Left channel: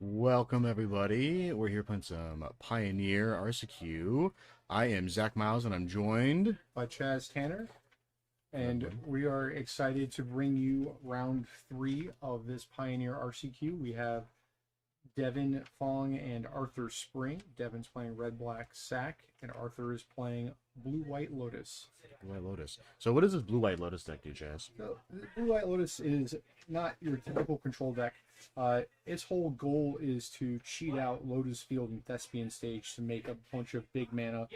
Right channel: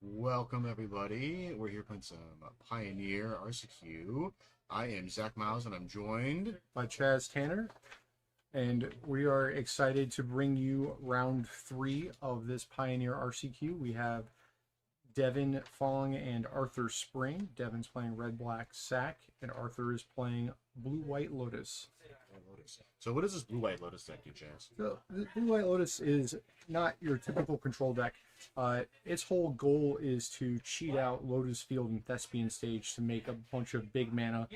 Welcome everybody. We're here playing some Pioneer RCQ. I am Zach Miles and I'm joined by Chaz Tanner, and we are excited to bring you round 3 of this Pioneer RCQ. We have Devin Fong and Arthur Spring. Devin's playing Red Black Sack, and Arthur is playing Blue White Lotus. Blue White Lotus. So what does this Blue White Lotus deck do, Chaz? So, Blue White Lotus is not your typical control deck. Its whole goal is to cheat out Lotus Field and Thespian Stage to make a bunch of big mana,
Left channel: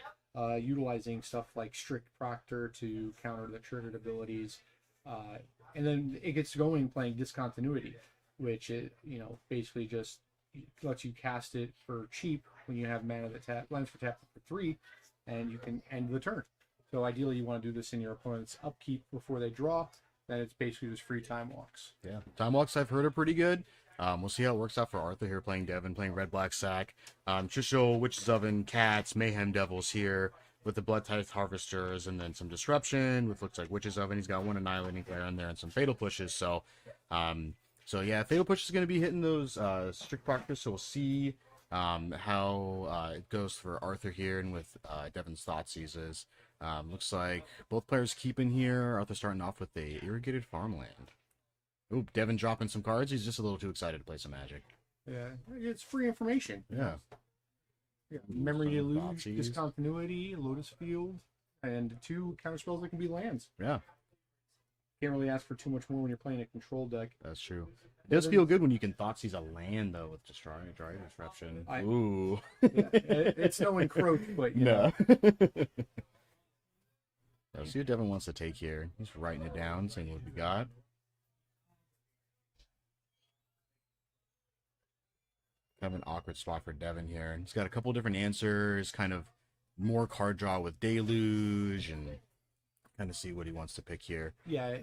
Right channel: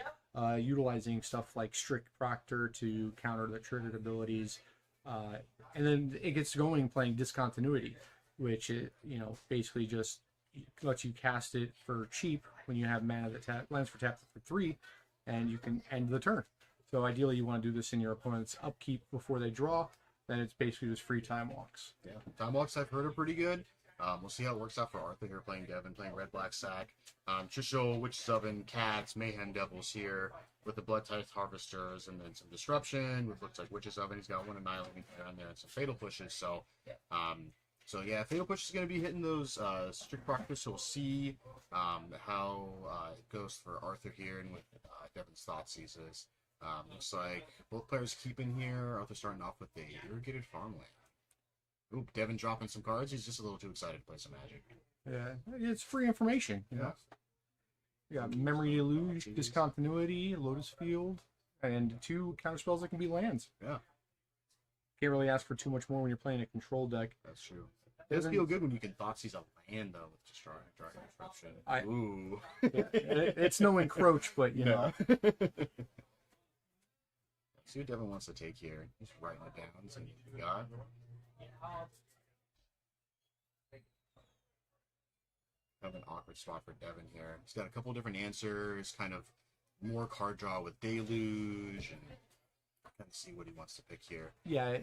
utilizing stuff like Strict Proctor to counter the triggered abilities. And then it gets going playing Discontinuity, which it, basically just lets you cast it for cheap when you have mana that lands for tap for 3, and you can end the turn. So ideally you want to do this in your opponent's upkeep before they draw. Then it's basically just free time walks. Yeah, time walks I've heard are pretty good. We'll see how it works out for Arthur here playing Devin, playing Red Black Sack. Trisho, Witch's Oven, Cats, Mayhem Devils here with the Blood Tithe Harvesters, and then some Disruption with looks like Witch's Oven. He's got one Annihilating Glare in there and some Fatal Pushes. So yeah, Fatal Push is going to be hitting those Strict Proctors. So we'll see how it goes for Arthur here and with Devin's Thoughtseizes. Looks like both players keeping here. Arthur starting off with the Irrigated Farmland. Oop, Devin dropping some cards. He's just a little too excited to play some Magic. Yeah, it's free information. Yeah. Yeah, Memory Deluge, Discontinuity, Lotus Field, and 2 counterspells that can be lands. Yeah. Can't really ask for too much more when you're playing a control deck. That's true. It does feel good when you can Thoughtseize a land, though, with Dry Disruption. Ooh. Yeah, it's no encroach, but, you know. Let's see what Devin wants to take here. He's writing it down, seeing what we got. Kind of an awkward spot for Devin here. He's got a couple different answers, kind of more card draw with Deluge, and kind of see what he wants to pick here. Yeah,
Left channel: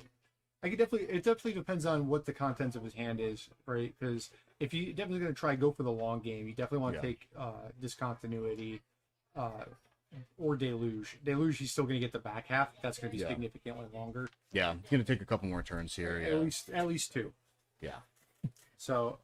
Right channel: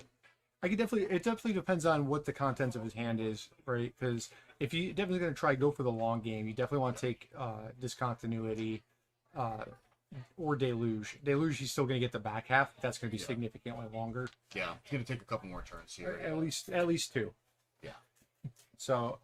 it definitely depends on what the contents of his hand is, right? Because if you definitely going to try go for the long game, you definitely want to take Discontinuity or Deluge. Deluge, he's still going to get the back half. That's going to be significantly longer. Yeah, he's going to take a couple more turns here. At least 2. Yeah. So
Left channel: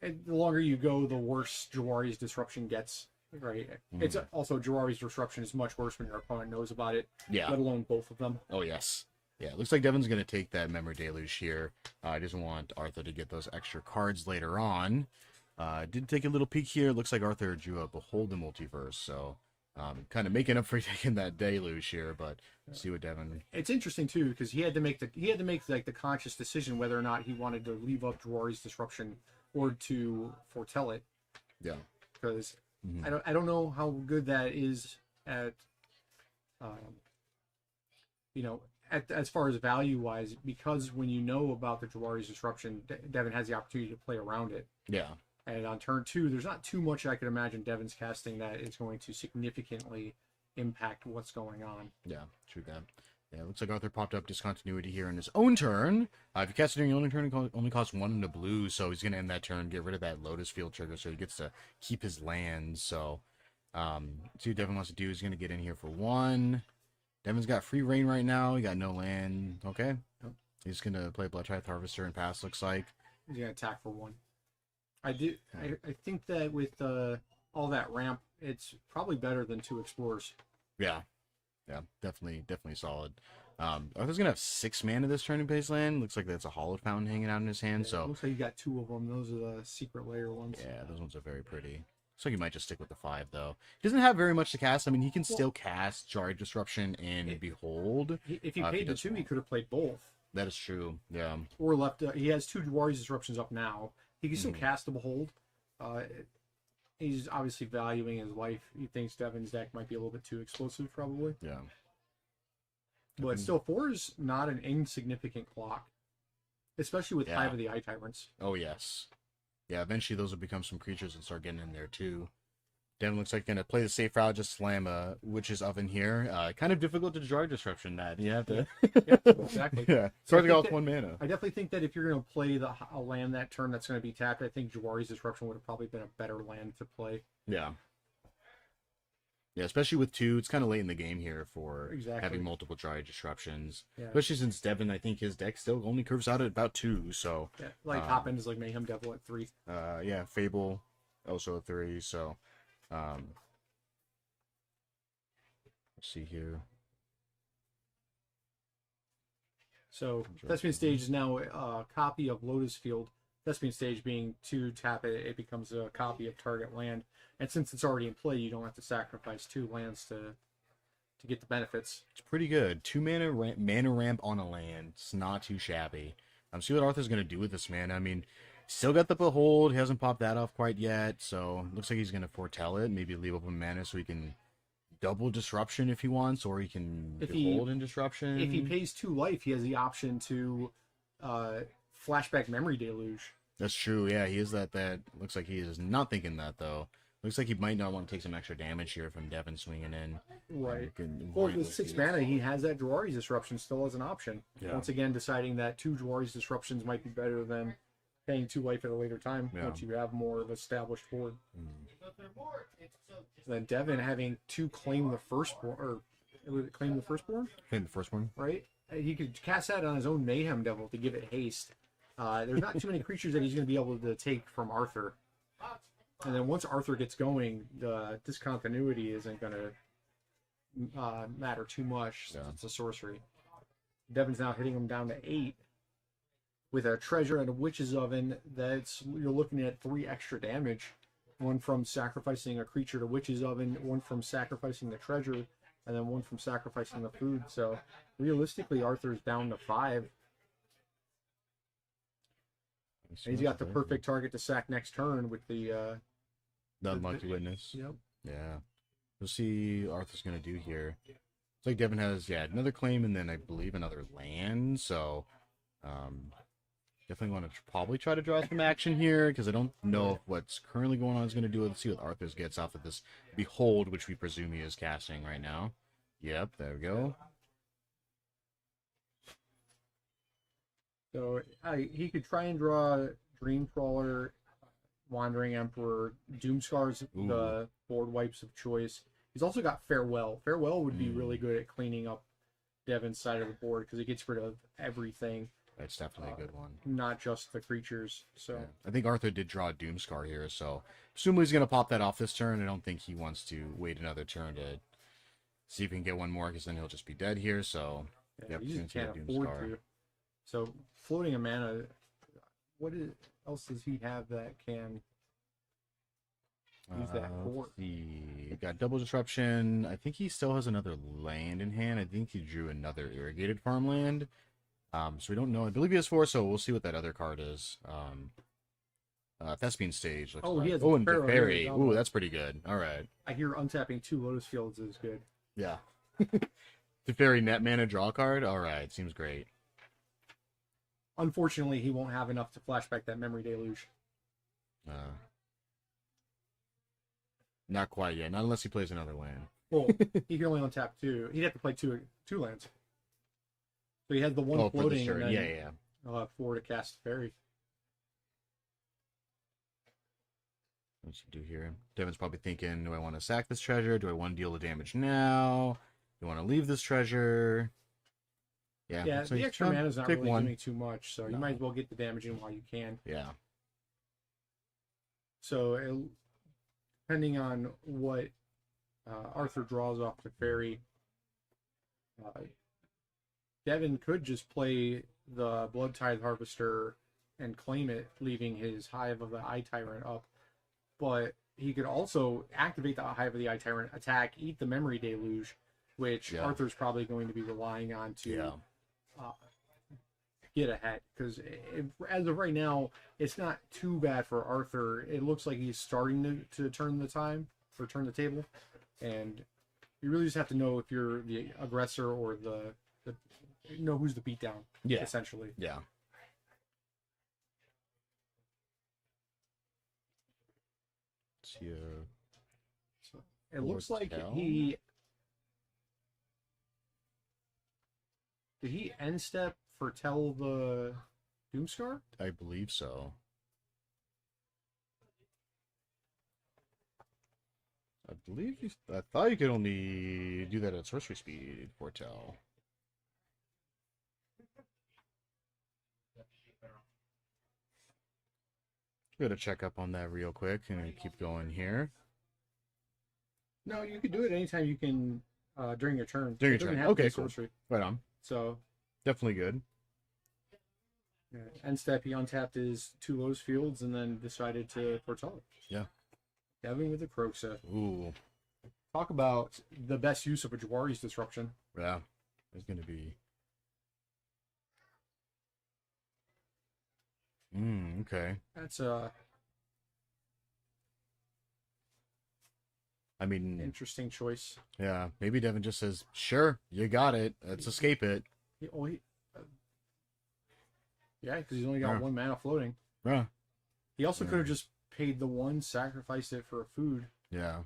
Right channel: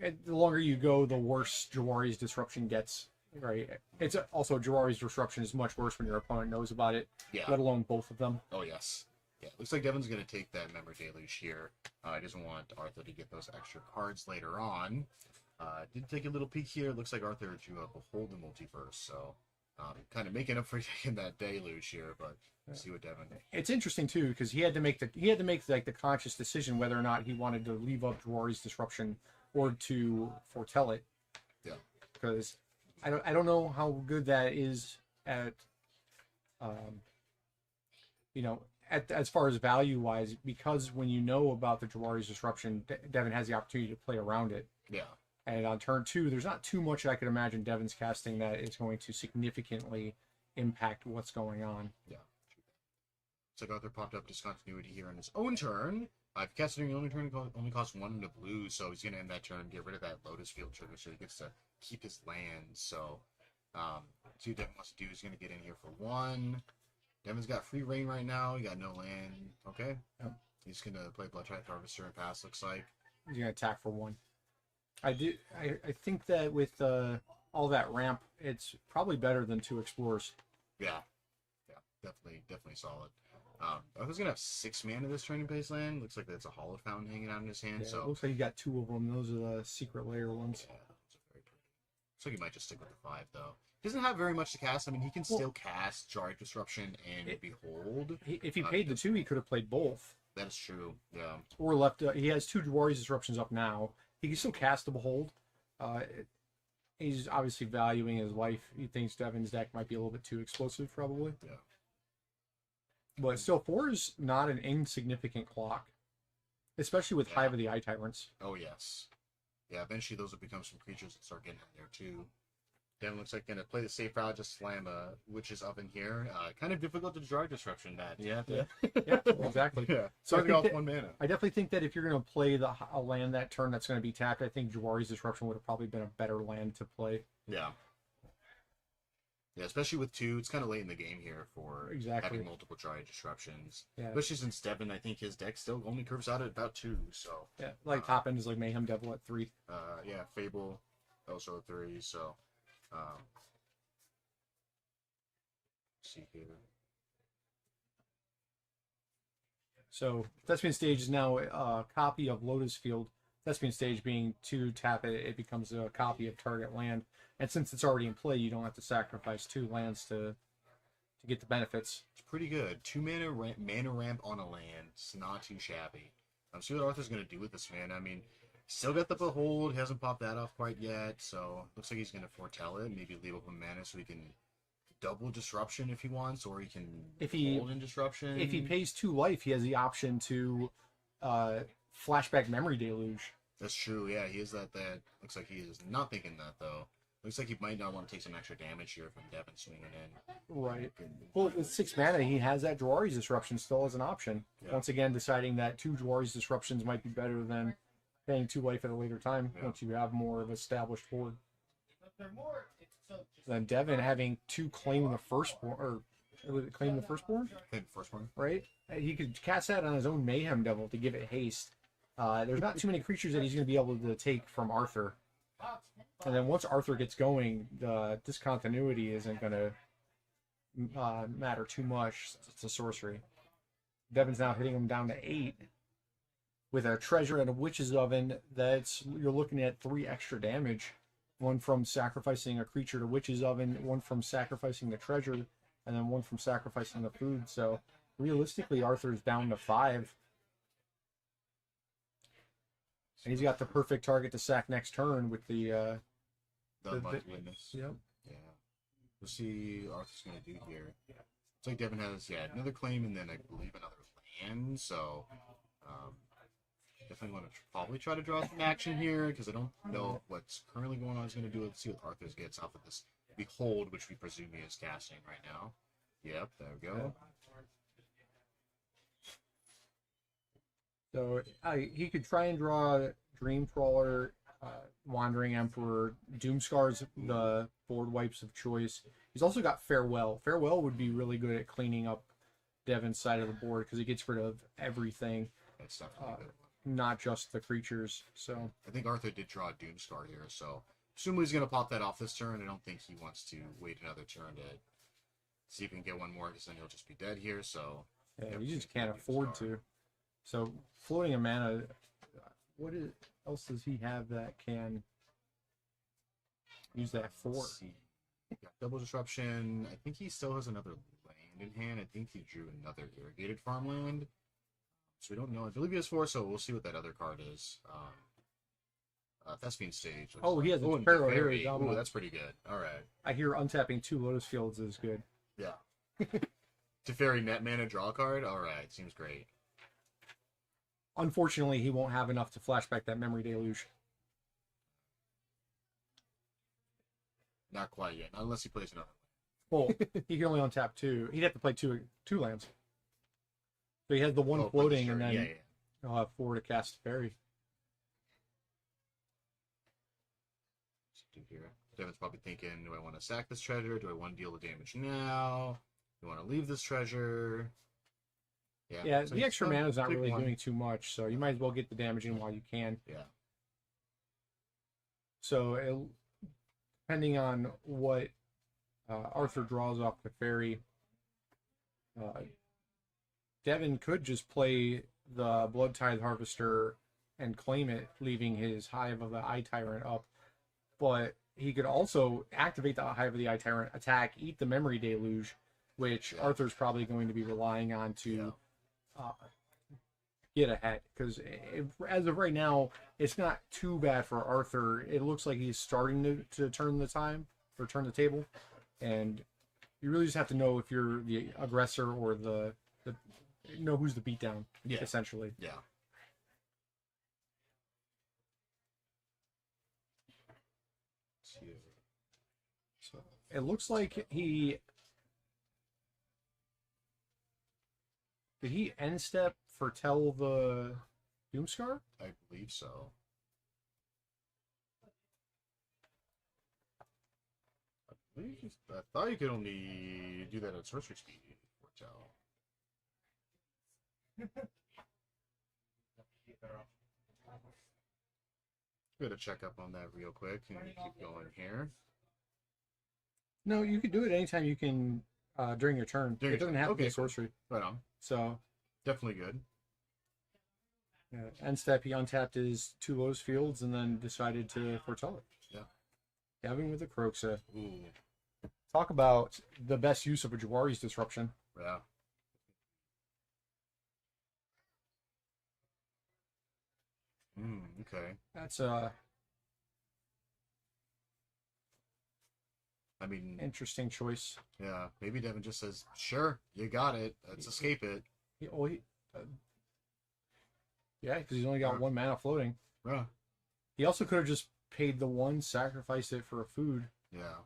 the longer you go, the worse Jawari's Disruption gets, right? It's also Jawari's Disruption is much worse when your opponent knows about it. Yeah. Let alone both of them. Oh yes. Yeah, looks like Devin's going to take that Memory Deluge here. He doesn't want Arthur to get those extra cards later on. Did take a little peek here. Looks like Arthur drew a Beholden Multiverse, so kind of making up for taking that Deluge here. But let's see what Devin. It's interesting too because he had to make like the conscious decision whether or not he wanted to leave up Jawari's Disruption or to foretell it. Yeah. Because I don't know how good that is at as far as value wise, because when you know about the Jawari's Disruption, Devin has the opportunity to play around it. Yeah. And on turn 2, there's not too much I could imagine Devin's casting that is going to significantly impact what's going on. Yeah, true that. Yeah, looks like Arthur popped up Discontinuity here on his own turn. If you cast it during your own turn, it only costs 1 in the blue, so he's going to end that turn, get rid of that Lotus Field trigger, so he gets to keep his lands. So, see what Devin wants to do. He's going to get in here for 1. Devin's got free reign right now. He got no land. Okay. Yep. He's going to play Blood Tithe Harvester and pass, looks like. He's going to attack for 1. I think that with all that ramp, it's probably better than 2 Explorers. Yeah. Yeah, definitely solid. Arthur's going to have 6 mana this turn in base land. Looks like that's a Hallowed Fountain hanging out in his hand. Yeah, so looks like you got 2 of them. Those are the Secret Lair ones. Yeah, those ones are very pretty. So he might just stick with the 5, though. He doesn't have very much to cast. I mean, he can still cast Jawari Disruption and Behold. If he paid the 2, he could have played both. That is true, yeah. Or left... he has 2 Jawari's Disruptions up now. He can still cast the Behold. He's obviously valuing his life. He thinks Devin's deck might be a little bit too explosive, probably. Yeah. But still, 4 is not an insignificant clock. Especially with Hive of the Eye Tyrants. Oh, yes. Yeah, eventually those will become some creatures and start getting in there, too. Devin looks like going to play the safe route, just slam a Witch's Oven here. Kind of difficult to draw Disruption that. You have to... Yeah, exactly. Yeah, so hard to go with 1 mana. I definitely think that if you're going to play a land that turn that's going to be tapped, I think Jawari's Disruption would have probably been a better land to play. Yeah. Yeah, especially with 2, it's kind of late in the game here for Exactly. having multiple Dryad disruptions. Yeah. Especially since Devin, I think his deck still only curves out at about 2, so... Yeah, like top end is like Mayhem Devil at 3. Yeah, Fable also at 3, so... let's see here. So Thespian Stage is now a copy of Lotus Field. Thespian Stage being 2 tap it, it becomes a copy of target land. And since it's already in play, you don't have to sacrifice 2 lands to get the benefits. It's pretty good. 2 mana ramp on a land. It's not too shabby. See what Arthur's going to do with this mana. I mean, still got the Behold. He hasn't popped that off quite yet, so looks like he's going to foretell it. Maybe leave up a mana so he can double Disruption if he wants, or he can Behold in Disruption. If he pays 2 life, he has the option to flashback Memory Deluge. That's true, yeah. He is that. Looks like he is not thinking that, though. Looks like he might not want to take some extra damage here from Devin swinging in. Right. Well, with 6 mana, he has that Jawari's Disruption still as an option. Yeah. Once again, deciding that 2 Jawari's Disruptions might be better than paying 2 life at a later time once you have more of established board. Then Devin having to claim the firstborn, or was it claim the firstborn? Claim the firstborn. Right? He could cast that on his own Mayhem Devil to give it haste. There's not too many creatures that he's going to be able to take from Arthur. And then once Arthur gets going, the discontinuity isn't going to matter too much since it's a sorcery. Devin's now hitting him down to 8 with a treasure and a witch's oven. You're looking at 3 extra damage. 1 from sacrificing a creature to witch's oven, 1 from sacrificing the treasure, and then 1 from sacrificing the food. So realistically, Arthur's down to 5. And he's got the perfect target to sack next turn with the Unlucky Witness. Yep. Yeah. We'll see what Arthur's going to do here. It's like Devin has, another claim and then I believe another land. So, definitely going to probably try to draw some action here because I don't know what's currently going on is going to do. Let's see what Arthur's gets off of this Behold, which we presume he is casting right now. Yep, there we go. So he could try and draw Dream Trawler, Wandering Emperor, Doomscar's the board wipes of choice. He's also got Farewell. Farewell would be really good at cleaning up Devin's side of the board because it gets rid of everything. That's definitely a good one. Not just the creatures. So I think Arthur did draw a Doomscar here, so presumably he's going to pop that off this turn. I don't think he wants to wait another turn to see if he can get one more because then he'll just be dead here. So yeah, you just can't afford to. So floating a mana, what else does he have that can use that for? Let's see. Got double disruption. I think he still has another land in hand. I think he drew another irrigated farmland. So we don't know. I believe he has 4, so we'll see what that other card is. Thespian Stage. He has and Teferi. Ooh, that's pretty good. All right. I hear untapping 2 Lotus Fields is good. Yeah. Teferi net mana draw card. All right, seems great. Unfortunately, he won't have enough to flashback that Memory Deluge. Not quite yet. Not unless he plays another land. Well, he can only untap 2. He'd have to play two lands. So he has the 1 floating and then he'll have 4 to cast Teferi. What's he do here? Devin's probably thinking, do I want to sack this treasure? Do I want to deal the damage now? Do I want to leave this treasure? Yeah, so the extra mana is not really one. doing too much, so you might as well get the damage in while you can. Yeah. So, depending on what Arthur draws off the Teferi, Devin could just play the Blood Tithe Harvester and claim it, leaving his Hive of the Eye Tyrant up. But he could also activate the Hive of the Eye Tyrant, attack, eat the Memory Deluge, which Arthur's probably going to be relying on to get ahead. Because as of right now, it's not too bad for Arthur. It looks like he's starting to turn the table. And you really just have to know if you're the aggressor or know who's the beatdown, essentially. Yeah. So it looks like he... Did he end step foretell the Doomscar? I believe so. I believe I thought you could only do that at sorcery speed, Foretell. Gotta check up on that real quick and keep going here. No, you could do it anytime you can during your turn. During it your doesn't turn. have to Okay, be cool. sorcery. Right on. So Definitely good. end step, he untapped his 2 Lotus Fields and then decided to foretell it. Yeah. Devin with the Kroxa. Ooh. Talk about the best use of a Jawari's Disruption. Yeah. It's gonna be. Okay. That's I mean, interesting choice. yeah. Maybe Devin just says, "Sure, you got it. Let's escape it." Yeah, because he's only got 1 mana floating. Yeah. He also could have just paid the 1, sacrificed it for a food. Yeah.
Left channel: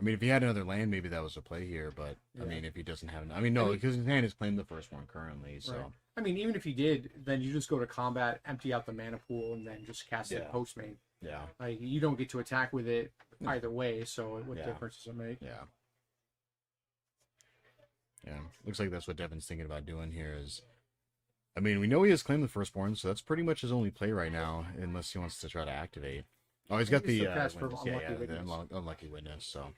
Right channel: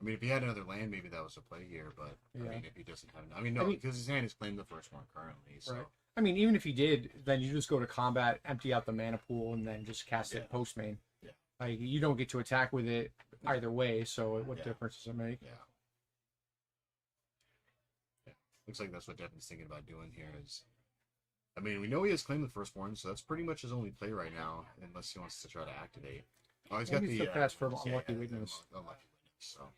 I mean, if he had another land, maybe that was a play here. But I Yeah. mean, if he doesn't have, I mean, no, because his hand is playing the first one currently. So Right. I mean, even if he did, then you just go to combat, empty out the mana pool, and then just cast it post main. yeah, Like, you don't get to attack with it either way, so what Yeah. difference does it make? yeah, yeah. Looks like that's what Devin's thinking about doing here. Is, I mean, we know he has claimed the firstborn, so that's pretty much his only play right now, unless he wants to try to activate. Oh, he's got He the needs to cast from witness. Unlucky The Witness. unlucky witness. So,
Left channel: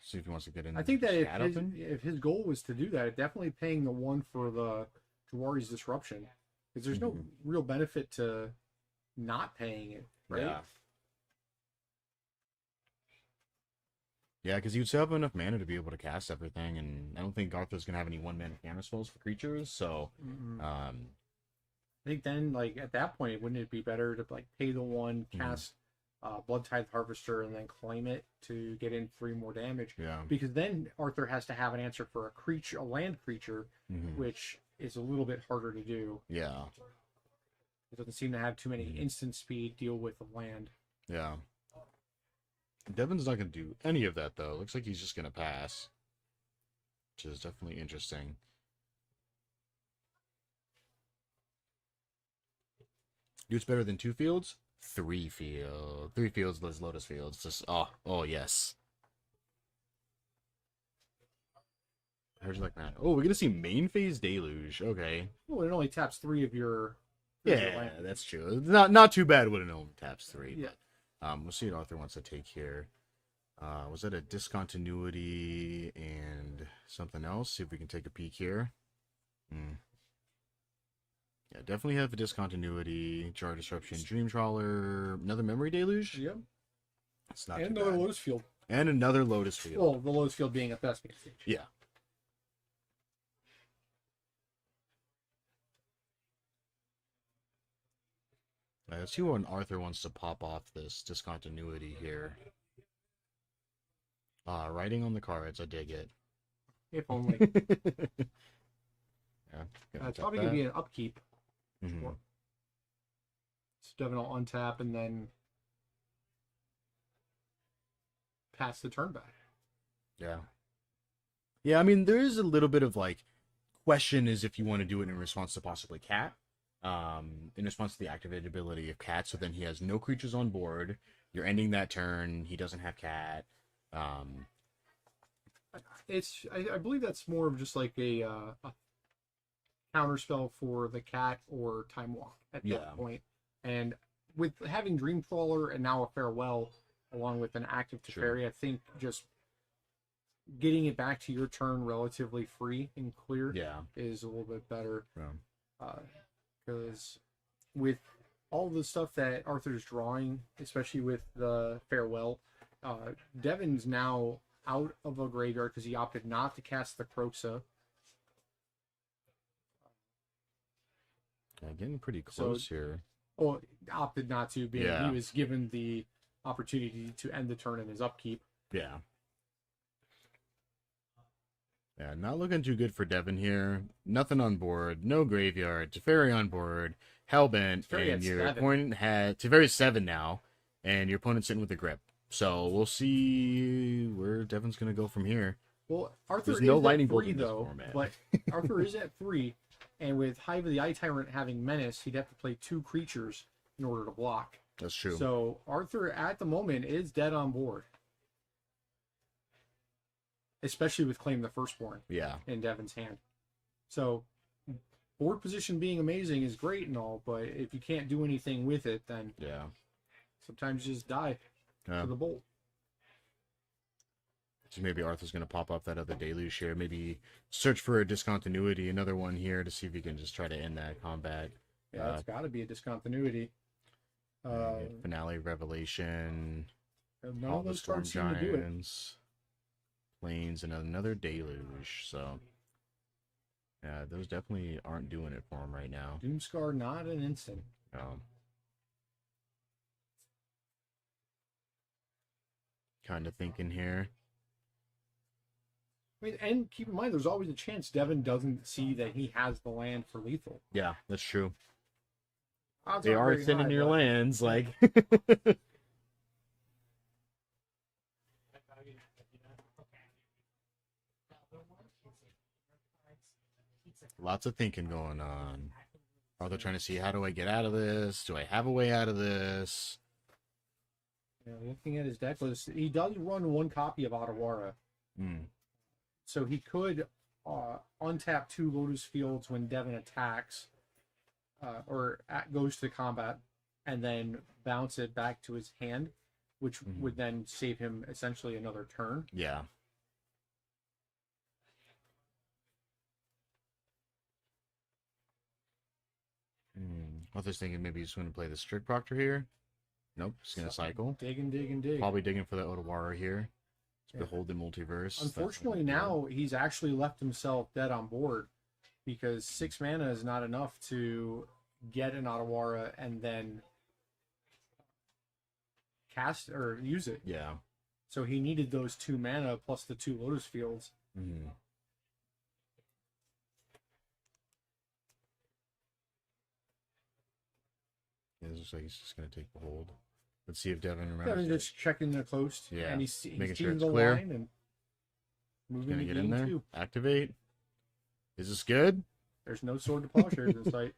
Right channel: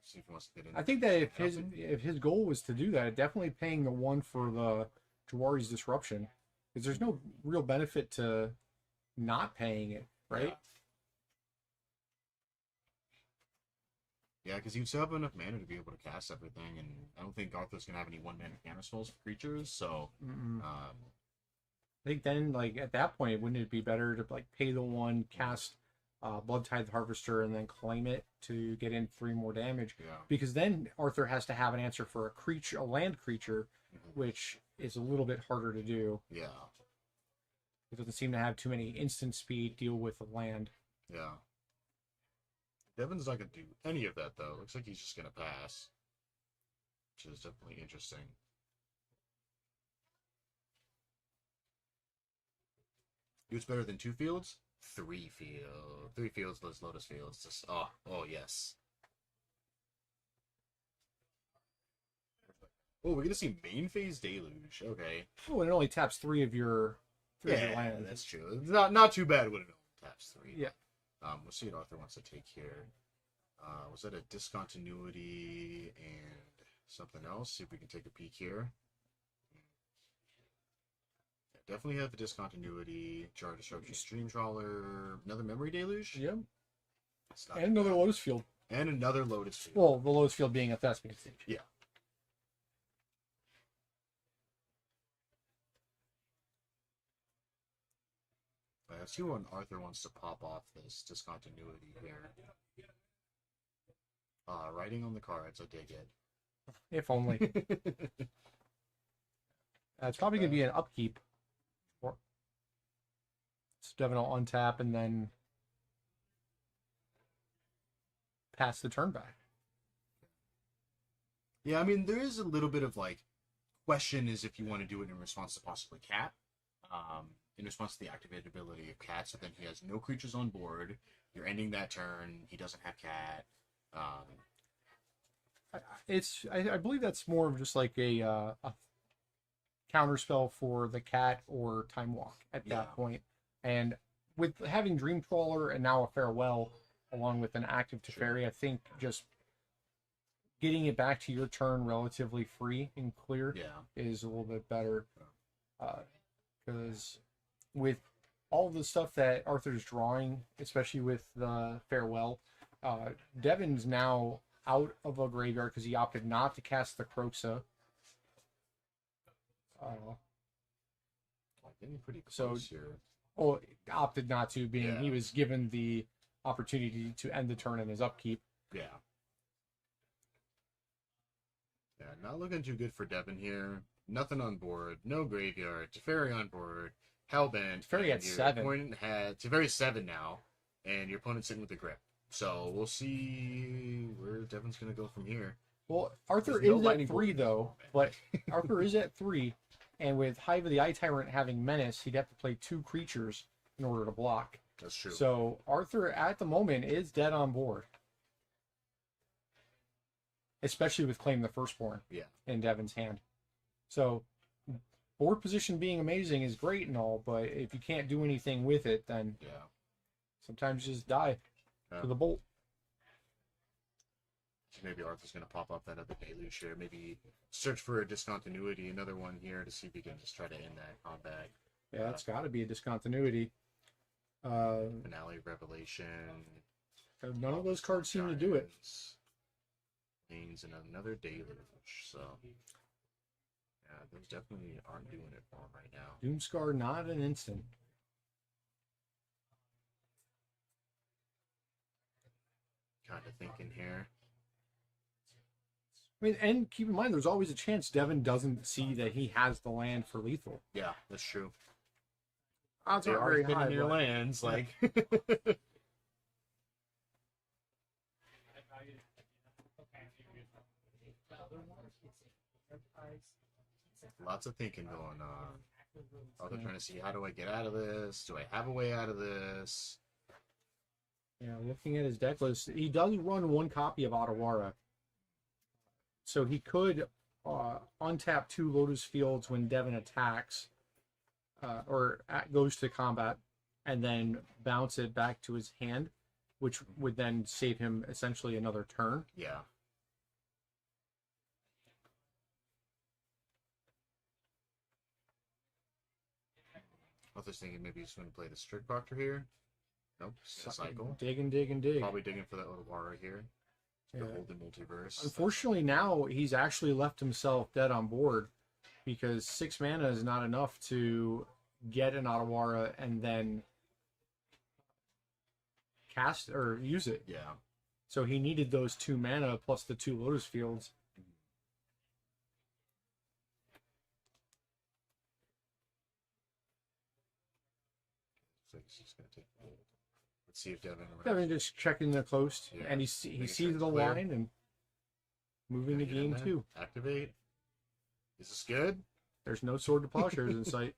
see if he wants to get in. I think that Scat open. if his goal was to do that, definitely paying the 1 for the Jawari's Disruption, because there's no real benefit to not paying it, right? Yeah. Yeah, because you'd still have enough mana to be able to cast everything, and I don't think Arthur's gonna have any 1-mana counter spells for creatures. So, I think then, like, at that point, wouldn't it be better to like pay the 1, cast Blood Tithe Harvester, and then claim it to get in 3 more damage? yeah, Because then Arthur has to have an answer for a land creature, which is a little bit harder to do. yeah, It doesn't seem to have too many instant speed deal with the land. yeah. Devin's not gonna do any of that though. Looks like he's just gonna pass, which is definitely interesting. Dude's better than 2 fields. 3 field, 3 fields. Those Lotus Fields. Just oh yes. How'd you like that? Oh, we're gonna see main phase deluge. Okay. Oh, and it only taps 3 of your Yeah, land. that's true. It's not too bad when it only taps 3. Yeah. We'll see what Arthur wants to take here. Was that a discontinuity and something else? See if we can take a peek here. Yeah, definitely have a discontinuity, Jar Disruption, Dream Trawler, another Memory Deluge. Yep. It's not And too another bad. Lotus Field. And another Lotus Field. Well, the Lotus Field being a Thespian stage. Yeah. Let's see when Arthur wants to pop off this discontinuity here. Writing on the cards, I dig it. If only. Yeah, It's probably going to be an upkeep. Mhm. So Devin will untap and then pass the turn back. Yeah. Yeah, I mean, there is a little bit of, like, question is if you want to do it in response to possibly Cat. In response to the activated ability of Cat, so then he has no creatures on board. You're ending that turn. He doesn't have Cat. I believe that's more of just like a counter spell for the Cat or Time Walk at that point. And with having Dream Trawler and now a Farewell, along with an active Teferi, I think just getting it back to your turn relatively free and clear is a little bit better. Because with all the stuff that Arthur's drawing, especially with the Farewell, Devin's now out of a graveyard because he opted not to cast the Kroxa. Getting pretty close here. Well, opted not to, being he was given the opportunity to end the turn in his upkeep. Yeah. Yeah, not looking too good for Devin here. Nothing on board, no graveyard, Teferi on board, Hellbent, Teferi and at your 7. opponent had Teferi's 7 now, and your opponent's sitting with a grip. So we'll see where Devin's gonna go from here. Well, Arthur There's is no at lightning bolt 3 in this though, format. but Arthur is at 3, and with Hive of the Eye Tyrant having Menace, he'd have to play 2 creatures in order to block. That's true. So Arthur at the moment is dead on board. Especially with Claim the Firstborn in Devin's hand. So board position being amazing is great and all, but if you can't do anything with it, then sometimes you just die to the bolt. So maybe Arthur's going to pop up that other deluge here. Maybe search for a discontinuity, another one here to see if he can just try to end that combat. Yeah, it's got to be a discontinuity. Finale, Revelation. None of those cards seem to do it. Plains and another deluge. So, yeah, those definitely aren't doing it for him right now. Doomscar, not an instant. Kind of thinking here. I mean, and keep in mind, there's always a chance Devin doesn't see that he has the land for lethal. Yeah, that's true. Odds they are sitting near lands, like. Lots of thinking going on. Are they trying to see, how do I get out of this? Do I have a way out of this? Yeah, looking at his deck list, he does run one copy of Otawara. So he could untap 2 Lotus Fields when Devin attacks or goes to combat, and then bounce it back to his hand, which would then save him essentially another turn. Yeah. I was thinking maybe he's going to play the Strict Proctor here. Nope, he's going to cycle. Dig. Probably digging for the Otawara here. Behold the Multiverse. Unfortunately, now he's actually left himself dead on board because 6 mana is not enough to get an Otawara and then cast or use it. Yeah. So he needed those 2 mana plus the 2 Lotus Fields. Yeah, it looks like he's just going to take the hold. Let's see if Devin remembers. Devin just checking the coast, and he sees the line and moving the game too. Activate. Is this good? There's no Sword to Plowshares in sight.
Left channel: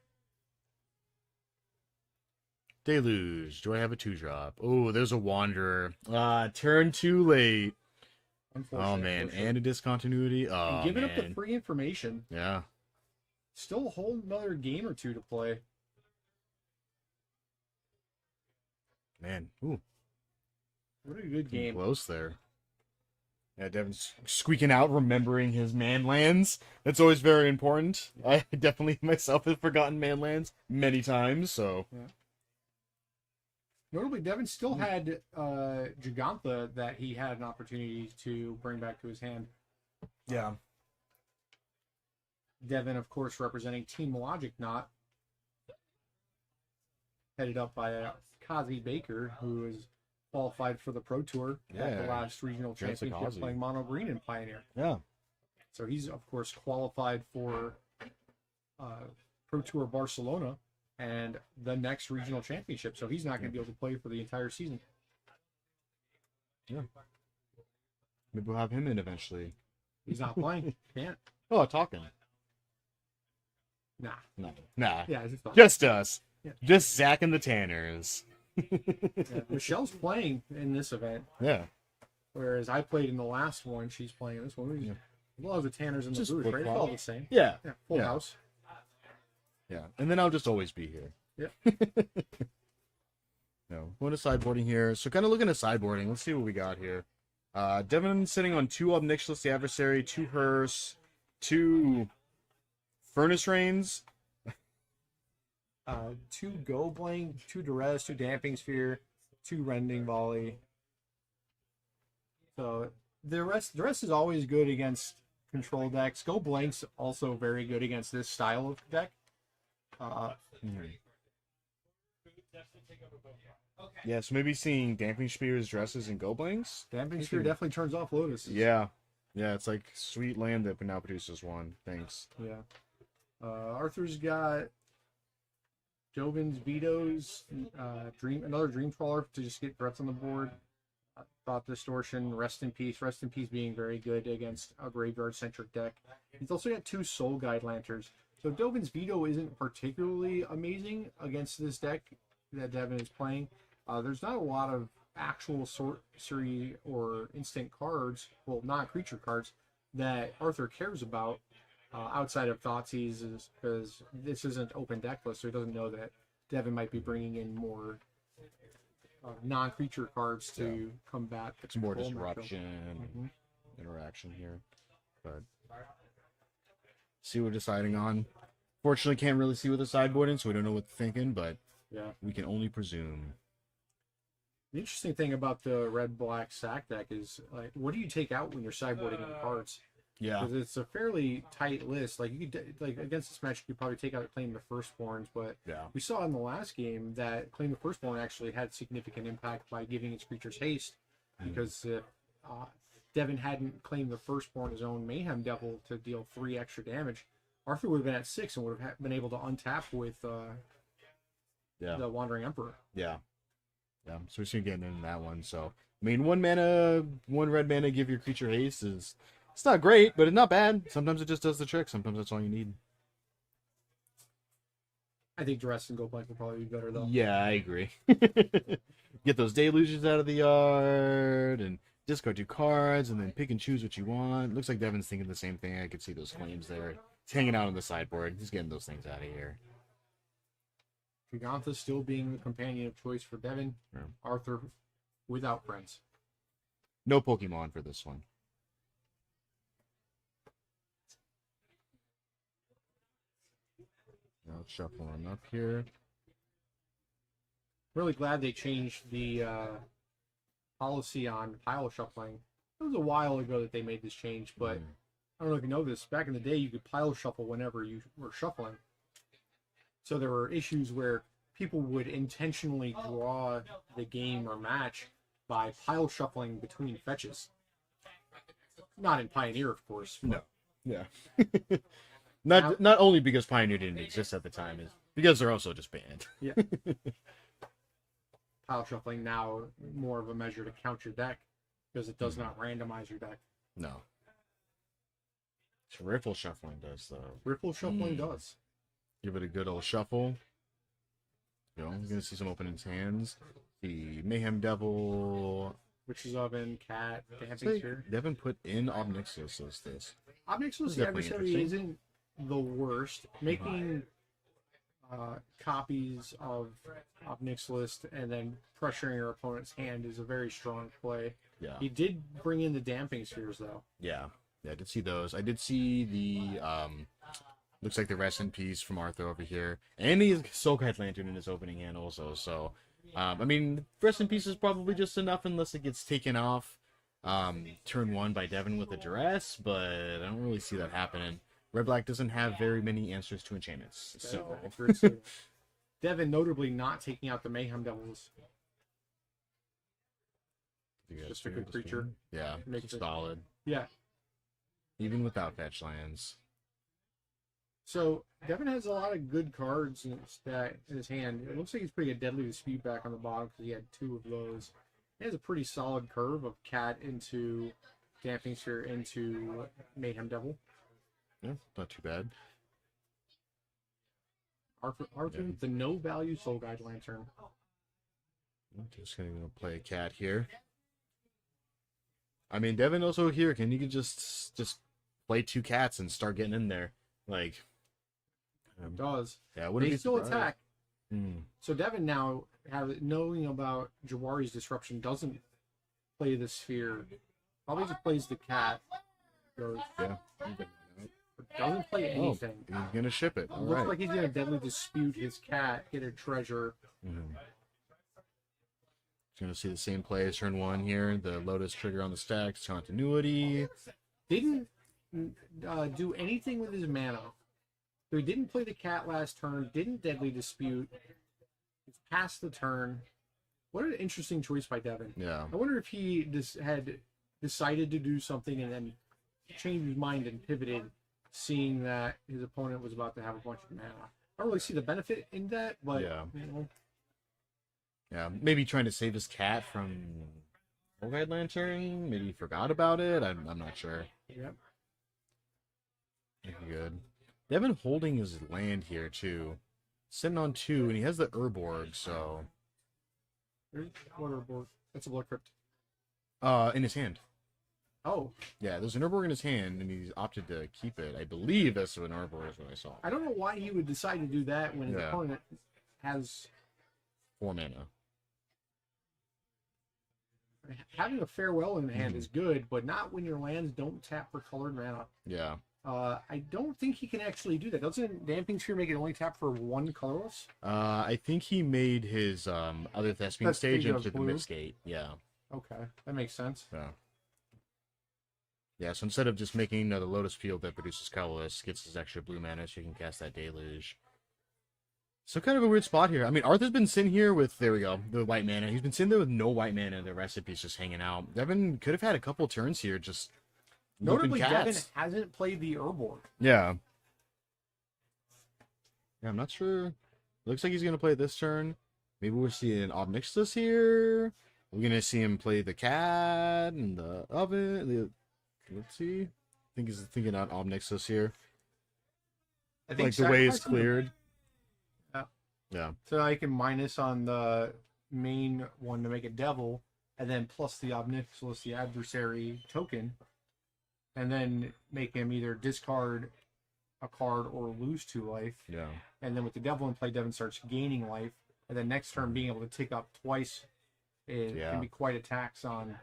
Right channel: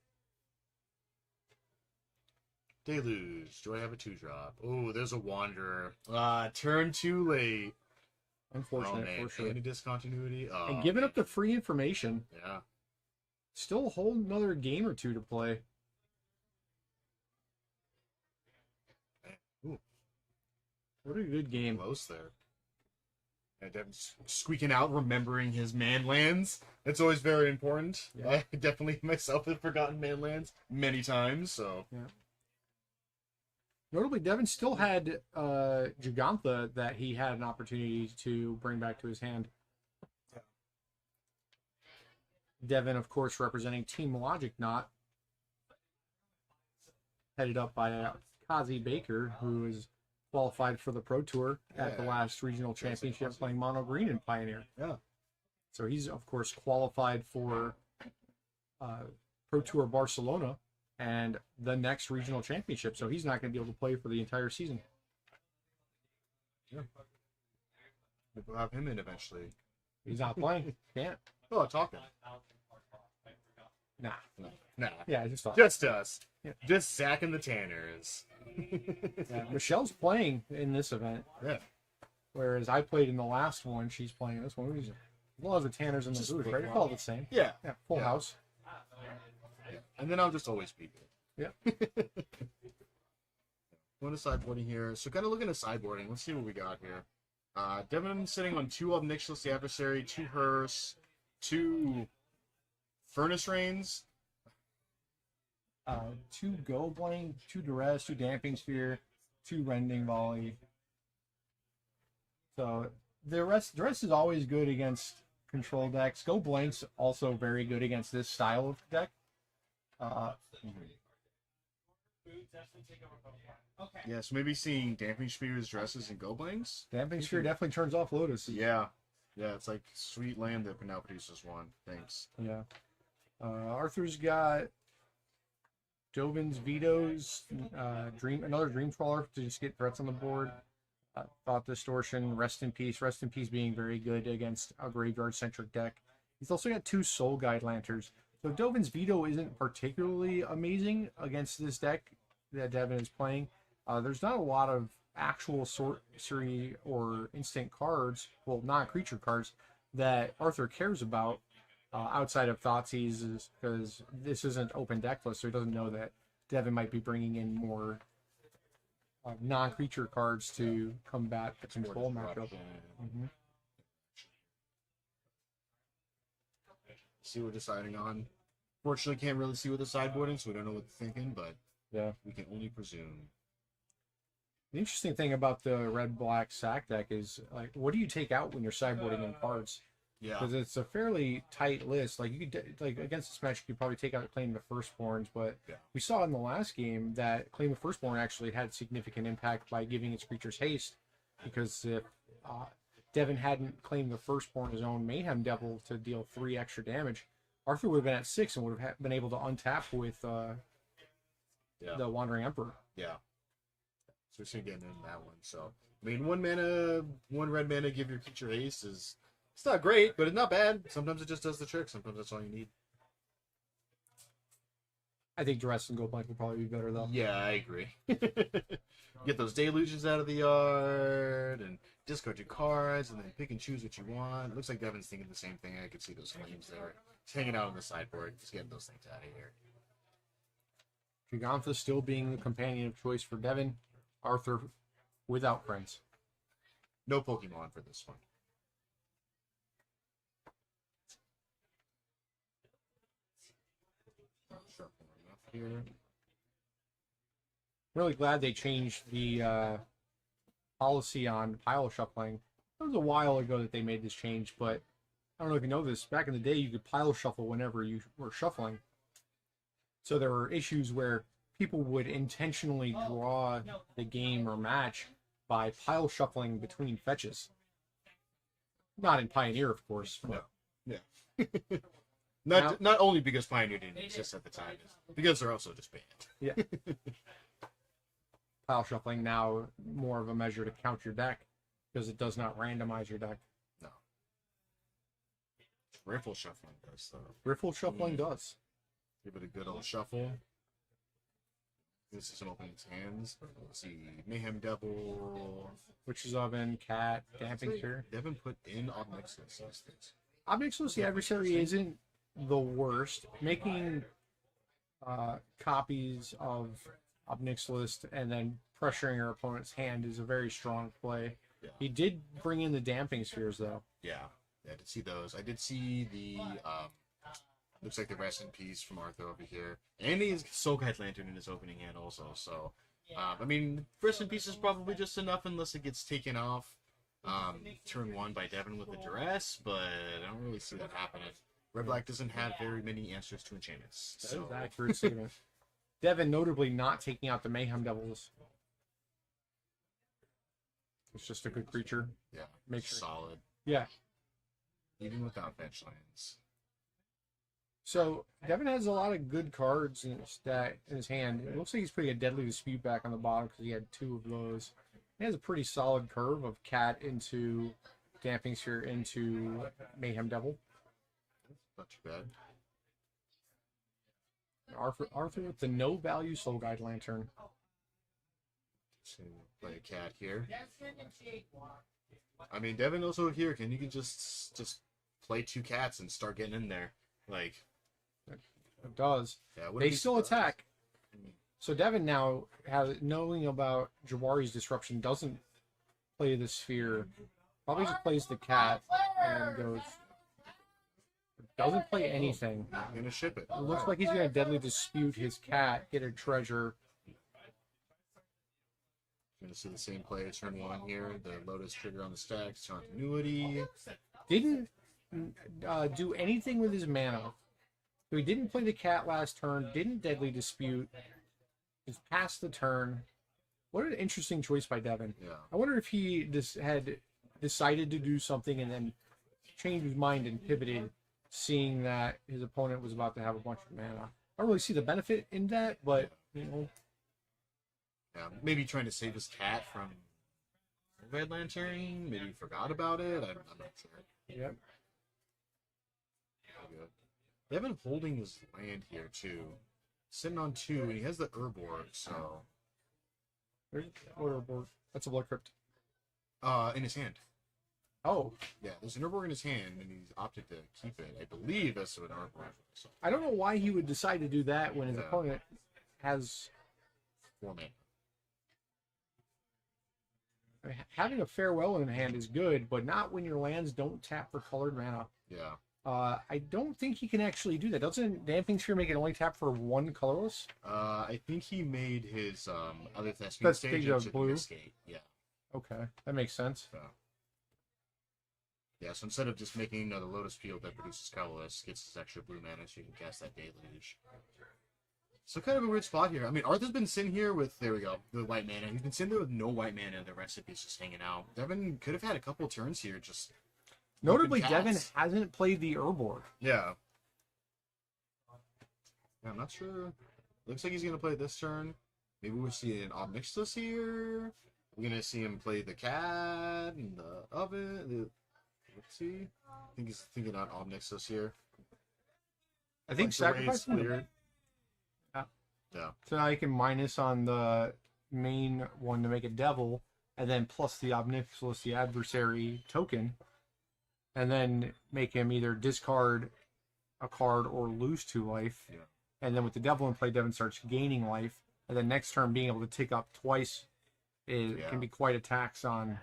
Deluge. Do I have a 2-drop? Oh, there's a Wanderer. Turn too late. Oh, man. And a discontinuity. Oh, and giving up the free information. Yeah. Still a whole another game or 2 to play. Man. Ooh. What a good game. Close there. Yeah, Devin's squeaking out, remembering his man lands. That's always very important. Yeah. I definitely myself have forgotten man lands many times, so. Yeah. Notably, Devin still had Gigantha that he had an opportunity to bring back to his hand. Yeah. Devin, of course, representing Team Logic Knot. Headed up by Kazi Baker, who is qualified for the Pro Tour at the last regional championship playing Mono Green in Pioneer. Yeah. So he's, of course, qualified for Pro Tour Barcelona and the next regional championship. So he's not going to be able to play for the entire season. Yeah. Maybe we'll have him in eventually. He's not playing. Can't. Oh, talking. Nah. Nah. Yeah, just us. Yeah. Just Zach and the Tanners. Yeah, Michelle's playing in this event. Yeah. Whereas I played in the last one, she's playing in this one. As long as the Tanners and the Blues, right? It's all the same. Yeah. Full house. Yeah. And then I'll just always be here. Yeah. No. Going to sideboarding here. So kind of looking at sideboarding. Let's see what we got here. Devin sitting on 2 Obnixious the Adversary, 2 Hearse, 2 Furnace Rains. 2 Go Blank, 2 Duress, 2 Damping Sphere, 2 Rending Volley. So the rest is always good against control decks. Go Blank's also very good against this style of deck. Yeah, so maybe seeing Damping Spears, Dresses, and Go Blanks. Damping Sphere definitely turns off Lotuses. Yeah. Yeah, it's like sweet land that now produces 1. Thanks. Yeah. Arthur's got Dovin's Vetoes, another Dream Trawler to just get threats on the board. Thought Distortion, Rest in Peace. Rest in Peace being very good against a graveyard-centric deck. He's also got 2 Soul Guide Lanterns. So Dovin's Veto isn't particularly amazing against this deck that Devin is playing, there's not a lot of actual sorcery or instant cards, well, non-creature cards, that Arthur cares about outside of Thoughtseize, because this isn't open deck list, so he doesn't know that Devin might be bringing in more non-creature cards to combat the It's more control matchup. disruption, interaction here. But see what we're deciding on. Fortunately, can't really see with the sideboarding, so we don't know what they're thinking, but Yeah. we can only presume. The interesting thing about the red-black sack deck is, like, what do you take out when you're sideboarding in cards? Yeah. Because it's a fairly tight list. Like, you could, like, against this match, you could probably take out Claim the Firstborns, but Yeah. we saw in the last game that Claim the Firstborn actually had significant impact by giving its creatures haste, because if Devin hadn't claimed the Firstborn his own Mayhem Devil to deal 3 extra damage, Arthur would have been at 6 and would have been able to untap with the Wandering Emperor. Yeah. Yeah. So we're seeing getting into that one. So I mean, 1 mana, 1 red mana, give your creature haste is, it's not great, but it's not bad. Sometimes it just does the trick. Sometimes that's all you need. I think Duress and Goldblank would probably be better though. Yeah, I agree. Get those delusions out of the yard and discard 2 cards and then pick and choose what you want. Looks like Devin's thinking the same thing. I could see those flames there. He's hanging out on the sideboard. He's getting those things out of here. Gigantha still being the companion of choice for Devin. Yeah. Arthur without friends. No Pokemon for this one. I'll shuffle them up here. Really glad they changed the policy on pile shuffling. It was a while ago that they made this change, but I don't know if you know this. Back in the day, you could pile shuffle whenever you were shuffling. So there were issues where people would intentionally draw the game or match by pile shuffling between fetches. Not in Pioneer, of course. No. Yeah. Not only because Pioneer didn't exist at the time, is because they're also just banned. Yeah. Pile shuffling now more of a measure to count your deck, because it does not randomize your deck. No. Riffle shuffling does, though. Riffle shuffling does. Give it a good old shuffle. You know, you're going to see some open its hands. See Mayhem Devil. Witch's Oven, Cat, Damping Sphere. Devin put in Obnixious as this. Obnixious the Adversary isn't the worst. Making copies of Obnixious and then pressuring your opponent's hand is a very strong play. Yeah. He did bring in the Damping Spheres, though. Yeah. Yeah, I did see those. I did see the, looks like the Rest in Peace from Arthur over here. And he has Soulkite Lantern in his opening hand also, so... I mean, Rest in Peace is probably just enough unless it gets taken off turn 1 by Devin with a Duress, but I don't really see that happening. Red-Black doesn't have very many answers to enchantments, so... Devin notably not taking out the Mayhem Devils. It's just a good creature. Yeah, Makes it solid. Yeah. Even without fetch lands. So, Devin has a lot of good cards in his stack, in his hand. It looks like he's putting a Deadly Dispute back on the bottom because he had 2 of those. He has a pretty solid curve of Cat into Damping Sphere into Mayhem Devil. Yeah, not too bad. Arthur with the no-value Soul Guide Lantern. I'm just going to play a Cat here. I mean, Devin also here, you can just play 2 cats and start getting in there. Like... It does. Yeah, they still attack. Hmm. So Devin now, knowing about Jawari's disruption, doesn't play the sphere. Probably just plays the cat and goes. Yeah. Doesn't play anything. He's gonna ship it. It looks like he's gonna Deadly Dispute his cat, get a treasure. Mm-hmm. He's gonna see the same play as turn 1 here. The Lotus trigger on the stack, continuity. Didn't do anything with his mana. So he didn't play the cat last turn, didn't Deadly Dispute, just passed the turn. What an interesting choice by Devin. Yeah. I wonder if he had decided to do something and then changed his mind and pivoted, seeing that his opponent was about to have a bunch of mana. I don't really see the benefit in that, but... Yeah. You know. Yeah, maybe trying to save his cat from Red Lantern. Maybe he forgot about it. I'm not sure. Yep. Good. Devin holding his land here, too. Sitting on 2, and he has the Urborg, so... There's Orderboard. That's a Blood Crypt. In his hand. Oh, Yeah, there's an Urborg in his hand, and he's opted to keep it. I believe that's an Urborg is what I saw. I don't know why he would decide to do that when his Yeah. opponent has 4 mana. having a Farewell in hand is good, but not when your lands don't tap for colored mana. Yeah. I don't think he can actually do that. Doesn't Damping Sphere make it only tap for one colorless? I think he made his other Thespian stage Thespian into the blue. Mistgate. Yeah. Okay, that makes sense. Yeah. Yeah, so instead of just making the Lotus Field that produces colorless, gets his extra blue mana so you can cast that Deluge. So kind of a weird spot here. I mean, Arthur's been sitting here with, there we go, the white mana. He's been sitting there with no white mana, and the recipe's just hanging out. Devin could have had a couple turns here, just Notably, whooping Devin cats. hasn't played the Urborg. Yeah. Yeah, I'm not sure. Looks like he's going to play this turn. Maybe we'll see an Obnixilus here. We're going to see him play the cat and the oven. Let's see. I think he's thinking on Obnixilus here. I think Like the way it's sacrificing the- cleared. Yeah. Yeah. So I can minus on the main one to make a devil, and then plus the Obnixilus, the adversary token, and then make him either discard a card or lose 2 life. Yeah. And then with the devil in play, Devin starts gaining life, and then next turn being able to tick up twice can be quite a tax on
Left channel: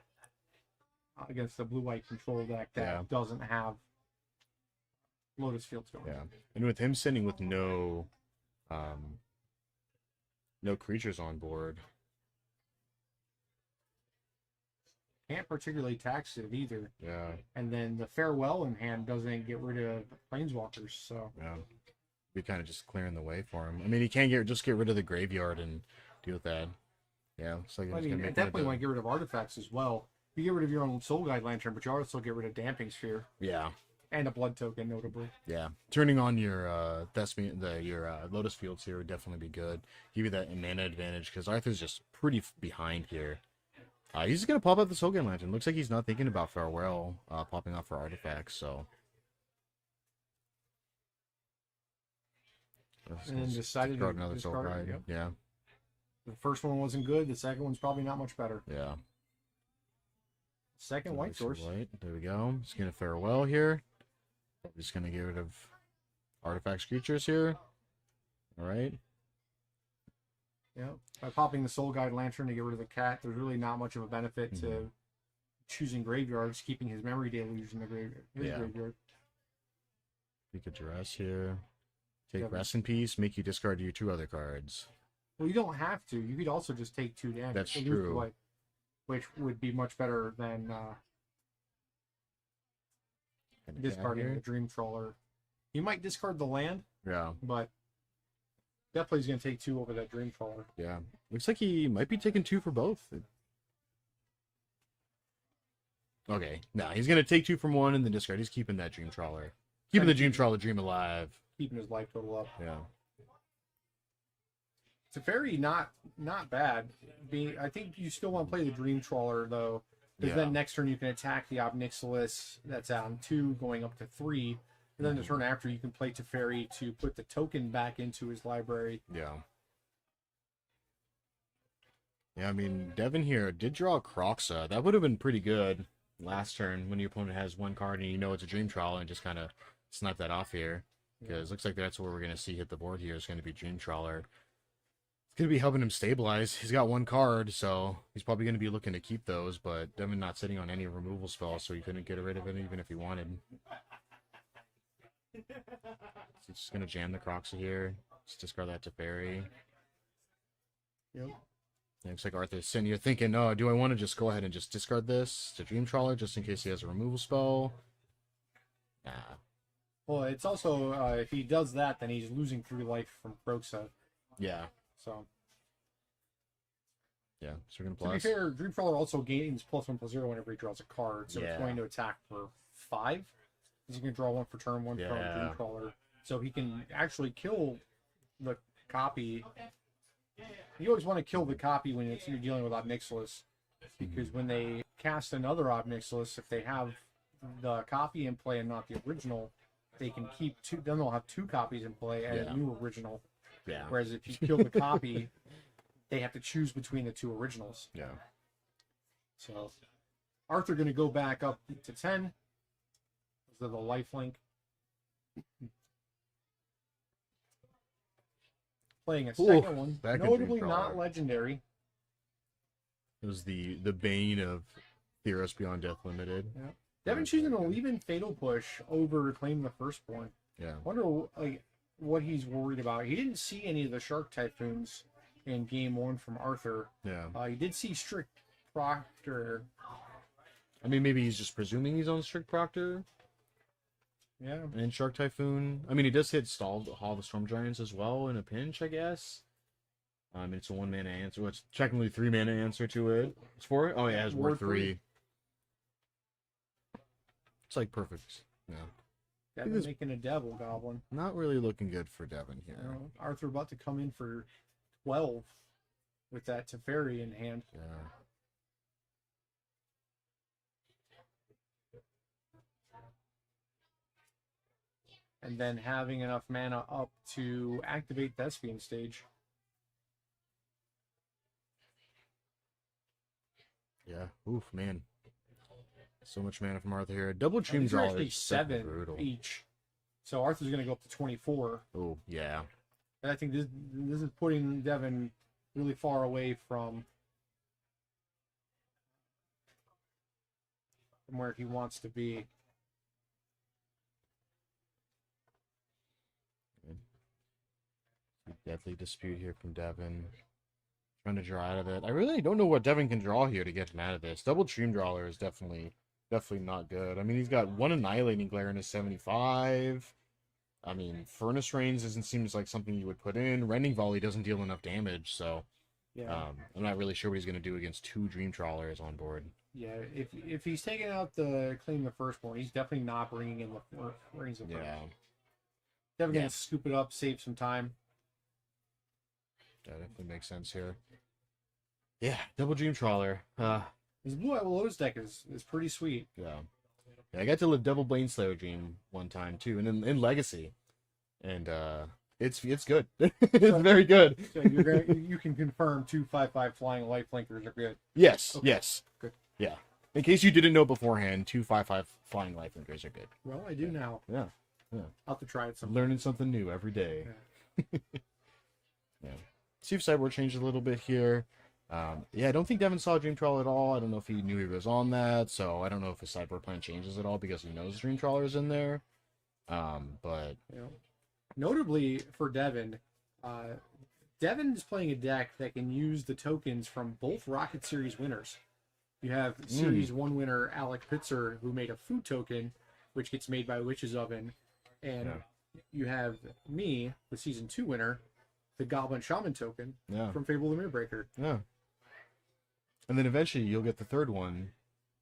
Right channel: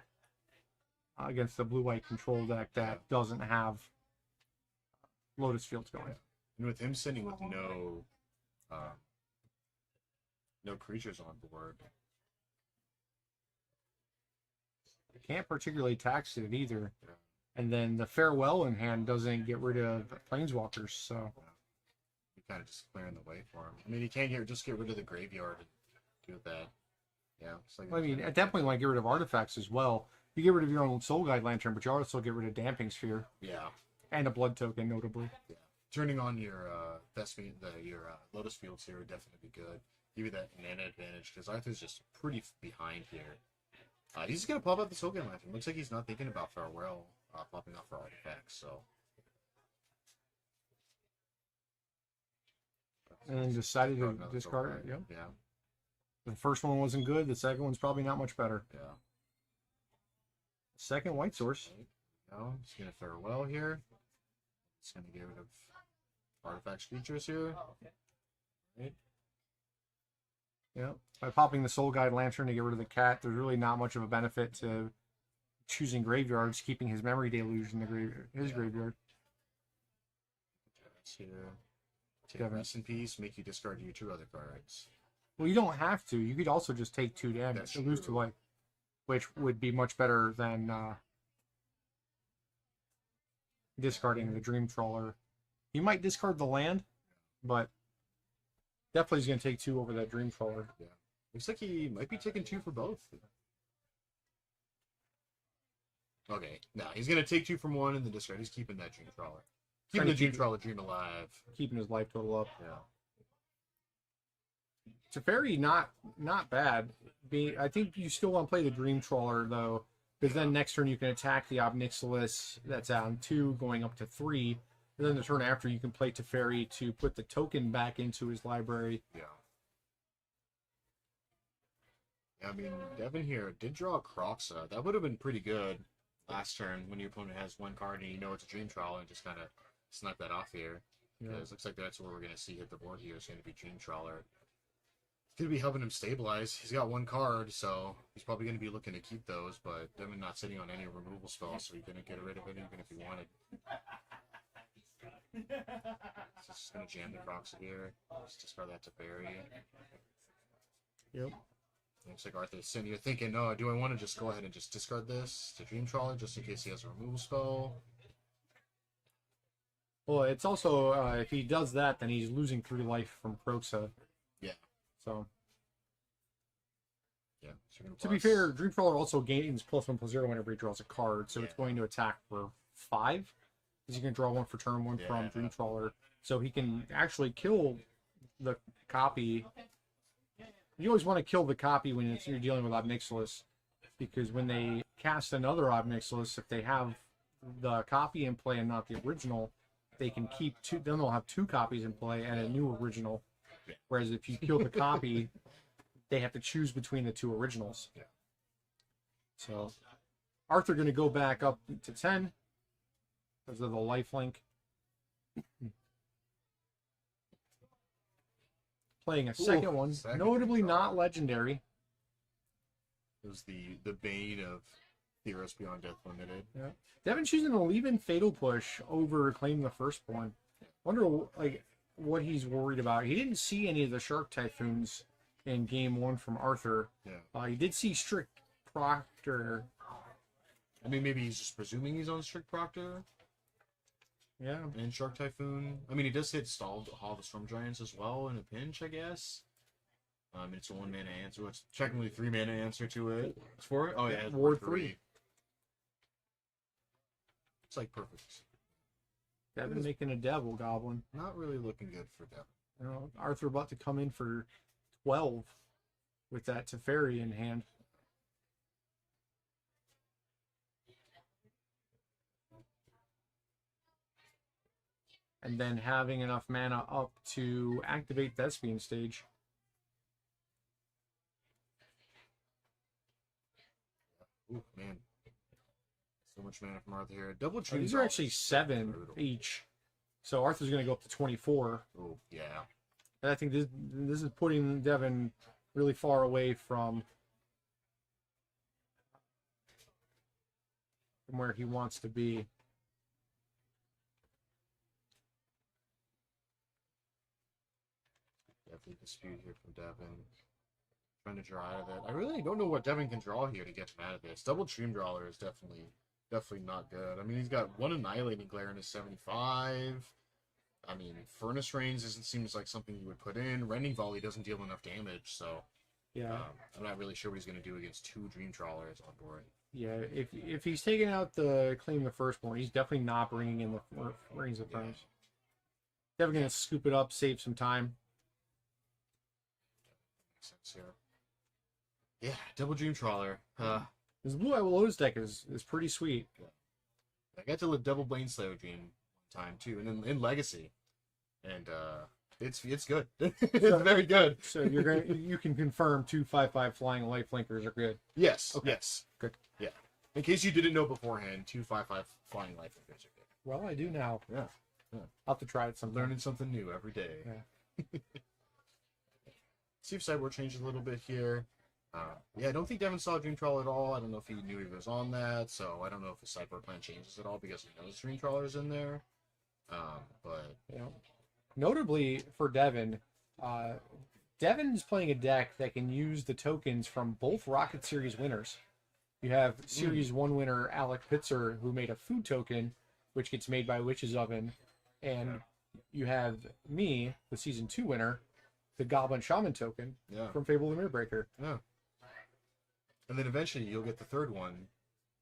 against the blue-white control deck that doesn't have Lotus Fields going. Yeah. And with him sitting with no creatures on board. Can't particularly tax it either. Yeah. And then the Farewell in hand doesn't get rid of Planeswalkers, so Yeah. Be kind of just clearing the way for him. I mean, he can't just get rid of the graveyard and deal with that. Yeah. It's like I mean, at that point, you want to get rid of artifacts as well. You get rid of your own Soul Guide Lantern, but you also get rid of Damping Sphere Yeah. and a Blood Token, notably. Yeah. Turning on your Thespian, your Lotus Fields here would definitely be good. Give you that mana advantage because Arthur's just pretty behind here. He's just gonna pop out the Soul Guide Lantern. Looks like he's not thinking about Farewell popping off for artifacts. So. And then decided to another Soul discard Guide. it. Yep. Yeah. The first one wasn't good. The second one's probably not much better. Yeah. Second white source. White. There we go. Just gonna Farewell here. Just gonna get rid of artifacts creatures here. All right. Yeah. By popping the Soul Guide Lantern to get rid of the cat, there's really not much of a benefit to choosing graveyards, keeping his Memory Deluge in the graveyard. You could dress here. Take Yeah, Rest in Peace, make you discard your 2 other cards. Well, you don't have to. You could also just take 2 damage. That's and lose 2 true. life, which would be much better than discarding the Dream Trawler. You might discard the land, Yeah. but definitely is going to take 2 over that Dream Trawler. Yeah. Looks like he might be taking 2 for both. Okay. No, he's going to take 2 from 1 and then discard. He's keeping that Dream Trawler. Keeping the Dream Trawler Dream alive. Keeping his life total up. Yeah. Teferi, not bad. I think you still want to play the Dream Trawler, though, because Yeah. then next turn you can attack the Obnixilus that's on 2, going up to 3. And then the turn after, you can play Teferi to put the token back into his library. Yeah. Yeah, I mean, Devin here did draw a Croxa. That would have been pretty good last turn when your opponent has 1 card and you know it's a Dream Trawler and just kind of snipe that off here. Because it looks like that's what we're going to see hit the board here. It's going to be Dream Trawler. It's going to be helping him stabilize. He's got 1 card, so he's probably going to be looking to keep those, but Devin not sitting on any removal spells, so he couldn't get rid of it even if he wanted. So he's just going to jam the Croxa here. Just discard that to Fairy. Yep. Looks like Arthur's sitting here thinking, oh, do I want to just go ahead and just discard this to Dream Trawler just in case he has a removal spell? Nah. Well, it's also, if he does that, then he's losing 3 life from Croxa. Yeah. So, Yeah. So we're gonna to be fair, Dream Trawler also gains +1/+0 whenever he draws a card, so it's going to attack for 5. Because you can draw 1 for turn, 1 from Dream Trawler. So he can actually kill the copy. You always want to kill the copy when you're dealing with Obnixilus, because when they cast another Obnixilus, if they have the copy in play and not the original, they can keep 2. Then they'll have 2 copies in play and a new original. Yeah. Whereas if you kill the copy, they have to choose between the two originals. Yeah. So Arthur going to go back up to 10 because of the lifelink. Playing a second one, notably not legendary. It was the bane of Theros Beyond Death Limited. Yeah. Devin choosing to leave in Fatal Push over Claim the Firstborn. Yeah. Wonder like what he's worried about. He didn't see any of the Shark Typhoons in game 1 from Arthur. Yeah. He did see Strict Proctor. I mean, maybe he's just presuming he's on Strict Proctor. Yeah. And Shark Typhoon. I mean, he does hit Hall of Storm Giants as well in a pinch, I guess. It's a 1-mana answer. Well, it's technically 3-mana answer to it. It's 4? Oh, yeah, it's Ward 3. It's like perfect. Yeah. Devin making a Devil Goblin. Not really looking good for Devin here. You know, Arthur about to come in for 12 with that Teferi in hand. Yeah. And then having enough mana up to activate Thespian Stage. Yeah. Oof, man. So much mana from Arthur here. Double Dream These are Draw actually is 7 brutal. each. So Arthur's going to go up to 24. Oh, yeah. And I think this is putting Devin really far away from where he wants to be. Definitely dispute here from Devin. Trying to draw out of it. I really don't know what Devin can draw here to get him out of this. Double Dream Drawer is definitely not good. I mean, he's got 1 Annihilating Glare in his 75. I mean, Furnace Rains seems like something you would put in. Rending Volley doesn't deal enough damage, so yeah. I'm not really sure what he's going to do against 2 Dream Trawlers on board. Yeah, if he's taking out the Claim the Firstborn, he's definitely not bringing in the Rings of Furnace. Definitely going to scoop it up, save some time. That definitely makes sense here. Yeah, Double Dream Trawler. His Blue Eye Lotus deck is pretty sweet. Yeah. I got to live Double Bladeslayer Dream one time too, and in Legacy, and it's good. It's very good. So you can confirm 2/5/5 flying lifelinkers are good. Yes. Okay. Yes. Good. Yeah. In case you didn't know beforehand, 2/5/5 flying lifelinkers are good. Well, I do now. Yeah. I'll have to try it sometime. Learning something new every day. Yeah. Yeah. See if Sideboard changed a little bit here. Yeah, I don't think Devin saw Dream Trawler at all. I don't know if he knew he was on that, so I don't know if his sideboard plan changes at all because he knows Dream Trawler's in there. But you know, notably for Devin, Devin's playing a deck that can use the tokens from both Rocket Series winners. You have Series 1 winner Alec Pitzer, who made a food token, which gets made by Witch's Oven, and you have me, the Season 2 winner, the Goblin Shaman token from Fable the Moonbreaker. Yeah. And then eventually you'll get the third one,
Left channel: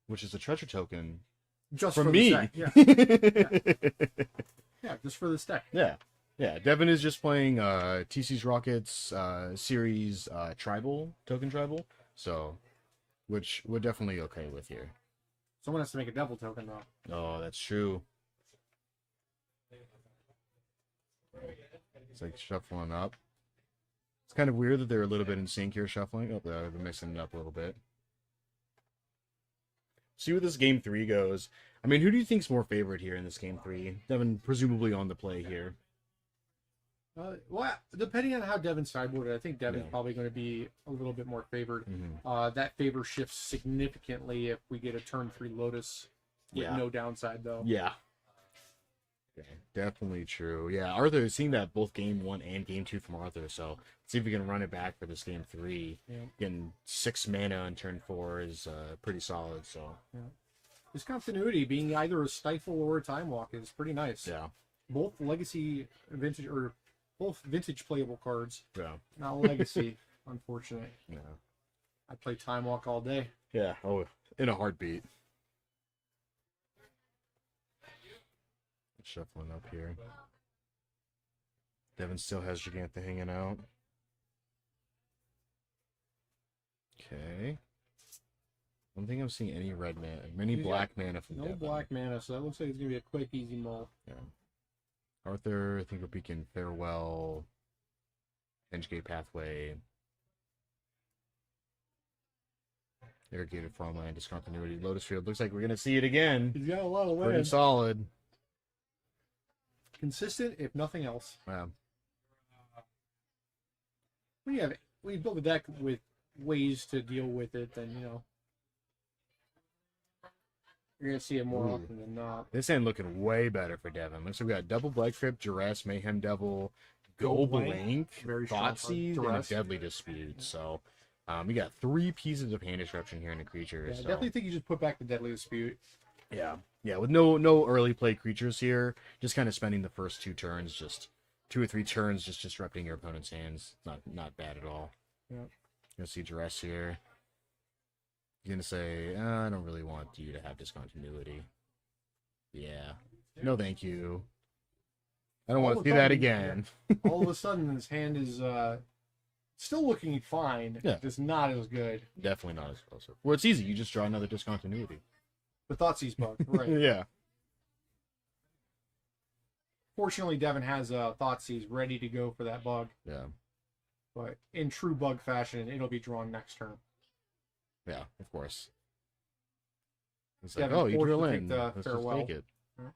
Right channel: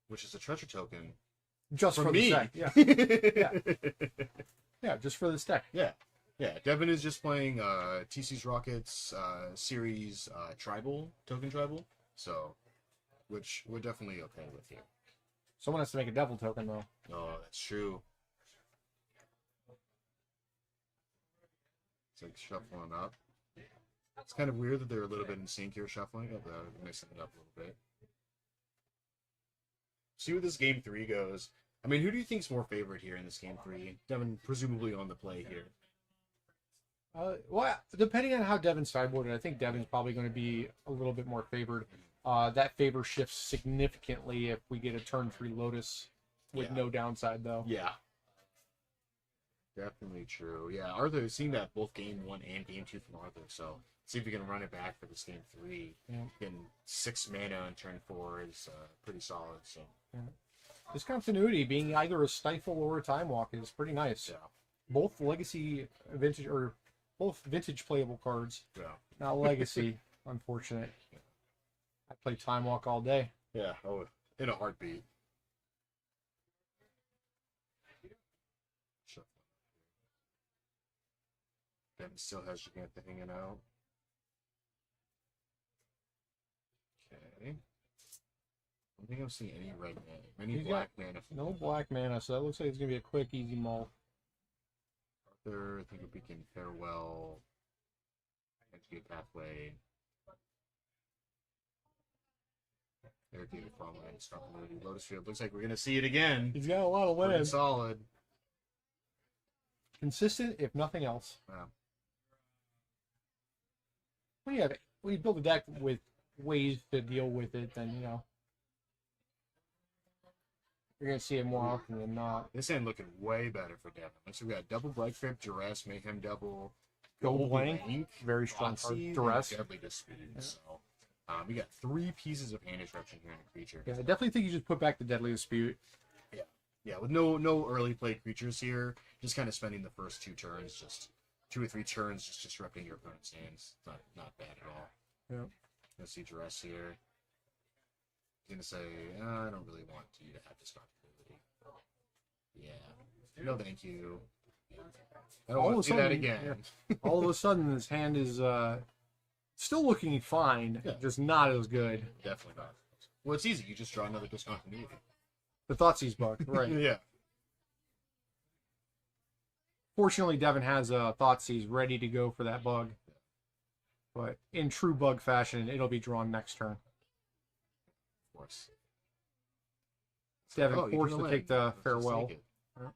which is a treasure token. Just from for me. The deck. Yeah, just for this deck. Yeah. Yeah, Devin is just playing TC's Rockets series tribal, token tribal. So, which we're definitely okay with here. Someone has to make a devil token, though. Oh, that's true. It's like shuffling up. It's kind of weird that they're a little bit in sync here, shuffling. Oh, they're mixing it up a little bit. See where this game 3 goes. I mean, who do you think's more favorite here in this game 3? Devin presumably on the play here. Well, depending on how Devin's sideboarded, I think Devin's probably going to be a little bit more favored. That favor shifts significantly if we get a turn 3 Lotus with no downside, though. Yeah. Definitely true. Yeah, Arthur, seeing that both game 1 and game 2 from Arthur, so see if we can run it back for this game 3. Getting 6 mana on turn 4 is pretty solid. So this continuity, being either a Stifle or a Time Walk, is pretty nice. Yeah. Both Legacy Vintage, or both Vintage playable cards. Yeah. Not Legacy, unfortunate. Yeah. I play Time Walk all day. Yeah. Oh, in a heartbeat. Shuffling up here. Devin still has Giganta hanging out. Okay. I don't think I'm seeing any red mana. Many black mana from No Devin. black mana, so that looks like it's going to be a quick, easy mull. Yeah. Arthur, I think we'll begin Farewell. Edgegate Pathway. Irrigated farmland, discontinuity, Lotus Field. Looks like we're gonna see it again. He's got a lot of Pretty land. solid. Consistent, if nothing else. Yeah. When you build a deck with ways to deal with it, then you're gonna see it more often than not. This end looking way better for Devin. Looks like we got double Blood Crypt, Duress, Mayhem Devil, Go Blank, very strong Thoughtseize, and a Deadly Dispute. So we got 3 pieces of hand disruption here in the creature. Yeah, so. I definitely think you just put back the Deadly Dispute. Yeah. Yeah, with no early play creatures here. Just kind of spending the first 2 turns, just 2 or 3 turns, just disrupting your opponent's hands. Not bad at all. Yeah. You'll see Duress here. You're gonna say, I don't really want you to have discontinuity. Yeah. No, thank you. I don't want to do that again. All of a sudden, his hand is still looking fine, just not as good. Definitely not as close. Well, it's easy. You just draw another discontinuity. The Thoughtseize bug, right? Yeah. Fortunately, Devin has a Thoughtseize ready to go for that bug. Yeah. But in true bug fashion, it'll be drawn next turn. Yeah, of course. It's Devin like, you forced drill to in. take the Let's just farewell. take it. Yeah.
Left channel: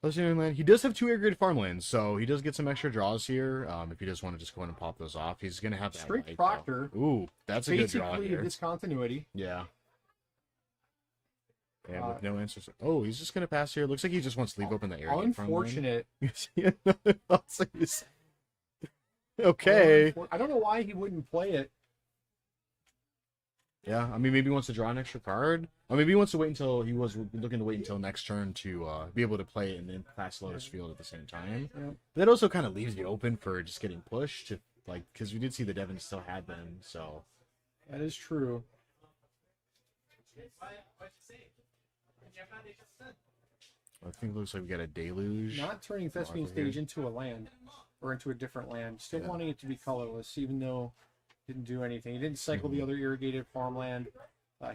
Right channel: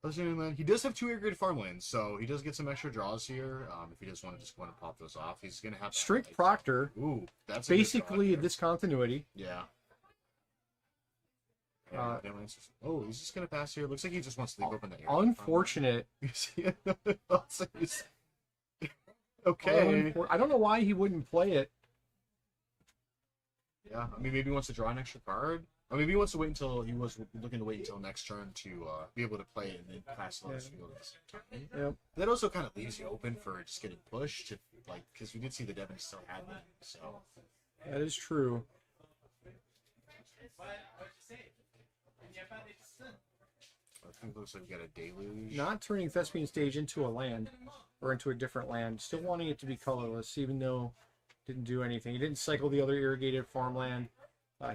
Plus, land. He does have 2 irrigated farmlands, so he does get some extra draws here. If he just want to just go ahead and pop those off, he's gonna have that Strict right, Proctor. So. Ooh, that's a good draw basically here. discontinuity. Yeah. And with no answers. Oh, he's just gonna pass here. Looks like he just wants to leave open the area. Unfortunate. Okay. I don't know why he wouldn't play it. Yeah, I mean, maybe he wants to draw an extra card. Or maybe he wants to wait until he was looking to wait until next turn to be able to play it and then pass Lotus Field at the same time. Yep. That also kind of leaves you open for just getting pushed, to, like, because we did see the Devin still had them, so. That is true. I think it looks like we got a Deluge. Not turning Thespian Stage into a land, or into a different land. Still wanting it to be colorless, even though it didn't do anything. He didn't cycle the other irrigated farmland.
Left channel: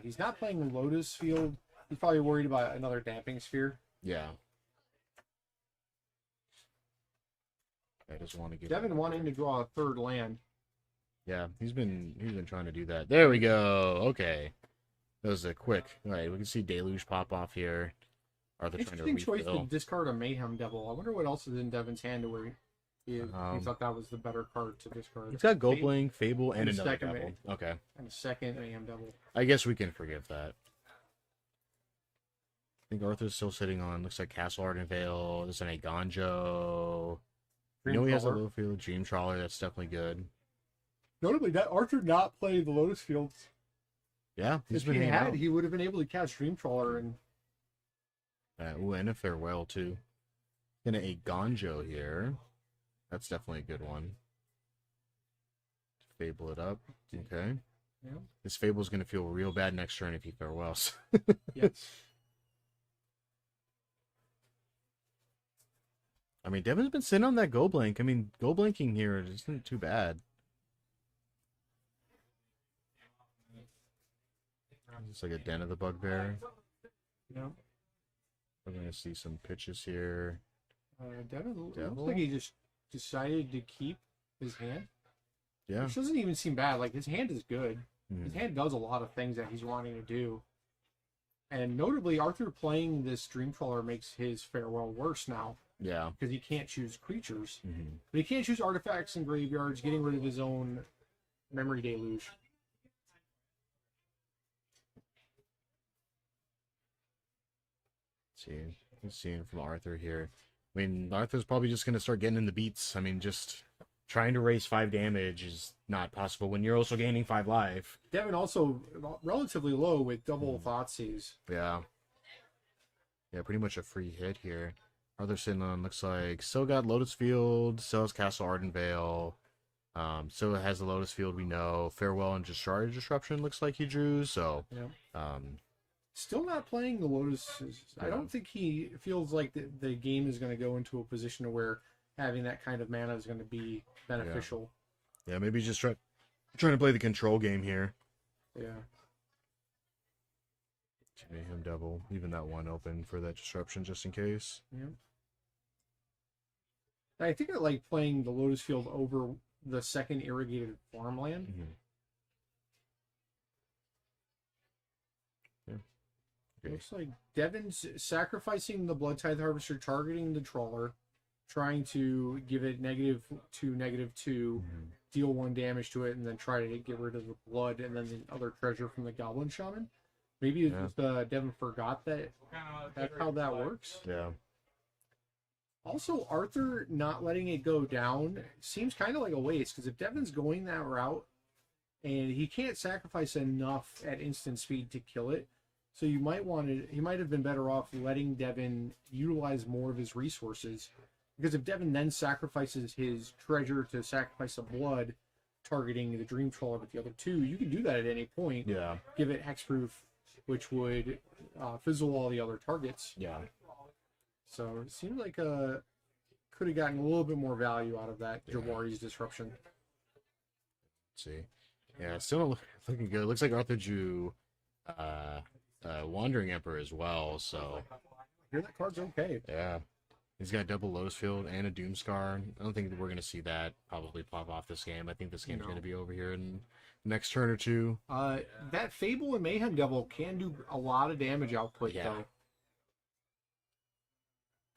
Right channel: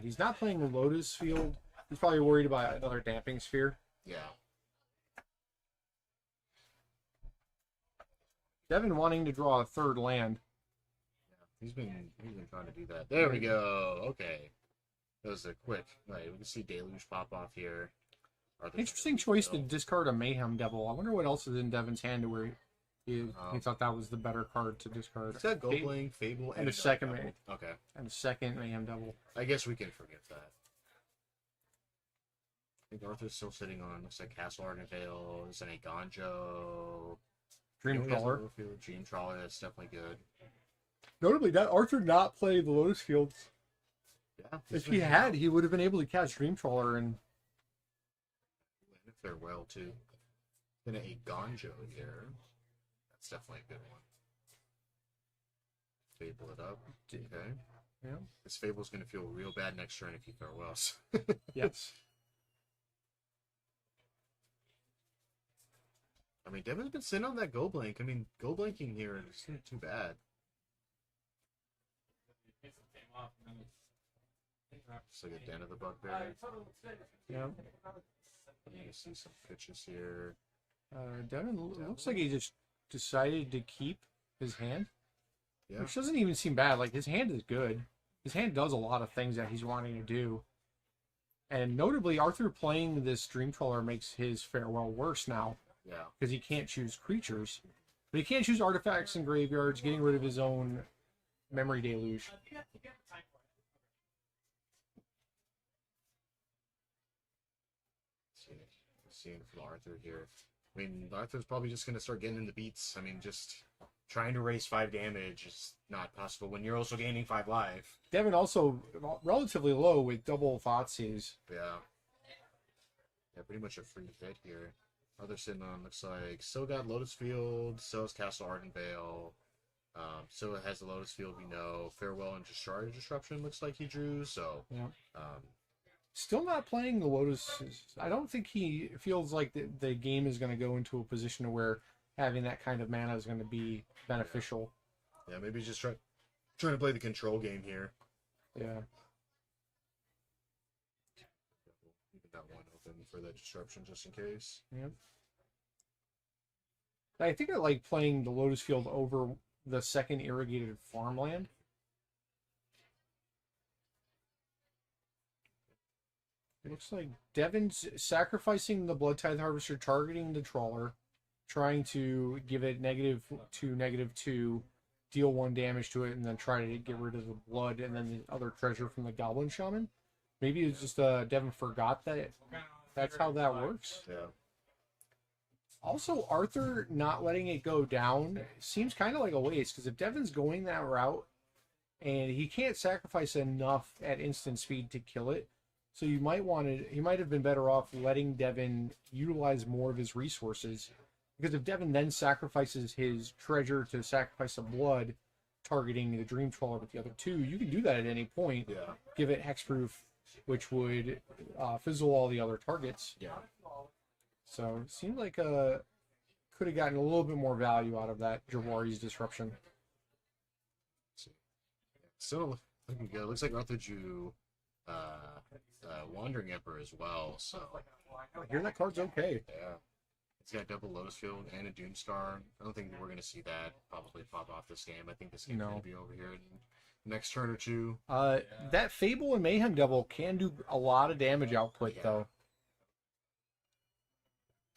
He's not playing Lotus Field. He's probably worried about another Damping Sphere. Yeah. I just want to get Devin wanting to draw a 3rd land. Yeah, he's been trying to do that. There we go. Okay. That was a quick. All right, we can see Deluge pop off here. Interesting choice to discard a Mayhem Devil. I wonder what else is in Devin's hand to where he thought that was the better card to discard. He's got Goblin, Fable, and a second Devil. Mayhem. Okay. And a second Mayhem Devil. I guess we can forgive that. I think Arthur's still sitting on, looks like Castle Arden Vale. This is a Gonjo. Dream He has a Trawler. little field. Dream Trawler, that's definitely good. Notably, that Arthur not play the Lotus Field. Yeah. If he had, he would have been able to catch Dream Trawler and. Ooh, and a Farewell, too. Gonna a Gonjo here. That's definitely a good one. Fable it up. Okay. Yeah. This Fable's gonna feel real bad next turn if he farewells. Yes. I mean, Devin's been sitting on that Go Blank. I mean, Go Blanking here isn't too bad. It's like a Den of the Bugbear. Yeah. We're gonna see some pitches here. Devin looks Devil? like he just decided to keep his hand. Yeah. Which doesn't even seem bad. Like, his hand is good. Mhm. His hand does a lot of things that he's wanting to do. And notably, Arthur playing this Dream Trawler makes his Farewell worse now. Yeah. Because he can't choose creatures. Mm-hmm. But he can't choose artifacts and graveyards, getting rid of his own Memory Deluge. Seeing from Arthur here. I mean, Arthur's probably just going to start getting in the beats. I mean, just trying to raise 5 damage is not possible when you're also gaining 5 life. Devin also relatively low with double Thoughtseize. Yeah. Yeah, pretty much a free hit here. Arthur sitting on, looks like, still got Lotus Field, still has Castle Arden Vale. Still has the Lotus Field, we know. Farewell and Discharge Disruption looks like he drew, so... Yeah. Still not playing the Lotus. I don't think he feels like the game is going to go into a position where having that kind of mana is going to be beneficial. Yeah, maybe he's just trying to play the control game here. Yeah. Mayhem Devil, even that one open for that disruption just in case. Yeah. I think I like playing the Lotus Field over the second irrigated farmland. Mm-hmm. Looks like Devin's sacrificing the Blood Tithe Harvester, targeting the Trawler, trying to give it -2, -2, deal 1 damage to it, and then try to get rid of the blood and then the other treasure from the Goblin Shaman. Maybe it's just Devin forgot that that's how that works. Yeah. Also, Arthur not letting it go down seems kind of like a waste, because if Devin's going that route and he can't sacrifice enough at instant speed to kill it, so you might want to, he might have been better off letting Devin utilize more of his resources, because if Devin then sacrifices his treasure to sacrifice the blood, targeting the Dream Trawler with the other 2, you can do that at any point. Yeah. Give it hexproof, which would fizzle all the other targets. Yeah. So it seemed like could have gotten a little bit more value out of that Jawari's disruption. Let's see. Yeah, it's still looking good. Looks like Arthur drew Wandering Emperor as well, so I hear that card's okay. yeah. He's got double Lotus Field and a Doomscar. I don't think we're going to see that probably pop off this game. I think this game's going to be over here in the next turn or 2. That Fable and Mayhem Devil can do a lot of damage output, though.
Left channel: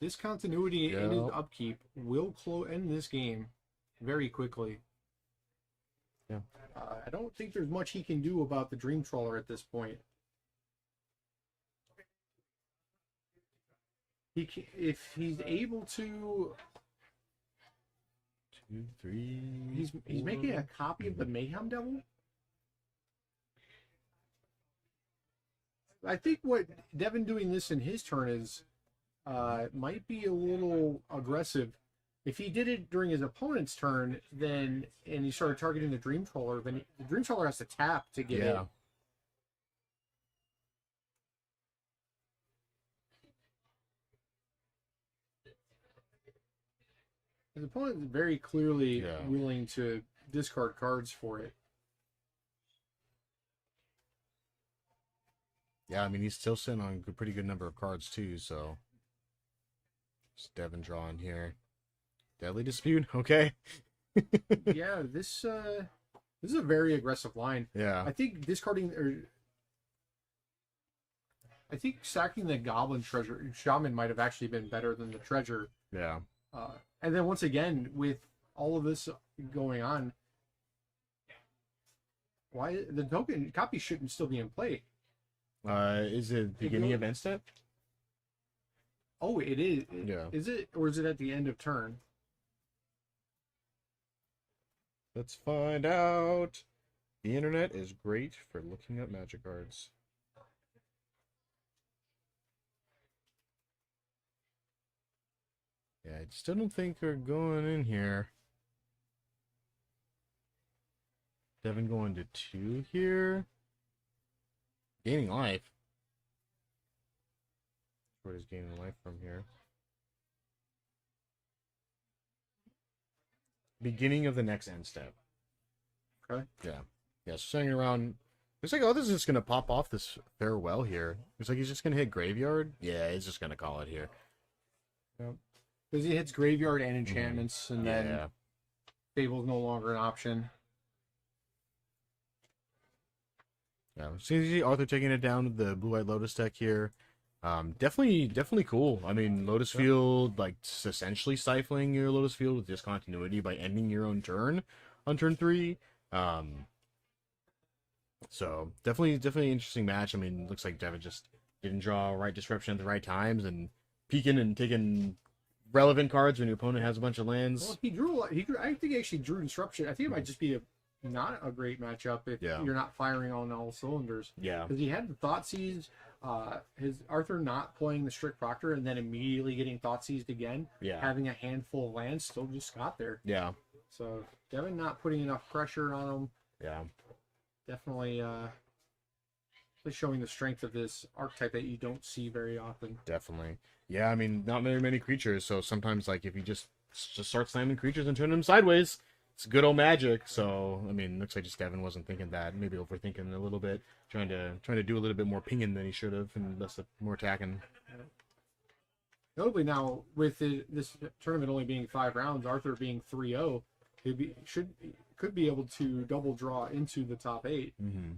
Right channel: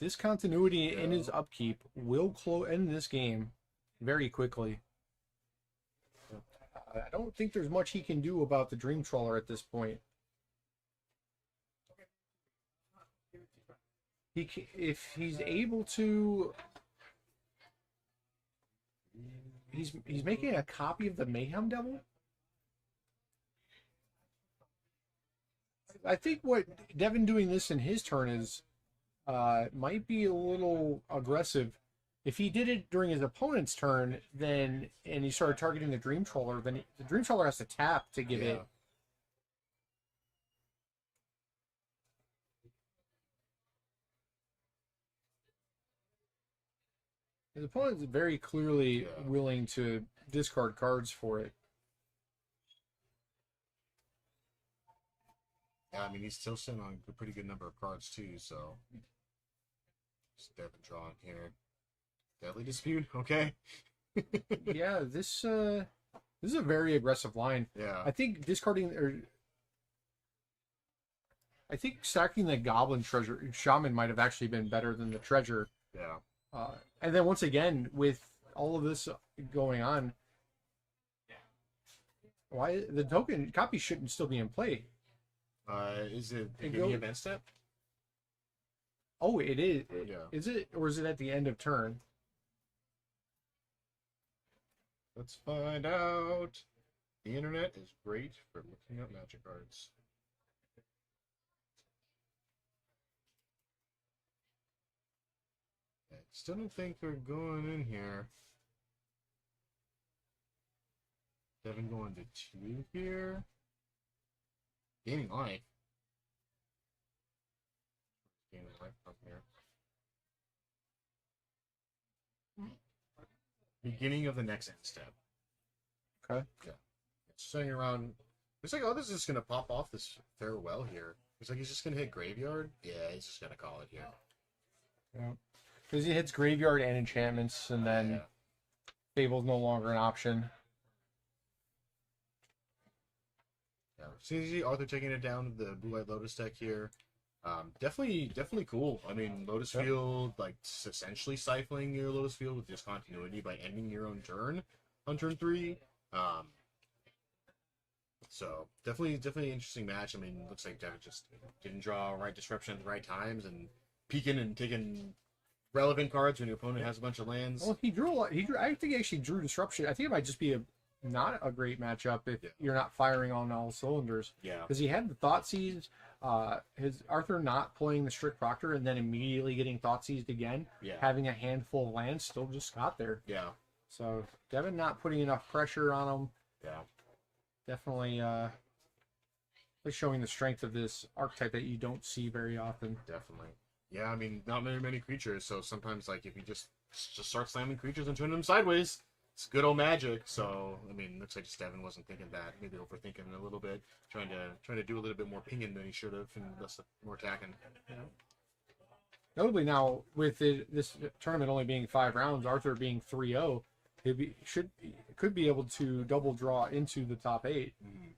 Discontinuity in his upkeep will end this game very quickly. Yeah. I don't think there's much he can do about the Dream Trawler at this point. If he's able to, 2, 3. he's making a copy of the Mayhem Devil. I think what Devin doing this in his turn is might be a little aggressive. If he did it during his opponent's turn, then and he started targeting the Dream Trawler, then the Dream Trawler has to tap to get it. His opponent is very clearly willing to discard cards for it. Yeah, I mean, he's still sitting on a pretty good number of cards, too, so... Just Devin drawing here. Deadly Dispute, okay. Yeah, this is a very aggressive line. Yeah. I think I think stacking the Goblin Treasure Shaman might have actually been better than the Treasure. Yeah. And then once again, with all of this going on, why the token copy shouldn't still be in play? Is it beginning of end step? Oh, it is. Yeah. Is it, or is it at the end of turn? Let's find out. The internet is great for looking up magic cards. Yeah, I still don't think they're going in here. Devin going to 2 here. Gaining life. Where is gaining life from here? Beginning of the next end step. Okay. Yeah. Yeah, swinging around. Looks like Arthur's just going to pop off this farewell here. Looks like he's just going to hit graveyard. Yeah, he's just going to call it here. Because he hits graveyard and enchantments, and then Fable's no longer an option. Yeah, so you see Arthur taking it down with the Blue-Eyed Lotus deck here. Definitely cool. I mean, Lotus Field, like, essentially stifling your Lotus Field with discontinuity by ending your own turn on turn 3. So, definitely interesting match. I mean, looks like Devin just didn't draw right disruption at the right times and peeking and taking relevant cards when your opponent has a bunch of lands. Well, he drew a lot. I think he actually drew disruption. I think it might just be not a great matchup if you're not firing on all cylinders. Yeah. Because he had the Thoughtseize, his Arthur not playing the Strict Proctor and then immediately getting Thoughtseized again. Yeah. Having a handful of lands still just got there. Yeah. So Devin not putting enough pressure on him. Yeah. Definitely showing the strength of this archetype that you don't see very often. Definitely. Yeah, I mean, not very many creatures, so sometimes, like, if you just start slamming creatures and turn them sideways, it's good old magic. So, I mean, looks like just Devin wasn't thinking that, maybe overthinking it a little bit, trying to do a little bit more pinging than he should have, and less more attacking. Yeah. Notably now, with this tournament only being 5 rounds, Arthur being 3-0, could be able to double draw into the top 8. Mm-hmm.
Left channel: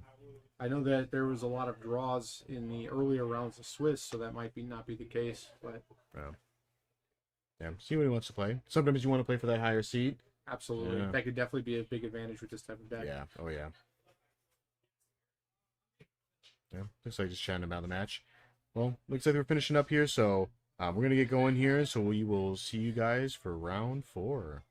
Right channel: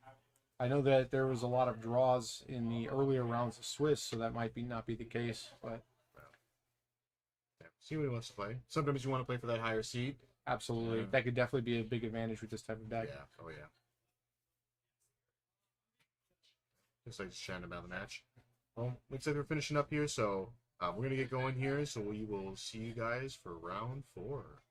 I know that there was a lot of draws in the earlier rounds of Swiss, so that might be not be the case. But Yeah, see what he wants to play. Sometimes you want to play for that higher seed. absolutely, Yeah. that could definitely be a big advantage with this type of deck. Yeah. Oh yeah. Yeah. Looks like just chatting about the match. Well, looks like we're finishing up here, so we're gonna get going here. So we will see you guys for round 4.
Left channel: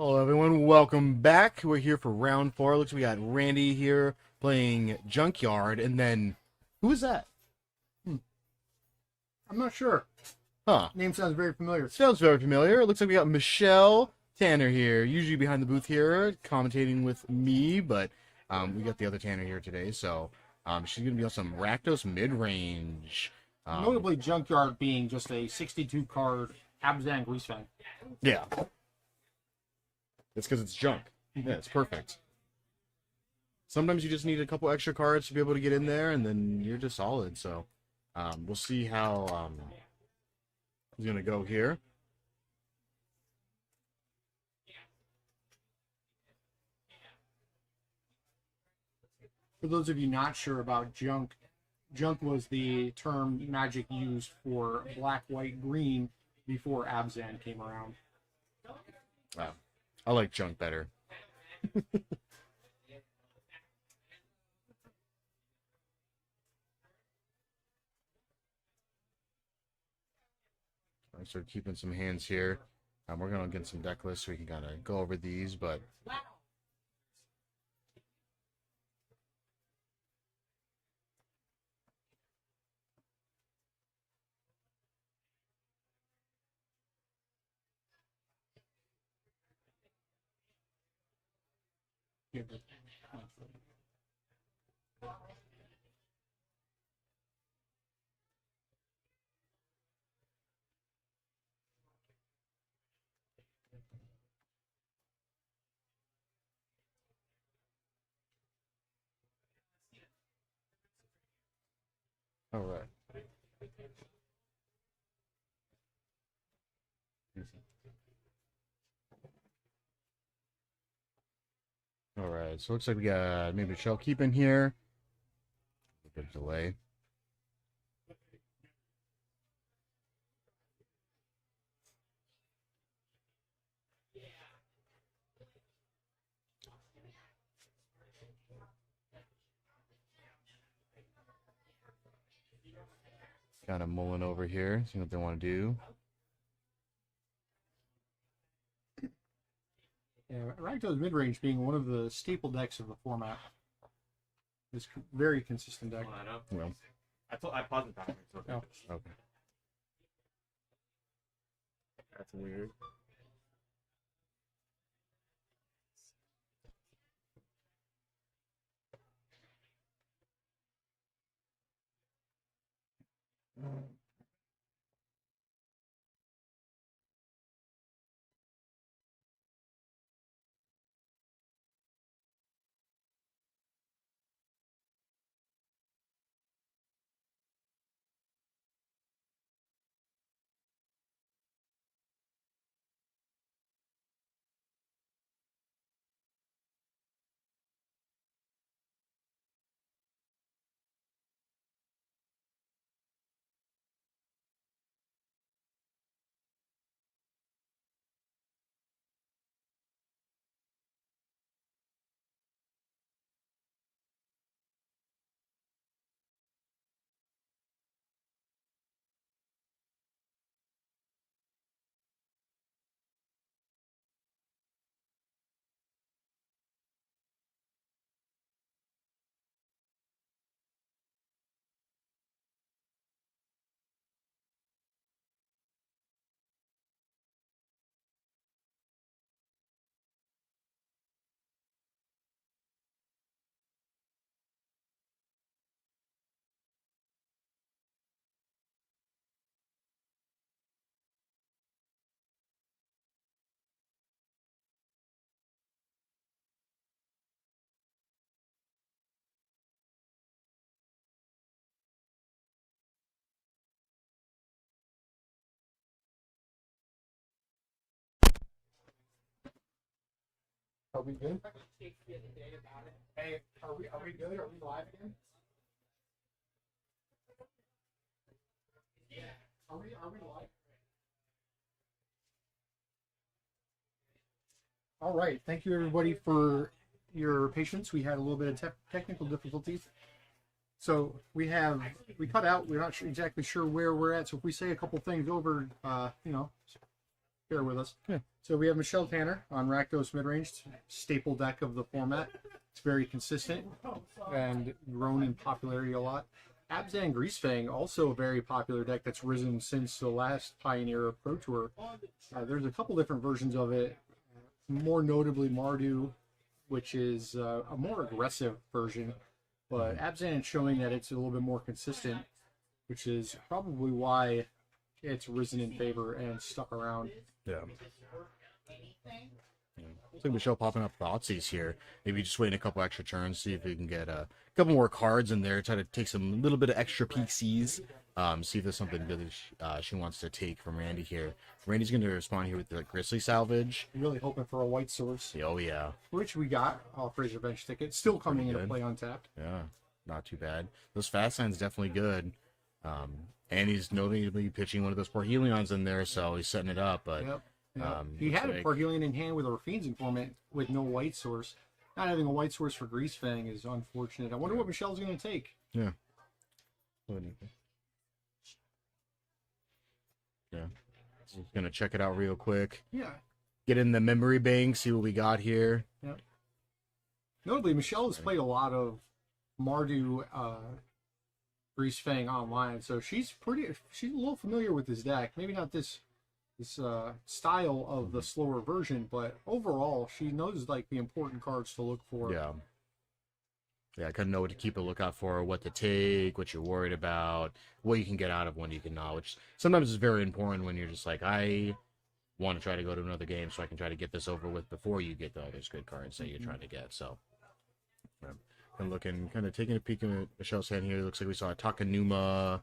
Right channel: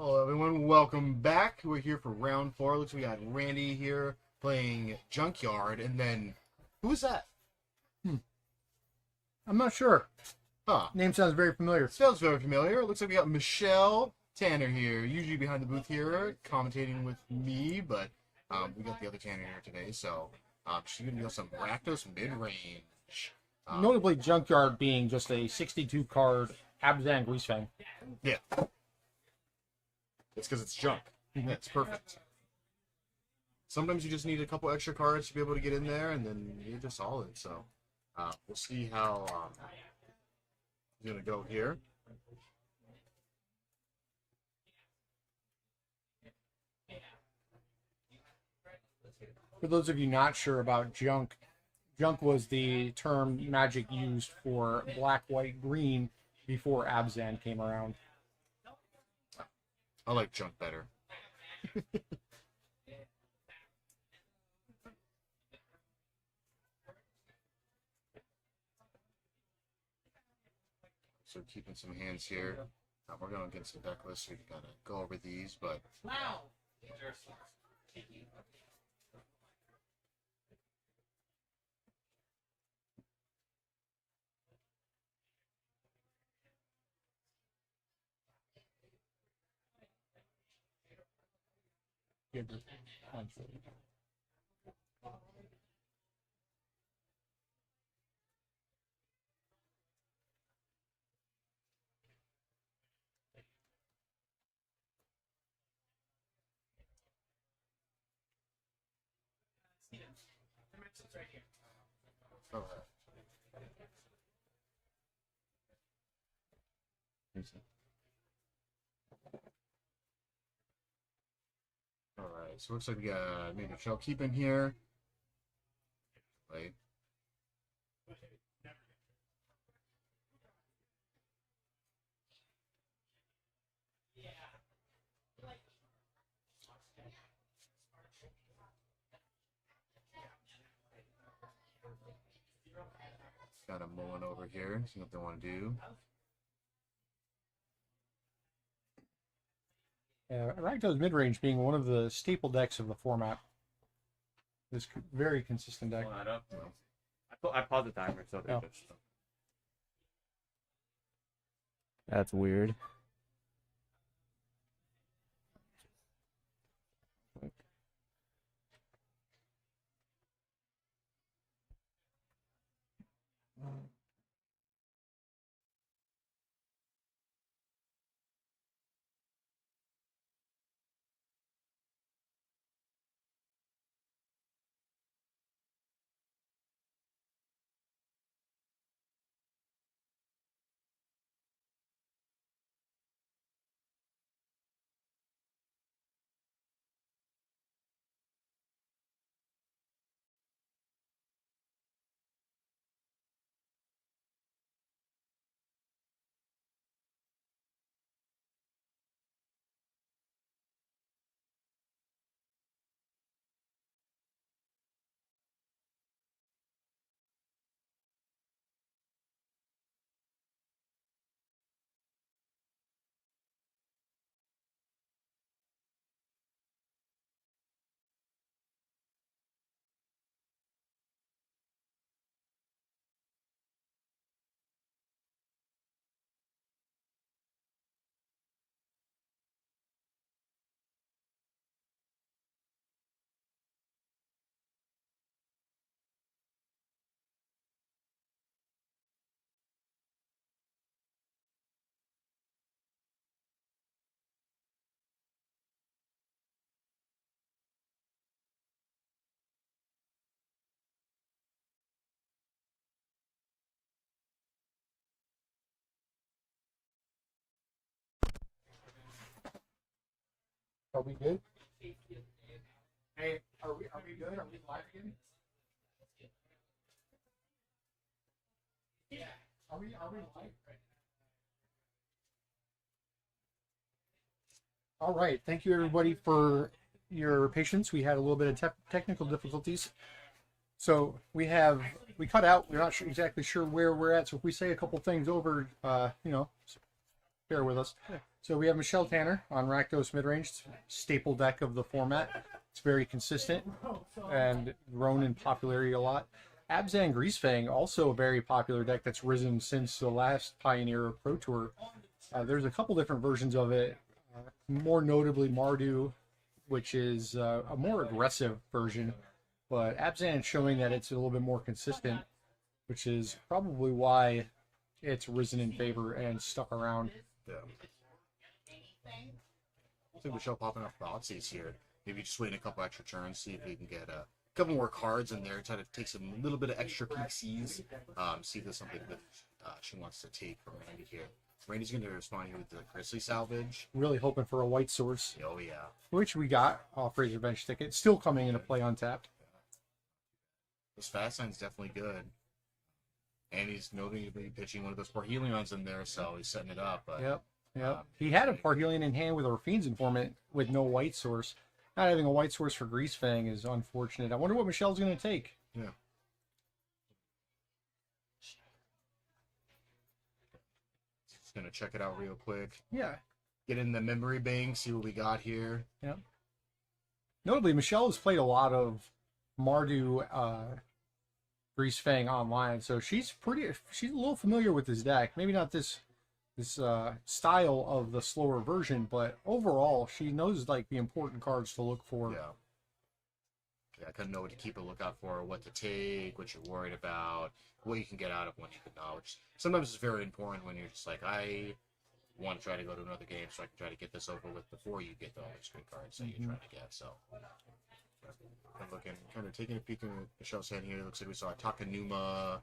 Hello, everyone. Welcome back. We're here for round 4. Looks like we got Randy here playing Junkyard, and then who is that? I'm not sure. Huh? Name sounds very familiar. Sounds very familiar. It looks like we got Michelle Tanner here, usually behind the booth here, commentating with me, but we got the other Tanner here today, so she's gonna be on some Rakdos mid-range. Notably, Junkyard being just a 62 card Abzan Grease Fang. Yeah. It's because it's junk. Yeah, it's perfect. Sometimes you just need a couple extra cards to be able to get in there, and then you're just solid. So we'll see how he's going to go here. For those of you not sure about junk, junk was the term Magic used for black, white, green before Abzan came around. Wow. I like junk better. So keeping some hands here. We're going to get some deck lists so we can kind of go over these, but all right. All right, so looks like we got maybe Michelle keeping here. Good delay. Kind of mulling over here, seeing what they want to do. Yeah, Rakdos mid-range being one of the staple decks of the format. It's very consistent deck. Pull that up. Well, I paused the timer, so Oh. okay. that's weird. Are we good? Hey, are we good? Are we live again? Are we live? All right. Thank you everybody for your patience. We had a little bit of technical difficulties. So we cut out. We're not exactly sure where we're at. So if we say a couple things over, bear with us. Yeah. So we have Michelle Tanner on Rakdos Midrange, staple deck of the format. It's very consistent and grown in popularity a lot. Abzan Greasefang, also a very popular deck that's risen since the last Pioneer Pro Tour. There's a couple different versions of it, more notably Mardu, which is a more aggressive version, but Abzan showing that it's a little bit more consistent, which is probably why it's risen in favor and stuck around. Yeah. Looks like Michelle popping up Thoughtseize here. Maybe just waiting a couple extra turns, see if we can get a couple more cards in there, try to take some little bit of extra PCs, see if there's something good she wants to take from Randy here. Randy's going to respond here with the Grizzly Salvage. Really hoping for a white source, Oh, yeah. which we got off Razor Bench Ticket. Still coming into play on tap. Yeah, not too bad. Those fast lines definitely good. And he's notably pitching one of those Parhelions in there, so he's setting it up. But Yep. He had a Parhelion in hand with a Fiend's Informant with no white source. Not having a white source for Greasefang is unfortunate. I wonder what Michelle's going to take. Yeah. Yeah. Just gonna check it out real quick. Yeah. Get in the memory bank, see what we got here. Yep. Notably, Michelle has played a lot of Mardu Greasefang online, so she's a little familiar with this deck. Maybe not this style of the slower version, but overall she knows like the important cards to look for. Yeah. Yeah, I kind of know what to keep a lookout for, what to take, what you're worried about, what you can get out of, when you can not, which sometimes is very important when you're just like, I want to try to go to another game so I can try to get this over with before you get all these good cards that you're trying to get. So, I'm looking, kind of taking a peek at Michelle's hand here. Looks like we saw a Takanuma.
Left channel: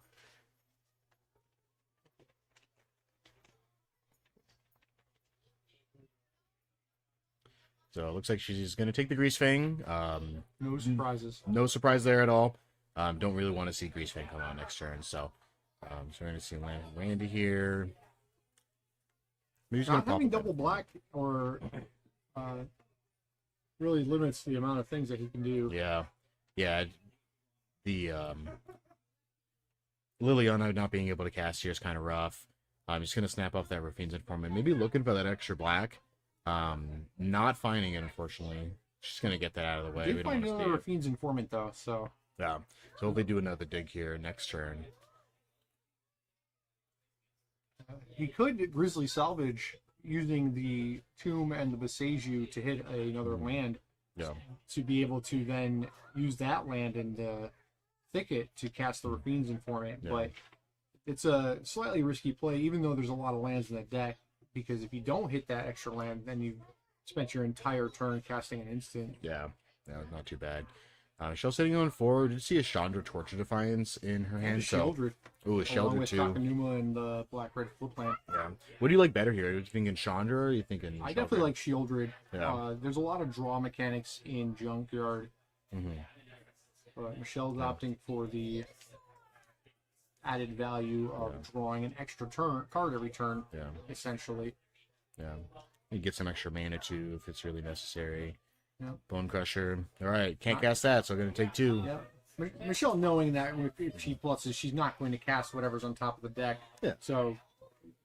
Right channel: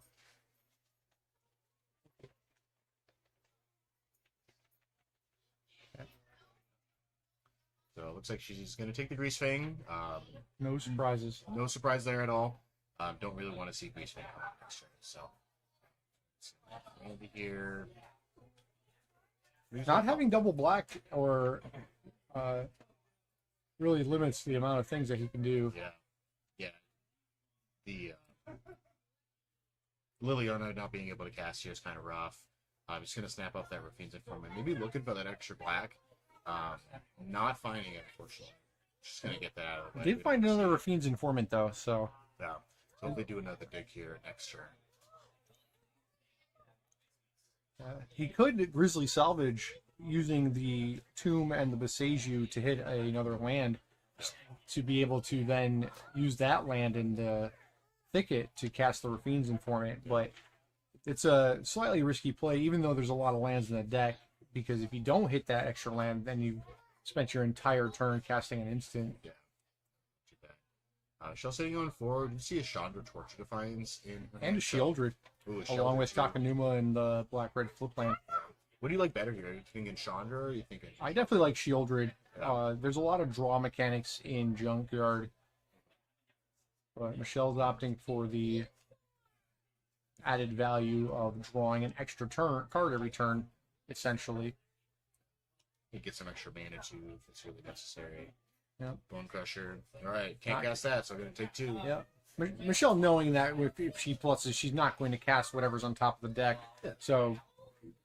So it looks like she's going to take the Greasefang. No surprises. No surprise there at all. Don't really want to see Greasefang come out next turn. So, so we're going to see Randy here. Not having double black or really limits the amount of things that he can do. Yeah. Yeah. The Liliana not being able to cast here is kind of rough. I'm just going to snap off that Rafine's Informant. Maybe looking for that extra black. Not finding it, unfortunately. Just going to get that out of the way. Did find another Rafine's Informant, though, so... Yeah. So hopefully do another dig here next turn. He could Grizzly Salvage using the Tomb and the Visagiu to hit another land. Yeah. To be able to then use that land in the thicket to cast the Rafine's Informant. Yeah. But it's a slightly risky play, even though there's a lot of lands in the deck. Because if you don't hit that extra land, then you spent your entire turn casting an instant. Yeah, not too bad. Michelle's sitting on forward. You see a Chandra Torture Defiance in her hand. And Sheoldred. Ooh, Along Sheoldred with too. Takanuma and the Black-Red Flip land. Yeah. What do you like better here? Are you thinking Chandra or are you thinking I definitely like Sheoldred. Yeah. There's a lot of draw mechanics in Junkyard. But Michelle's opting for the added value of drawing an extra card every turn, essentially. Yeah. You get some extra mana too if it's really necessary. Yeah. Bone Crusher. All right, can't cast that, so I'm going to take 2. Yep. Michelle knowing that if she pluses, she's not going to cast whatever's on top of the deck. Yeah. So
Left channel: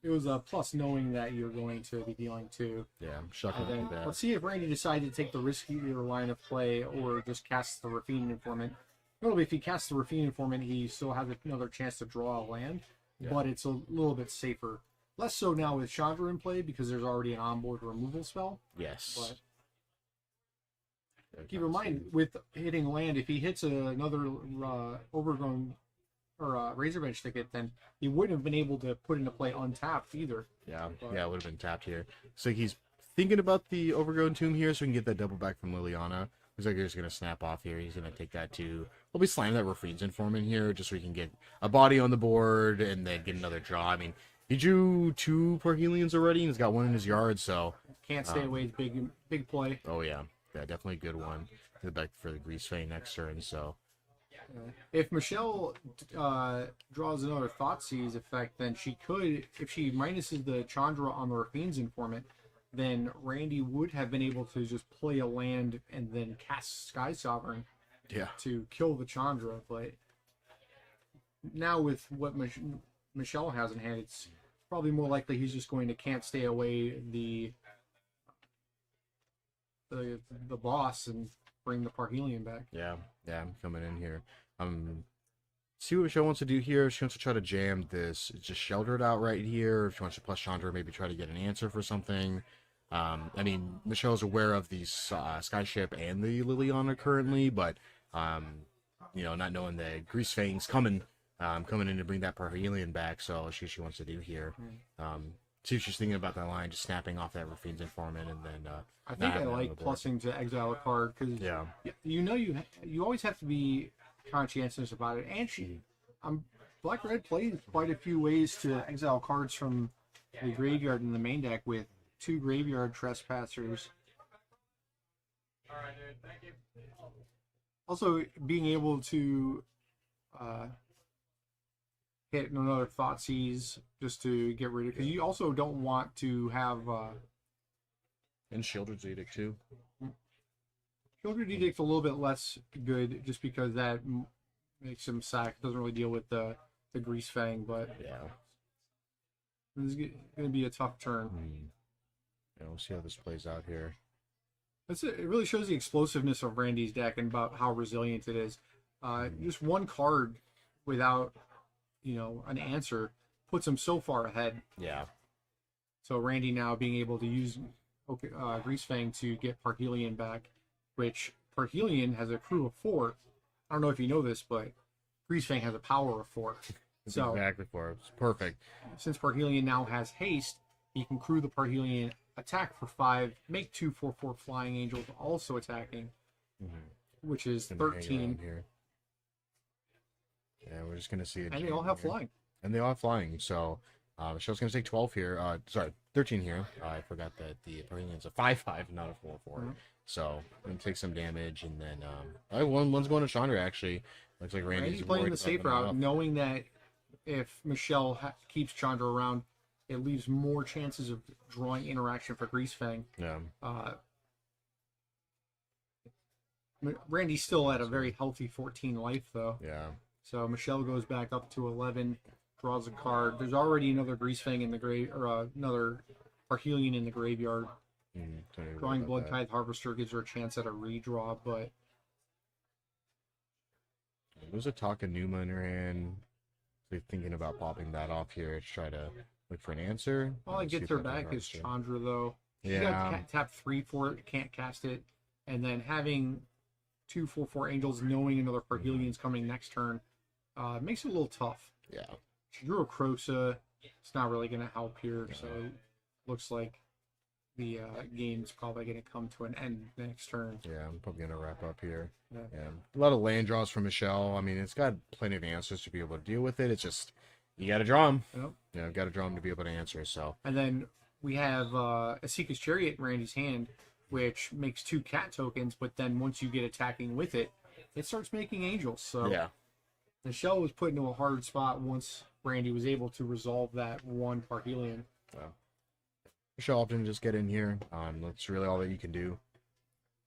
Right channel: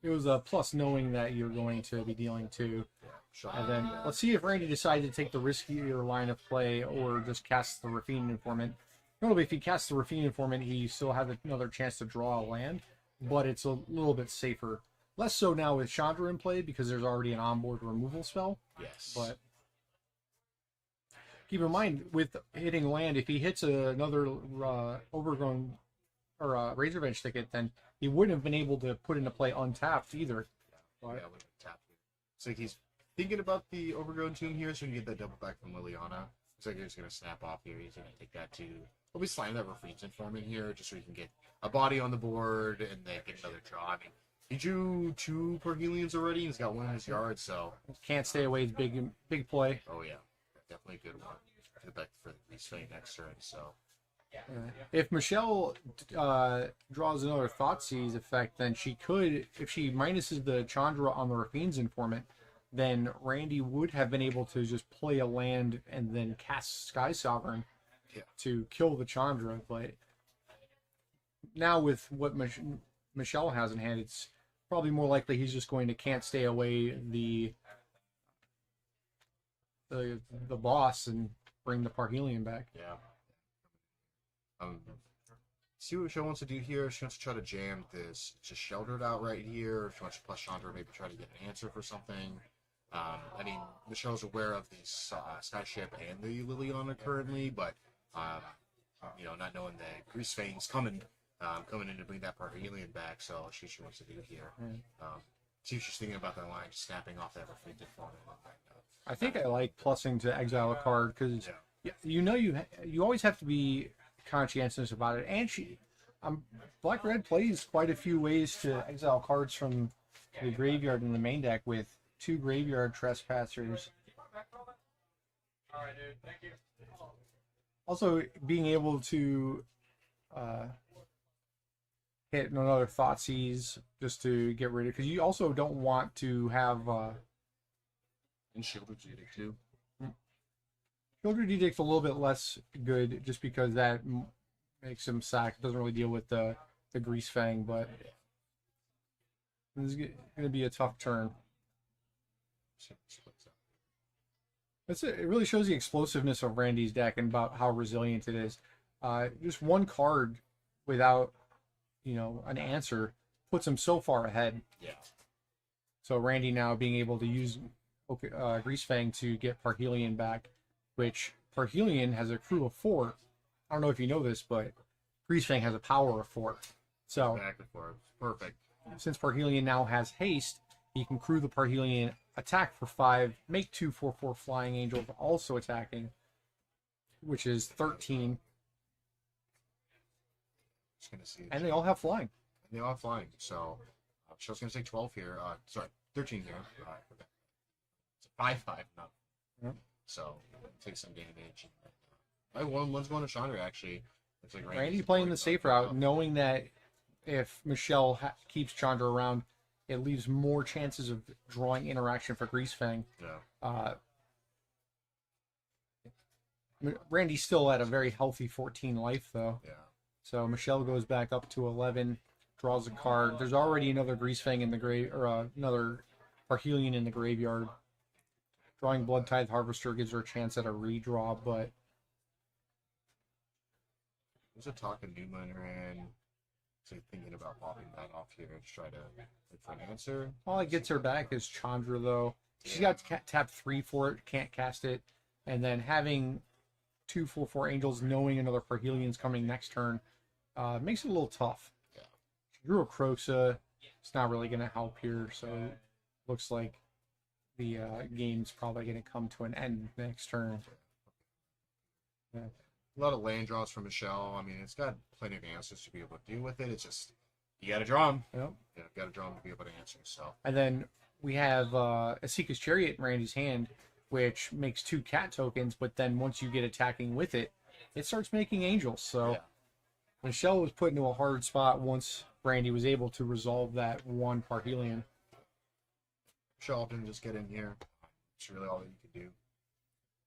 it was a plus knowing that you're going to be dealing 2. Yeah, I'm shocked. And then let's see if Randy decides to take the riskier line of play or just cast the Rafine Informant. Normally, if he casts the Rafine Informant, he still has another chance to draw a land, but it's a little bit safer. Less so now with Chandra in play because there's already an onboard removal spell. Yes. But keep in mind, with hitting land, if he hits another overgrown or Razorbench ticket, then he wouldn't have been able to put into play untapped either. Yeah, it would have been tapped here. So he's thinking about the Overgrown Tomb here so he can get that double back from Liliana. Looks like he's going to snap off here. He's going to take that too. We'll be slamming that Rafine's Informant here just so he can get a body on the board and then get another draw. I mean, he drew 2 Parhelions already and he's got 1 in his yard, so... Can't stay away. It's big play. Oh, yeah. Yeah, definitely a good one. Get back for the Greasefang next turn, so... If Michelle draws another Thoughtseize effect, then she could, if she minuses the Chandra on the Rafine's Informant, then Randy would have been able to just play a land and then cast Sky Sovereign to kill the Chandra. But now with what Michelle has in hand, probably more likely he's just going to can't stay away the boss and bring the Parhelion back. Yeah, I'm coming in here. See what Michelle wants to do here. She wants to try to jam this, just shelter it out right here. If she wants to plus Chandra, maybe try to get an answer for something. I mean, Michelle's aware of the Skyship and the Liliana currently, but you know, not knowing that Grease Fang's coming in to bring that Parhelion back, so she wants to do here. See if she's thinking about that line, just snapping off that Rafine's Informant, and then I think I like plussing to exile a card because you know you always have to be conscientious about it. And Black Red plays quite a few ways to exile cards from the graveyard in the main deck with 2 Graveyard Trespassers. Also, being able to hit another Thoughtseize just to get rid of, because you also don't want to have and Shieldred's Edict too. Shieldred Edict's a little bit less good just because that makes him sack. It doesn't really deal with the Grease Fang, but this is going to be a tough turn. Yeah, we'll see how this plays out here. It really shows the explosiveness of Randy's deck and about how resilient it is. Just one card without, you know, an answer puts him so far ahead. Yeah. So Randy now being able to use Grease Fang to get Parhelion back, which Parhelion has a crew of 4. I don't know if you know this, but Grease Fang has a power of 4. So exactly 4. It's perfect. Since Parhelion now has haste, he can crew the Parhelion, attack for 5, make 2 4/4 Flying Angels also attacking, which is 13. Here. Yeah, we're just gonna see it. And they all have flying. And they all have flying. So Michelle's gonna take 12 here. Sorry, 13 here. I forgot that the Parhelion's a 5/5, not a 4/4. So I'm gonna take some damage, and then one's going to Chandra actually. Looks like Randy's playing the safe route, knowing that if Michelle keeps Chandra around, it leaves more chances of drawing interaction for Grease Fang. Yeah. Randy's still at a very healthy 14 life, though. Yeah. So Michelle goes back up to 11, draws a card. There's already another Grease Fang in the grave, or another Parhelion in the graveyard. Drawing Blood Tithe Harvester gives her a chance at a redraw, but there's a Takanuma in her hand. So thinking about popping that off here to try to look for an answer. All it gets her back is Chandra, though. She's got to tap 3 for it, can't cast it. And then having 2 4/4 Angels, knowing another Parhelion's coming next turn, makes it a little tough. Yeah. She drew a Kroxa. It's not really going to help here, so looks like the game's probably going to come to an end next turn. Yeah, I'm probably going to wrap up here. Yeah. A lot of land draws from Michelle. I mean, it's got plenty of answers to be able to deal with it. It's just, you got to draw them. Yep. Yeah, got to draw them to be able to answer. So. And then we have Asika's Chariot in Randy's hand, which makes 2 cat tokens, but then once you get attacking with it, it starts making angels. So yeah. Michelle was put into a hard spot once Randy was able to resolve that one Parhelion. Michelle often just get in here. That's really all that you can do.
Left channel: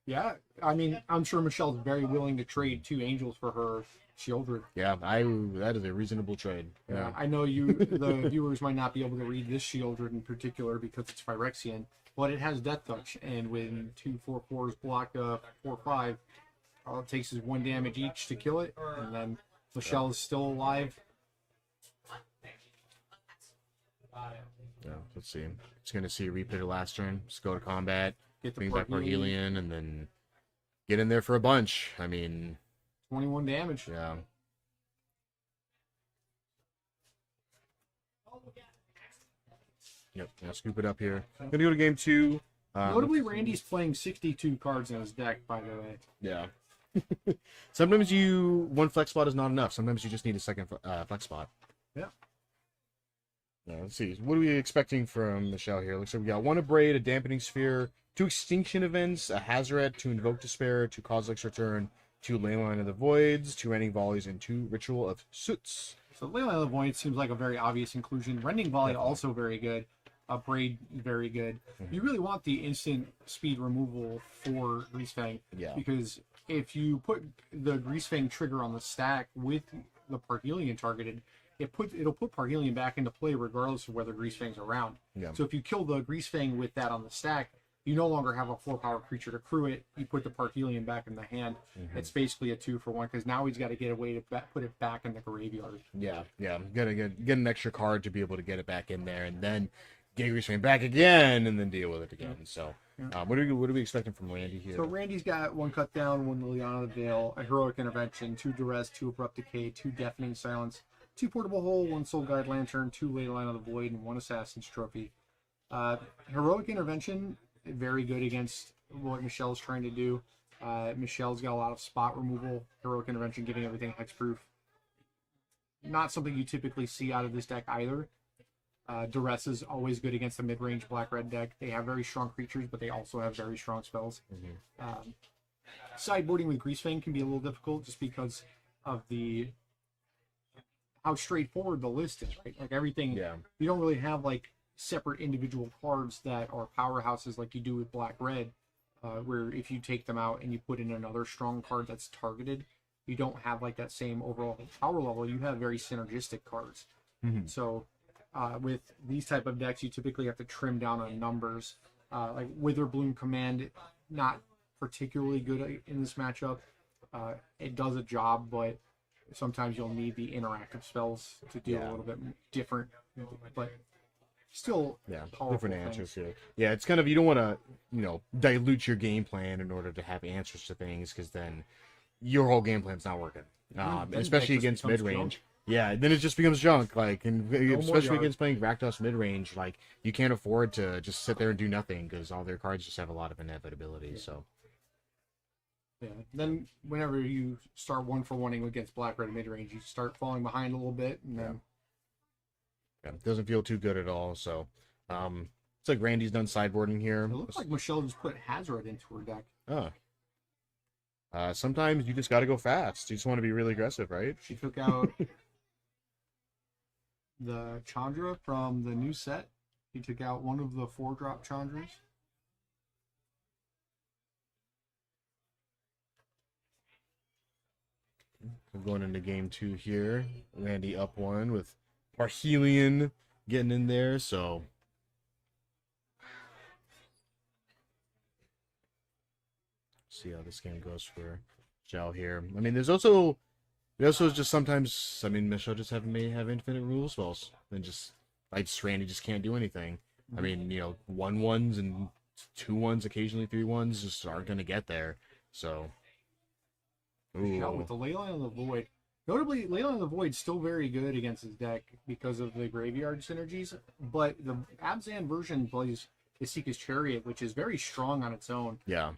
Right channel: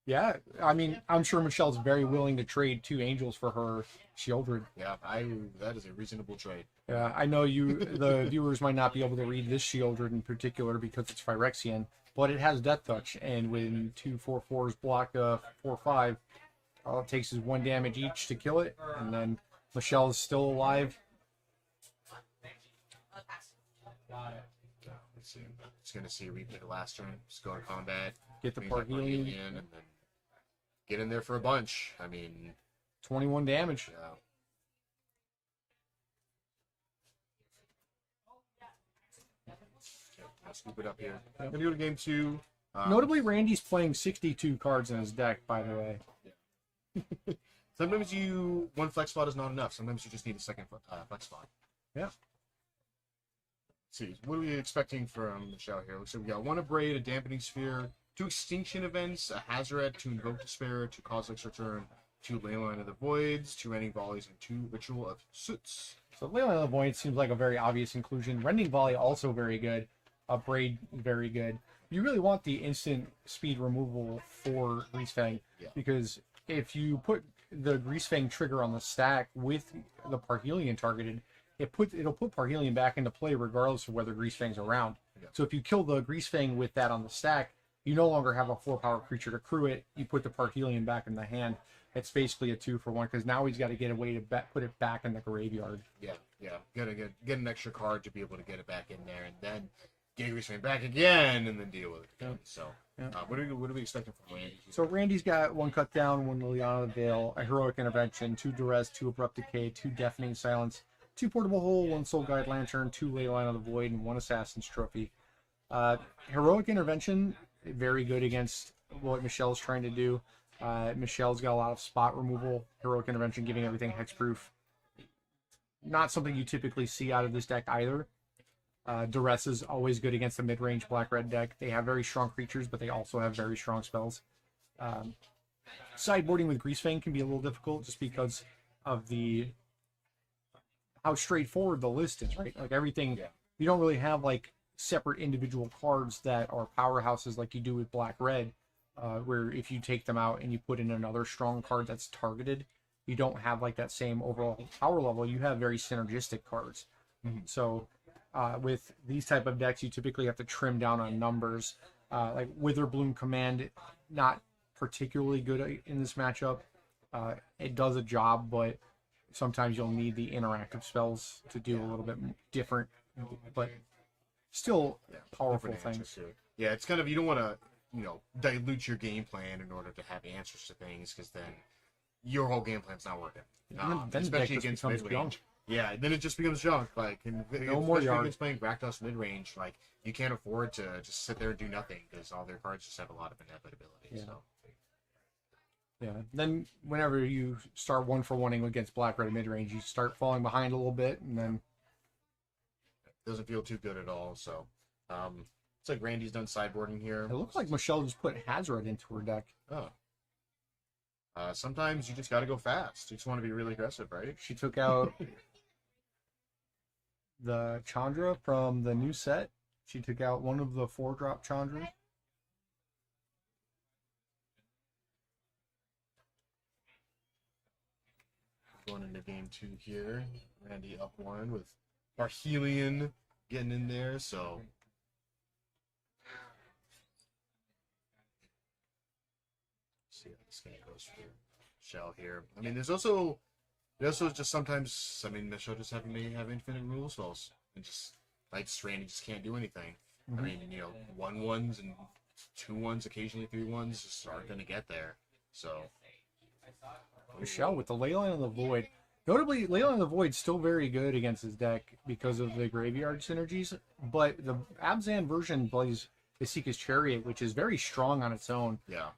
Yeah, I mean, I'm sure Michelle's very willing to trade 2 angels for her Shieldred. Yeah, that is a reasonable trade. Yeah, I know the viewers might not be able to read this Shieldred in particular because it's Phyrexian, but it has Death Touch, and when 2 4/4s block 4/5, all it takes is 1 damage each to kill it, and then Michelle is still alive. Yeah, let's see. It's going to see a replay the last turn. Just go to combat. Get the Parhelion, and then get in there for a bunch. I mean, 21 damage. Yeah. Yep. Now scoop it up here. Gonna go to game 2. Notably, Randy's playing 62 cards in his deck, by the way. Yeah. Sometimes one flex spot is not enough. Sometimes you just need a second flex spot. Yeah. Yeah, let's see. What are we expecting from Michelle here? Looks like we got 1 Abrade, a Dampening Sphere, 2 Extinction Events, a Hazoret, 2 Invoke Despair, 2 Kozilek's Return, 2 Leyline of the Voids, 2 Ending Volleys, and 2 Ritual of Soots. So Leyline of the Void seems like a very obvious inclusion. Rending Volley also very good. Braid very good. You really want the instant speed removal for Grease Fang. Yeah. Because if you put the Grease Fang trigger on the stack with the Parhelion targeted, it'll put Parhelion back into play regardless of whether Greasefang's around. Yeah. So if you kill the Greasefang with that on the stack, you no longer have a 4-power creature to crew it. You put the Parhelion back in the hand. It's basically a 2-for-1 because now he's got to get a way to put it back in the graveyard. Yeah. Gotta get an extra card to be able to get it back in there, and then get Greasefang back again, and then deal with it again. So, what are we expecting from Randy here? So Randy's got 1 cut down, 1 Liliana the Veil, a Heroic Intervention, 2 Duress, 2 Abrupt Decay, 2 Deafening Silence, 2 Portable Hole, 1 Soul Guide Lantern, 2 Leyline of the Void, and 1 Assassin's Trophy. Heroic Intervention, very good against what Michelle's trying to do. Michelle's got a lot of spot removal. Heroic Intervention giving everything hexproof. Not something you typically see out of this deck either. Duress is always good against the mid-range black-red deck. They have very strong creatures, but they also have very strong spells. Sideboarding with Greasefang can be a little difficult just because of how straightforward the list is, right? Like everything, you don't really have like separate individual cards that are powerhouses like you do with black-red, where if you take them out and you put in another strong card that's targeted, you don't have like that same overall power level. You have very synergistic cards. So with these type of decks, you typically have to trim down on numbers. Like Witherbloom Command, not particularly good in this matchup. It does a job, but sometimes you'll need the interactive spells to do a little bit different, but still powerful different answers things. here. Yeah, it's kind of, you don't want to, dilute your game plan in order to have answers to things, because then your whole game plan's not working. Then Especially deck just against becomes mid-range. junk. Yeah, then it just becomes junk. Like, and more especially yard. against playing Rakdos mid-range, like, you can't afford to just sit there and do nothing, because all their cards just have a lot of inevitability. So Yeah. Then whenever you start 1-for-1ing against black-red mid-range, you start falling behind a little bit, and then it doesn't feel too good at all. So it's like Randy's done sideboarding here. it looks like Michelle just put Hazard into her deck. Oh. Sometimes you just got to go fast. You just want to be really aggressive, right? She took out the Chandra from the new set. She took out one of the 4-drop Chandras. We're going into game 2 here. Randy up 1 with Parhelion getting in there, so see how this game goes for Michelle here. I mean, there's also just sometimes, I mean, Michelle just may have infinite rule spells, and just like Randy just can't do anything. I mean, 1/1s and 2/1s, occasionally 3/1s just aren't gonna get there. So Michelle with the Leyline of the Void. Notably, Leyline of the Void still very good against his deck because of the graveyard synergies, but the Abzan version plays the Seeker's Chariot, which is very strong on its own. yeah.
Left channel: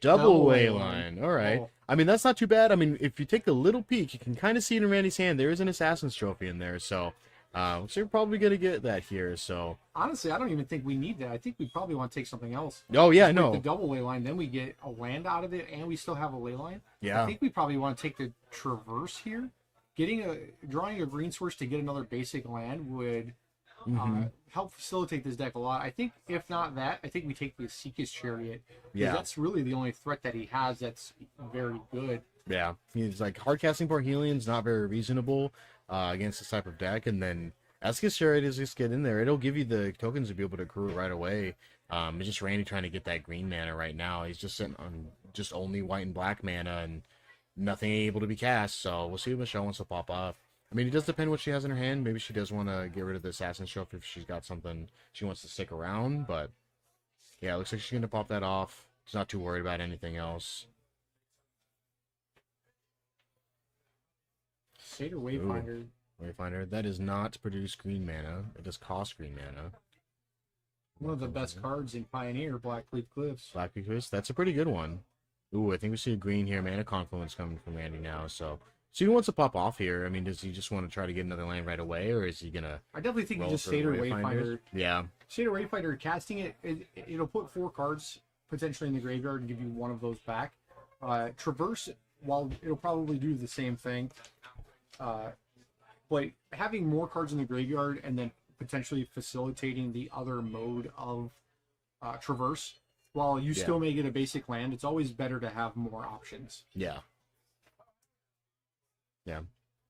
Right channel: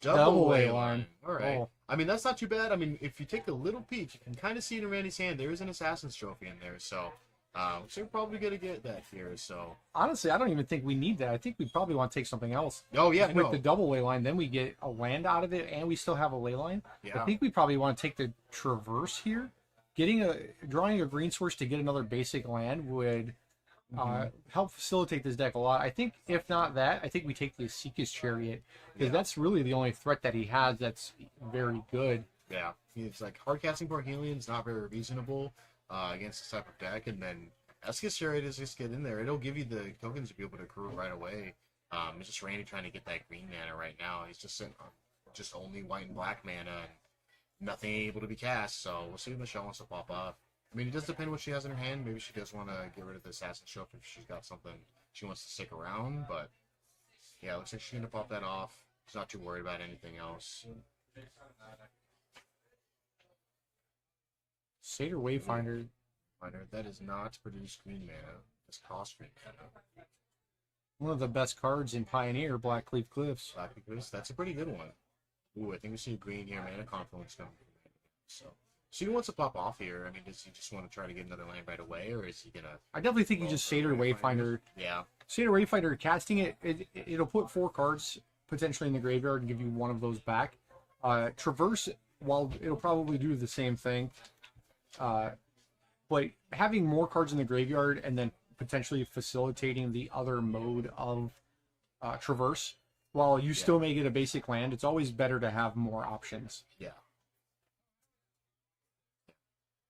Double Leyline. Leyline. All right. Oh. I mean, that's not too bad. I mean, if you take a little peek, you can kind of see it in Randy's hand. There is an Assassin's Trophy in there, so you're probably going to get that here. So Honestly, I don't even think we need that. I think we probably want to take something else. oh, yeah, Just no. with the double Leyline, then we get a land out of it, and we still have a Leyline. Yeah. I think we probably want to take the Traverse here. Drawing a green source to get another basic land would help facilitate this deck a lot. I think if not that, I think we take the Seeker's Chariot. Yeah. That's really the only threat that he has that's very good. Yeah. He's like, hardcasting Parhelion's not very reasonable against this type of deck, and then Eskis Chariot is just get in there. It'll give you the tokens to be able to accrue right away. It's just Randy trying to get that green mana right now. He's just sitting on just only white and black mana and nothing able to be cast, so we'll see if Michelle wants to pop off. I mean, it does depend what she has in her hand. Maybe she does want to get rid of the Assassin's Trophy if she's got something she wants to stick around, but yeah, it looks like she's going to pop that off. She's not too worried about anything else. Satyr Wayfinder. Wayfinder, that does not produce green mana. It does cost green mana. One of the best cards in Pioneer, Blackleaf Cliffs. Black Bequest, that's a pretty good one. Ooh, I think we see a green here. Mana Confluence coming from Randy now, so he wants to pop off here. I mean, does he just want to try to get another land right away, or is he gonna? I definitely think you roll just for Satyr Wayfinders? Wayfinder. Yeah, Satyr Wayfinder, casting it'll put 4 cards potentially in the graveyard and give you one of those back. Traverse, while it'll probably do the same thing, but having more cards in the graveyard and then potentially facilitating the other mode of Traverse, while you still may get a basic land, it's always better to have more options. yeah.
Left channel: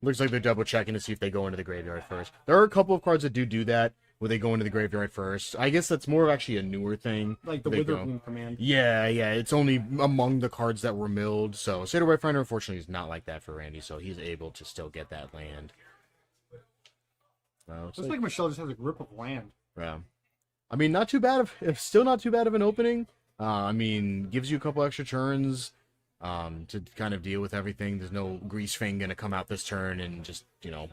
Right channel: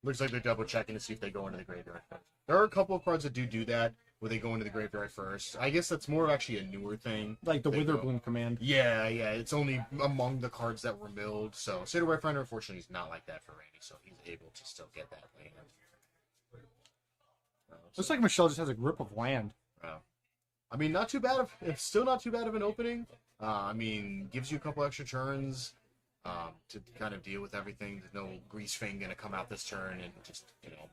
Looks like they're double checking to see if they go into the graveyard first. There are a couple of cards that do that, where they go into the graveyard first. I guess that's more of actually a newer thing. Like the They go- Witherbloom command. Yeah, it's only among the cards that were milled. So Sideboarding Finder, unfortunately, is not like that for Randy, so he's able to still get that land. Looks like Michelle just has a grip of land. Yeah. I mean, not too bad still not too bad of an opening. I mean, gives you a couple extra turns to kind of deal with everything. There's no Grease Fang gonna come out this turn and just,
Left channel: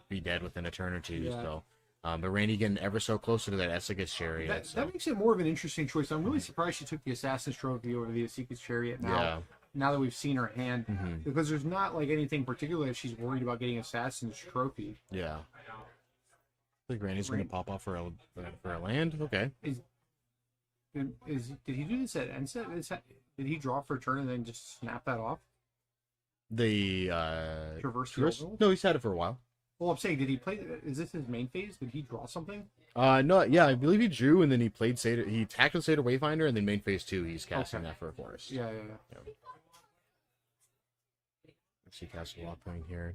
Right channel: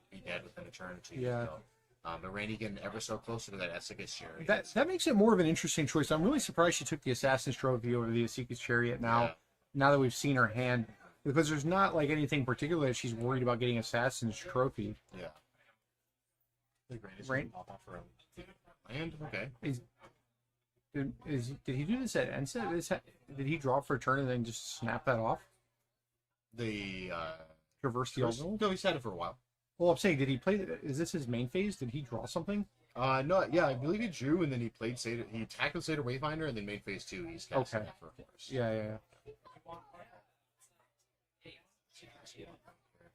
be dead within a turn or two. Yeah. So, but Randy getting ever so closer to that Essegus Chariot. That makes it more of an interesting choice. I'm really surprised she took the Assassin's Trophy over the Esika's Chariot now. Yeah. Now that we've seen her hand, Mhm. because there's not like anything particular that she's worried about getting Assassin's Trophy. Yeah. I think Randy's gonna pop off for a land. Okay. Did he do this at Enset? Did he drop for a turn and then just snap that off? The Traverse the Traverse? Overall? No, he's had it for a while. Well, I'm saying, did he play? Is this his main phase? Did he draw something? No, yeah, I believe he drew and then he played Seder. He attacked with Seder Wayfinder and then main phase 2 he's casting that for a forest. Yeah. Let's see, Castle Lock playing here.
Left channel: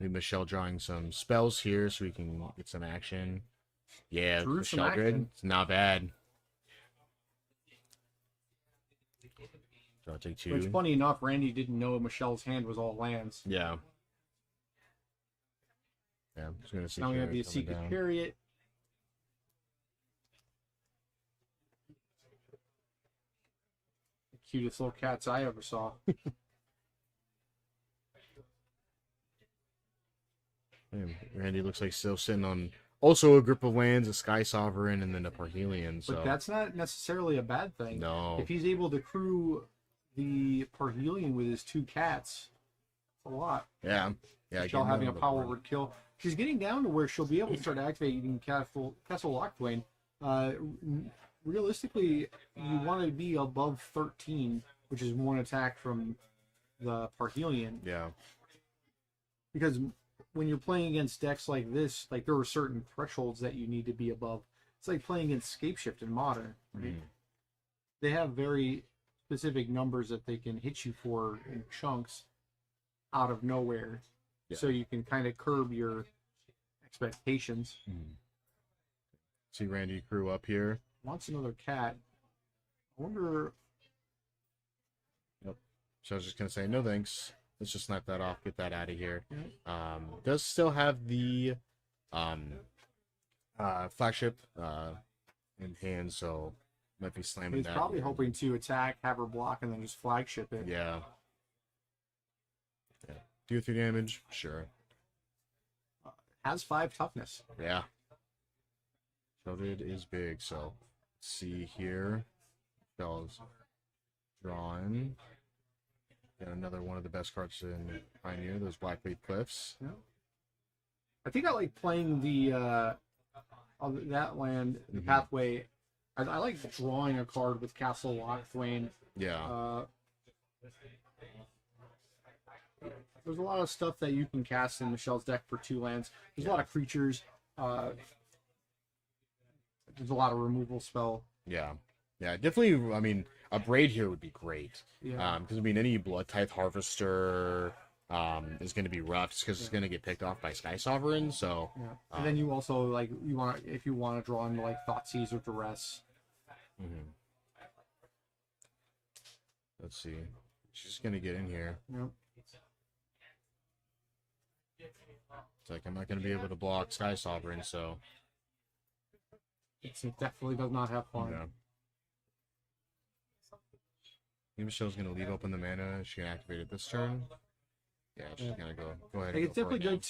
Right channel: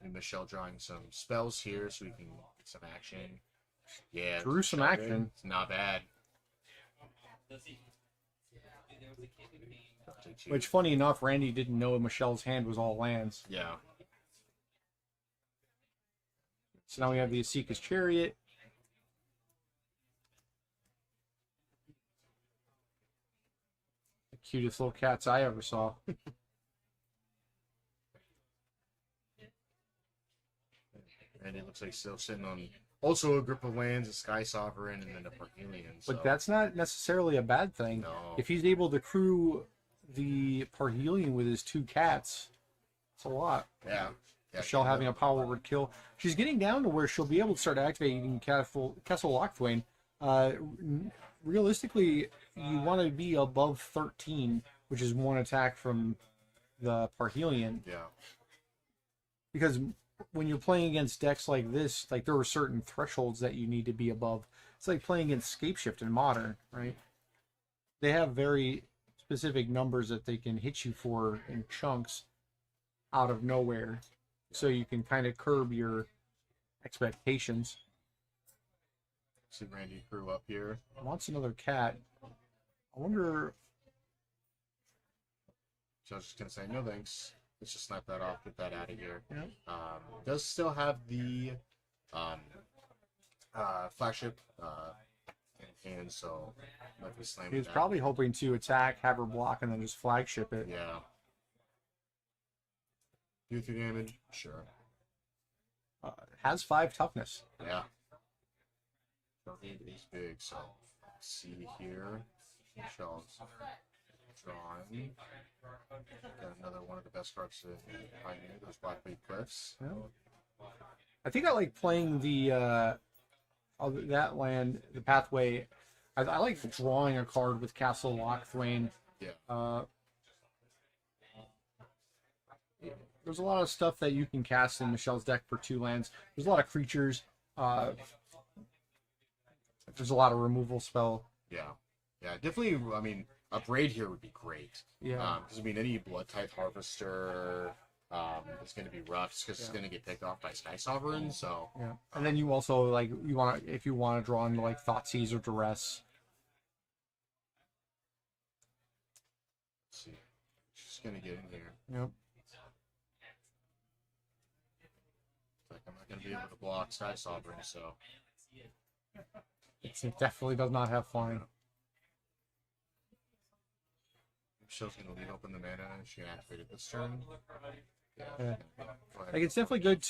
Maybe Michelle drawing some spells here so we can get some action. Yeah, Drew some Michelle grid. action. It's not bad. So I'll take 2. Which, funny enough, Randy didn't know Michelle's hand was all lands. Yeah. Yeah, I'm just gonna see. Now we have the coming Esika's down. Chariot. The cutest little cats I ever saw. Man, Randy looks like still sitting on also a grip of lands, a Sky Sovereign, and then a Parhelion. So. But that's not necessarily a bad thing. No. If he's able to crew the Parhelion with his 2 cats, it's a lot. Yeah. Michelle getting having a that power little word kill. She's getting down to where she'll be able to start activating Castle Lockthwain. Realistically, you want to be above 13, which is 1 attack from the Parhelion. Yeah. Because when you're playing against decks like this, like there are certain thresholds that you need to be above. It's like playing against Scapeshift in Modern, right? They have very specific numbers that they can hit you for in chunks out of nowhere. Yeah. So you can kind of curb your expectations. See Randy crew up here. Wants another cat. I wonder. Nope. So I was just gonna say no thanks. Let's just snipe that off. Get that out of here. Yep. Does still have the flagship in hand, so might be slamming He was that. probably hoping to attack, have her block, and then just flagship it. Yeah. Do 3 damage? Sure. Has 5 toughness. Yeah. Shielded is big, so let's see here. Michelle's drawing. Got another one of the best cards in Pioneer, those Blackleaf Cliffs. Yeah. I think I like playing the that land, the pathway. I like drawing a card with Castle Lockthwain. Yeah. There's a lot of stuff that you can cast in Michelle's deck for 2 lands. There's a lot of creatures. There's a lot of removal spell. Yeah. Yeah, definitely, I mean, a Braid here would be great. Yeah. Because, I mean, any Blood Tithe Harvester is going to be rough because it's going to get picked off by Sky Sovereign, so... Yeah. And then you also, like, if you want to draw into, like, Thoughtseize or Duress. Let's see. She's going to get in here. Yep. It's like, I'm not going to be able to block Sky Sovereign, so... It definitely does not have flying. Yeah. Maybe Michelle's going to leave open the mana. She can activate it this turn. Yeah, she's going to go ahead. Like, and it's go for definitely it. good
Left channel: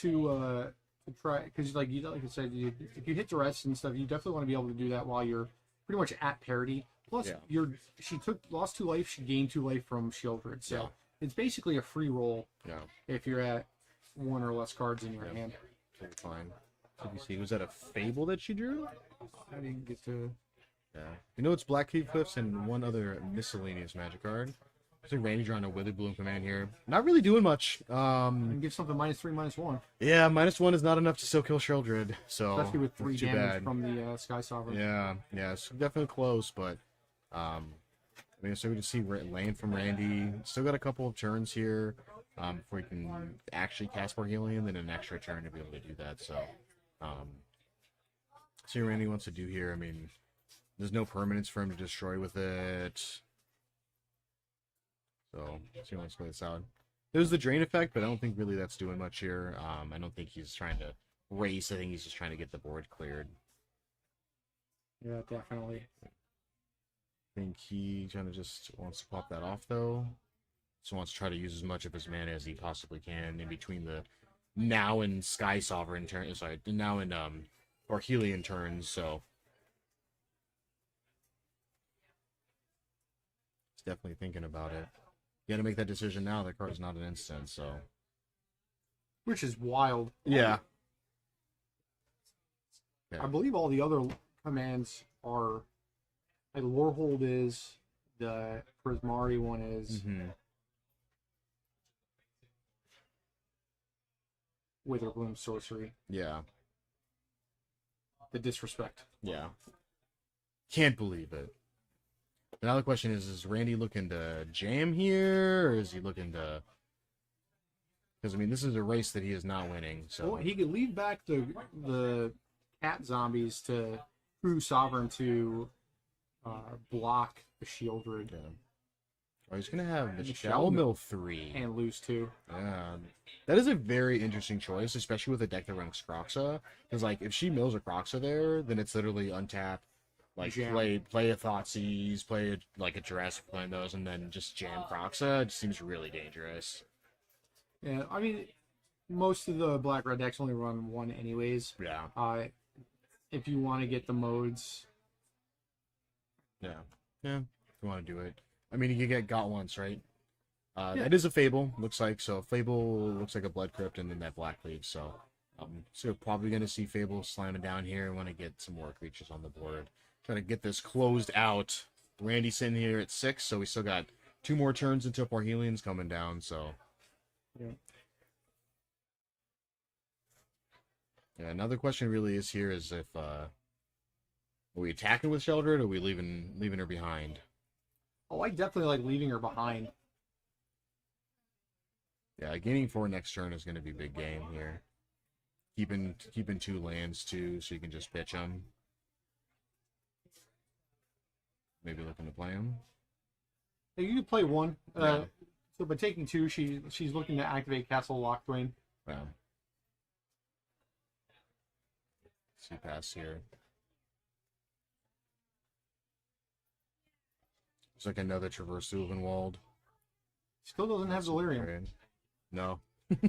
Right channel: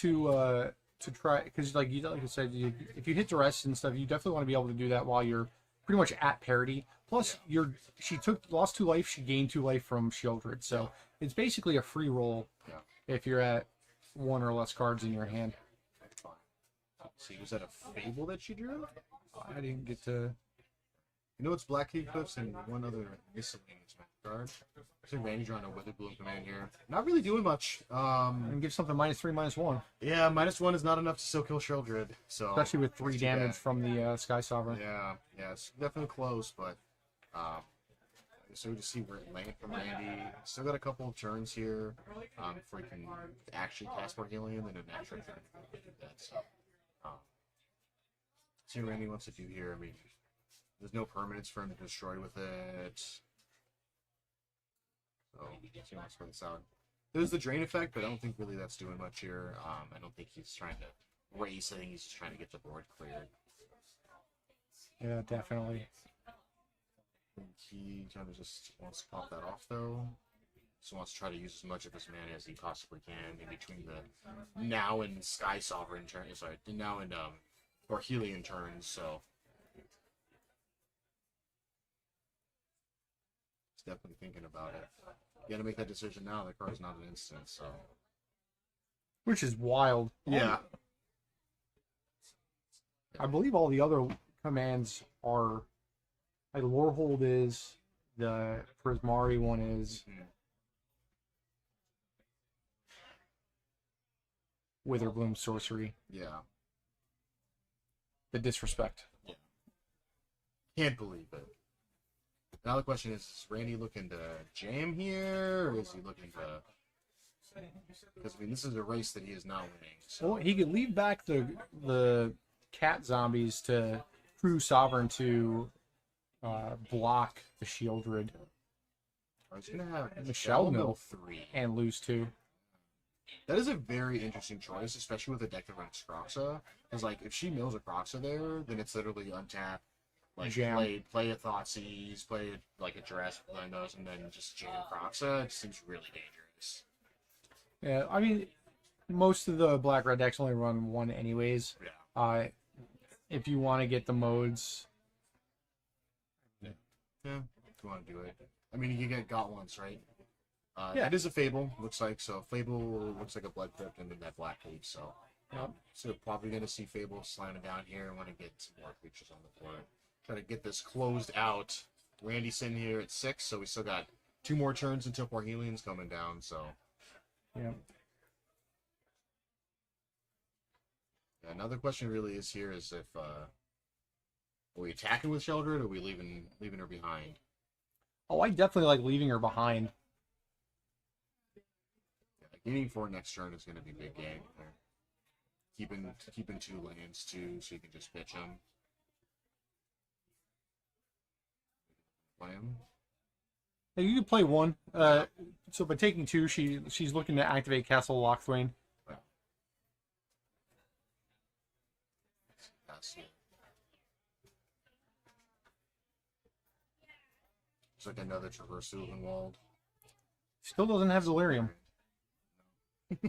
to try, because like I said, if you hit Duress and stuff, you definitely want to be able to do that while you're pretty much at parity. Plus, she lost 2 life, she gained 2 life from Shieldred, so it's basically a free roll if you're at 1 or less cards in your hand. Totally fine. Let me see. Was that a Fable that she drew? I didn't get to. Yeah. You know, it's Blackleaf Cliffs and one other miscellaneous magic card. So Randy drawing a Witherbloom command here. Not really doing much. And give something -3/-1. Yeah, -1 is not enough to still kill Shieldred. So Especially with 3 that's too damage bad. from the Sky Sovereign. Yeah, it's definitely close, but So we just see land from Randy. Still got a couple of turns here before he can actually cast Parhelion, then an extra turn to be able to do that. So, see what Randy wants to do here. I mean, there's no permanence for him to destroy with it. So, let's see how much this out. There's the drain effect, but I don't think really that's doing much here. I don't think he's trying to race. I think he's just trying to get the board cleared. Yeah, definitely. I think he kind of just wants to pop that off, though. So wants to try to use as much of his mana as he possibly can in between the now and Sky Sovereign turn. Sorry, now and Parhelion turns. So he's definitely thinking about it. You got to make that decision now. That card's not an instant, so Which is wild. yeah. I believe all the other commands are like Lorehold is, the Prismari one is, Witherbloom Sorcery. Yeah. The disrespect. Yeah. Can't believe it. Now the question is Randy looking to jam here, or is he looking to... Because, I mean, this is a race that he is not winning, so... Well, he could leave back the cat zombies to True Sovereign to block the Shieldred. I was going to have And the the Shell Mill Mill 3. and lose 2. Yeah. That is a very interesting choice, especially with a deck that runs Croxa. Because, like, if she mills a Croxa there, then it's literally untap. Like, Jam. play a Thoughtseize, play, like, a Jurassic Windows, and then just jam Croxa. It seems really dangerous. Yeah, I mean, most of the black-red decks only run 1 anyways. Yeah. If you want to get the modes... Yeah. Yeah, if you want to do it. I mean, you got once, right? Yeah. That is a Fable, looks like. So Fable looks like a Blood Crypt and then that Black Leaf. So, so probably going to see Fable slamming down here and want to get some more creatures on the board. Trying to get this closed out. Randy's sitting here at 6, so we still got 2 more turns until Parhelion's coming down. So, Yeah. yeah. Another question really is here is if are we attacking with Sheldred, or are we leaving her behind? Oh, I definitely like leaving her behind. Yeah, gaining 4 next turn is going to be big game here. Keeping 2 lands too, so you can just pitch them. Maybe looking to play them. Yeah, you can play 1. So by taking 2, she's looking to activate Castle Lochthwain. Wow. See pass here. It's like another Traverse Ulvenwald. Still doesn't have Delirium. No. He's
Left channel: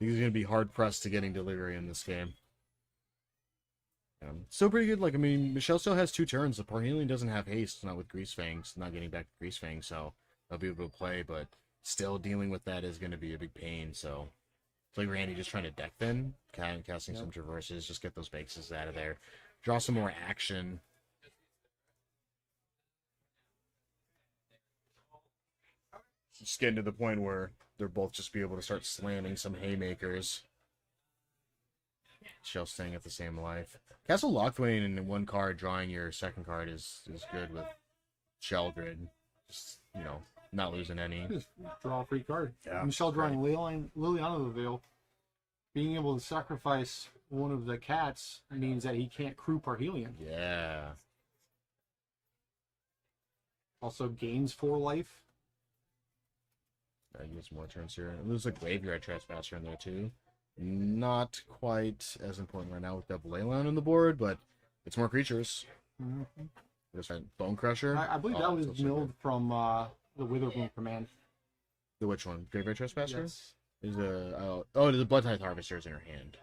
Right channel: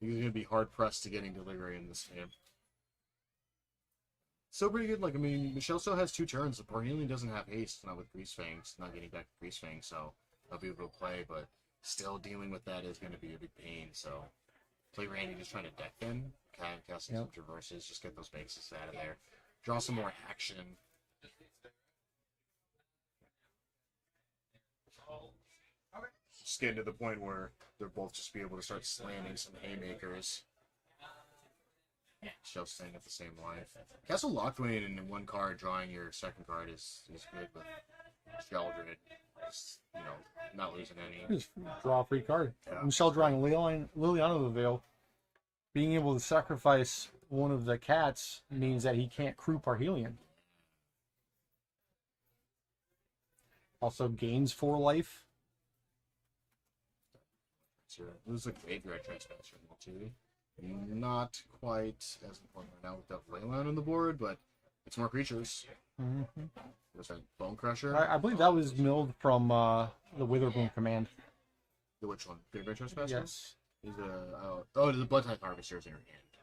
going to be hard pressed to getting Delirium in this game. Still pretty good. Like, I mean, Michelle still has 2 turns. The Parhelion doesn't have haste, not with Grease Fangs, not getting back to Grease Fangs, so I'll be able to play, but still dealing with that is going to be a big pain, so it's like Randy just trying to deck thin, kind of casting some traverses, just get those bases out of there, draw some more action. Just getting to the point where they'll both just be able to start slamming some haymakers. Shell staying at the same life. Castle Lochthwain in 1 card, drawing your 2nd card is good with Sheldred. Just, not losing any. Just draw a free card. Yeah. Michelle drawing Liliana of the Veil. Being able to sacrifice one of the cats means that he can't crew Parhelion. Yeah. Also gains 4 life. I use more turns here. And there's a Graveyard Trespasser in there too. Not quite as important right now with Devil Leyline on the board, but it's more creatures. Mm-hmm. Just right, Bone Crusher. I believe that was milled from the Witherbloom command. The which one? Graveyard Trespasser? Yes. There's there's a Blood Tithe Harvester's in her hand.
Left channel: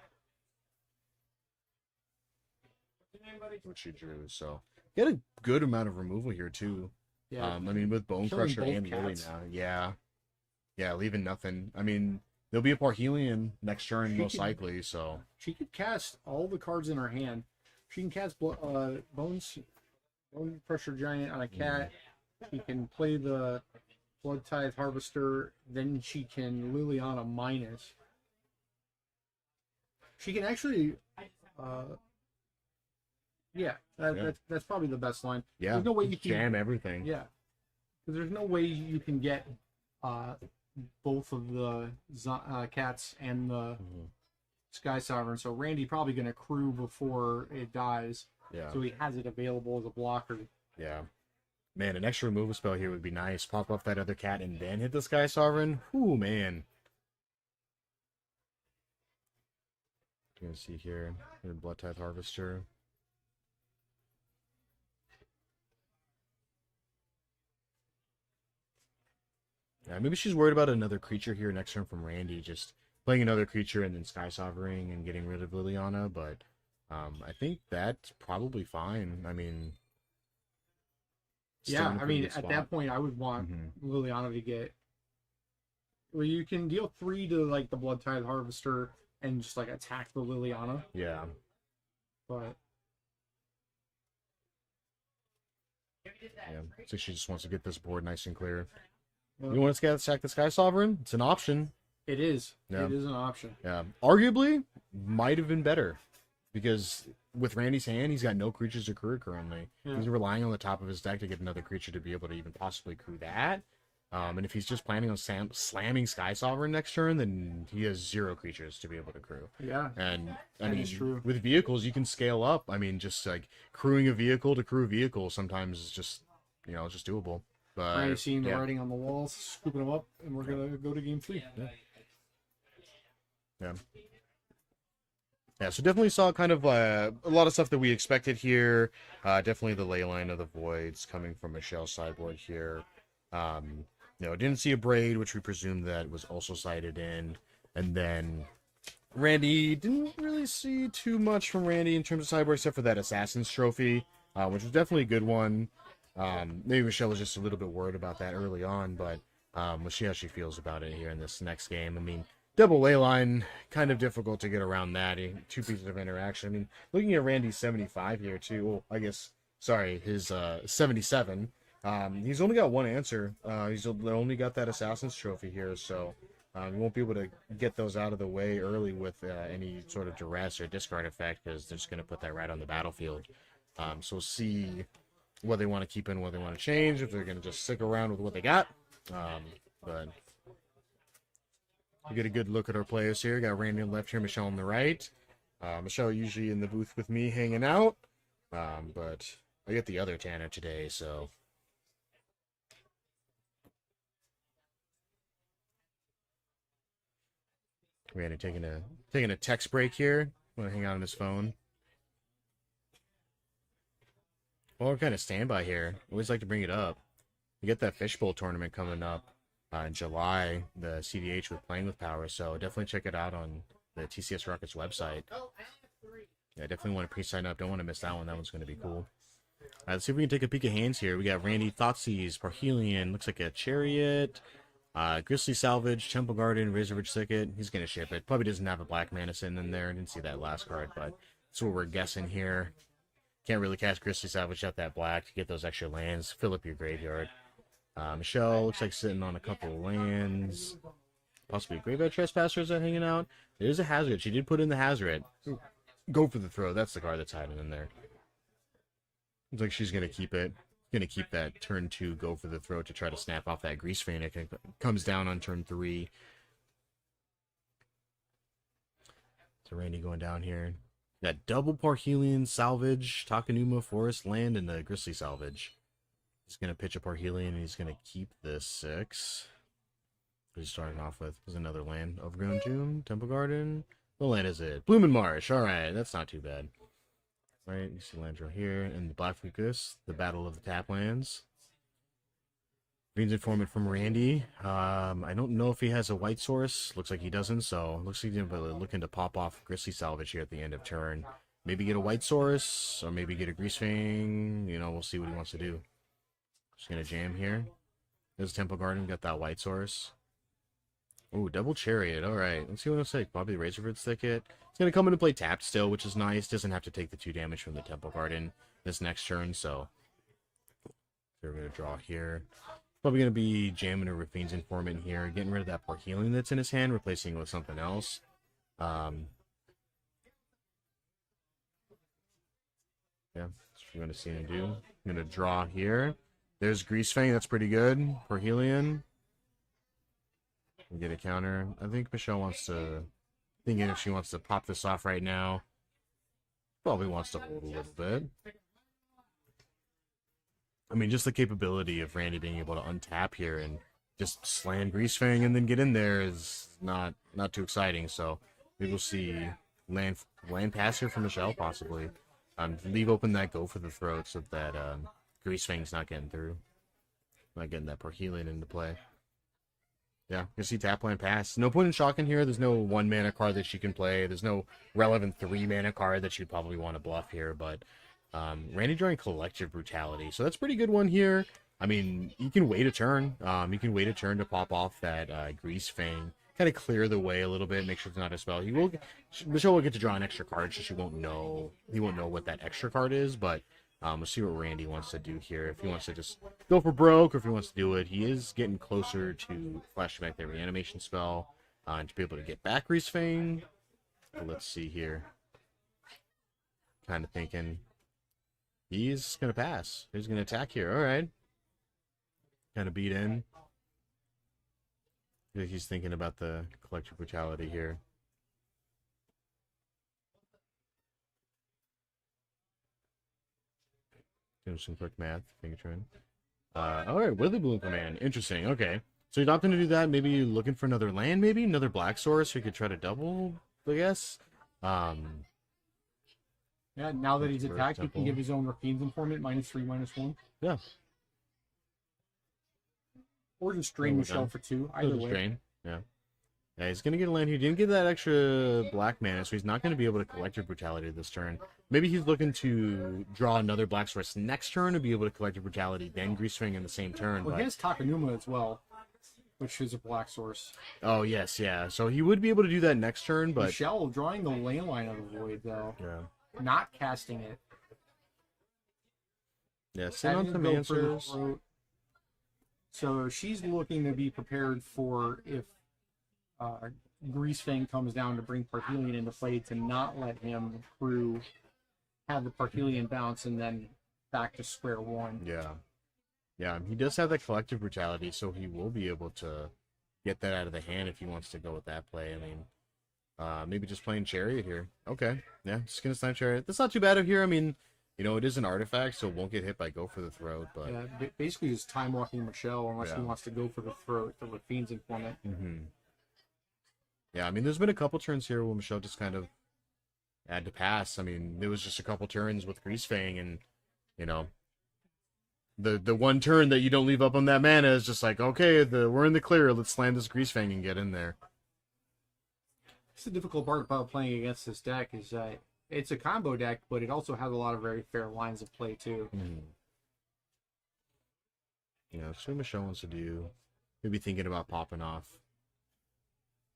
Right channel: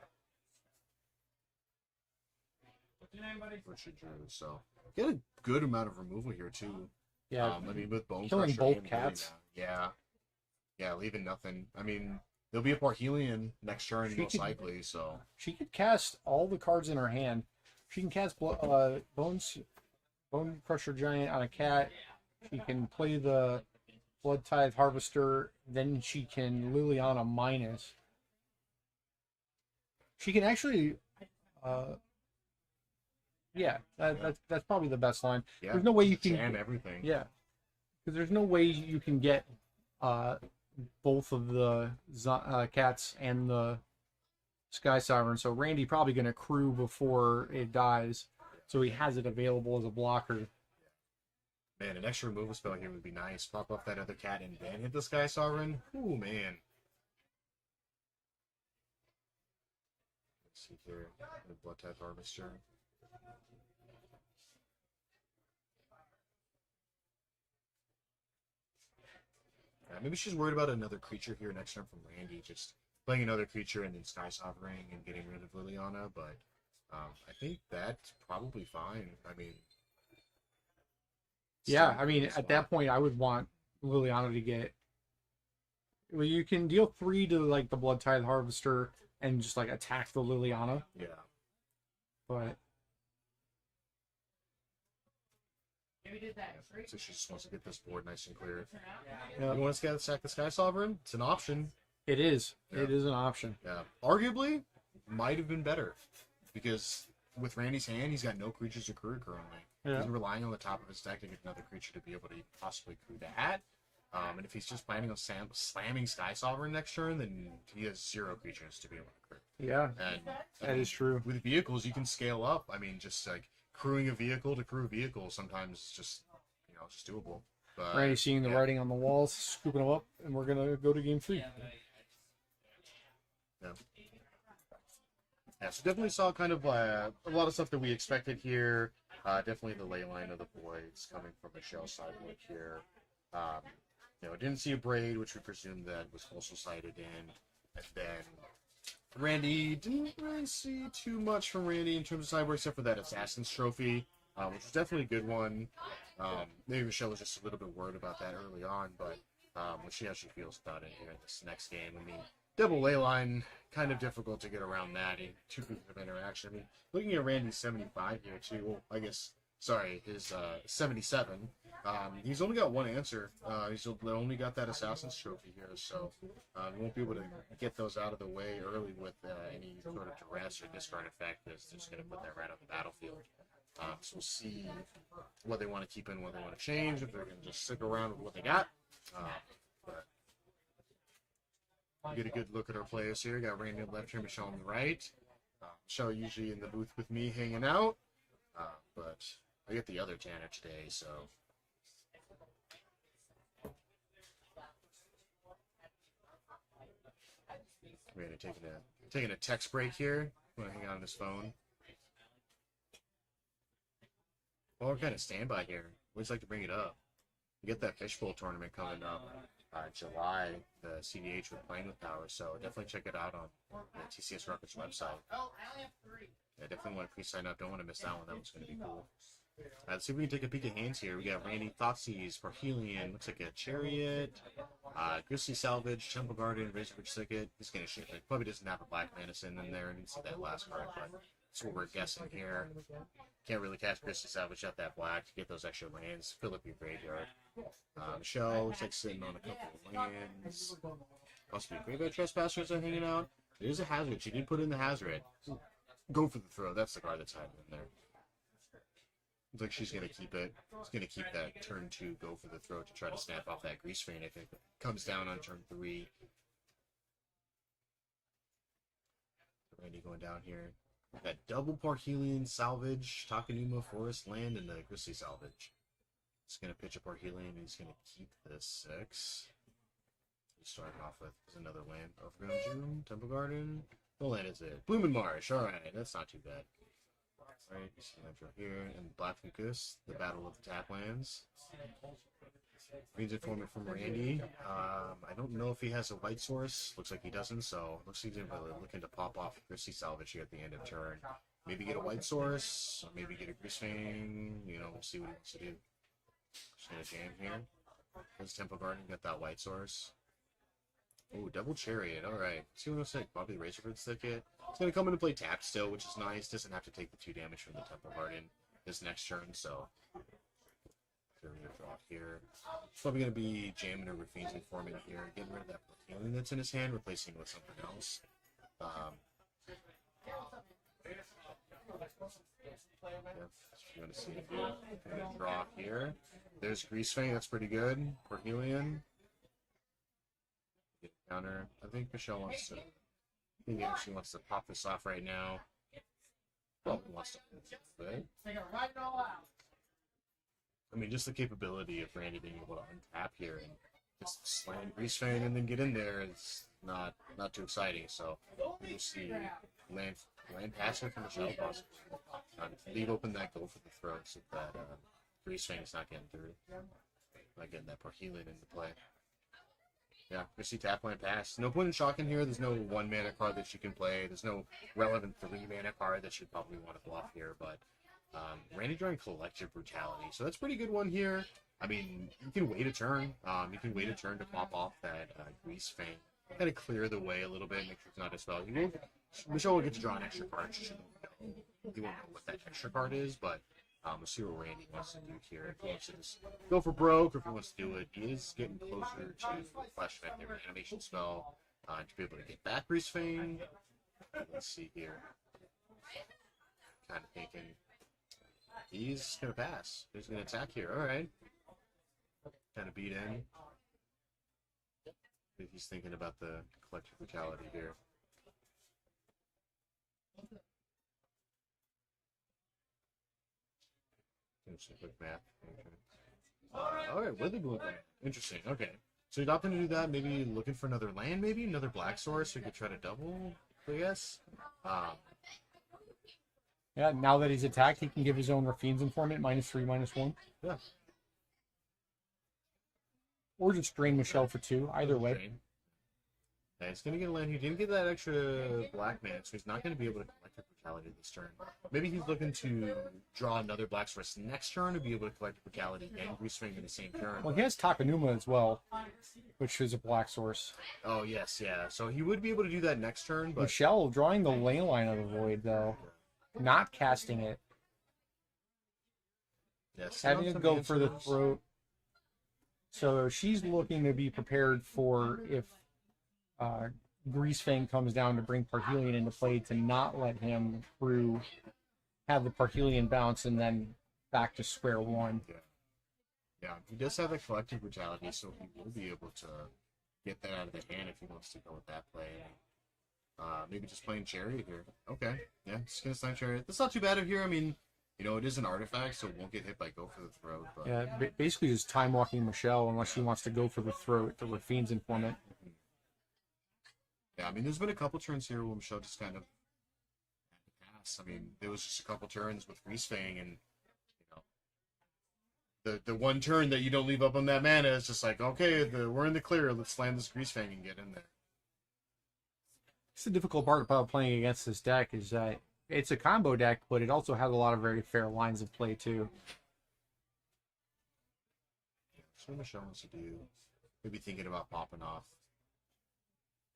What she drew, so get a good amount of removal here too. Yeah. I mean, with Bone Killing Crusher both and Lily cats. now, yeah, leaving nothing. I mean, there'll be a Parhelion next turn most likely, so She could cast all the cards in her hand. She can cast Bone Crusher Giant on a cat. She can play the Blood Tithe Harvester. Then she can Liliana minus. She can actually Yeah, Yeah. that's probably the best line. Yeah. There's no way you can jam everything. Yeah, because there's no way you can get both of the cats and the Sky Sovereign. So Randy probably going to crew before it dies. Yeah. So he has it available as a blocker. Yeah. Man, an extra removal spell here would be nice. Pop off that other cat and then hit the Sky Sovereign. Ooh, man. You can see here the Blood Tithe Harvester. Yeah, maybe she's worried about another creature here next turn from Randy, just playing another creature and then Sky Sovereign and getting rid of Liliana, but I think that's probably fine. I mean, Yeah, I mean, at that point, I would want Mm-hmm. Liliana to get. Well, you can deal 3 to like the Blood Tithe Harvester and just like attack the Liliana, Yeah. but Yeah. So she just wants to get this board nice and clear. yeah, You want to attack the Sky Sovereign? It's an option. it is. Yeah. It is an option. Yeah. Arguably, might have been better. Because with Randy's hand, he's got no creatures to crew currently. Yeah. He's relying on the top of his deck to get another creature to be able to even possibly crew that. And if he's just planning on slamming Sky Sovereign next turn, then he has 0 creatures to be able to crew. Yeah, And I that mean, is true. with vehicles, you can scale up. I mean, just like crewing a vehicle to crew a vehicle sometimes is just, just doable. But Randy seeing the yeah. writing on the walls, scooping them up, and we're gonna go to game 3. Yeah. Yeah, so definitely saw kind of a lot of stuff that we expected here. Definitely the ley line of the voids coming from Michelle's sideboard here. Didn't see a braid, which we presumed that was also cited in. And then Randy, didn't really see too much from Randy in terms of sideboard, except for that Assassin's Trophy, which was definitely a good one. Maybe Michelle was just a little bit worried about that early on, but we'll see how she feels about it here in this next game. I mean, double ley line, kind of difficult to get around that. 2 pieces of interaction. I mean, looking at Randy's 75 here, too. Well, I guess, sorry, his 77. He's only got one answer. He's only got that Assassin's Trophy here, so we won't be able to get those out of the way early with any sort of duress or discard effect, because they're just going to put that right on the battlefield. So we'll see what they want to keep in, what they want to change, if they're going to just stick around with what they got. But we get a good look at our players here. Got Randy on the left here, Michelle on the right. Michelle usually in the booth with me hanging out, but I get the other Tanner today, so... Randy taking a text break here. Want to hang out on his phone. Well, we're kind of standby here. Always like to bring it up. We get that Fishbowl tournament coming up in July, the CDH with Playing with Power, so definitely check it out on the TCS Rockets website. Yeah, definitely want to pre-sign up. Don't want to miss that one. That one's going to be cool. Let's see if we can take a peek at hands here. We got Randy, Thoughtseize, Parhelion, looks like a Chariot, Grizzly Salvage, Temple Garden, Razorridge Thicket. He's going to ship it. Probably doesn't have a Black Mana in there. I didn't see that last card, but that's what we're guessing here. Can't really cast Grizzly Salvage out that black to get those extra lands. Fill up your graveyard. Michelle looks like sitting on a couple of lands. Possibly Graveyard Trespassers are hanging out. There's a Hazard. She did put in the Hazard. Go for the throw. That's the card that's hiding in there. Looks like she's going to keep it. She's going to keep that turn 2 go for the throw to try to snap off that Grease Vein. It comes down on turn 3. So Randy going down here. That double Parhelion Salvage, Takanuma Forest Land, and the Grizzly Salvage. He's going to pitch a Parhelion, and he's going to keep this 6. He's starting off with another land. Overgrown Tomb, Temple Garden. What land is it? Bloomin' Marsh. All right, that's not too bad. Right, you see lands right here. And the Black Fucus, the Battle of the Tap Lands. Green's Informant from Randy. I don't know if he has a white source. Looks like he doesn't, so looks like he's looking to pop off Grizzly Salvage here at the end of turn. Maybe get a white source, or maybe get a Grease Fang. We'll see what he wants to do. Just gonna jam here. There's Temple Garden, got that white source. Ooh, double Chariot. Alright, let's see what it'll say. Probably Razorridge Thicket. It's going to come into play tapped still, which is nice. Doesn't have to take the 2 damage from the Temple Garden this next turn, so we're going to draw here. Probably going to be jamming a Rafine's Informant here, getting rid of that Parhelion that's in his hand, replacing it with something else. Yeah, that's what we're going to see him do. I'm going to draw here. There's Grease Fang. That's pretty good. Parhelion. We get a counter. I think Michelle wants to... Thinking if she wants to pop this off right now. Probably wants to hold a little bit. I mean, just the capability of Randy being able to untap here and just slam Grease Fang and then get in there is not too exciting. So we will see land pass here from Michelle, possibly. Leave open that Go for the Throat so that Grease Fang's not getting through. Not getting that Parhelion into play. Yeah, you see tap land pass. No point in shocking here. There's no 1 mana card that she can play. There's no relevant 3 mana card that she'd probably want to bluff here. But Randy drawing Collective Brutality. So that's a pretty good one here. I mean, you can wait a turn. You can wait a turn to pop off that Grease Fang. Kind of clear the way a little bit. Make sure it's not a spell. Michelle will get to draw an extra card, so he won't know what that extra card is. But we'll see what Randy wants to do here. If he wants to just go for broke, or if he wants to do it, he is getting closer to flashing back that reanimation spell to be able to get back Grease Fang. Let's see here. Kind of thinking he's going to pass. He's going to attack here. All right. Kind of beat in. I think he's thinking about the Collective Brutality here. Do some quick math. All right, Wither Bloom Command. Interesting. Okay. So he's opting to do that. Maybe looking for another land, maybe? Another black source who could try to double, I guess. Yeah, now that he's attacked, he can give his own Rafine's Informant -3/-1. Yeah. Or just drain Michelle for 2. Either way. Drain. Yeah. Yeah, he's going to get a land. He didn't get that extra black mana, so he's not going to be able to Collective Brutality this turn. Maybe he's looking to draw another black source next turn to be able to Collective Brutality, then Grease Fang in the same turn. Well, he has Takanuma as well, which is a black source. Oh, yes, yeah. So he would be able to do that next turn, but... Michelle drawing the Ley Line of the Void, though. Yeah. Not casting it. Yeah, send out some answers. So she's looking to be prepared for if Grease Fang comes down to bring Parhelion into play, to not let him through, have the Parhelion bounce, and then back to square one. Yeah. Yeah, he does have that Collective Brutality, so he will be able to get that out of the hand if he wants to go with that play. I mean, maybe just playing Chariot here. Okay. Yeah, just gonna snipe Chariot. That's not too bad of here. I mean, you know, it is an artifact, so it won't get hit by Go for the Throat. But... Yeah, basically just time walking Michelle unless she wants to go for the Throat, the Rafine's Informant. Mm-hmm. Yeah, I mean, there's been a couple turns here where Michelle just kind of had to pass. I mean, there was just a couple turns with Grease Fang, and, you know, the one turn that you don't leave up on that mana is just like, okay, we're in the clear, let's slam this Grease Fang and get in there. It's the difficult part about playing against this deck is that it's a combo deck, but it also has a lot of very fair lines of play, too. Mm-hmm. Yeah, that's what Michelle wants to do. Maybe thinking about popping off.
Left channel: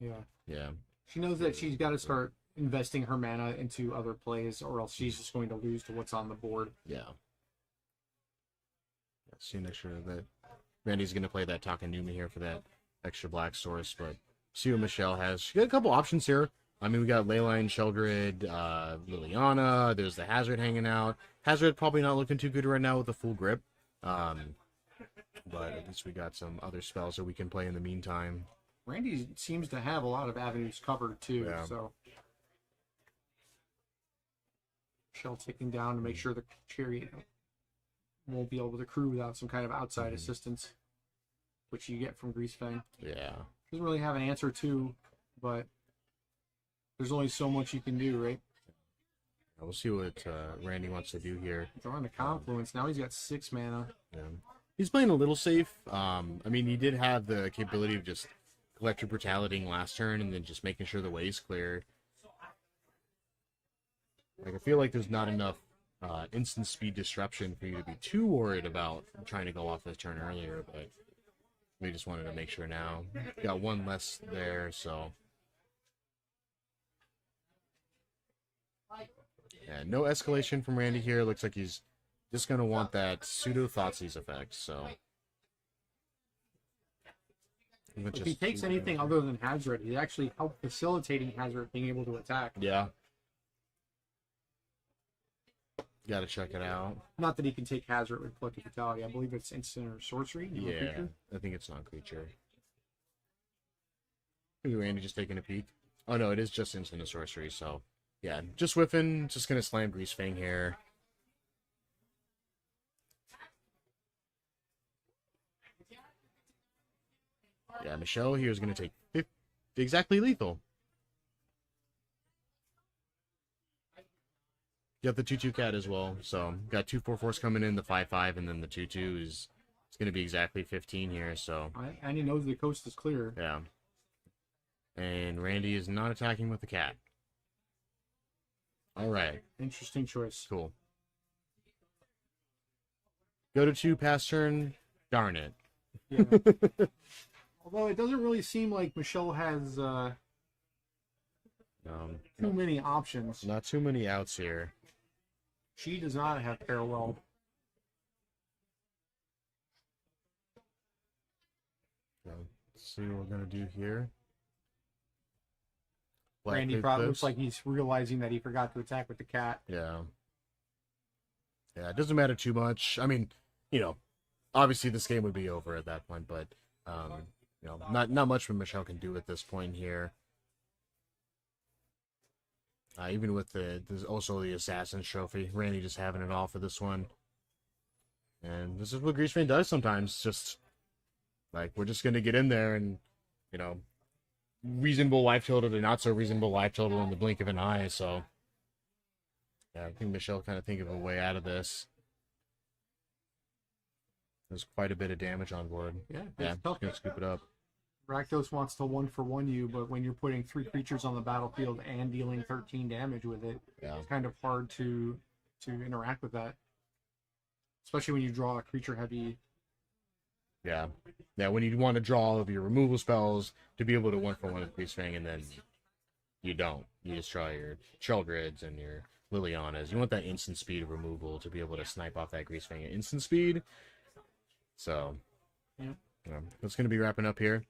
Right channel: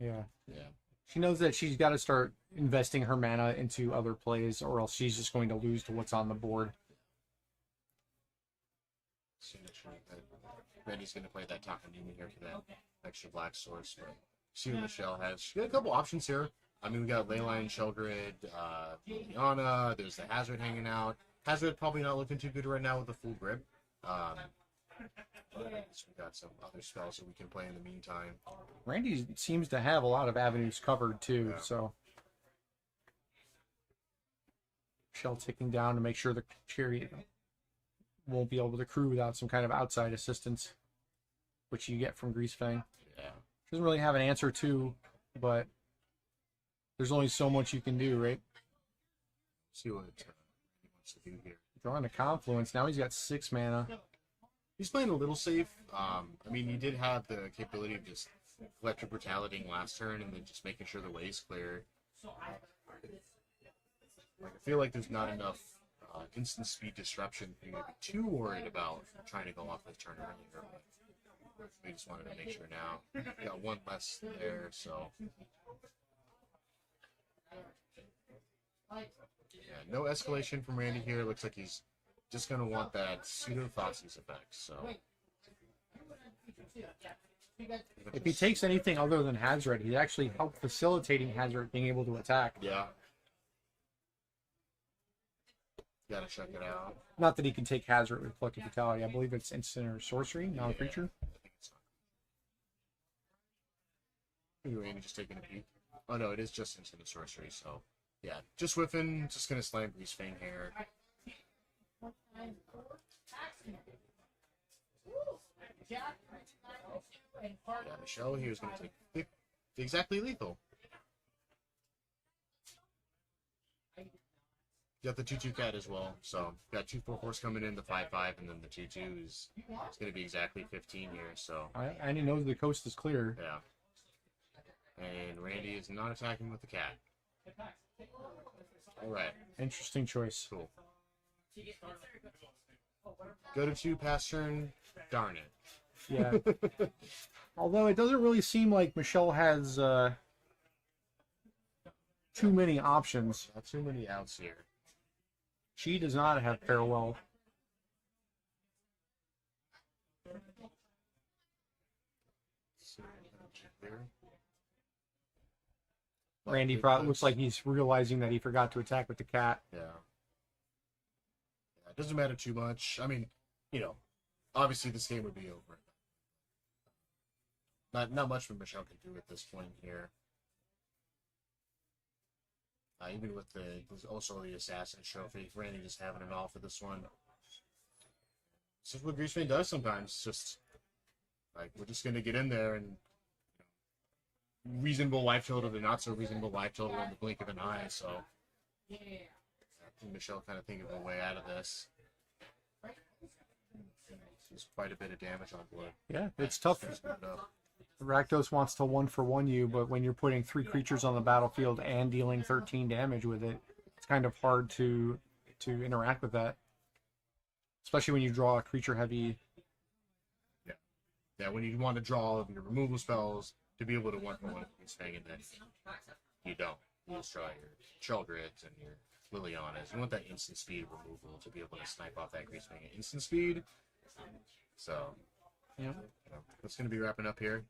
Yeah. Yeah. She knows that she's got to start investing her mana into other plays, or else she's just going to lose to what's on the board. Yeah. See, make sure that Randy's going to play that Takanuma here for that extra black source, but see what Michelle has. She got a couple options here. I mean, we got Leyline, Sheldred, Liliana. There's the Hazard hanging out. Hazard probably not looking too good right now with the full grip. But at least we got some other spells that we can play in the meantime. Randy seems to have a lot of avenues covered, too, so... Michelle ticking down to make sure the Chariot won't be able to crew without some kind of outside assistance, which you get from Grease Fang. Yeah. Doesn't really have an answer to, but there's only so much you can do, right? We'll see what Randy wants to do here. Drawing the Confluence. Now he's got 6 mana. Yeah. He's playing a little safe. I mean, he did have the capability of just Collective Brutality last turn and then just making sure the way's clear. Like, I feel like there's not enough instant speed disruption for you to be too worried about trying to go off this turn earlier, but we just wanted to make sure now. Got one less there, so... Yeah, no escalation from Randy here. Looks like he's just going to want that pseudo-Thoughtseize effect, so... If he takes anything other than Hazard, he actually helped facilitating Hazard being able to attack. Yeah. Gotta check it out. Not that he can take Hazard with Collective Fatality. I believe it's instant or sorcery, non-creature. Yeah, I think it's non-creature. Maybe Randy just taking a peek. Oh no, it is just instant and sorcery, so yeah, just whiffing, just gonna slam Grease Fang here. Yeah, Michelle here is gonna take exactly lethal. Got the 2/2 cat as well, so got 2/4/4s coming in, the 5/5, and then the 2/2 is it's gonna be exactly 15 here. So And he knows the coast is clear. yeah, and Randy is not attacking with the cat. All right, Interesting choice. cool. Go to 2 pass turn. Darn it. Yeah. Although it doesn't really seem like Michelle has too many options. Not too many outs here. She does not have parallel. Let's see what we're gonna do here. Randy Black probably looks Cliffs. like he's realizing that he forgot to attack with the cat. Yeah. Yeah, it doesn't matter too much. I mean, you know, obviously this game would be over at that point, but you know, not much Michelle can do at this point here. Even with there's also the Assassin's Trophy. Randy just having it all for this one. And this is what Grease Fang does sometimes. Just like we're just gonna get in there and, you know, reasonable life total to not so reasonable life total in the blink of an eye. So yeah, I think Michelle kind of think of a way out of this. There's quite a bit of damage on board. Yeah, it's tough. Just gonna scoop it up. Rakdos wants to 1-for-1 you, but when you're putting 3 creatures on the battlefield and dealing 13 damage with it, Yeah. it's kind of hard to interact with that. Especially when you draw a creature heavy. Yeah. Yeah, when you want to draw all of your removal spells to be able to 1-for-1 with Grease Fang, and then you don't. You just draw your Sheldreds and your Lilianas. You want that instant speed of removal to be able to snipe off that Grease Fang at instant speed. So, Yeah. you know, that's going to be wrapping up here.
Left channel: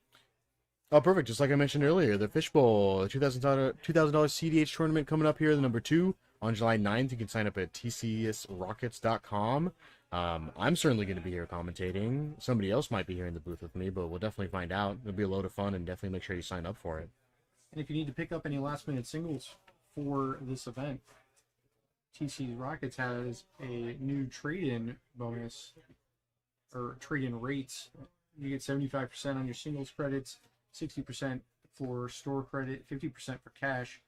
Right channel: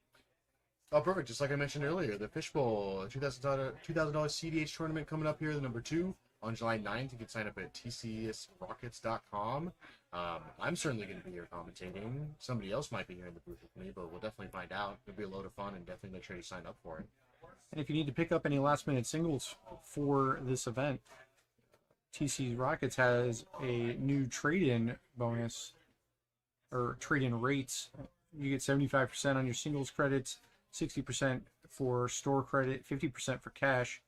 Oh, perfect. Just like I mentioned earlier, the Fishbowl, the $2,000 CDH tournament coming up here, the number 2 on July 9th. You can sign up at tcsrockets.com. I'm certainly going to be here commentating. Somebody else might be here in the booth with me, but we'll definitely find out. It'll be a load of fun, and definitely make sure you sign up for it. And if you need to pick up any last-minute singles for this event, TC Rockets has a new trade-in bonus, or trade-in rates. You get 75% on your singles credits, 60% for store credit, 50% for cash,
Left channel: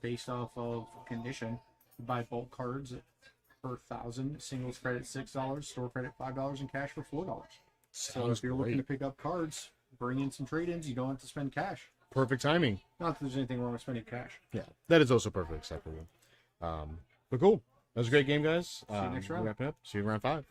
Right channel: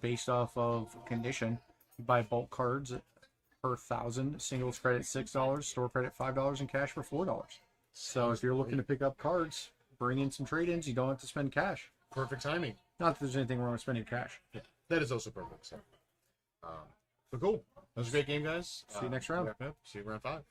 based off of condition. You buy bulk cards per 1,000, singles credit $6, store credit $5, and cash for $4. So Sounds if you're looking to great. pick up cards, bring in some trade-ins. You don't have to spend cash. Perfect timing. Not that there's anything wrong with spending cash. Yeah, that is also perfectly acceptable. But cool. That was a great game, guys. See you next round. Wrapping up. See you in round 5.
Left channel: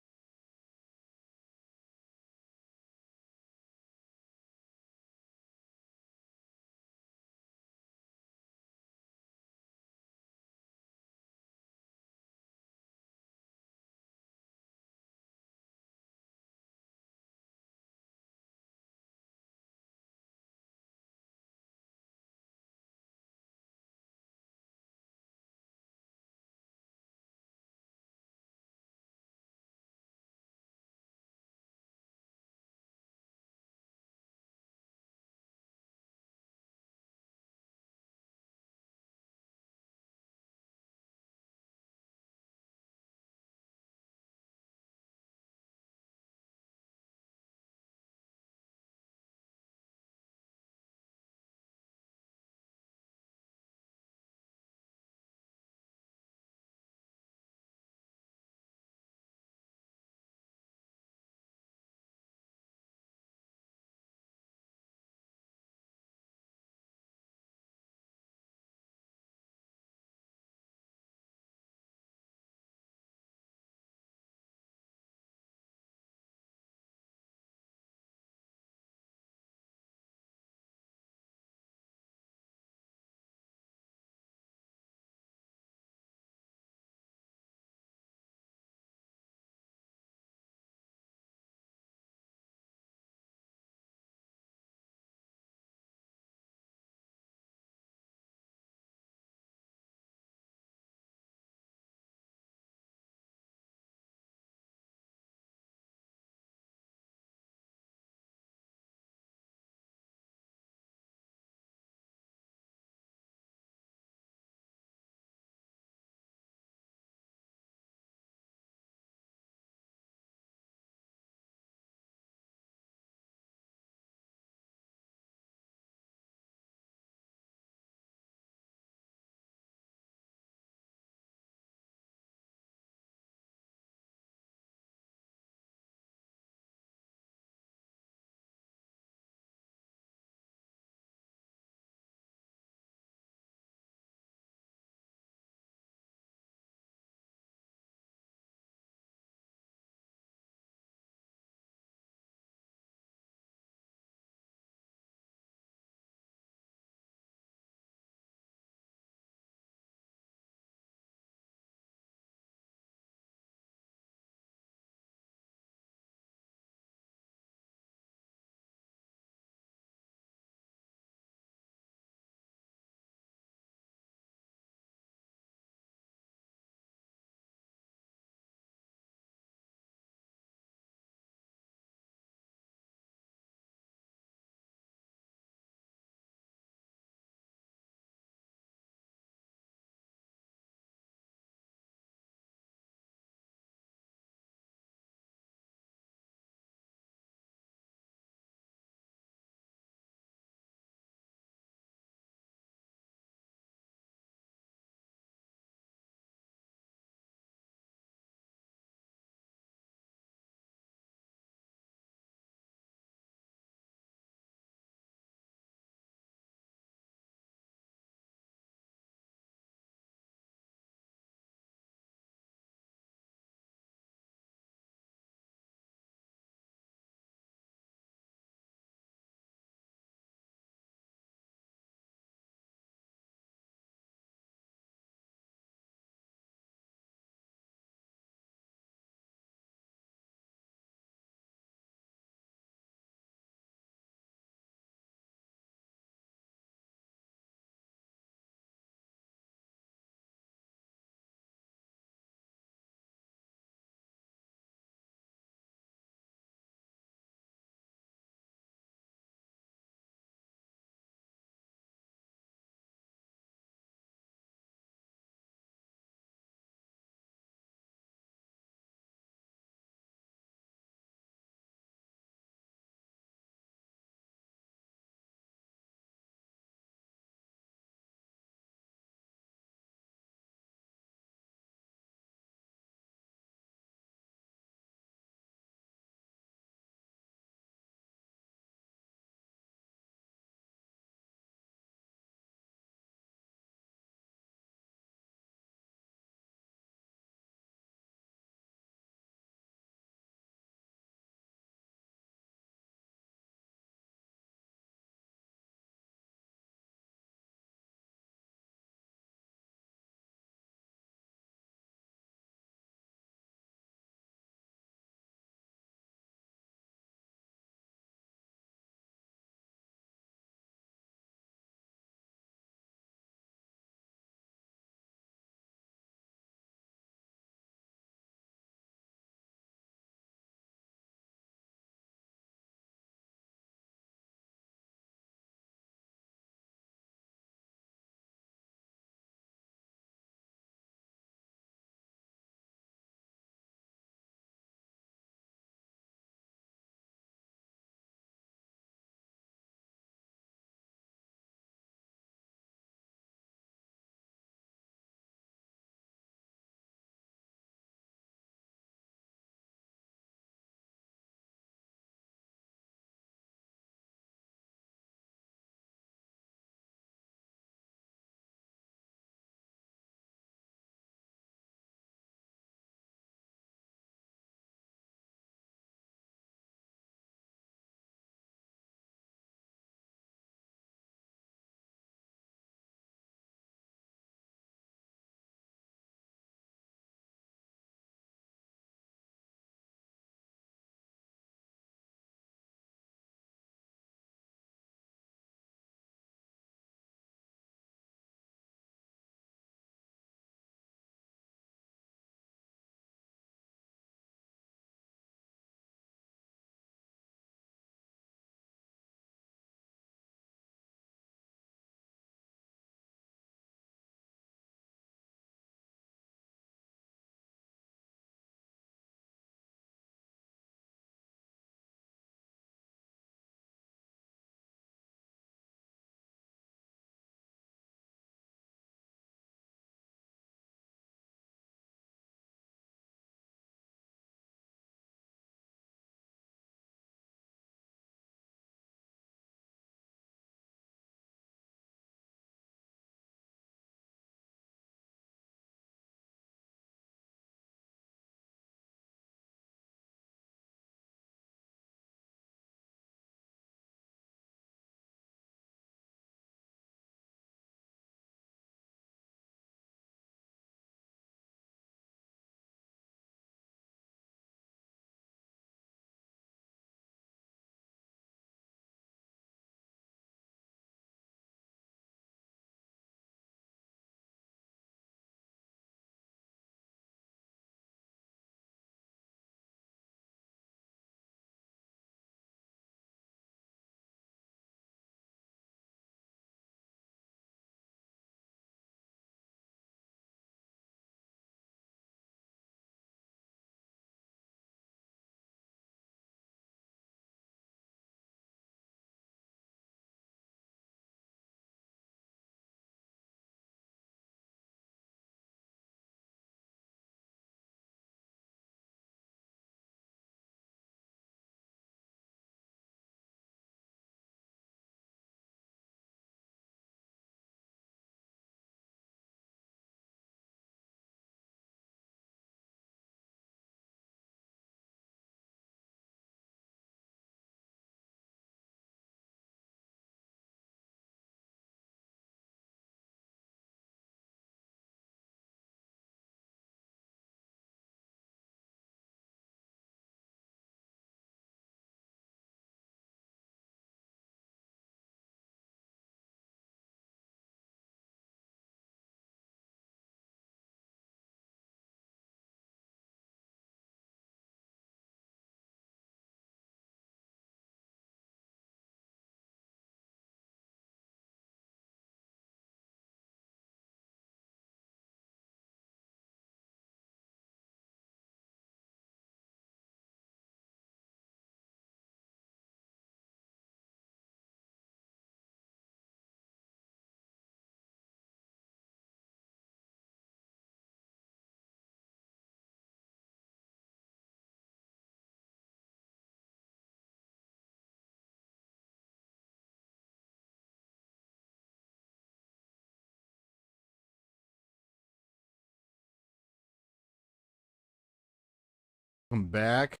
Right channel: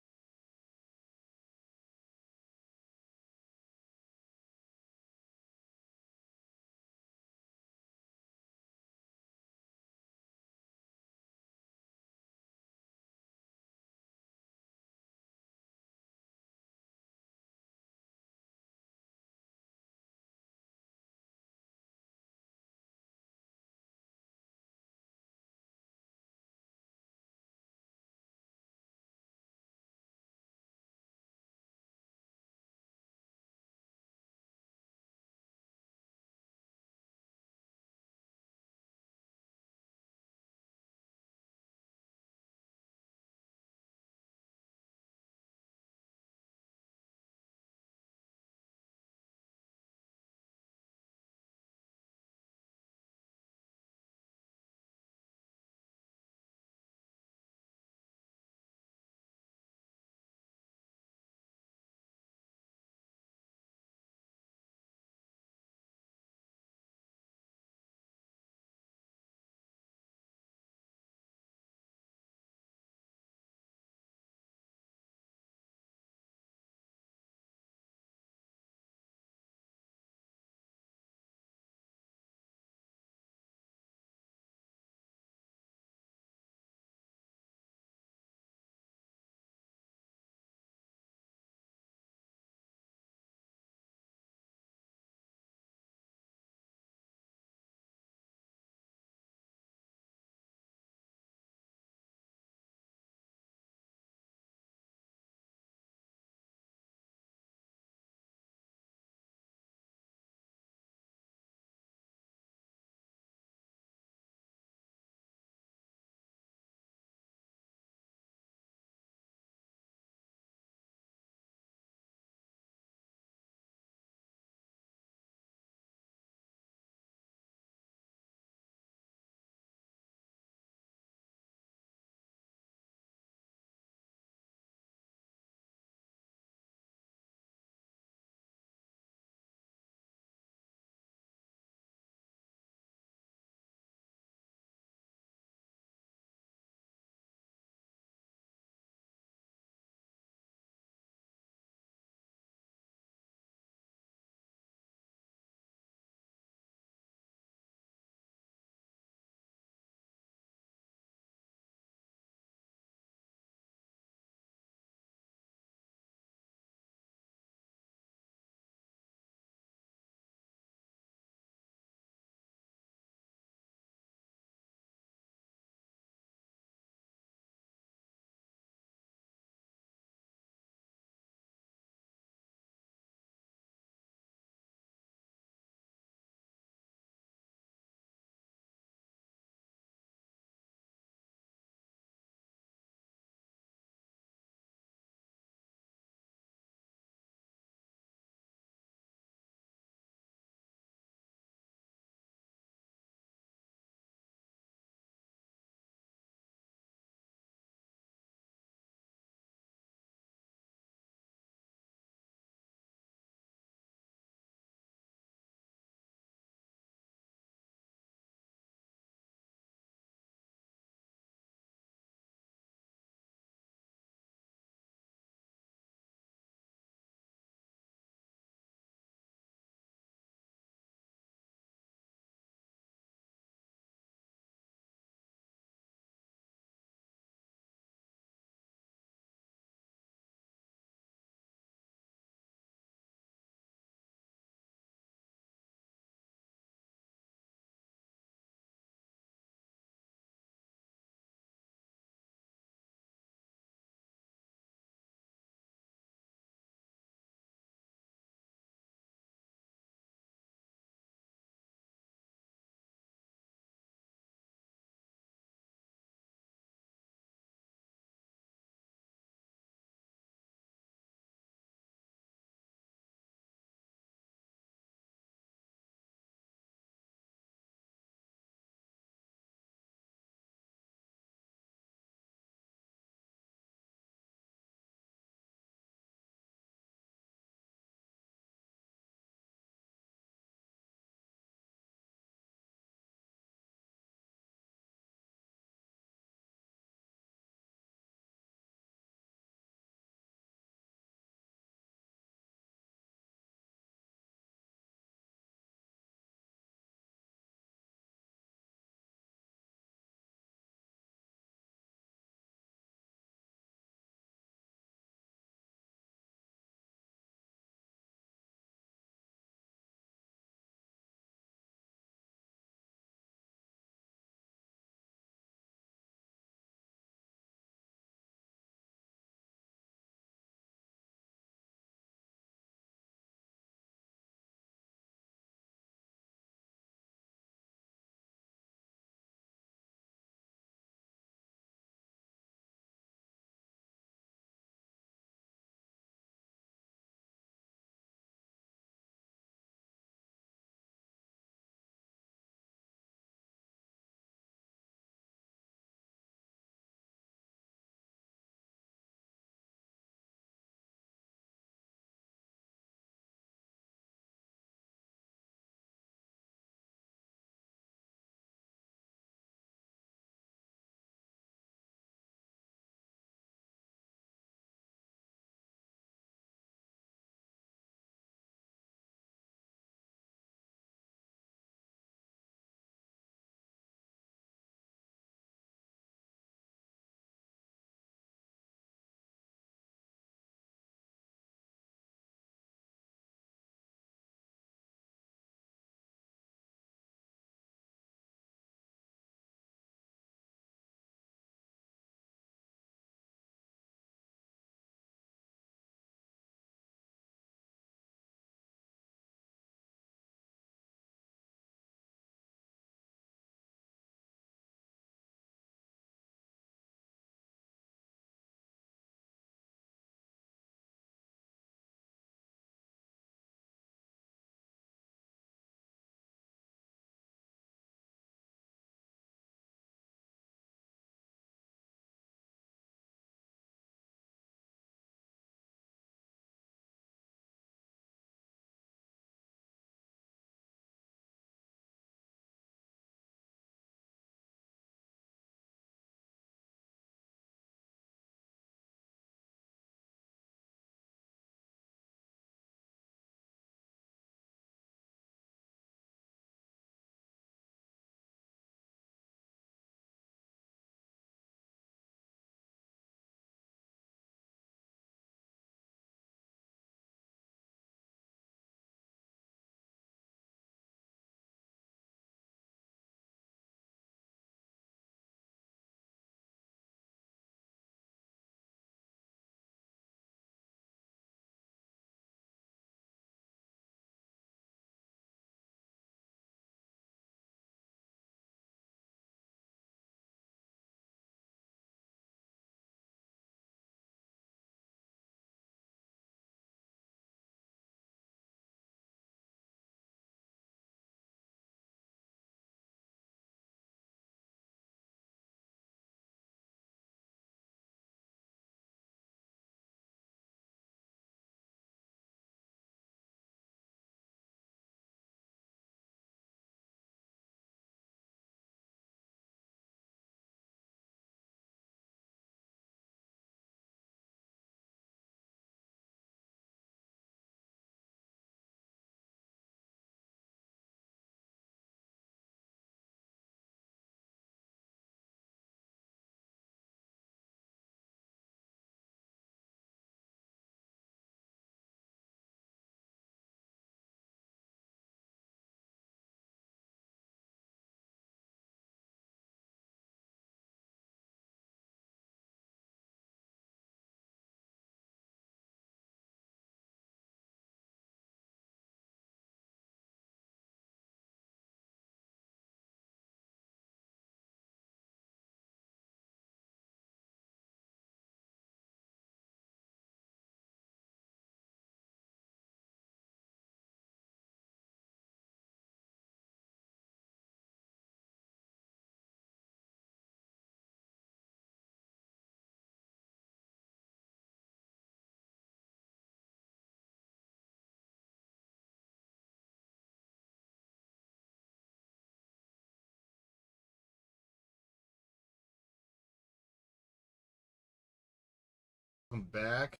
Come back.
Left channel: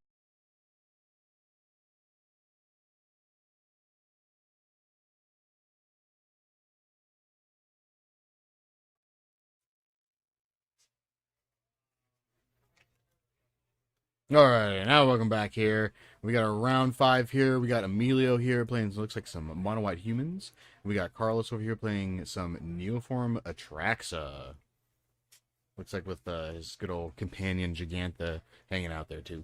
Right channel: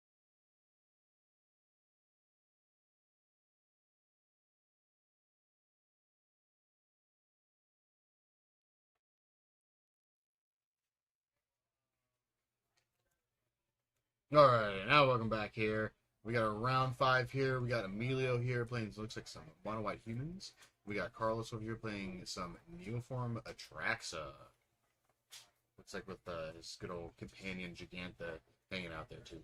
All right, now welcome back here. We got a round 5 here. We got Emilio here playing, looks like some mono white humans. We got Carlos over here playing some Neoform Atraxa. Looks like with his good old companion Gigantha hanging out there too.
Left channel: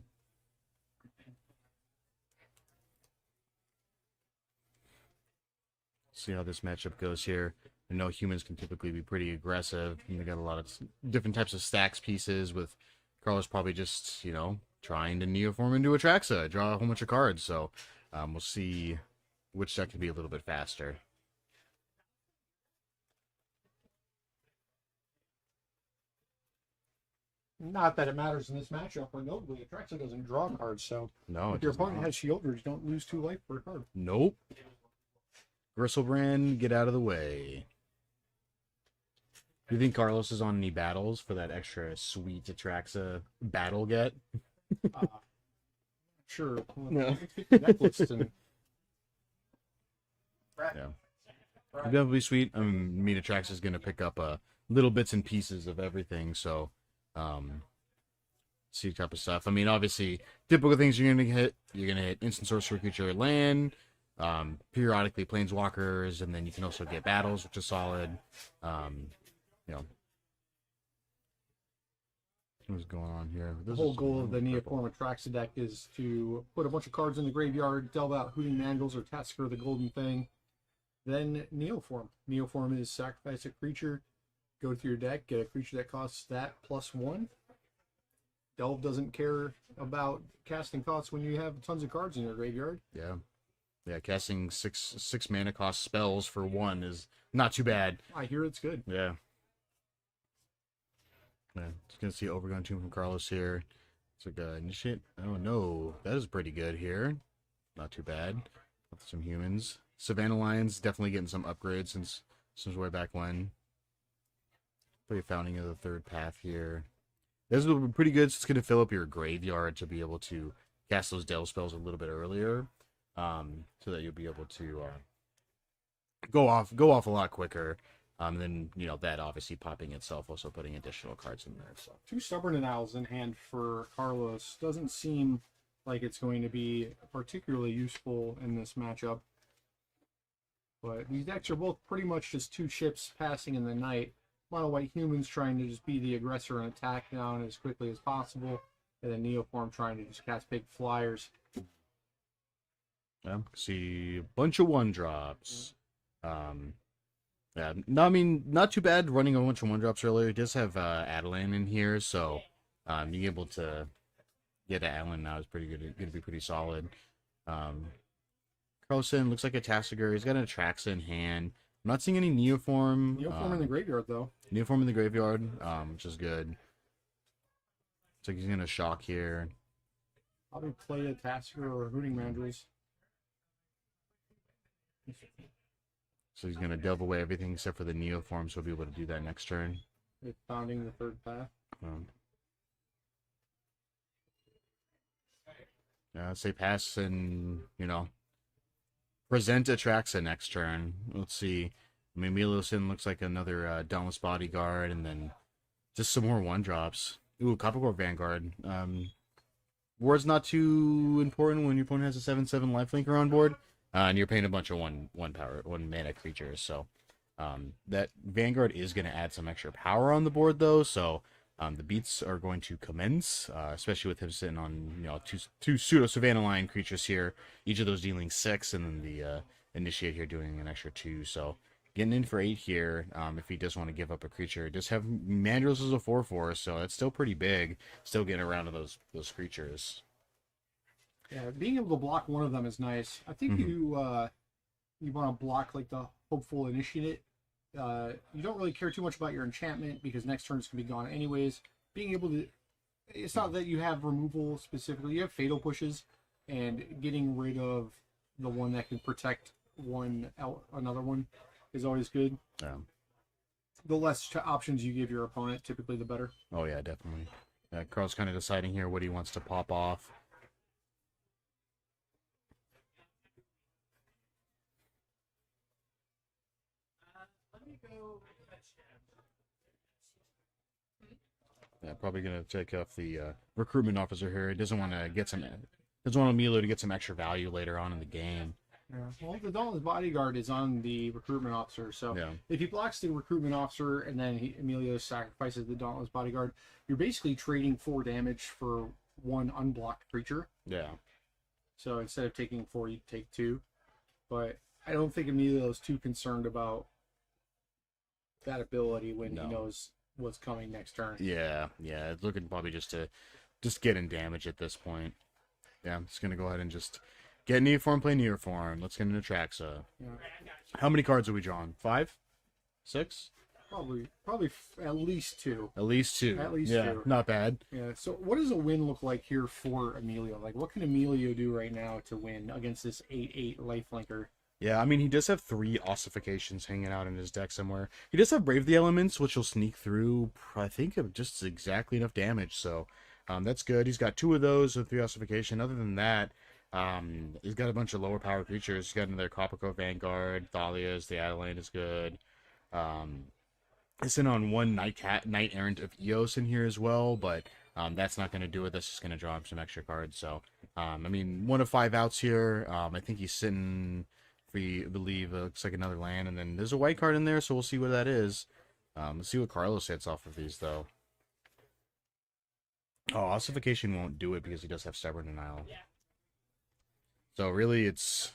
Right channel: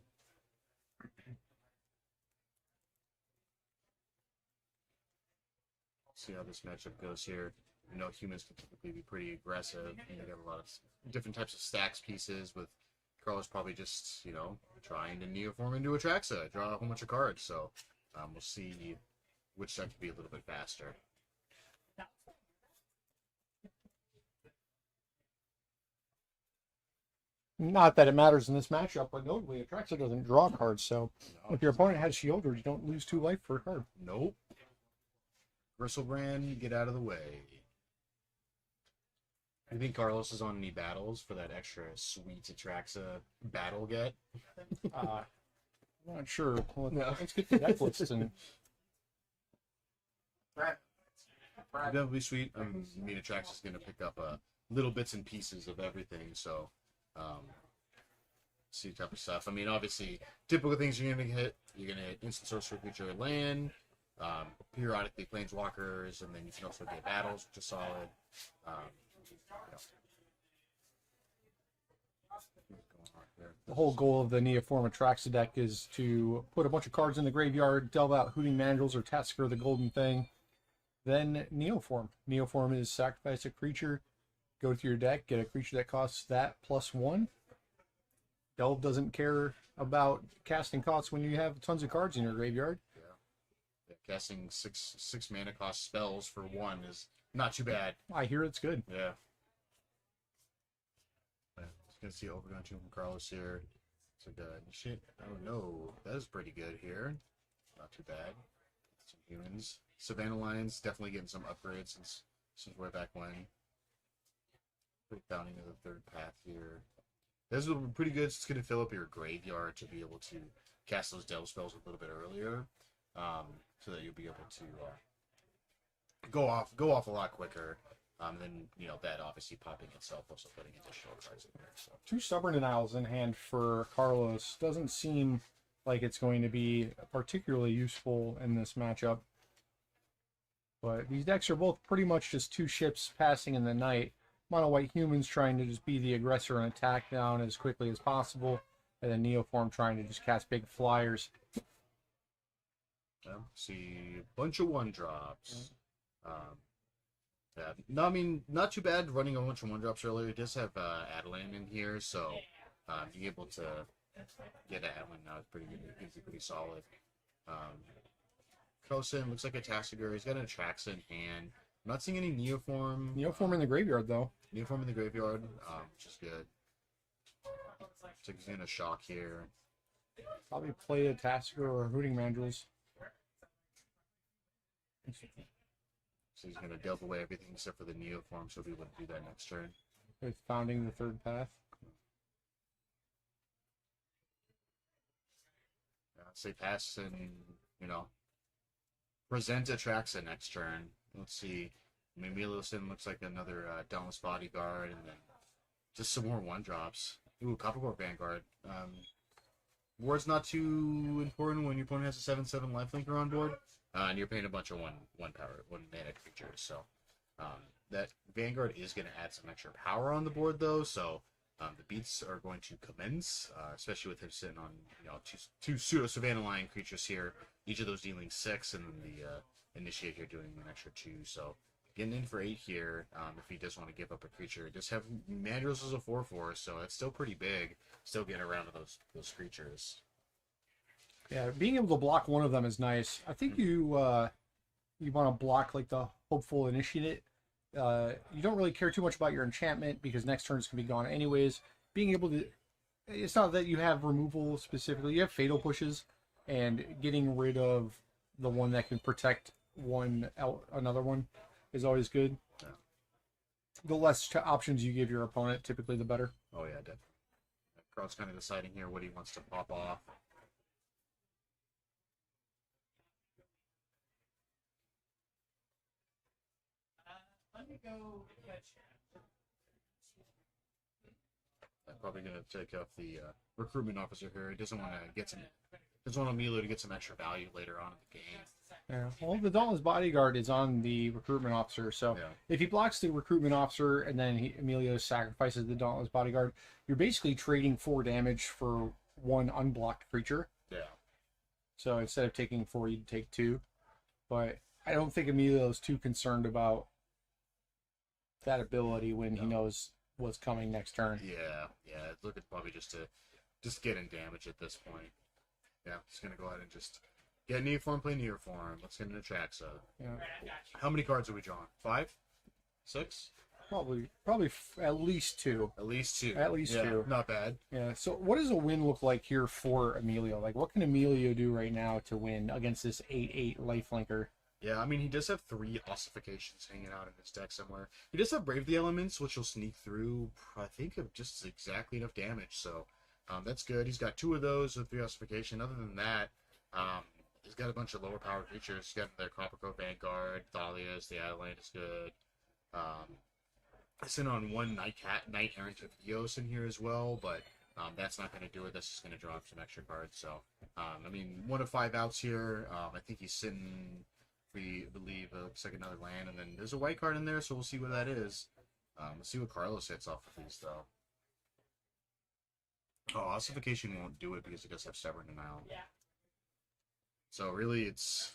See how this matchup goes here. I know humans can typically be pretty aggressive, and they got a lot of different types of stacks pieces. With Carlos probably just, you know, trying to Neoform into Atraxa, draw a whole bunch of cards. So we'll see which deck can be a little bit faster. Not that it matters in this matchup, but notably, Atraxa doesn't draw cards, so No, if your opponent has shielders, you don't lose 2 life for a card. Nope. Gristlebrand, get out of the way. Do you think Carlos is on any battles for that extra sweet Atraxa battle get? I'm not sure. Well, No. let's get the deck list and... Definitely sweet. I mean, Atraxa is going to pick up little bits and pieces of everything, so see type of stuff. I mean, obviously, typical things you're going to hit. You're going to hit instant sorcery creature land, periodically planeswalkers, and then you can also get battles, which is solid. You know, what's going on here? The whole goal of the Neoform Atraxa deck is to put a bunch of cards in the graveyard, delve out Hooting Mandrills or Tasker the Golden Thing, then Neoform. Neoform is sacrifice a creature, go through your deck, get a creature that costs that +1. Delve doesn't care about casting costs when you have tons of cards in your graveyard. Yeah, casting six mana cost spells for 1 is not too bad. I hear it's good. Yeah. Just gonna see Overgrown Tomb from Carlos here. It's like initiate. Oh no, that is pretty good here. Not too bad. With some humans. Savannah Lions definitely getting some upgrades since way back when. Pretty founding of the 3rd path here. This will be pretty good. So it's gonna fill up your graveyard to be able to cast those delve spells a little bit earlier, so that you'll be able to go off a lot quicker. Then, you know, that obviously popping itself, also putting additional cards in there. So 2 Stubborn Denials in hand for Carlos doesn't seem like it's going to be particularly useful in this matchup. But these decks are both pretty much just 2 ships passing in the night. Mono white humans trying to just be the aggressor and attack down as quickly as possible, and then Neoform trying to just cast big flyers. yeah, see a bunch of 1-drops. Yeah, no, I mean, not too bad running a bunch of 1-drops earlier. It does have Adelan in here, so being able to get Adelan now is pretty good. It's going to be pretty solid. Carlson looks like a Tassiger. He's got an Atraxa in hand. I'm not seeing any Neoform. Neoform in the graveyard, though. Neoform in the graveyard, which is good. Looks like he's going to shock here. Probably play a Tasker or a Hooting Mandrills. So he's going to delve away everything except for the Neoform, so he'll be able to do that next turn. With founding the 3rd path. I'd say pass and, you know, present Atraxa next turn. Let's see. I mean, Miliosin looks like another Dauntless Bodyguard, and then just some more 1-drops. Ooh, Coppercore Vanguard. Ward's not too important when your opponent has a 7/7 lifelinker on board, and you're paying a bunch of one mana creatures. So that Vanguard is going to add some extra power on the board, though. So the beats are going to commence, especially with him sitting on, you know, two pseudo Savannah Lion creatures here. Each of those dealing 6, and then the Initiate here doing an extra 2. So getting in for 8 here. If he does want to give up a creature, just have Mandrills as a 4/4, so that's still pretty big. Still getting around to those creatures. Yeah, being able to block one of them is nice. I think you want to block like the Hopeful Initiate. You don't really care too much about your enchantment because next turns can be gone anyways. Being able to, it's not that you have removal specifically. You have Fatal Pushes, and getting rid of the one that can protect another one is always good. Yeah. The less options you give your opponent, typically the better. Oh yeah, definitely. Carl's kind of deciding here what he wants to pop off. Yeah, probably gonna take off the recruitment officer here. He doesn't want to get some, doesn't want Emilio to get some extra value later on in the game. Yeah. Well, the Dauntless Bodyguard is on the recruitment officer, so Yeah. if he blocks the recruitment officer and then Emilio sacrifices the Dauntless Bodyguard, you're basically trading 4 damage for 1 unblocked creature. Yeah. So instead of taking 4, you'd take 2. But I don't think Emilio's too concerned about that ability when he knows what's coming next turn. Yeah, it's looking probably just to get in damage at this point. Yeah, I'm just gonna go ahead and just get Neoform, play Neoform. Let's get into Traxa. Yeah. How many cards are we drawing? 5? 6? Probably at least 2. At least 2. At least yeah, 2. Not bad. Yeah. So what does a win look like here for Emilio? Like, what can Emilio do right now to win against this 8/8 lifelinker? Yeah, I mean, he does have 3 ossifications hanging out in his deck somewhere. He does have Brave the Elements, which will sneak through, I think, of just exactly enough damage. So that's good. He's got 2 of those with 3 ossification. Other than that, he's got a bunch of lower power creatures. He's got another Coppercoat Vanguard, Thalia's, the Adeline is good. It's in on 1 Knight Errant of Eos in here as well, but that's not going to do it. That's just going to draw him some extra cards. So, I mean, 1 of 5 outs here. I think he's sitting, I believe, looks like another land, and then there's a white card in there, so we'll see what that is. Let's see what Carlos hits off of these, though. Oh, Ossification won't do it because he does have Stubborn Denial. So really, it's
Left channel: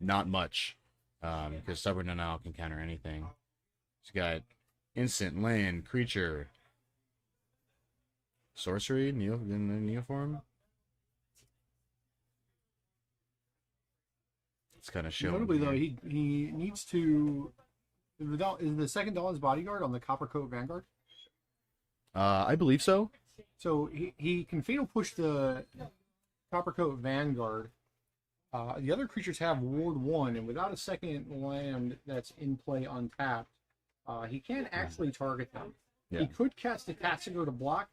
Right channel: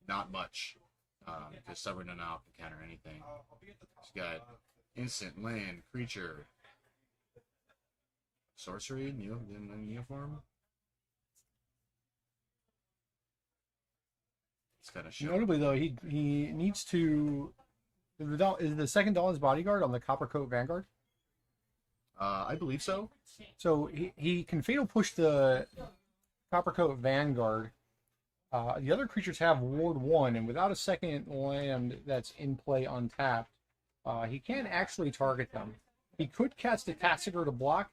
not much, because Stubborn Denial can counter anything. He's got instant, land, creature, sorcery, Neoform. It's kind of showing. Notably, though, he needs to. Is the second Dawn's Bodyguard on the Coppercoat Vanguard? I believe so. So he can Fatal Push the Coppercoat Vanguard. The other creatures have Ward 1, and without a second land that's in play untapped, he can't actually target them. Yeah. He could cast a Tassiger to block,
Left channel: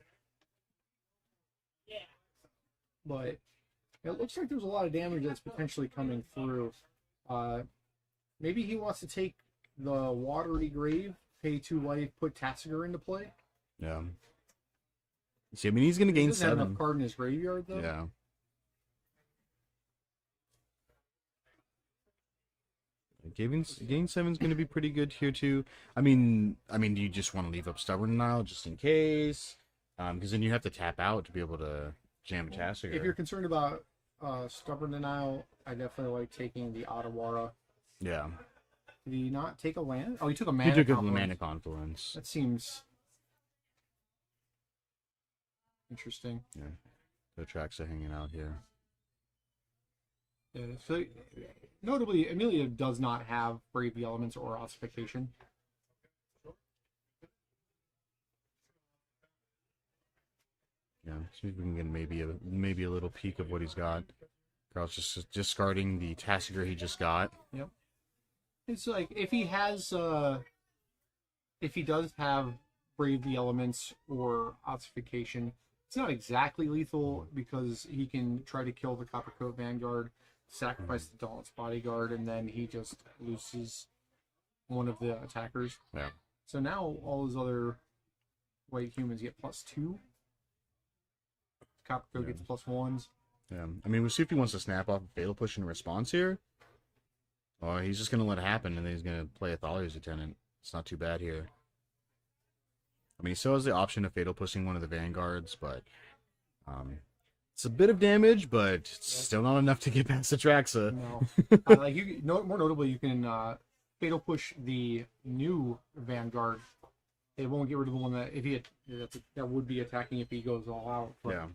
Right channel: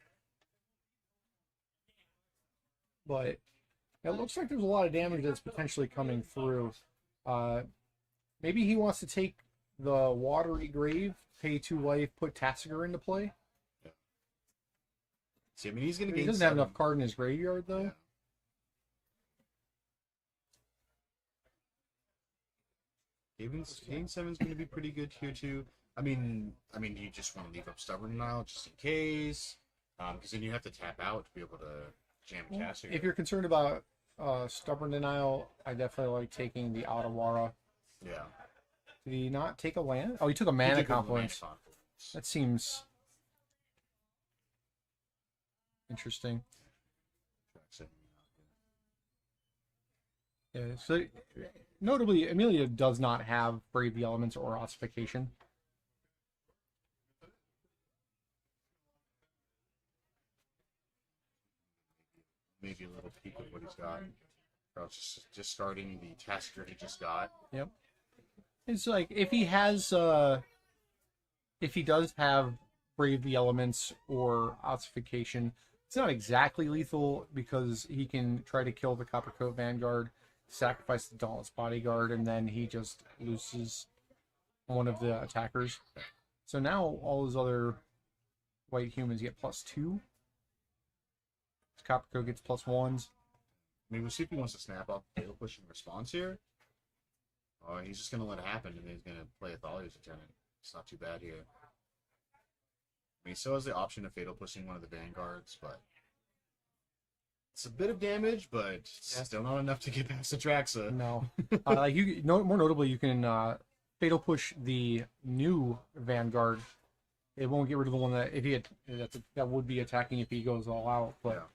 but it looks like there's a lot of damage that's potentially coming through. Maybe he wants to take the Watery Grave, pay 2 life, put Tassiger into play. Yeah. See, I mean, he's going to He gain doesn't have 7. enough card in his graveyard, though. Yeah. Gain 7 is going to be pretty good here too. I mean, do you just want to leave up Stubborn Denial just in case? Because then you have to tap out to be able to jam Tassiger. If you're concerned about Stubborn Denial, I definitely like taking the Otawara. Yeah. Did he not take a land? Oh, he took a He Mana took a Confluence. Mana Confluence. That seems interesting. Yeah. The Traxa hanging out here. Yeah, so notably, Emilio does not have Brave the Elements or Ossification. Yeah. See if we can get maybe a little peek of what he's got. Carl's just discarding the Tassiger he just got. Yep. It's like if he has, if he does have Brave the Elements or Ossification, it's not exactly lethal because he can try to kill the Coppercoat Vanguard, sacrifice the Dauntless Bodyguard, and then he just loses one of the attackers. Yeah. So now all those other white humans get +2. Coppercoat gets +1s. Yeah. I mean, we'll see if he wants to snap off a Fatal Push in response here. Or he's just going to let it happen, and then he's going to play a Thalia's Lieutenant. It's not too bad here. I mean, he still has the option of Fatal Pushing one of the Vanguards, but it's a bit of damage, but it's still not enough to get past the Traxa. No. More notably, you can Fatal Push the new Vanguard. It won't get rid of the one that that would be attacking if he goes all out. But Yeah.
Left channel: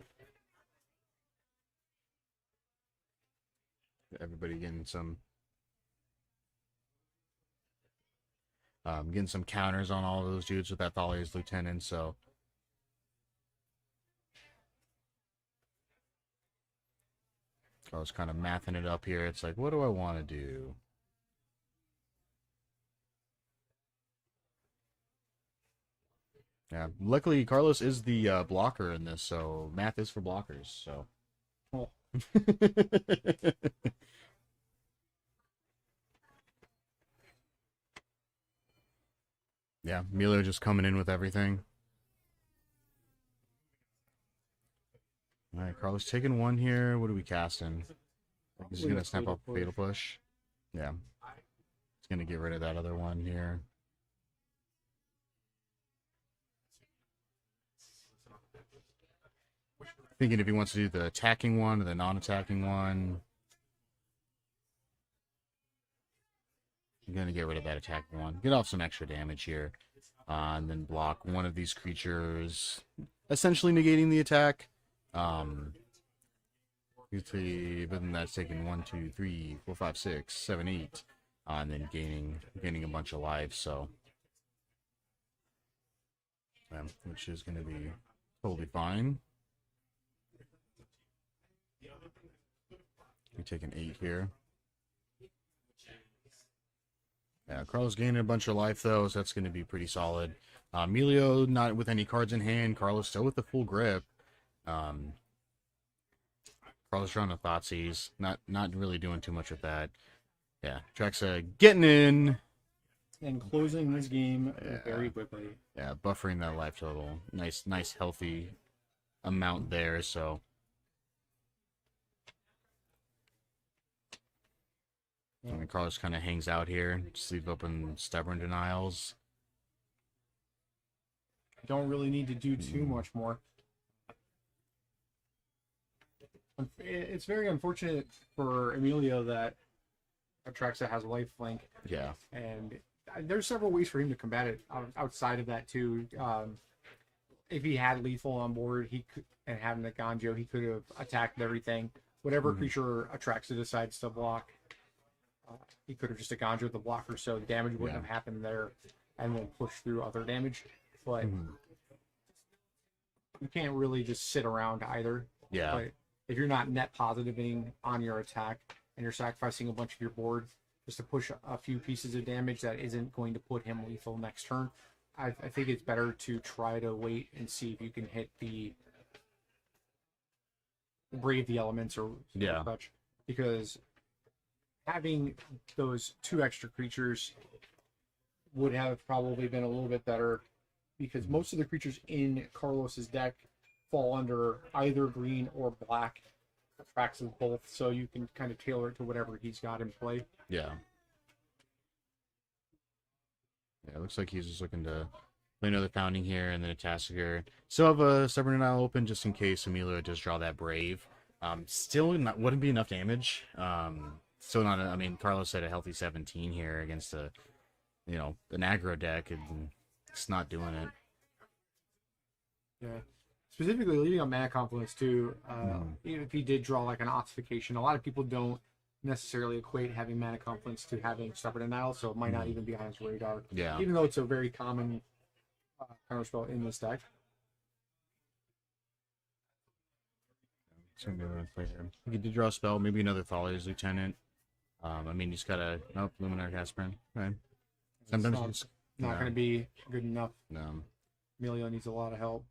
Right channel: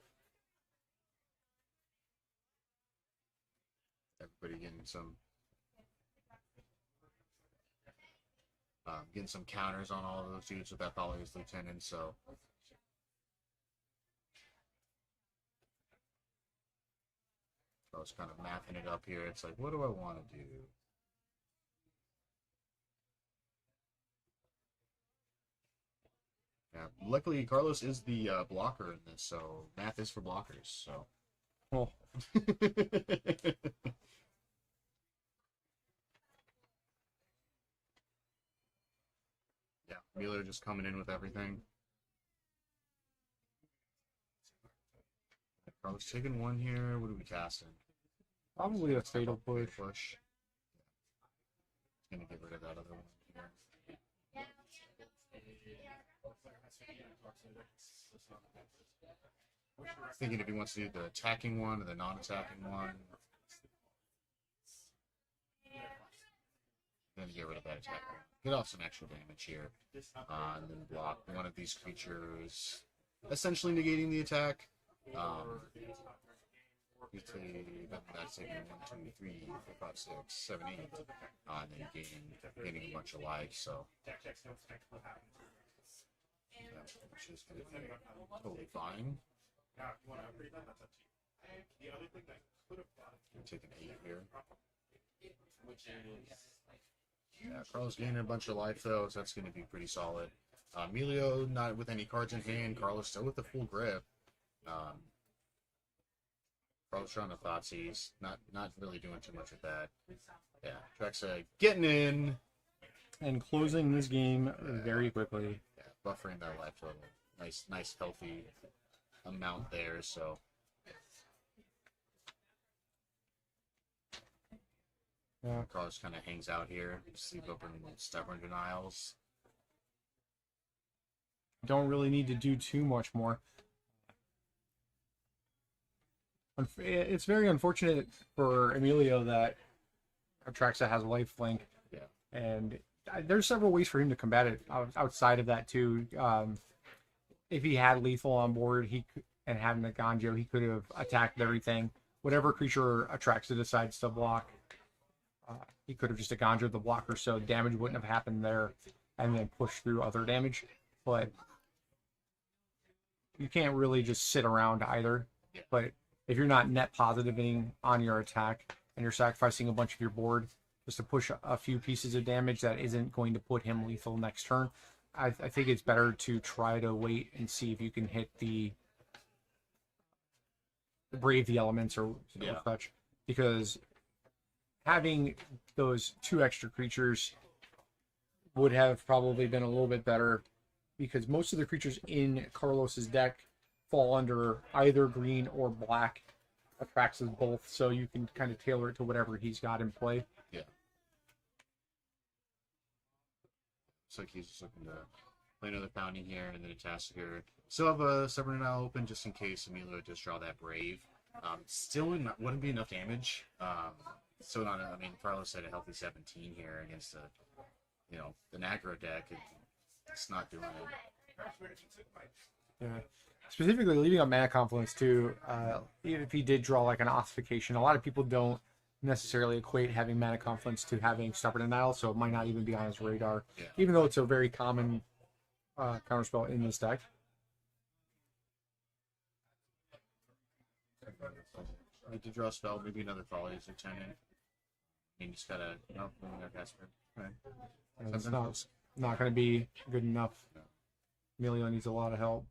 Everybody getting some counters on all of those dudes with that Thalia's Lieutenant, so I was kind of mathing it up here. It's like, what do I want to do? Yeah. Luckily, Carlos is the blocker in this, so math is for blockers. So. Well, Yeah, Milo just coming in with everything. All right, Carlos taking one here. What are we casting? probably He's gonna a snap fatal up fatal push. Yeah. He's gonna get rid of that other one here. Thinking if he wants to do the attacking one or the non-attacking one. I'm gonna get rid of that attacking one. Get off some extra damage here. And then block one of these creatures. Essentially negating the attack. But then that's taking 1, 2, 3, 4, 5, 6, 7, 8. And then gaining a bunch of life, so. Yeah, which is gonna be totally fine. We take an 8 here. Yeah, Carlos gaining a bunch of life though, so that's going to be pretty solid. Emilio not with any cards in hand. Carlos still with the full grip. Carlos drawing a Thoughtseize. Not really doing too much with that. Yeah, Traxa getting in. And closing this game very quickly. Yeah, buffering that life total. Nice healthy amount there, so. And Carlos kind of hangs out here. Just leave open Stubborn Denials. Don't really need to do too much more. It's very unfortunate for Emilio that Atraxa has a lifelink. Yeah. And there's several ways for him to combat it outside of that too. If he had lethal on board, and having the Ganjo, he could have attacked everything. Whatever creature Atraxa decides to block, he could have just Ganjo'd the blocker, so damage wouldn't have happened there, and then push through other damage. But you can't really just sit around either. Yeah. But if you're not net positiving on your attack and you're sacrificing a bunch of your board just to push a few pieces of damage that isn't going to put him lethal next turn, I think it's better to try to wait and see if you can hit the Brave the Elements or such. Because having those 2 extra creatures would have probably been a little bit better, because most of the creatures in Carlos's deck fall under either green or black. Atraxas both, so you can kind of tailor it to whatever he's got in play. Yeah. Yeah, it looks like he's just looking to play another Founding here and then a Task here. Still have a Stubborn Denial open just in case Emilio does draw that Brave. Still wouldn't be enough damage. Still not. I mean, Carlos had a healthy 17 here against an aggro deck, and it's not doing it. Yeah. Specifically, leaving on Mana Confluence too. Even if he did draw like an Ossification, a lot of people don't necessarily equate having Mana Confluence to having Stubborn Denial, so it might not even be on his radar. Yeah. Even though it's a very common counterspell in this deck. So I'm gonna play him. He did draw a spell, maybe another Thalier's Lieutenant. I mean, he's got a Luminar Caspian, right? Sometimes It's not going to be good enough. No. Emilio needs a lot of help.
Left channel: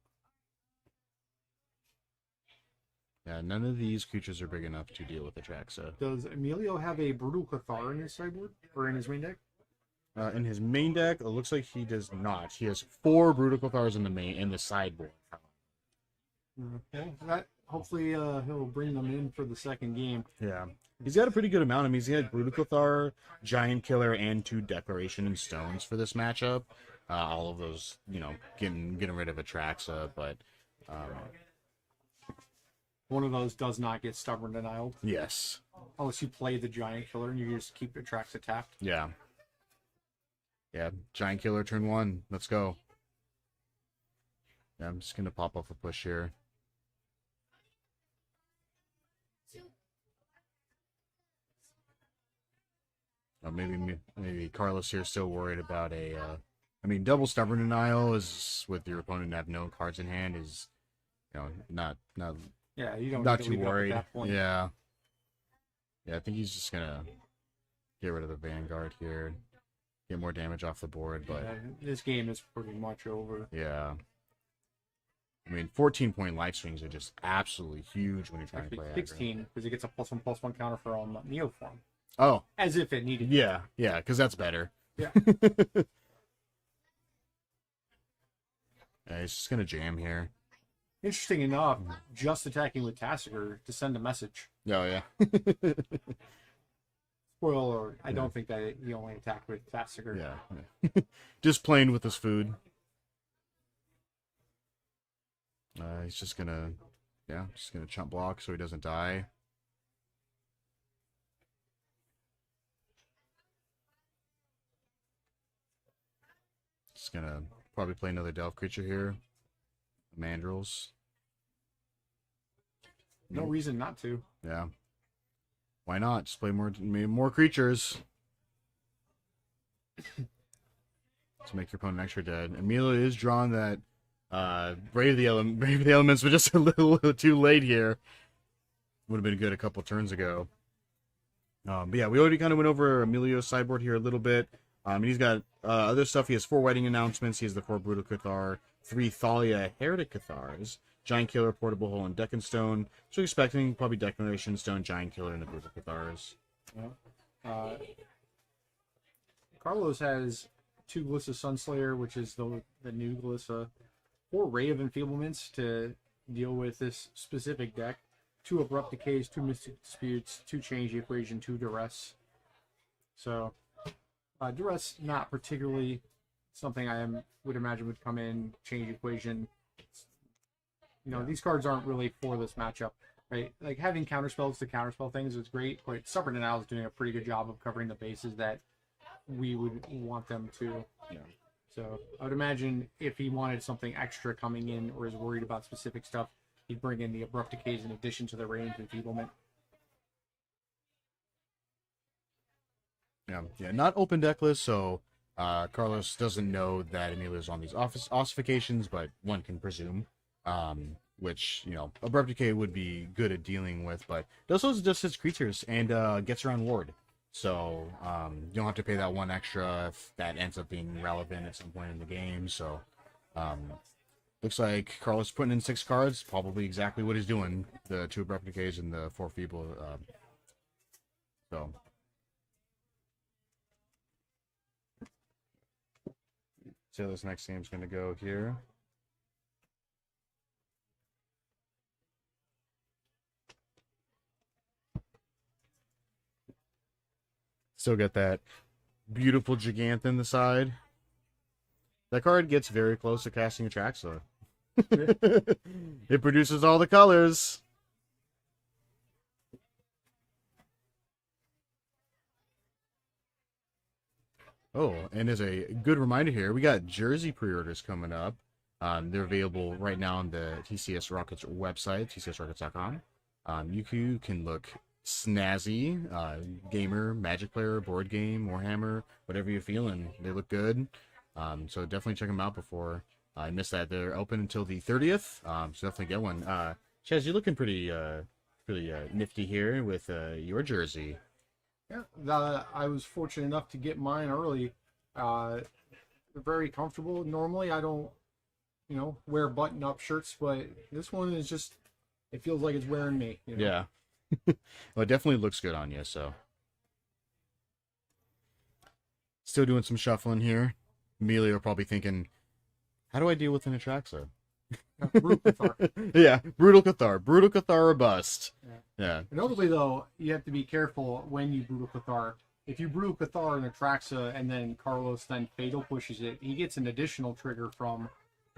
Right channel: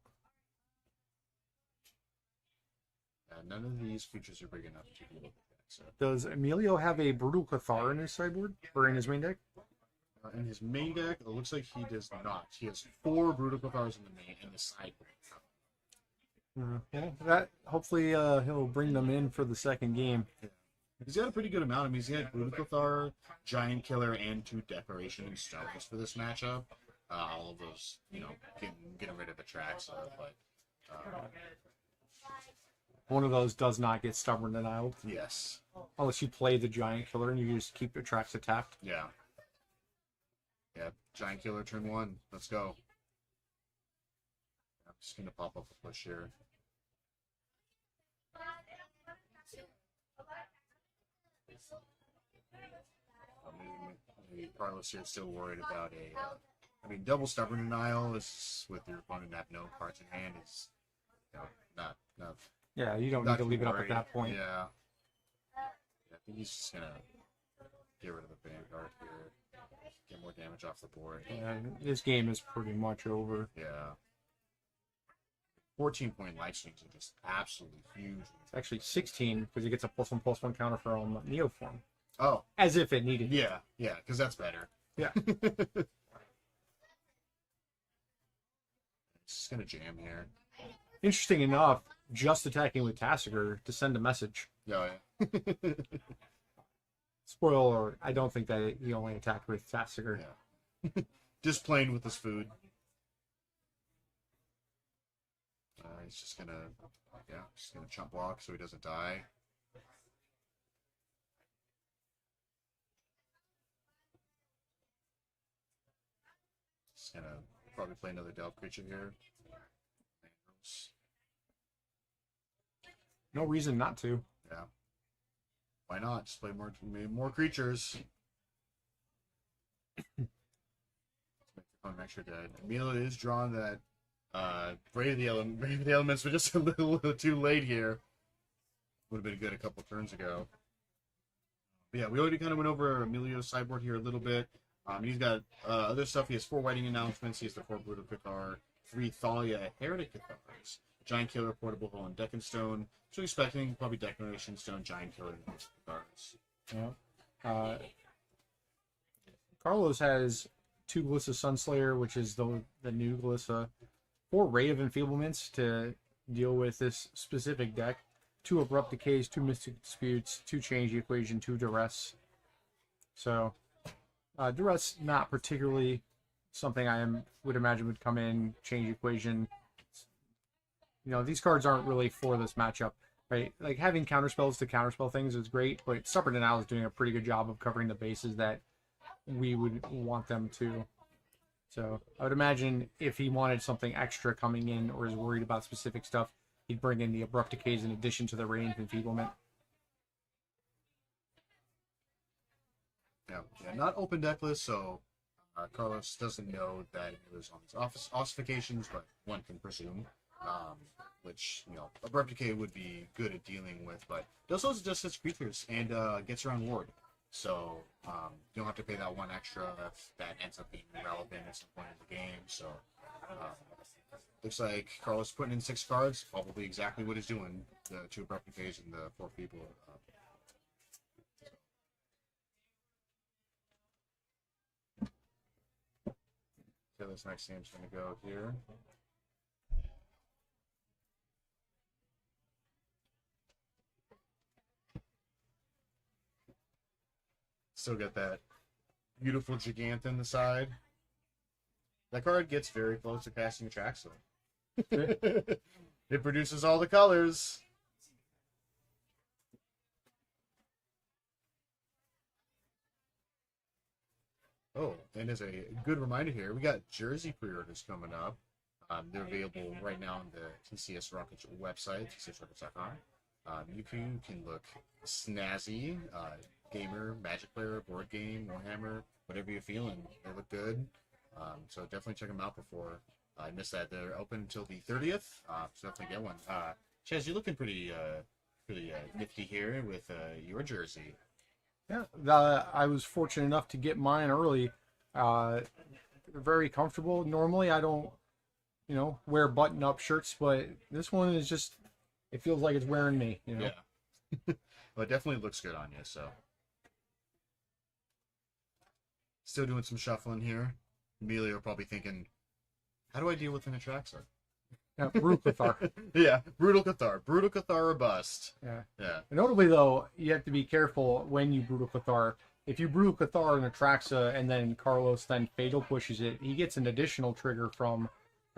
Yeah, none of these creatures are big enough to deal with Atraxa. Does Emilio have a Brutal Cathar in his sideboard? Or in his main deck? In his main deck, it looks like he does not. He has 4 Brutal Cathars in the sideboard. Yeah, that hopefully he'll bring them in for the second game. Yeah. He's got a pretty good amount. I mean, he's had Brutal Cathar, Giant Killer, and 2 Declaration and Stones for this matchup. All of those, getting rid of Atraxa, but one of those does not get Stubborn Denial. yes. Unless you play the Giant Killer and you just keep Atraxa tapped. Yeah. Yeah, Giant Killer turn 1. Let's go. Yeah, I'm just gonna pop off a push here. Maybe Carlos here is still worried about double Stubborn Denial is with your opponent have no cards in hand is, not Yeah, you don't not need to too leave it up at worried. that point. Yeah. Yeah, I think he's just gonna get rid of the Vanguard here. get more damage off the board. But this game is pretty much over. yeah. I mean, 14-point life swings are just absolutely huge when you're trying Actually, to play 16 because he gets a +1/+1 counter from Neoform. aggro. Oh, As if it needed. yeah, because that's better. Yeah. Yeah, he's just gonna jam here. Interesting enough, just attacking with Tassiger to send a message. Oh yeah. Spoiler alert, I don't think that he only attacked with Tassiger. Yeah. Just playing with his food. He's just gonna chump block so he doesn't die. Just gonna probably play another Delve creature here. Mandrills. No reason not to. Yeah. Why not? Just play more creatures. To make your opponent extra dead. Amelia is drawn that Brave the Elements, but just a little too late here. Would have been good a couple turns ago. But yeah, we already kind of went over Emilio's sideboard here a little bit. And he's got other stuff. He has 4 Wedding Announcements. He has the 4 Brutal Cathar, 3 Thalia Heretic Cathars, Giant Killer, Portable Hole, and Deckenstone. So expecting probably Declaration Stone, Giant Killer, and the Brutal Cathars. Yeah. Carlos has 2 Glissa Sunslayer, which is the new Glissa, 4 Ray of Enfeeblements to deal with this specific deck, 2 Abrupt Decays, 2 Mystic Disputes, 2 Change the Equation, 2 Duress. So, Duress not particularly something would imagine would come in, change the equation. You know, these cards aren't really for this matchup, right? Like, having counterspells to counterspell things is great, but Supper Denial is doing a pretty good job of covering the bases that we would want them to. Yeah. So I would imagine if he wanted something extra coming in or is worried about specific stuff, he'd bring in the Abrupt Decays in addition to the Radiant Enfeeblement. Yeah, not open deckless, so Carlos doesn't know that Emilio's on these ossifications, but one can presume. Which, you know, Abrupt Decay would be good at dealing with, but it also just hits creatures and gets around ward. So you don't have to pay that 1 extra if that ends up being relevant at some point in the game. So looks like Carlos putting in 6 cards, probably exactly what he's doing. The 2 Abrupt Decays and the 4 Feeble. So see how this next game's going to go here. Still got that beautiful Gigantha in the side. That card gets very close to casting Atraxa. It produces all the colors. Oh, and as a good reminder here, we got jersey pre-orders coming up. They're available right now on the TCS Rockets website, tcsrockets.com. You can look snazzy, gamer, Magic player, board game, Warhammer, whatever you're feeling. They look good. So definitely check them out before I miss that. They're open until the 30th. So definitely get one. Chaz, you're looking pretty nifty here with your jersey. Yeah, I was fortunate enough to get mine early. Very comfortable. Normally I don't, wear button-up shirts, but this one is just, it feels like it's wearing me. Yeah. Well, it definitely looks good on you, so. Still doing some shuffling here. Emilio probably thinking, how do I deal with an Atraxa? Yeah, Brutal Cathar. Yeah, Brutal Cathar. Brutal Cathar or bust. Yeah. Notably, though, you have to be careful when you Brutal Cathar. If you Brutal Cathar and Atraxa, and then Carlos then Fatal pushes it, he gets an additional trigger from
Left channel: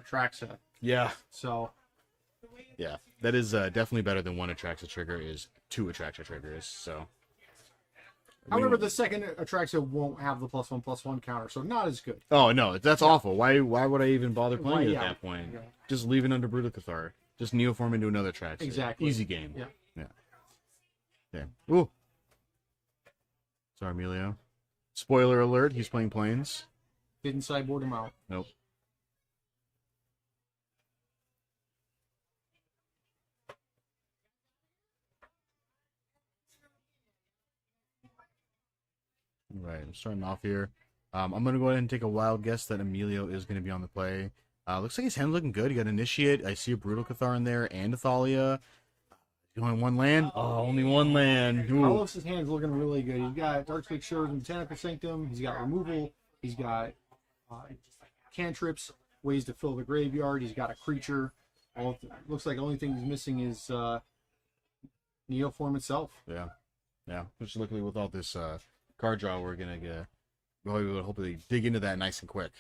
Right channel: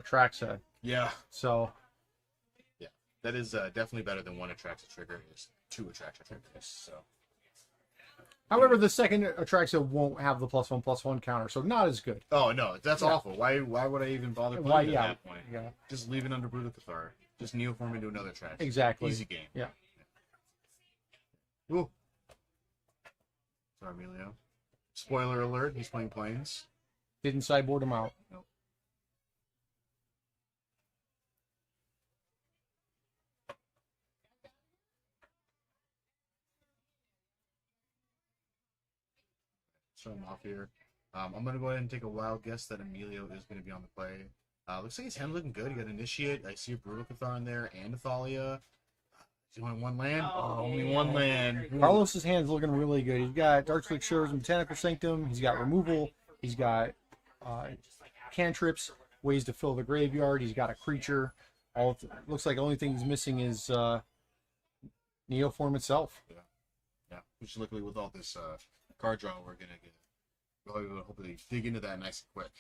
Atraxa. Yeah. So. Yeah, that is definitely better than 1 Atraxa trigger is 2 Atraxa triggers, so. However, the second Atraxa won't have the +1/+1 counter, so not as good. Oh, no, that's awful. Why would I even bother playing Yeah. at that point? Yeah. Just leave it under Brutal Cathar. Just Neoform into another Atraxa. Exactly. Easy game. Yeah. Ooh. Sorry, Emilio. Spoiler alert, he's playing Plains. Didn't sideboard him out. Nope. Right, I'm starting off here. I'm going to go ahead and take a wild guess that Emilio is going to be on the play. Looks like his hand's looking good. He got Initiate. I see a Brutal Cathar in there and a Thalia. He's only one land. Oh, only one land. Ooh. Carlos's hand's looking really good. He's got Darkslick Shores and Botanical Sanctum. He's got removal. He's got cantrips, ways to fill the graveyard. He's got a creature. Looks like the only thing he's missing is Neoform itself. Yeah. Which luckily with all this card draw, we're gonna hopefully dig into that nice and quick.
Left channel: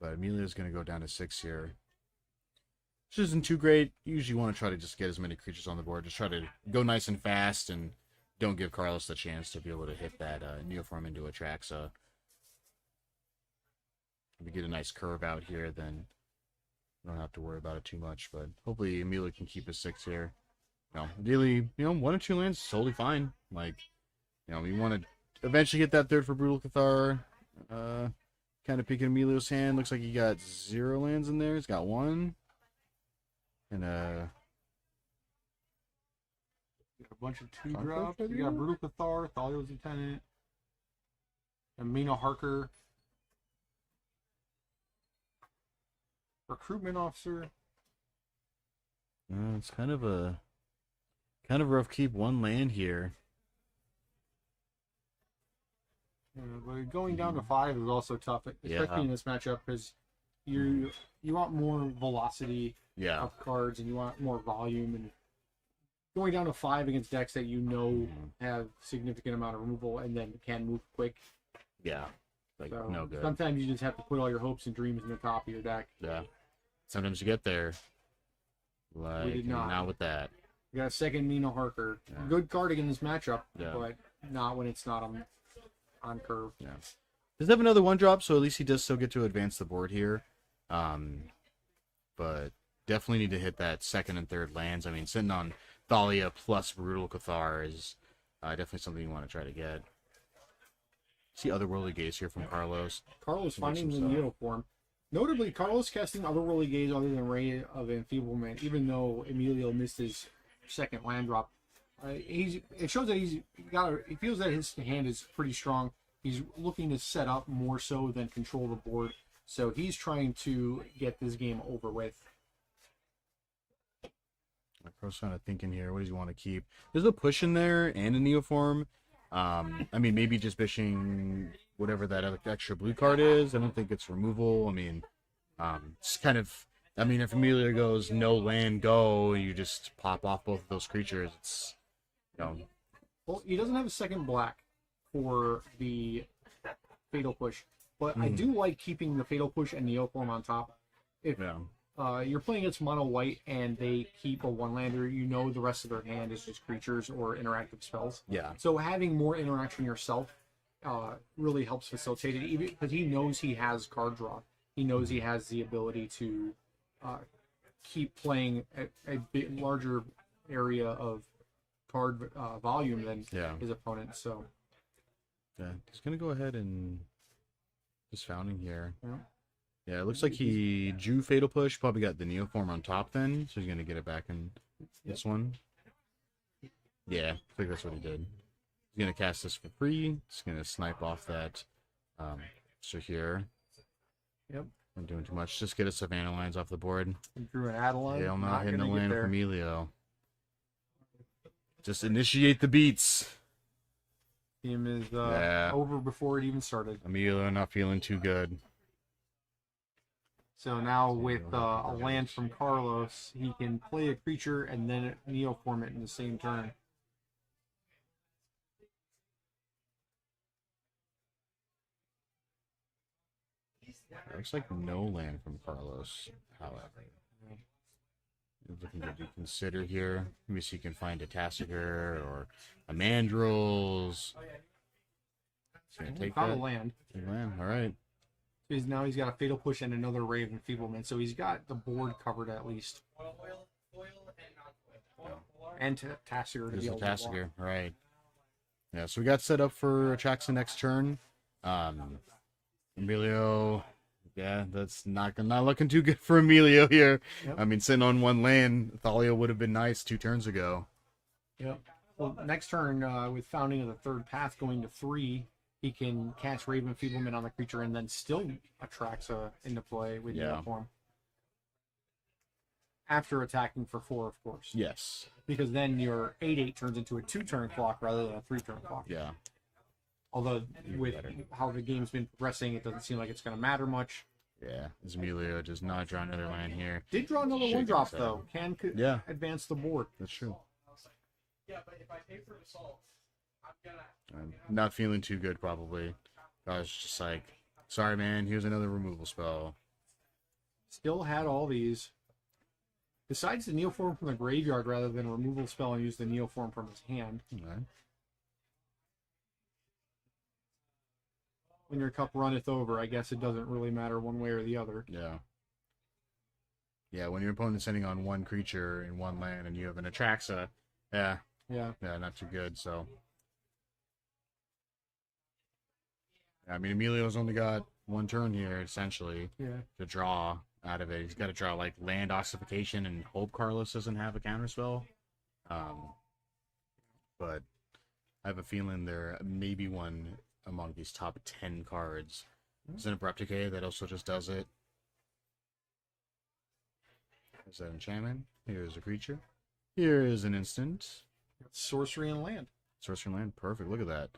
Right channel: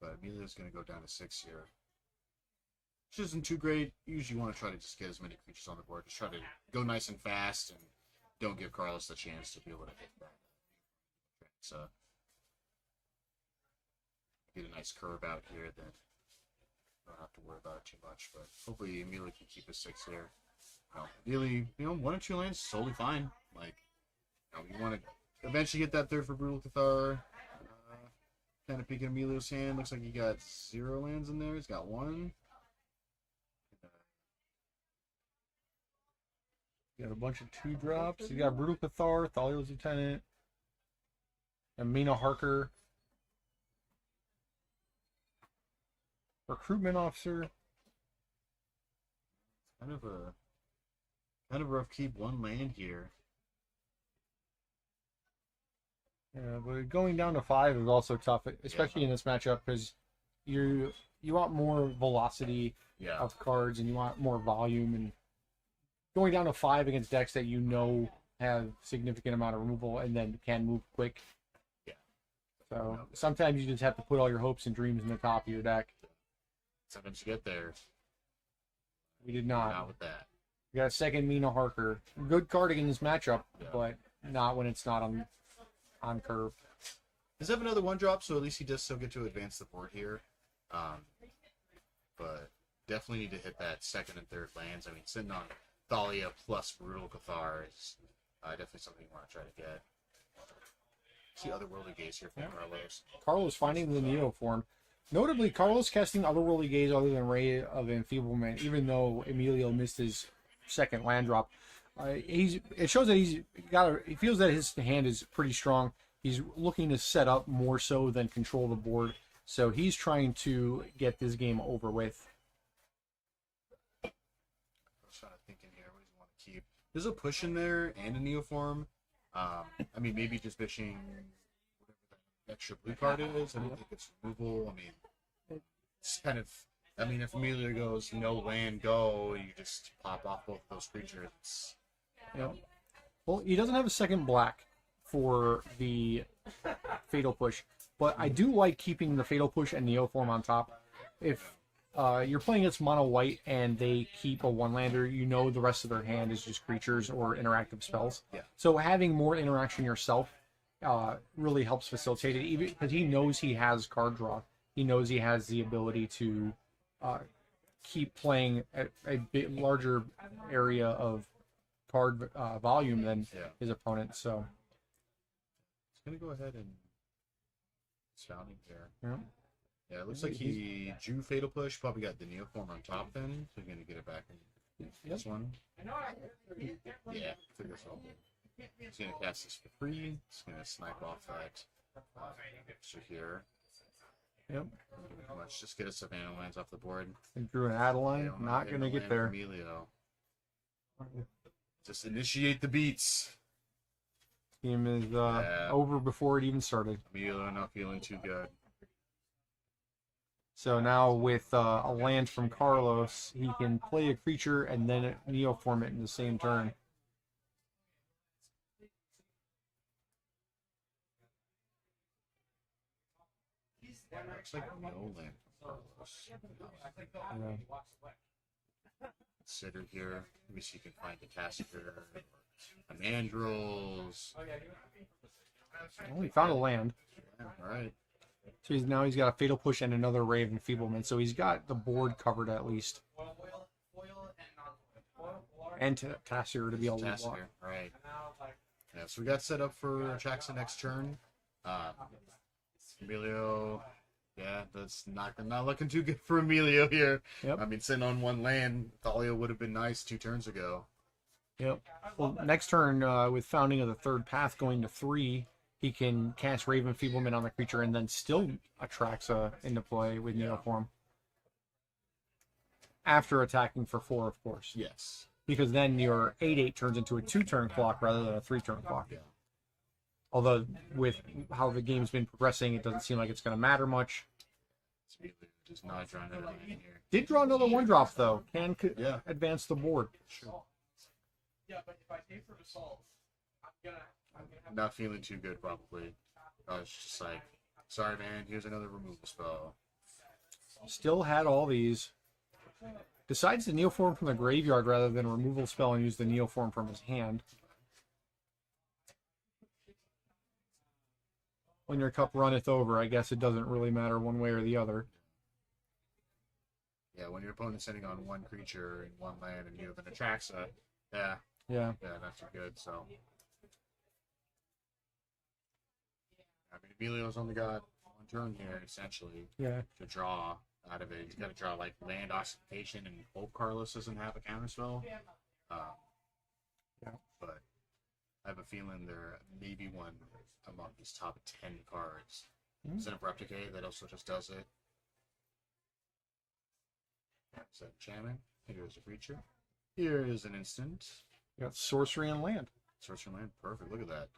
But Emilio's gonna go down to 6 here. Which isn't too great. You usually want to try to just get as many creatures on the board. Just try to go nice and fast and don't give Carlos the chance to be able to hit that Neoform into Atraxa. If we get a nice curve out here, then we don't have to worry about it too much. But hopefully Emilio can keep his 6 here. No, ideally, 1 or 2 lands is totally fine. Like, we want to eventually get that third for Brutal Cathar. Kind of peeking Emilio's hand. Looks like he got 0 lands in there. He's got 1. And got a bunch of 2-drops. You got Brutal Cathar, Thalia's Lieutenant, Amina Harker, Recruitment Officer. it's kind of rough. Keep 1 land here. Yeah, but going down to 5 is also tough, especially in this matchup, because you want more velocity of cards and you want more volume, and going down to 5 against decks that have significant amount of removal and then can move quick. Yeah. So no good. sometimes you just have to put all your hopes and dreams in the top of your deck. Yeah. Sometimes you get there. Like, we did not. Not with that. We got a second Mina Harker. Yeah. Good card against this matchup, Yeah. but not when it's not on curve. Yeah. Does have another 1-drop, so at least he does still get to advance the board here. But definitely need to hit that 2nd and 3rd lands. I mean, sitting on Thalia plus Brutal Cathar is definitely something you want to try to get. See Otherworldly Gaze here from Carlos. Carlos finding the Neoform. Notably, Carlos casting Otherworldly Gaze other than Ray of Enfeeblement, even though Emilio missed his 2nd land drop. It shows that he feels that his hand is pretty strong. He's looking to set up more so than control the board. So he's trying to get this game over with. I was kind of thinking here, what does he want to keep? There's a push in there and a Neoform. I mean, maybe just bishing whatever that extra blue card is. I don't think it's removal. I mean, it's kind of... I mean, if Emilio goes no land, go, you just pop off both of those creatures. It's... Well, he doesn't have a 2nd black for the Fatal Push, but I do like keeping the Fatal Push and Neoform on top. If you're playing against mono white and they keep a 1-lander, the rest of their hand is just creatures or interactive spells. Yeah. So having more interaction yourself really helps facilitate it, even because he knows he has card draw. He knows he has the ability to keep playing at a bit larger area of card volume than his opponent. So he's gonna go ahead and just founding here. Yeah. Yeah, it looks like he drew Fatal Push, probably got the Neoform on top then, so he's gonna get it back in this one. Yeah, I think that's what he did. He's gonna cast this for free. He's gonna snipe off that so here. Yep. Not doing too much. Just get a Savannah lines off the board. And drew an Adeline. Yeah, I'm not hitting going a to get land there. from Emilio. Just initiate the beats. Game is over before it even started. Emilio not feeling too good. So now with a land from Carlos, he can play a creature and then Neoform it in the same turn. Looks like no land from Carlos. Looking to consider here. Maybe see if you can find a Tassiger or a Mandrills. He found a land. All right. So he's got a Fatal Push and another Ray of Enfeeblement. So he's got the board covered at least. And Tassiger to be able to block. Tassiger, right. Yeah, so we got set up for Atraxa next turn. Emilio, yeah, that's not looking too good for Emilio here. Yep. I mean, sitting on 1 land, Thalia would have been nice 2 turns ago. Yep. Well, next turn, with Founding of the Third Path going to 3, he can cast Raven Enfeeblement on the creature and then still attracts into play with Yeah. Neoform. After attacking for 4, of course. Yes. Because then your 8/8 turns into a 2-turn clock rather than a 3-turn clock. Yeah. Although, with how the game's been progressing, it doesn't seem like it's going to matter much. Yeah. Emilio does not draw another land here. Did draw another Shit, 1-drop, so- though. Can Yeah. advance the board. That's true. Yeah, but if I pay for the salt, I'm gonna. I'm not feeling too good, probably. I was just like, sorry, man, here's another removal spell. Still had all these. Decides to Neoform from the graveyard rather than a removal spell and use the Neoform from his hand. Okay. When your cup runneth over, I guess it doesn't really matter one way or the other. Yeah. Yeah, when your opponent's sending on one creature in one land and you have an Atraxa, yeah, Yeah. not too good, so. I mean, Emilio's only got one turn here, essentially, Yeah. to draw out of it. He's got to draw, like, land ossification and hope Carlos doesn't have a counterspell. But I have a feeling there may be one among these top 10 cards. There's an Abrupt Decay that also just does it. Is that enchantment? Here's a creature. Here is an instant. Got sorcery and land. Sorcery land, perfect. Look at that.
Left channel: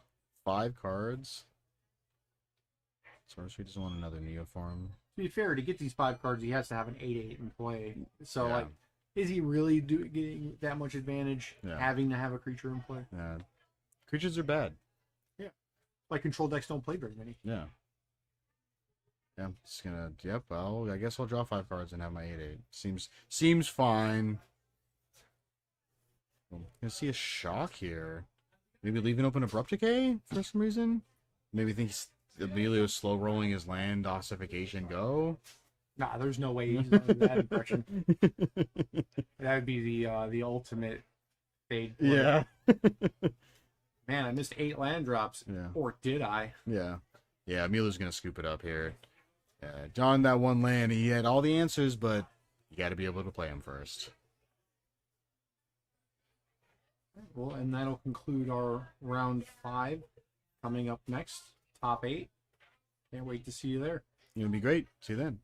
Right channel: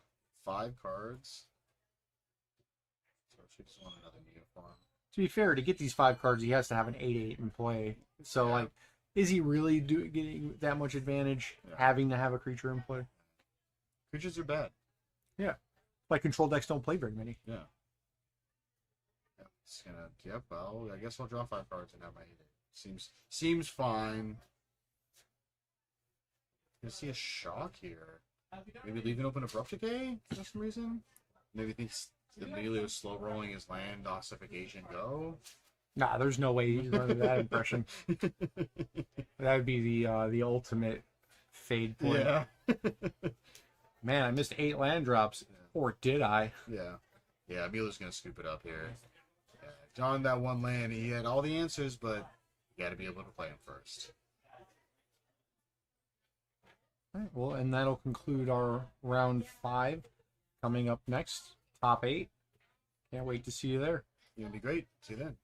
5 cards. Sorcery doesn't want another Neoform. To be fair, to get these 5 cards, he has to have an 8/8 in play. So, Yeah. like, is he really getting that much advantage Yeah. having to have a creature in play? Yeah. Creatures are bad. Like, control decks don't play very many. Yeah. Yeah, I'm just gonna. Yep. I guess I'll draw 5 cards and have my 8/8. Seems fine. I'm gonna see a shock here. Maybe leaving open Abrupt Decay for some reason. Maybe thinks Emilio's slow rolling his land ossification go. Nah, there's no way he's running that impression. That would be the ultimate fade play. Yeah. Man, I missed 8 land drops. Yeah. Or did I? Yeah. Yeah, Emilio's gonna scoop it up here. John, that one land, he had all the answers, but you got to be able to play him first. All right, well, and that'll conclude our round 5. Coming up next, top 8. Can't wait to see you there. It's gonna be great. See you then.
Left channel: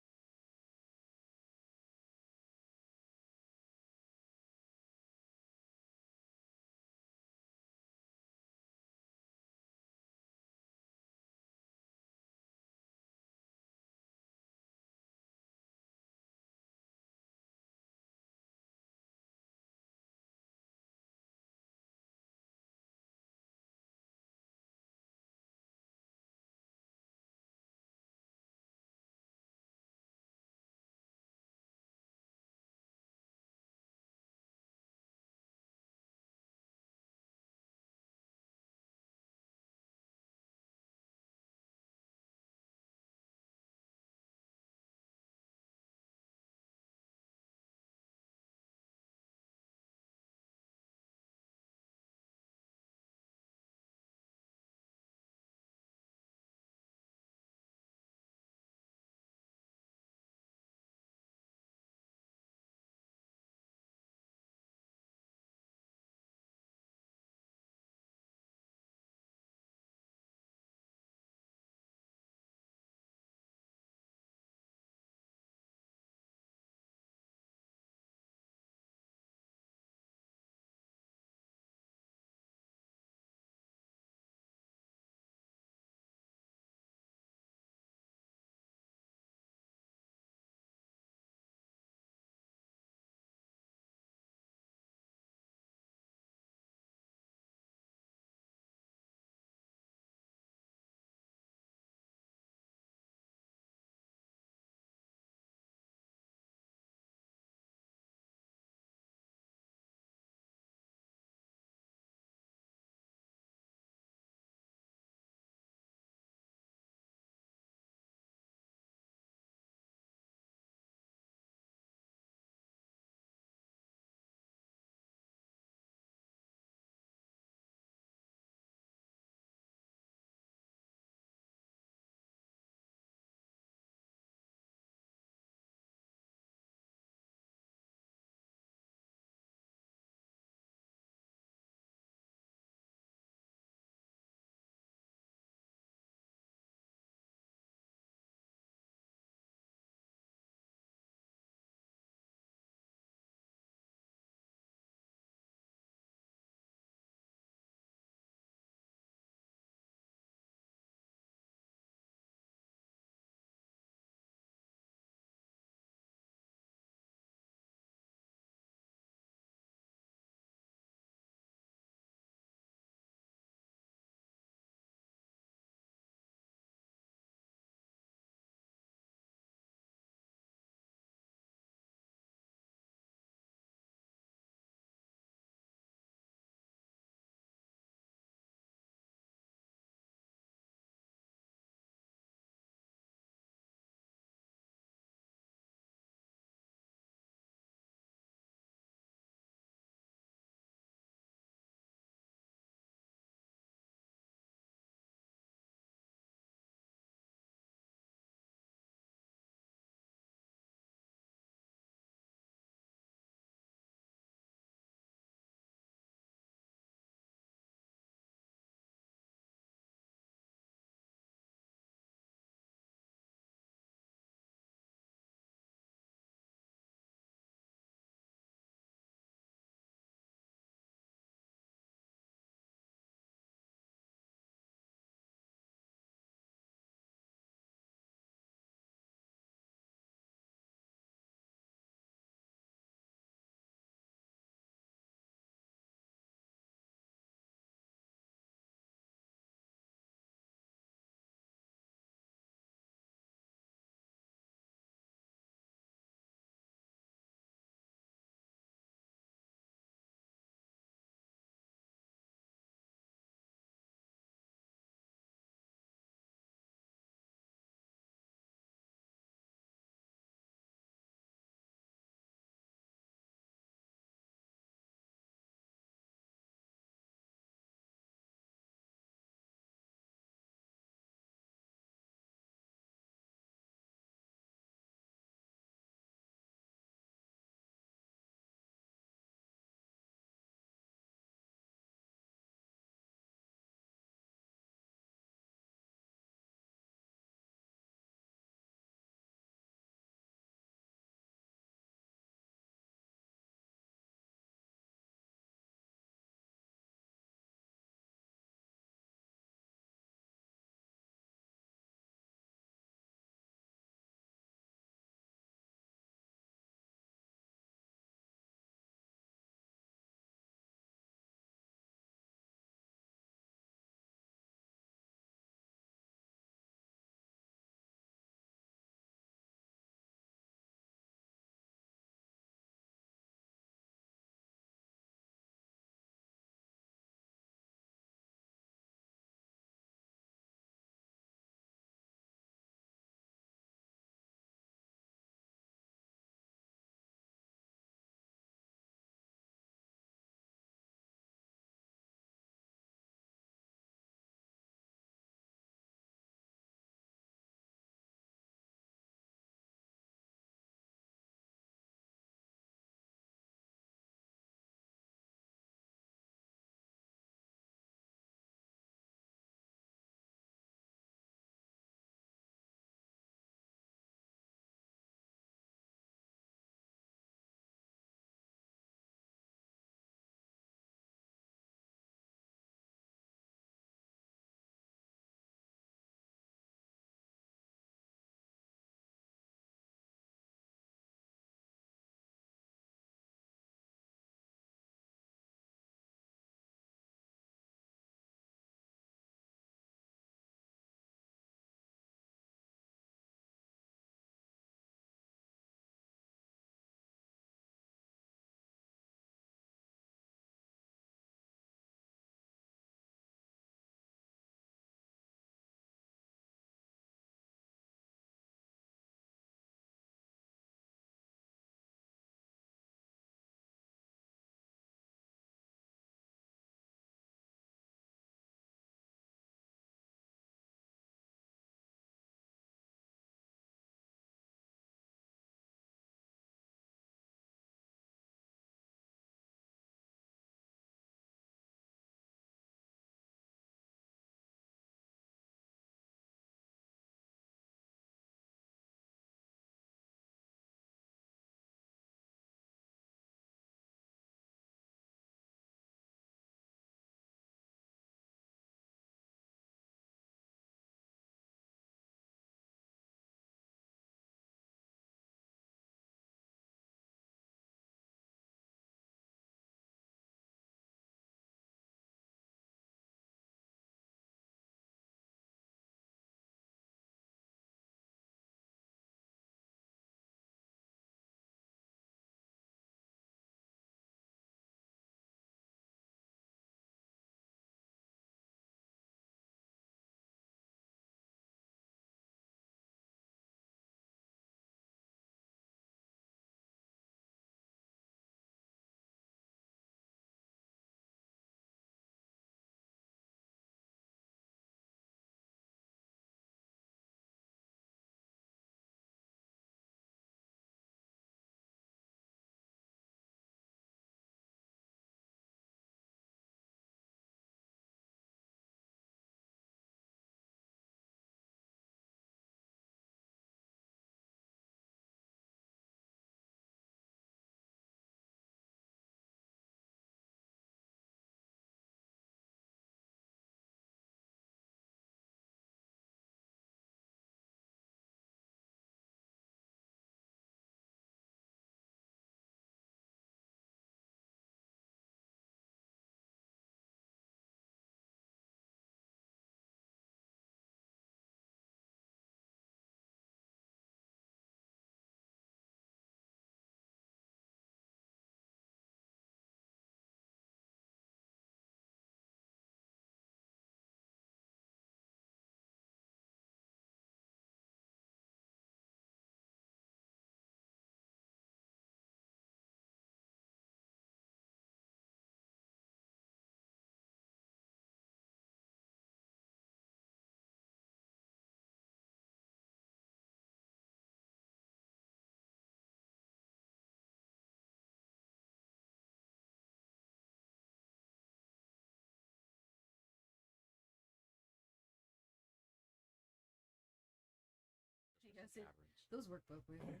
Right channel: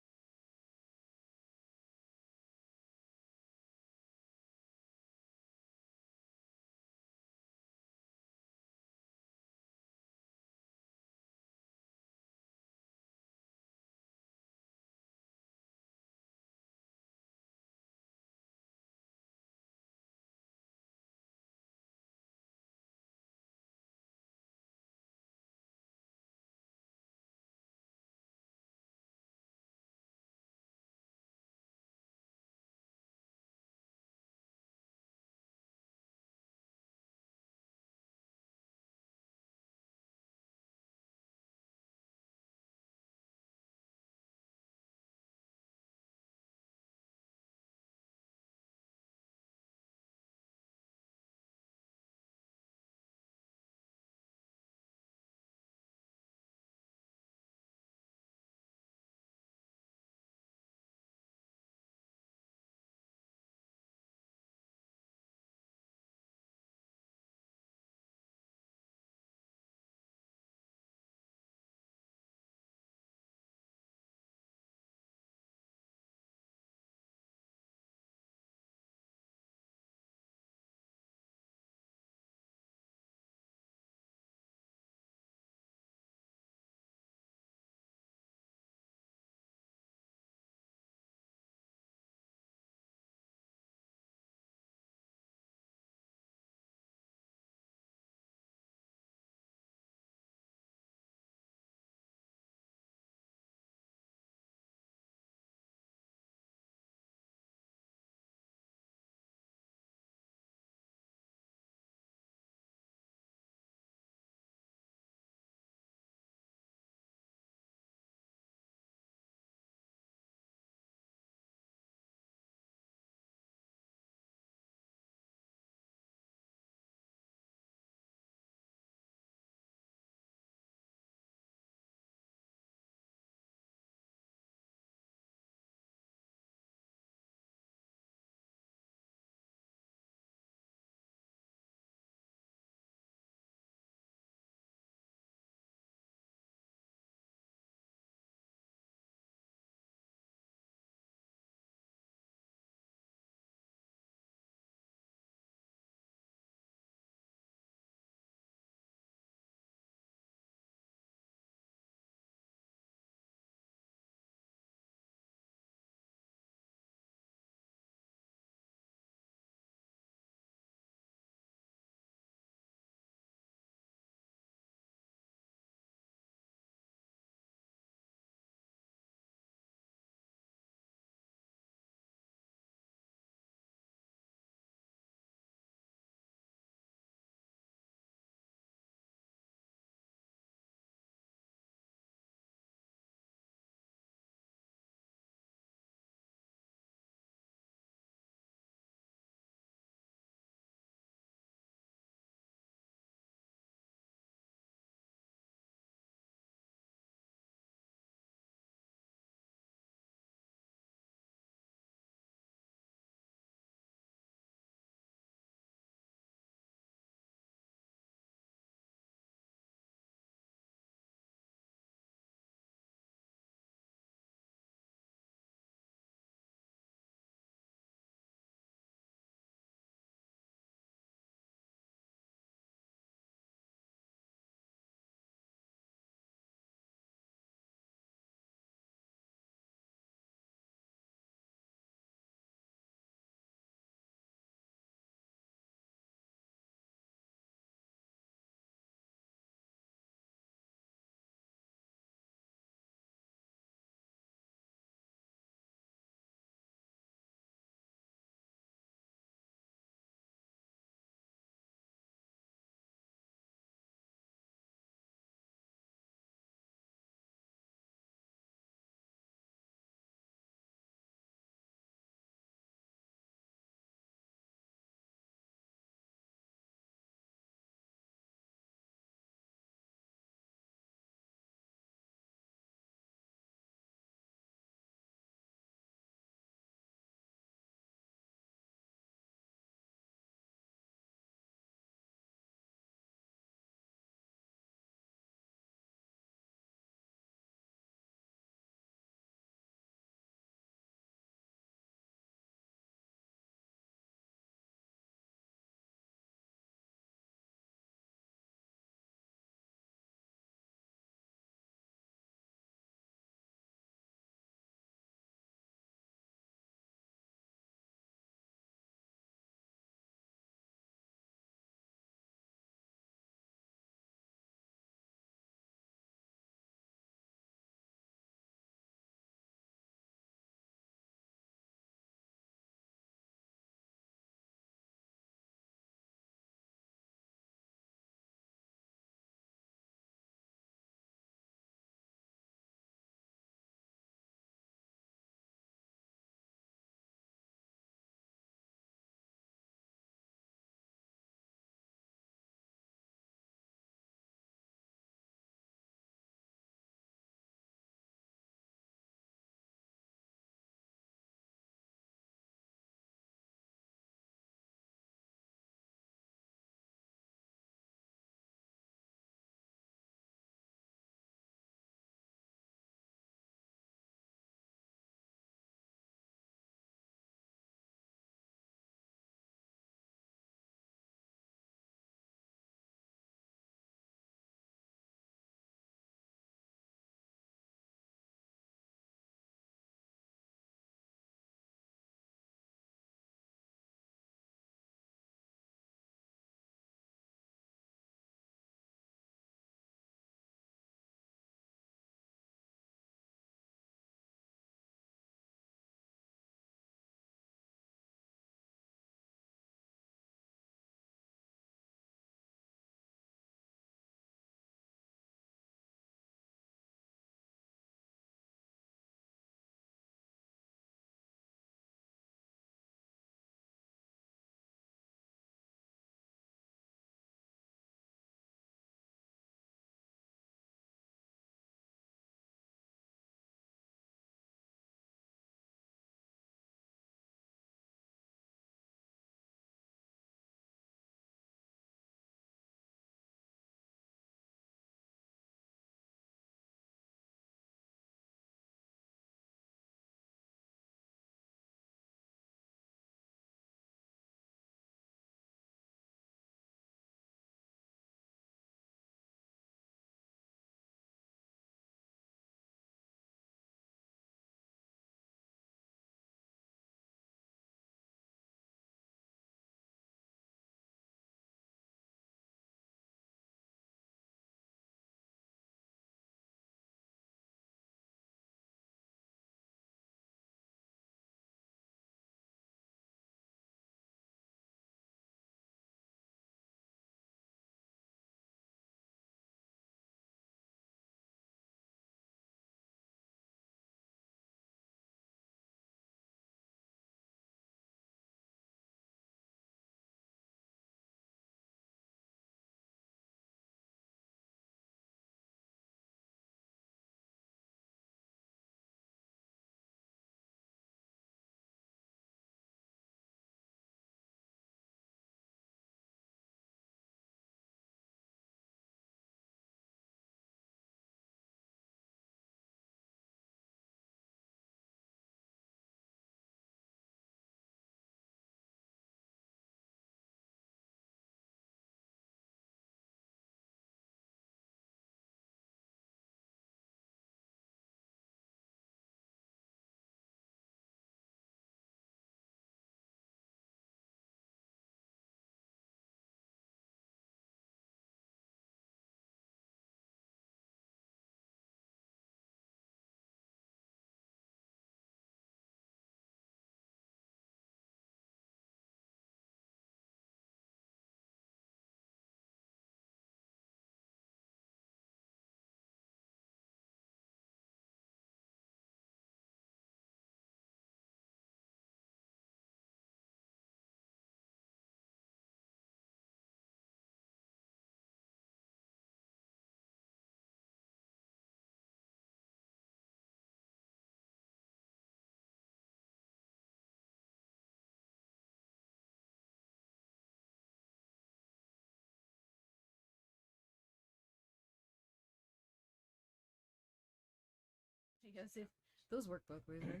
guess those work both ways, right?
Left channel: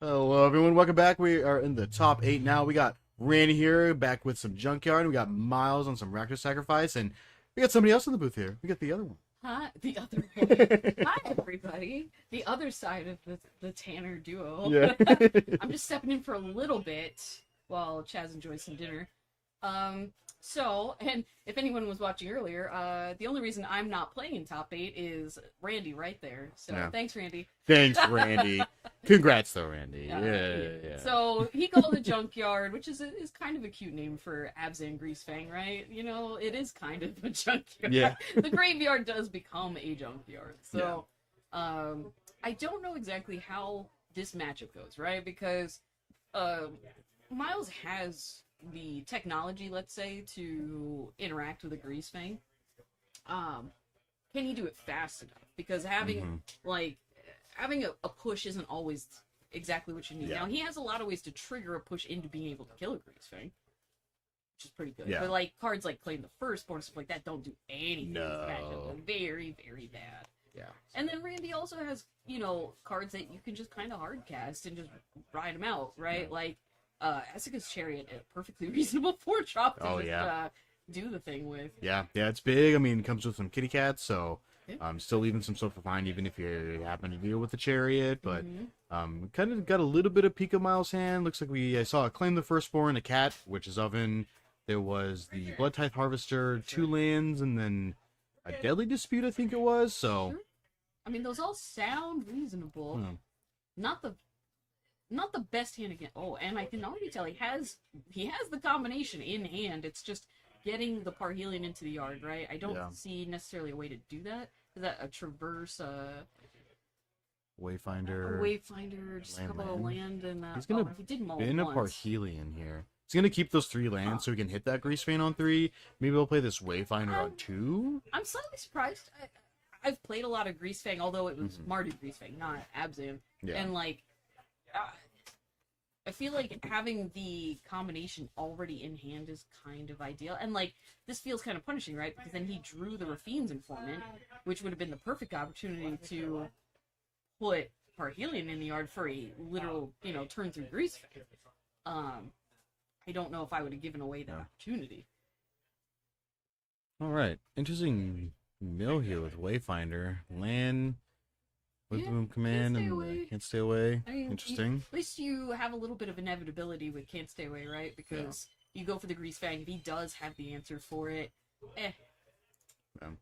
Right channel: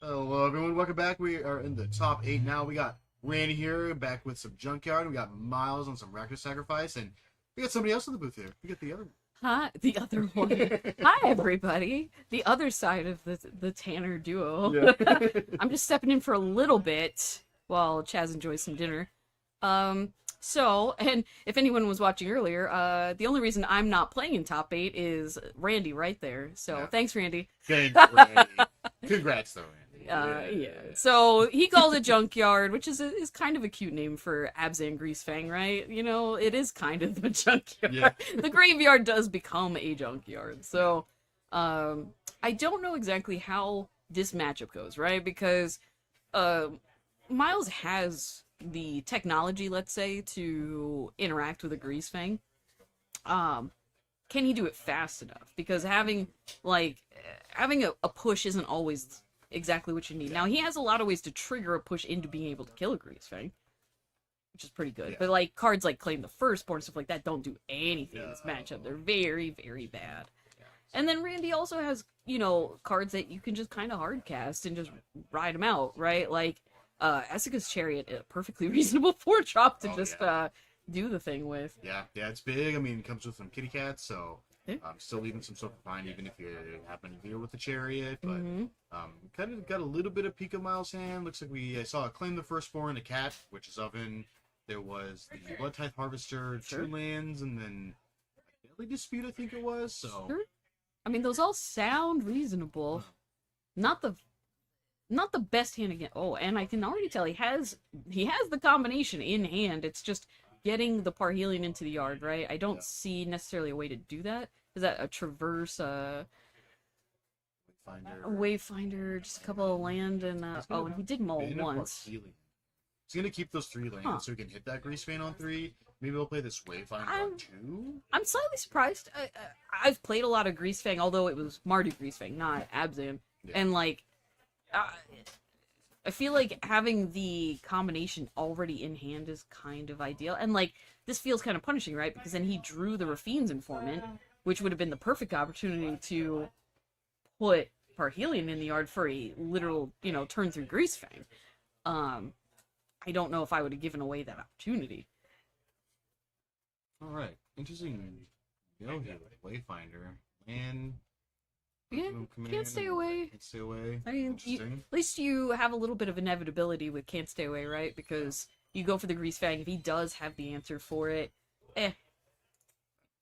Hello, everyone. Welcome back. We are in the top 8 now. We got Randy here, back with some Junkyard. We got Miles on some Raptor Sacrifice, and we got somebody else in the booth here. We got the other one. Hi, the other one. Hi, everybody. The other side of the Tanner duo. Yeah. I'm just stepping in for a little bit while Chaz enjoys some dinner. So, and if anyone was watching earlier, the only reason I'm not playing in top 8 is Randy right there. So, Yeah. Thanks, Randy. Thanks, Randy. Congrats, though, Randy. Yeah. So he calls it Junkyard, which is kind of a cute name for Abzan Greasefang, right? You know, it is kind of a junkyard. Yeah. The graveyard does become a junkyard. So, I don't know exactly how this matchup goes, right? Because Miles has the technology, let's say, to interact with a Greasefang. Can he do it fast enough? Because having a push isn't always exactly what you need. Yeah. Now, he has a lot of ways to trigger a push into being able to kill a Greasefang, which is pretty good. Yeah. But like cards like Claim the Firstborn, stuff like that, don't do anything in this No. matchup. They're very, very bad. Yeah. And then Randy also has, cards that you can just kind of hard cast and just ride them out, right? Like Essica's Chariot, a perfectly reasonable 4-drop to do the thing with. Yeah, it's big. I mean, it comes with some kitty cats, so Yeah. still leaving some stuff behind, even if you happen to deal with the Chariot. But Mhm. kind of got a little bit of Pika Miles' hand. Looks like I saw a Claim the Firstborn, a cat, Witch's Oven. There was the Blood Tithe Harvester, Sure. 2 lands, and then a Deadly Dispute, I think it was. So Sure. I mean, those all sound reasonable. Hmm. Not the best hand again. Oh, and I can already tell he has the combination in hand. It's just getting the Parhelion into the yard, right? I don't Yeah. see necessarily a way to do that. Is that a Traverse, Wayfinder. Wayfinder, just a Land, couple of land. land, and He's gonna he did mull in a once. Parhelion here. He's gonna keep those 3 lands Huh. so he can hit that Greasefang on 3. Maybe he'll play this Wayfinder on 2. I'm slightly surprised. I've played a lot of Greasefang, although it was Mardu Greasefang, not Abzan. Yeah. And like, I feel like having the combination already in hand is kind of ideal. And like, this feels kind of punishing, right? Because then he drew the Rafine's Informant, which would have been the perfect opportunity to put Parhelion in the yard for a literal, turn through Greasefang. I don't know if I would have given away that opportunity. All right, interesting mill here with Wayfinder. Land, Wisdom Command, stay and away. Can't stay away. I mean, Interesting. at least you have a little bit of inevitability with Can't Stay Away, right? Because you go for the Greasefang. If he does have the answer for it,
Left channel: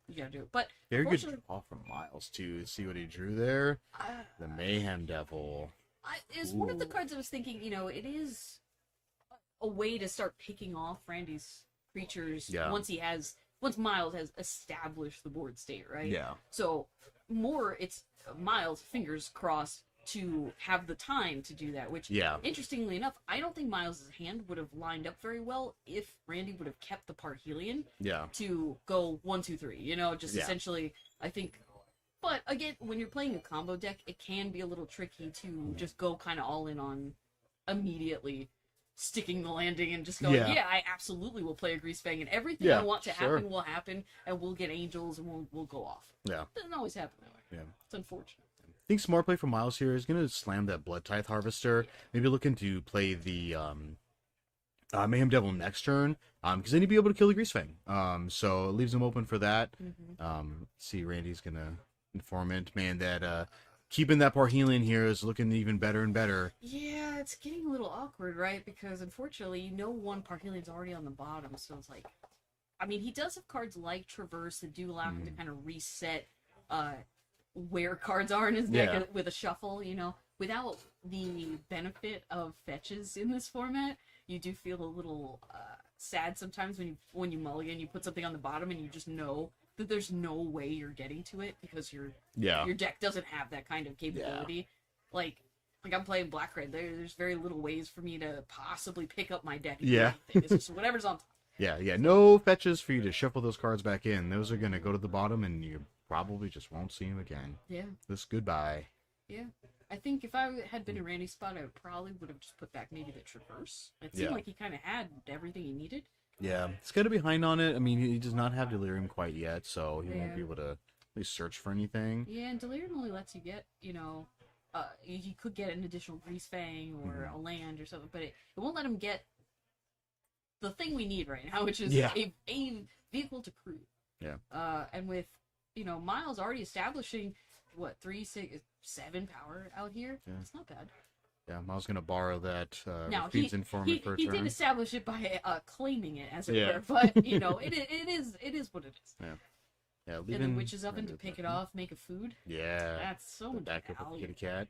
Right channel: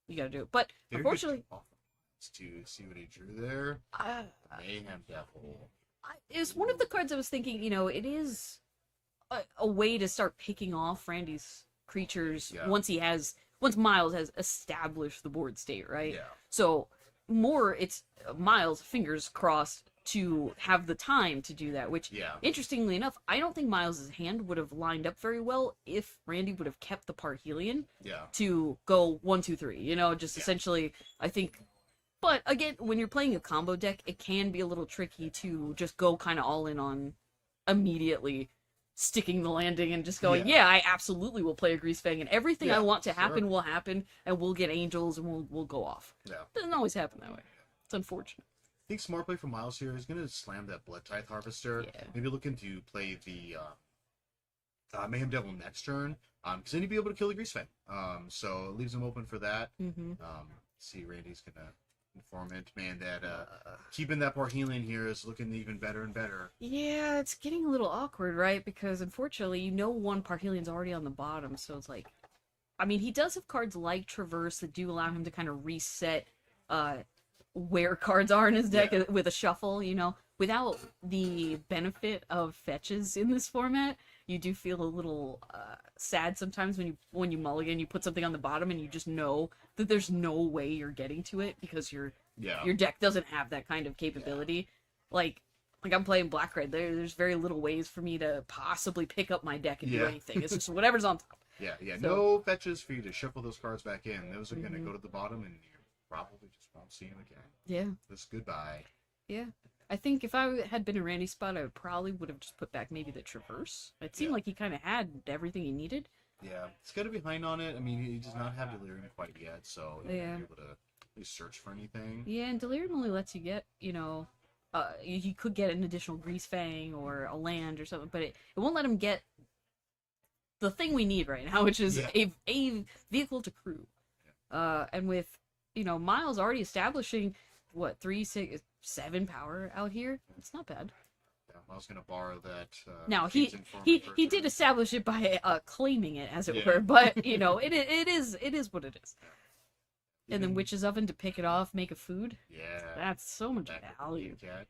you gotta do it. But Very good unfortunately, draw from Miles too. See what he drew there. The Mayhem Devil. it's one of the cards I was thinking. It is a way to start picking off Randy's creatures Yeah. once Miles has established the board state, right? Yeah. So it's Miles, fingers crossed, to have the time to do that, which, Yeah. interestingly enough, I don't think Miles' hand would have lined up very well if Randy would have kept the Parhelion Yeah. to go 1, 2, 3, just Yeah. essentially, I think. But again, when you're playing a combo deck, it can be a little tricky to just go kind of all in on immediately sticking the landing and just going, Yeah. I absolutely will play a Greasefang, and everything Yeah, I want to sure. happen will happen, and we'll get angels, and we'll go off. Yeah. Doesn't always happen that way. Yeah. It's unfortunate. I think smart play from Miles here is going to slam that Blood Tithe Harvester. Yeah. Maybe looking to play the Mayhem Devil next turn, because then he'd be able to kill the Greasefang. So it leaves him open for that. See, Randy's going to Informant. Man, that keeping that Parhelion here is looking even better and better. Yeah, it's getting a little awkward, right? Because unfortunately, one Parhelion's already on the bottom, so it's like, I mean, he does have cards like Traverse that do allow him to kind of reset where cards are in his deck Yeah. with a shuffle, Without the benefit of fetches in this format, you do feel a little sad sometimes when you mulligan, you put something on the bottom and you just know that there's no way you're getting to it because your deck doesn't have that kind of capability. Like I'm playing black red. There's very little ways for me to possibly pick up my deck and do anything. It's just whatever's on top. Yeah. No fetches for you to shuffle those cards back in. Those are going to go to the bottom, and you probably just won't see them again. Yeah. This goodbye. Yeah. I think if I had been in Randy's spot, I probably would have just put back maybe the Traverse. It seemed like he kind of had everything he needed. Yeah, it's got to be behind on it. I mean, he does not have Delirium quite yet, so he won't Yeah. be able to at least search for anything. Yeah, and Delirium only lets you get, you could get an additional Grease Fang or a land or something, but it won't let him get the thing we need right now, which is Yeah. a vehicle to crew. Yeah. And with, Miles already establishing, what, 3, 6, 7 power out here? Yeah. It's not bad. Yeah, Miles gonna borrow that. Now, Feeds Informant he for a did turn. establish it by claiming it, as it Yeah. were, but, it is what it is. Yeah, And then leaving- Witch's Oven to pick it off, make a food. Yeah. That's so much Back with the value. kitty cat.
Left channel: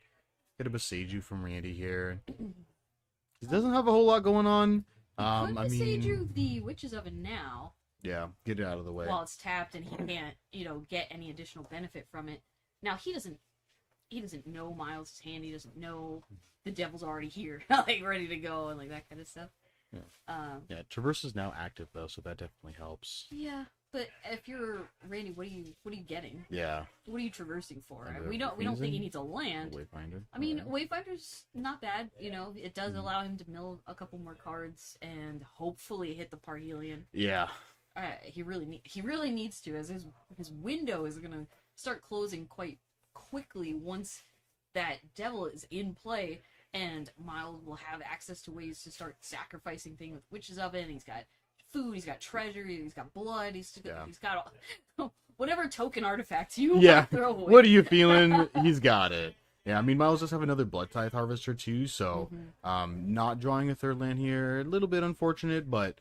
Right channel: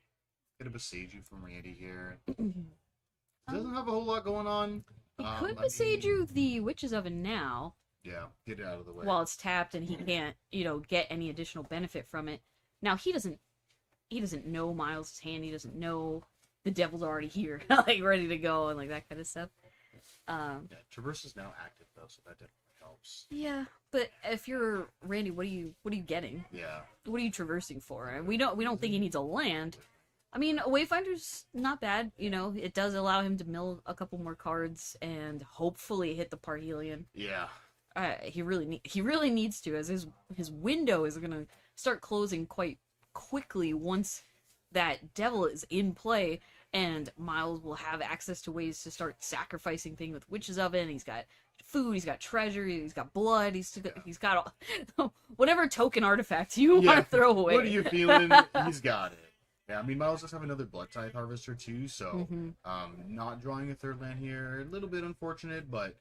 Get a Besiju from Randy here. Mm-hmm. He doesn't have a whole lot going on. Could Besage you the Witch's Oven now, Yeah, get it out of the way. while it's tapped and he can't, get any additional benefit from it. Now he doesn't know Miles' hand. He doesn't know the devil's already here, like ready to go and like that kind of stuff. Yeah, Traverse is now active though, so that definitely helps. Yeah, but if you're Randy, what are you getting? Yeah. What are you traversing for? Kind of We don't think he confusing. needs a land. Wayfinder. I mean, a Wayfinder's not bad. It does allow him to mill a couple more cards and hopefully hit the Parhelion. Yeah. He really needs to, as his window is gonna start closing quite quickly once that devil is in play, and Miles will have access to ways to start sacrificing things with Witch's Oven. He's got food, he's got treasure, he's got blood, he's got all, whatever token artifact you want to throw away. What are you feeling? He's got it. Yeah, I mean, Miles does have another Blood Tithe Harvester too, so not drawing a third land here, a little bit unfortunate, but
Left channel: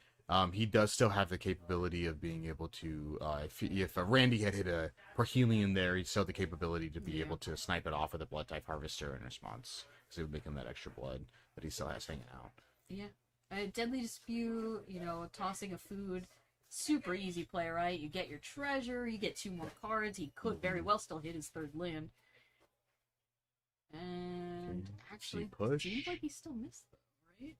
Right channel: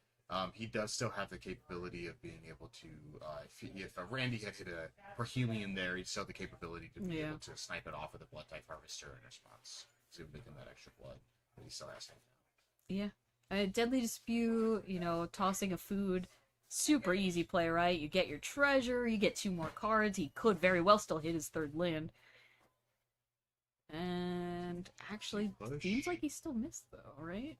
he does still have the capability of being able to, if Randy had hit a Parhelion there, he'd still have the capability to be able to snipe it off with a Blood Type Harvester in response. So it would make him that extra blood that he still has hanging out. Yeah. Deadly Dispute, tossing a food, super easy play, right? You get your treasure, you get 2 more cards, he could very well still hit his third land. And actually, push. seems like he still missed though, right?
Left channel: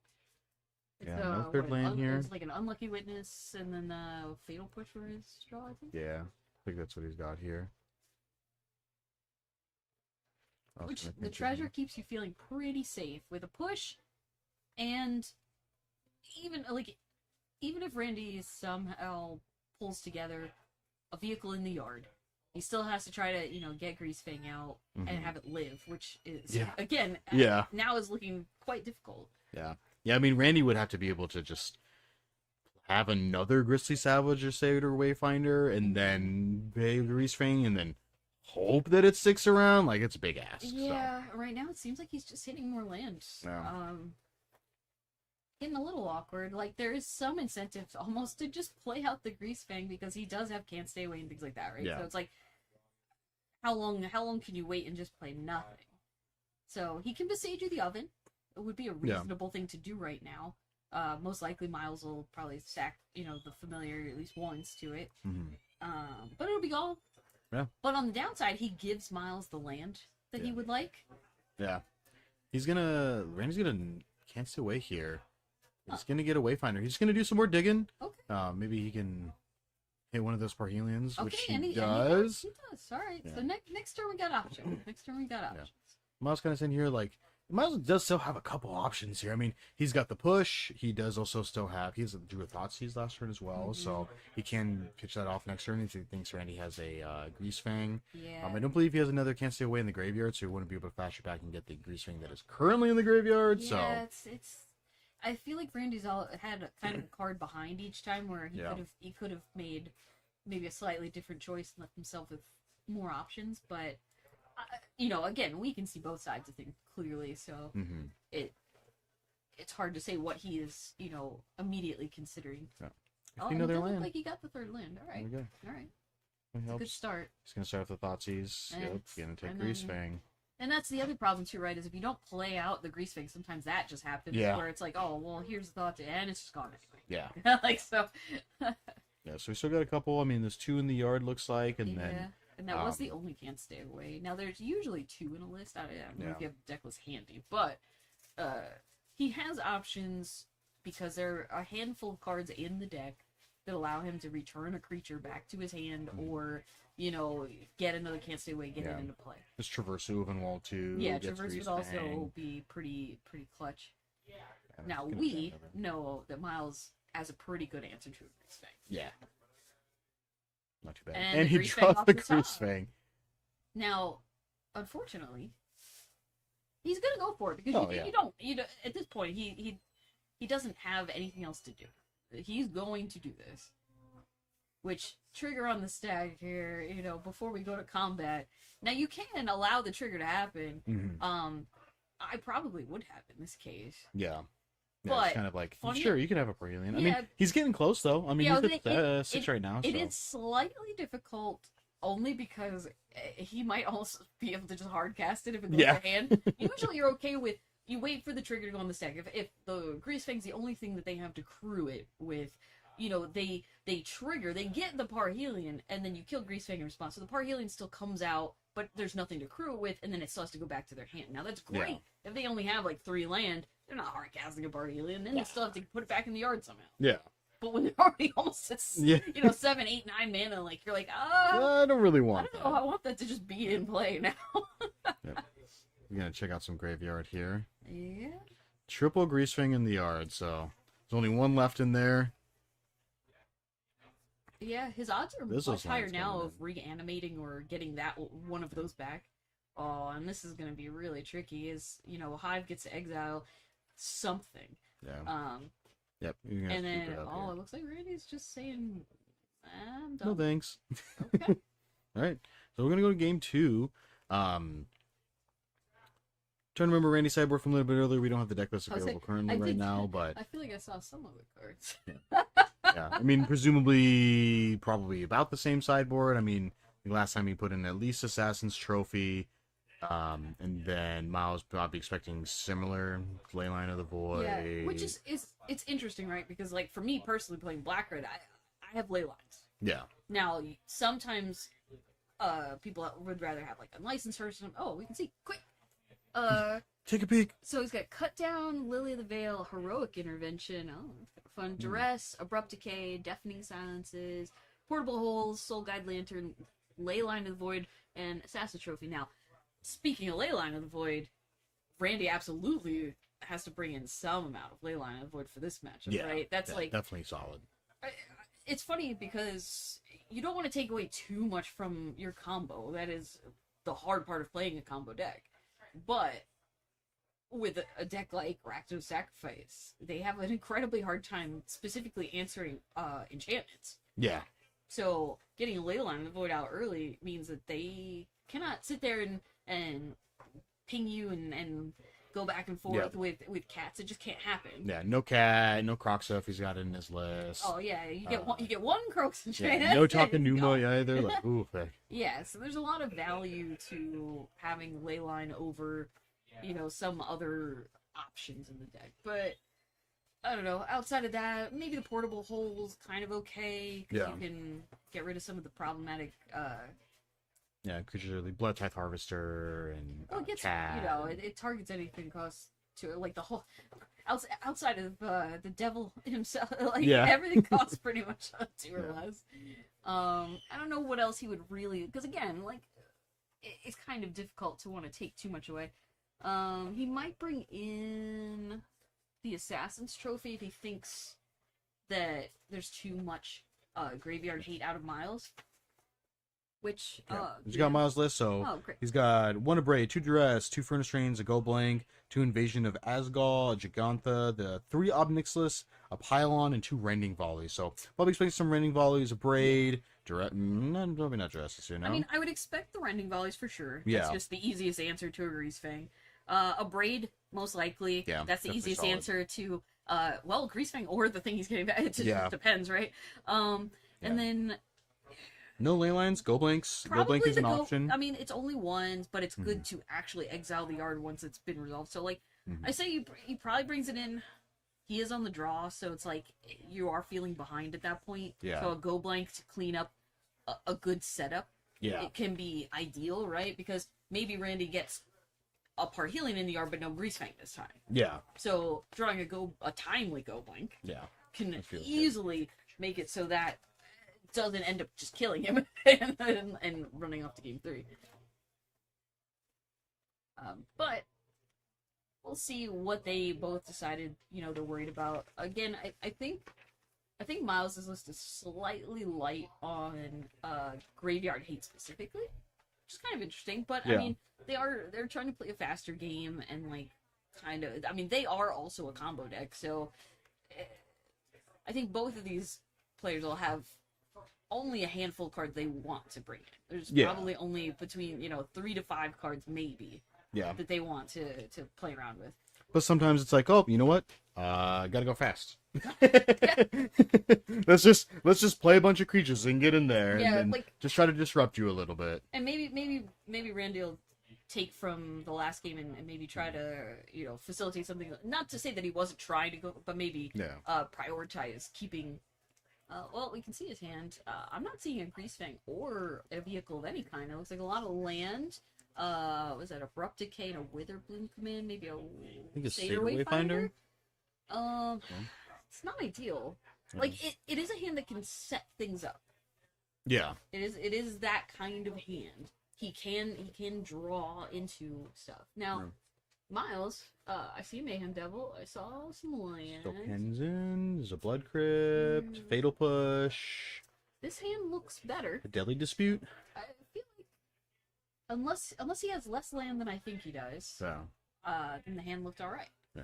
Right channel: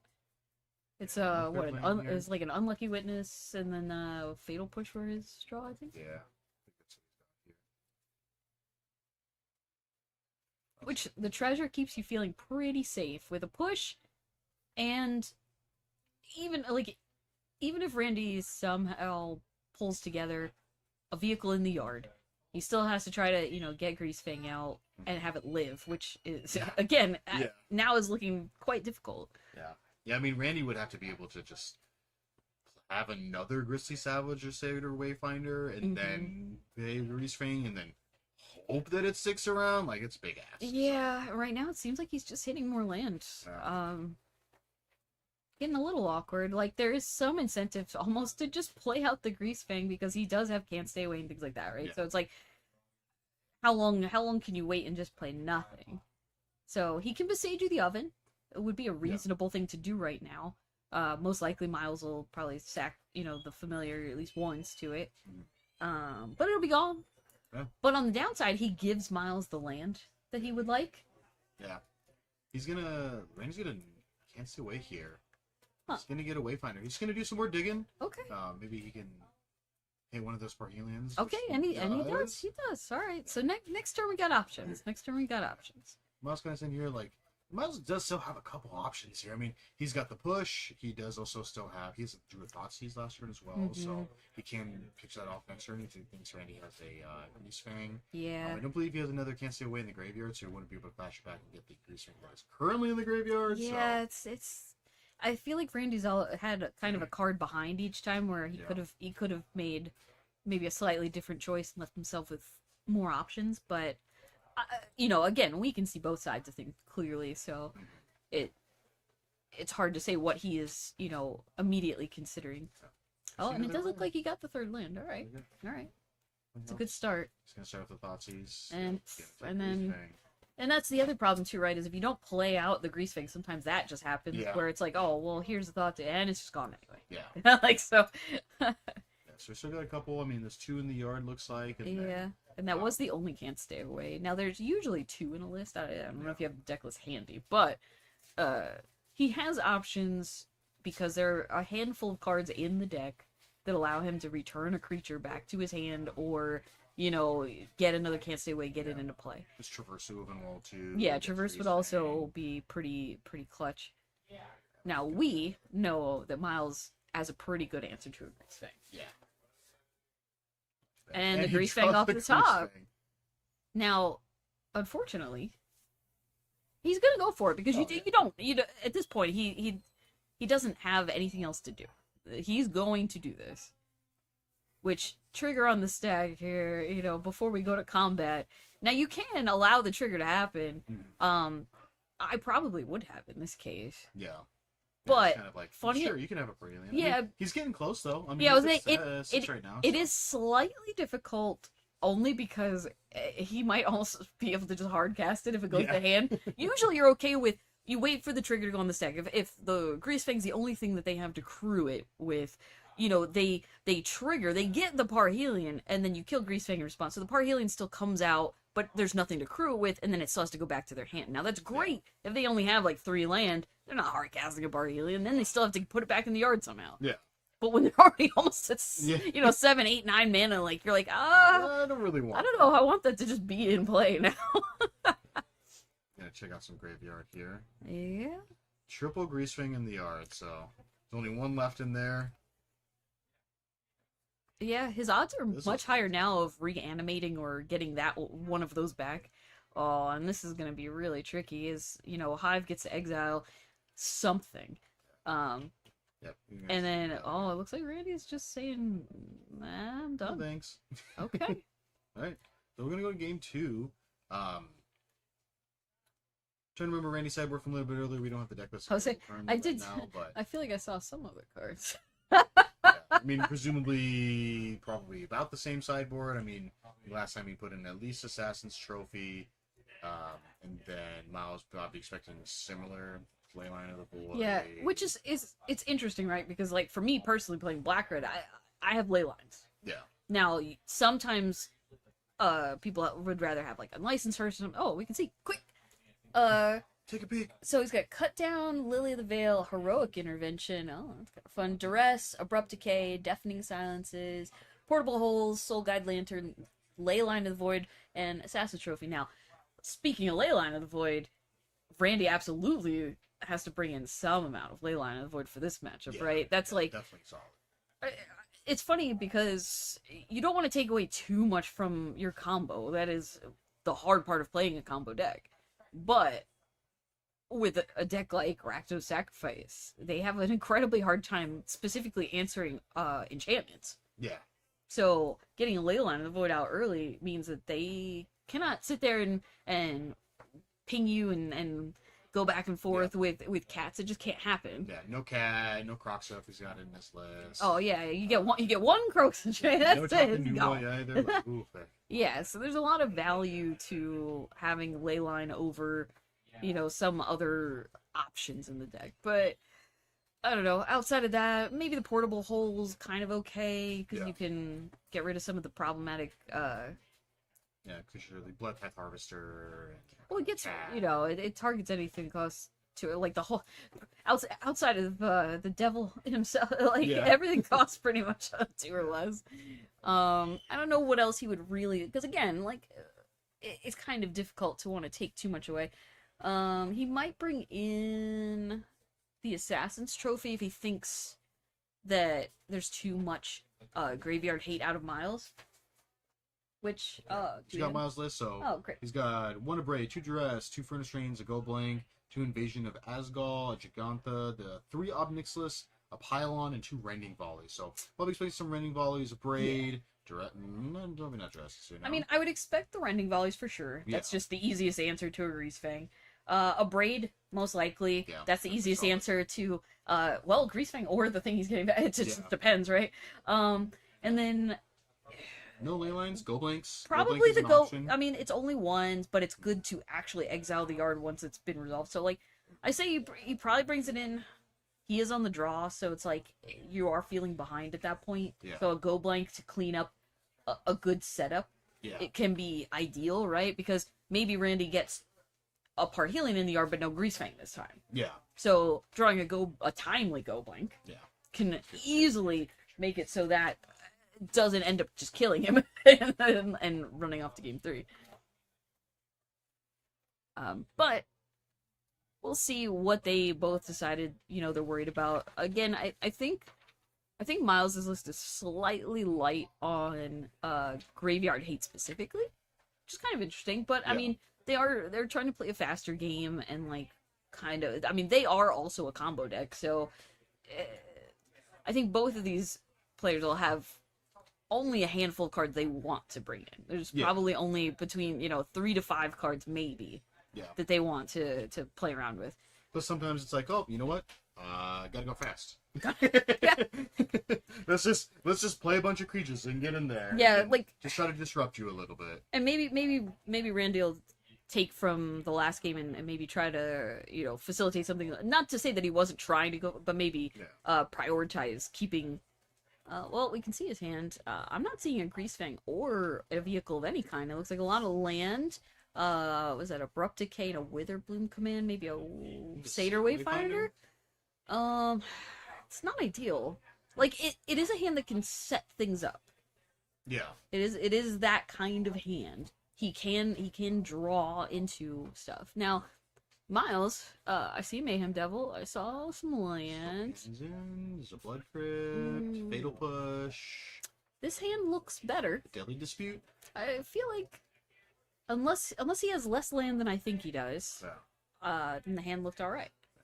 It's Yeah, no third land here. it's like an Unlucky Witness and then Fatal Push for his draw, I think. Yeah, I think that's what he's got here. Which the treasure keeps you feeling pretty safe with a push, and even if Randy somehow pulls together a vehicle in the yard, he still has to try to get Grease Fang out and have it live, which is again now is looking quite difficult. Yeah, I mean, Randy would have to be able to just have another Grizzly Savage or Satyr Wayfinder, and then pay Grease Fang, and then hope that it sticks around. Like, it's a big ass. Yeah, right now it seems like he's just hitting more land. Yeah. Getting a little awkward. Like, there is some incentive almost to just play out the Grease Fang because he does have Can't Stay Away and things like that, right? Yeah. So it's like, how long can you wait and just play nothing? So he can Besage you the Oven. It would be a reasonable thing to do right now. Most likely Miles will probably sack, the familiar at least once to it. But it'll be gone. Yeah. But on the downside, he gives Miles the land that he would like. Yeah. Randy's gonna Can't Stay Away here. He's gonna get a Wayfinder. He's gonna do some more digging. Okay. Maybe he can hit one of those Parhelions, which Okay, he and he does. does. All right. Yeah. So next turn we got options. Miles kind of saying here, like, Miles does still have a couple options here. I mean, he's got the push. He does also still have, he has a Drew of Thoughtseize last turn as well, so he can pitch that off next turn if he thinks Randy has a Grease Fang. Yeah. I don't believe he has another Can't Stay Away in the graveyard, so he wouldn't be able to flash it back and get the Grease Fang that is currently in the graveyard. Yeah, So it's. I feel like Randy's had kind of a card behind each time where he could have made maybe a slightly different choice and left himself with more options, but again, we can see both sides of things clearly, so it's hard to say what he is, immediately considering. Yeah. Oh, See and it another does look land. like he got the third land. All right, There we go. all right, That it's a good helps. start. He's gonna start with the Thoughtseize. And- Yep, gonna take and Grease then- Fang. And that's the other problem too, right? Is if you don't play out the Grease Fang, sometimes that just happens. Yeah. Where it's like, oh, well, here's the thought, and it's just gone anyway. Yeah. Like so. Yeah, so we still got a couple. I mean, there's 2 in the yard, looks like, and Yeah, then and that was the only Can't Stay Away. Now there's usually 2 in a list. I don't know if Yeah. you have the deck list handy, but he has options because there are a handful of cards in the deck that allow him to return a creature back to his hand, or get another Can't Stay Away, get it Yeah. into play. there's Traverse Wall too. Yeah, gets Traverse Grease would also Fang. be pretty clutch. Yeah, Now gonna we get another- know that Miles as a pretty good answer to a Grease Fang. Yeah. Not too bad. And the he Grease Fang dropped off the the Grease top. Fang. Now, unfortunately, he's gonna go for it because Oh, you don't at this point he doesn't have anything else to do. He's going to do this. Which trigger on the stack here, before we go to combat. Now you can allow the trigger to happen. Mm-hmm. I probably would have in this case. Yeah. But it's kind of like, funny- sure, you can have a Brilliant. I Yeah. mean, he's getting close, though. I mean, Yeah, I he's was at saying, six right now. It so. is slightly difficult only because he might also be able to just hard cast it if it goes Yeah. to hand. Usually you're okay with, you wait for the trigger to go on the stack. If the Grease Fang's the only thing that they have to crew it with, they trigger, they get the Parhelion, and then you kill Grease Fang in response. So the Parhelion still comes out, but there's nothing to crew it with, and then it still has to go back to their hand. Now that's great if they only have like 3 land. They're not hard casting a Parhelion, then they still have to put it back in the yard somehow. Yeah. But when they're already almost at, Yeah. 7, 8, 9 mana, like, you're like, I don't really want I don't know, I want that to just be in play now. We're going to check out some graveyard here. Yeah. Triple Grease Fang in the yard, so there's only one left in there. Yeah, his odds are This much looks like higher it's now gonna- of reanimating or getting that one of those back. Oh, and this is going to be really tricky, is, Hive gets to exile something. Yeah. Yep. you're gonna have And to then, figure it out it looks like Randy's just saying, nah, I'm here. No done. thanks. Okay. All right. So we're going to go to game 2. Trying to remember Randy's sideboard from a little bit earlier. We don't have the deck list I was available saying, currently I right did- now, but I feel like I saw some of the cards. yeah. I mean, presumably, probably about the same sideboard. I mean, last time he put in at least Assassin's Trophy, and then Miles probably expecting similar Leyline of the Void. Yeah, which is it's interesting, right? Because like for me personally playing Black Red, I have ley lines. Yeah. Now sometimes people would rather have like unlicensed first. Oh, we can see quick. Take a peek. So he's got Cut Down, Lily of the Veil, Heroic Intervention. Oh, that's kind of fun. Duress, Abrupt Decay, Deafening Silences, Portable Holes, Soul Guide Lantern, Leyline of the Void, and Assassin's Trophy. Now, speaking of Leyline of the Void, Randy absolutely has to bring in some amount of Leyline of the Void for this matchup, Yeah, right? That's like, definitely solid. it's funny because you don't want to take away too much from your combo. That is the hard part of playing a combo deck. But with a deck like Rakdos Sacrifice, they have an incredibly hard time specifically answering enchantments. Yeah. So getting a Leyline of the Void out early means that they cannot sit there and ping you and go back and forth with cats. It just can't happen. Yeah. No cat, no Croxa if he's got it in his list. Oh yeah, you get one Croaks and Yeah, that's no it. talking Go. Numa either. Like, ooh, heck. Yeah, so there's a lot of value to having Leyline over, some other options in the deck. But I don't know. Outside of that, maybe the Portable Hole's kind of okay because Yeah. you can get rid of some of the problematic. Yeah, because you're the Blood Tithe Harvester and Well, it gets cat. it targets anything costs to it, like the whole outside of the devil himself, like Yeah. everything costs pretty much 2 or less. I don't know what else he would really, because again, like it's kind of difficult to want to take too much away. He might bring in the Assassin's Trophy if he thinks that there's too much graveyard hate out of Miles. Which He's got Miles' list, so oh great. he's got 1 Abrade, 2 Duress, 2 Furnace Trains, a Go Blank, 2 Invasion of Asgal, a Gigantha, the 3 Obnixless, a Pylon, and 2 Rending Volleys. So probably expecting some Rending Volleys, Abrade, Duress, probably not Duress soon. I mean, I would expect the Rending Volleys for sure. That's Yeah. just the easiest answer to a Grease Fang. A Braid, most likely. Yeah, That's the definitely easiest solid. answer to, Grease Fang or the thing he's getting back. It just Yeah. depends, right? And then No ley lines, Go Blanks. Go Blank probably is the an go. option. I mean, it's only ones, but it's good to actually exile the yard once it's been resolved. So, like, Mhm. I say he probably brings it in. He is on the draw, so it's like you are feeling behind at that point. Yeah. So a Go Blank to clean up a good setup. Yeah. It can be ideal, right? Because maybe Randy gets a Parhelion in the yard, but no Grease Fang this time. Yeah. So drawing a timely Go Blank Yeah. can I feel that. easily make it so that it doesn't end up just killing him and running off to game 3. But we'll see what they both decided, they're worried about. Again, I think I think Miles's list is slightly light on Graveyard Hate specifically, which is kind of interesting. But I Yeah. mean, they're trying to play a faster game and like kind of. I mean, they are also a combo deck, so I think both of these players will have only a handful of cards they want to bring in. There's Yeah. probably only between 3 to 5 cards maybe Yeah. that they want to play around with. But sometimes it's like, oh, you know what? Gotta go fast. let's just play a bunch of creatures and get in there. Yeah, and like- just try to disrupt you a little bit. And maybe Randy will take from the last game and maybe try to facilitate something. Not to say that he wasn't trying to go, but maybe Yeah. prioritize keeping. Well, we can see his hand. I'm not seeing a Greasefang or a vehicle of any kind. It looks like a lot of land. Was that Abrupt Decay and a Witherbloom command? Maybe a Satyr Wayfinder? It's not ideal. Like it is a hand that can set things up. Yeah. It is that kind of hand. He can draw into stuff. Now, Miles, I see Mayhem Devil. I saw some land. Penzin, there's a Blood Crypt, Fatal Push, This hand looks better. a Deadly Dispute. I feel like unless he has less land than I think he does, So, then the hand looked all right. yeah.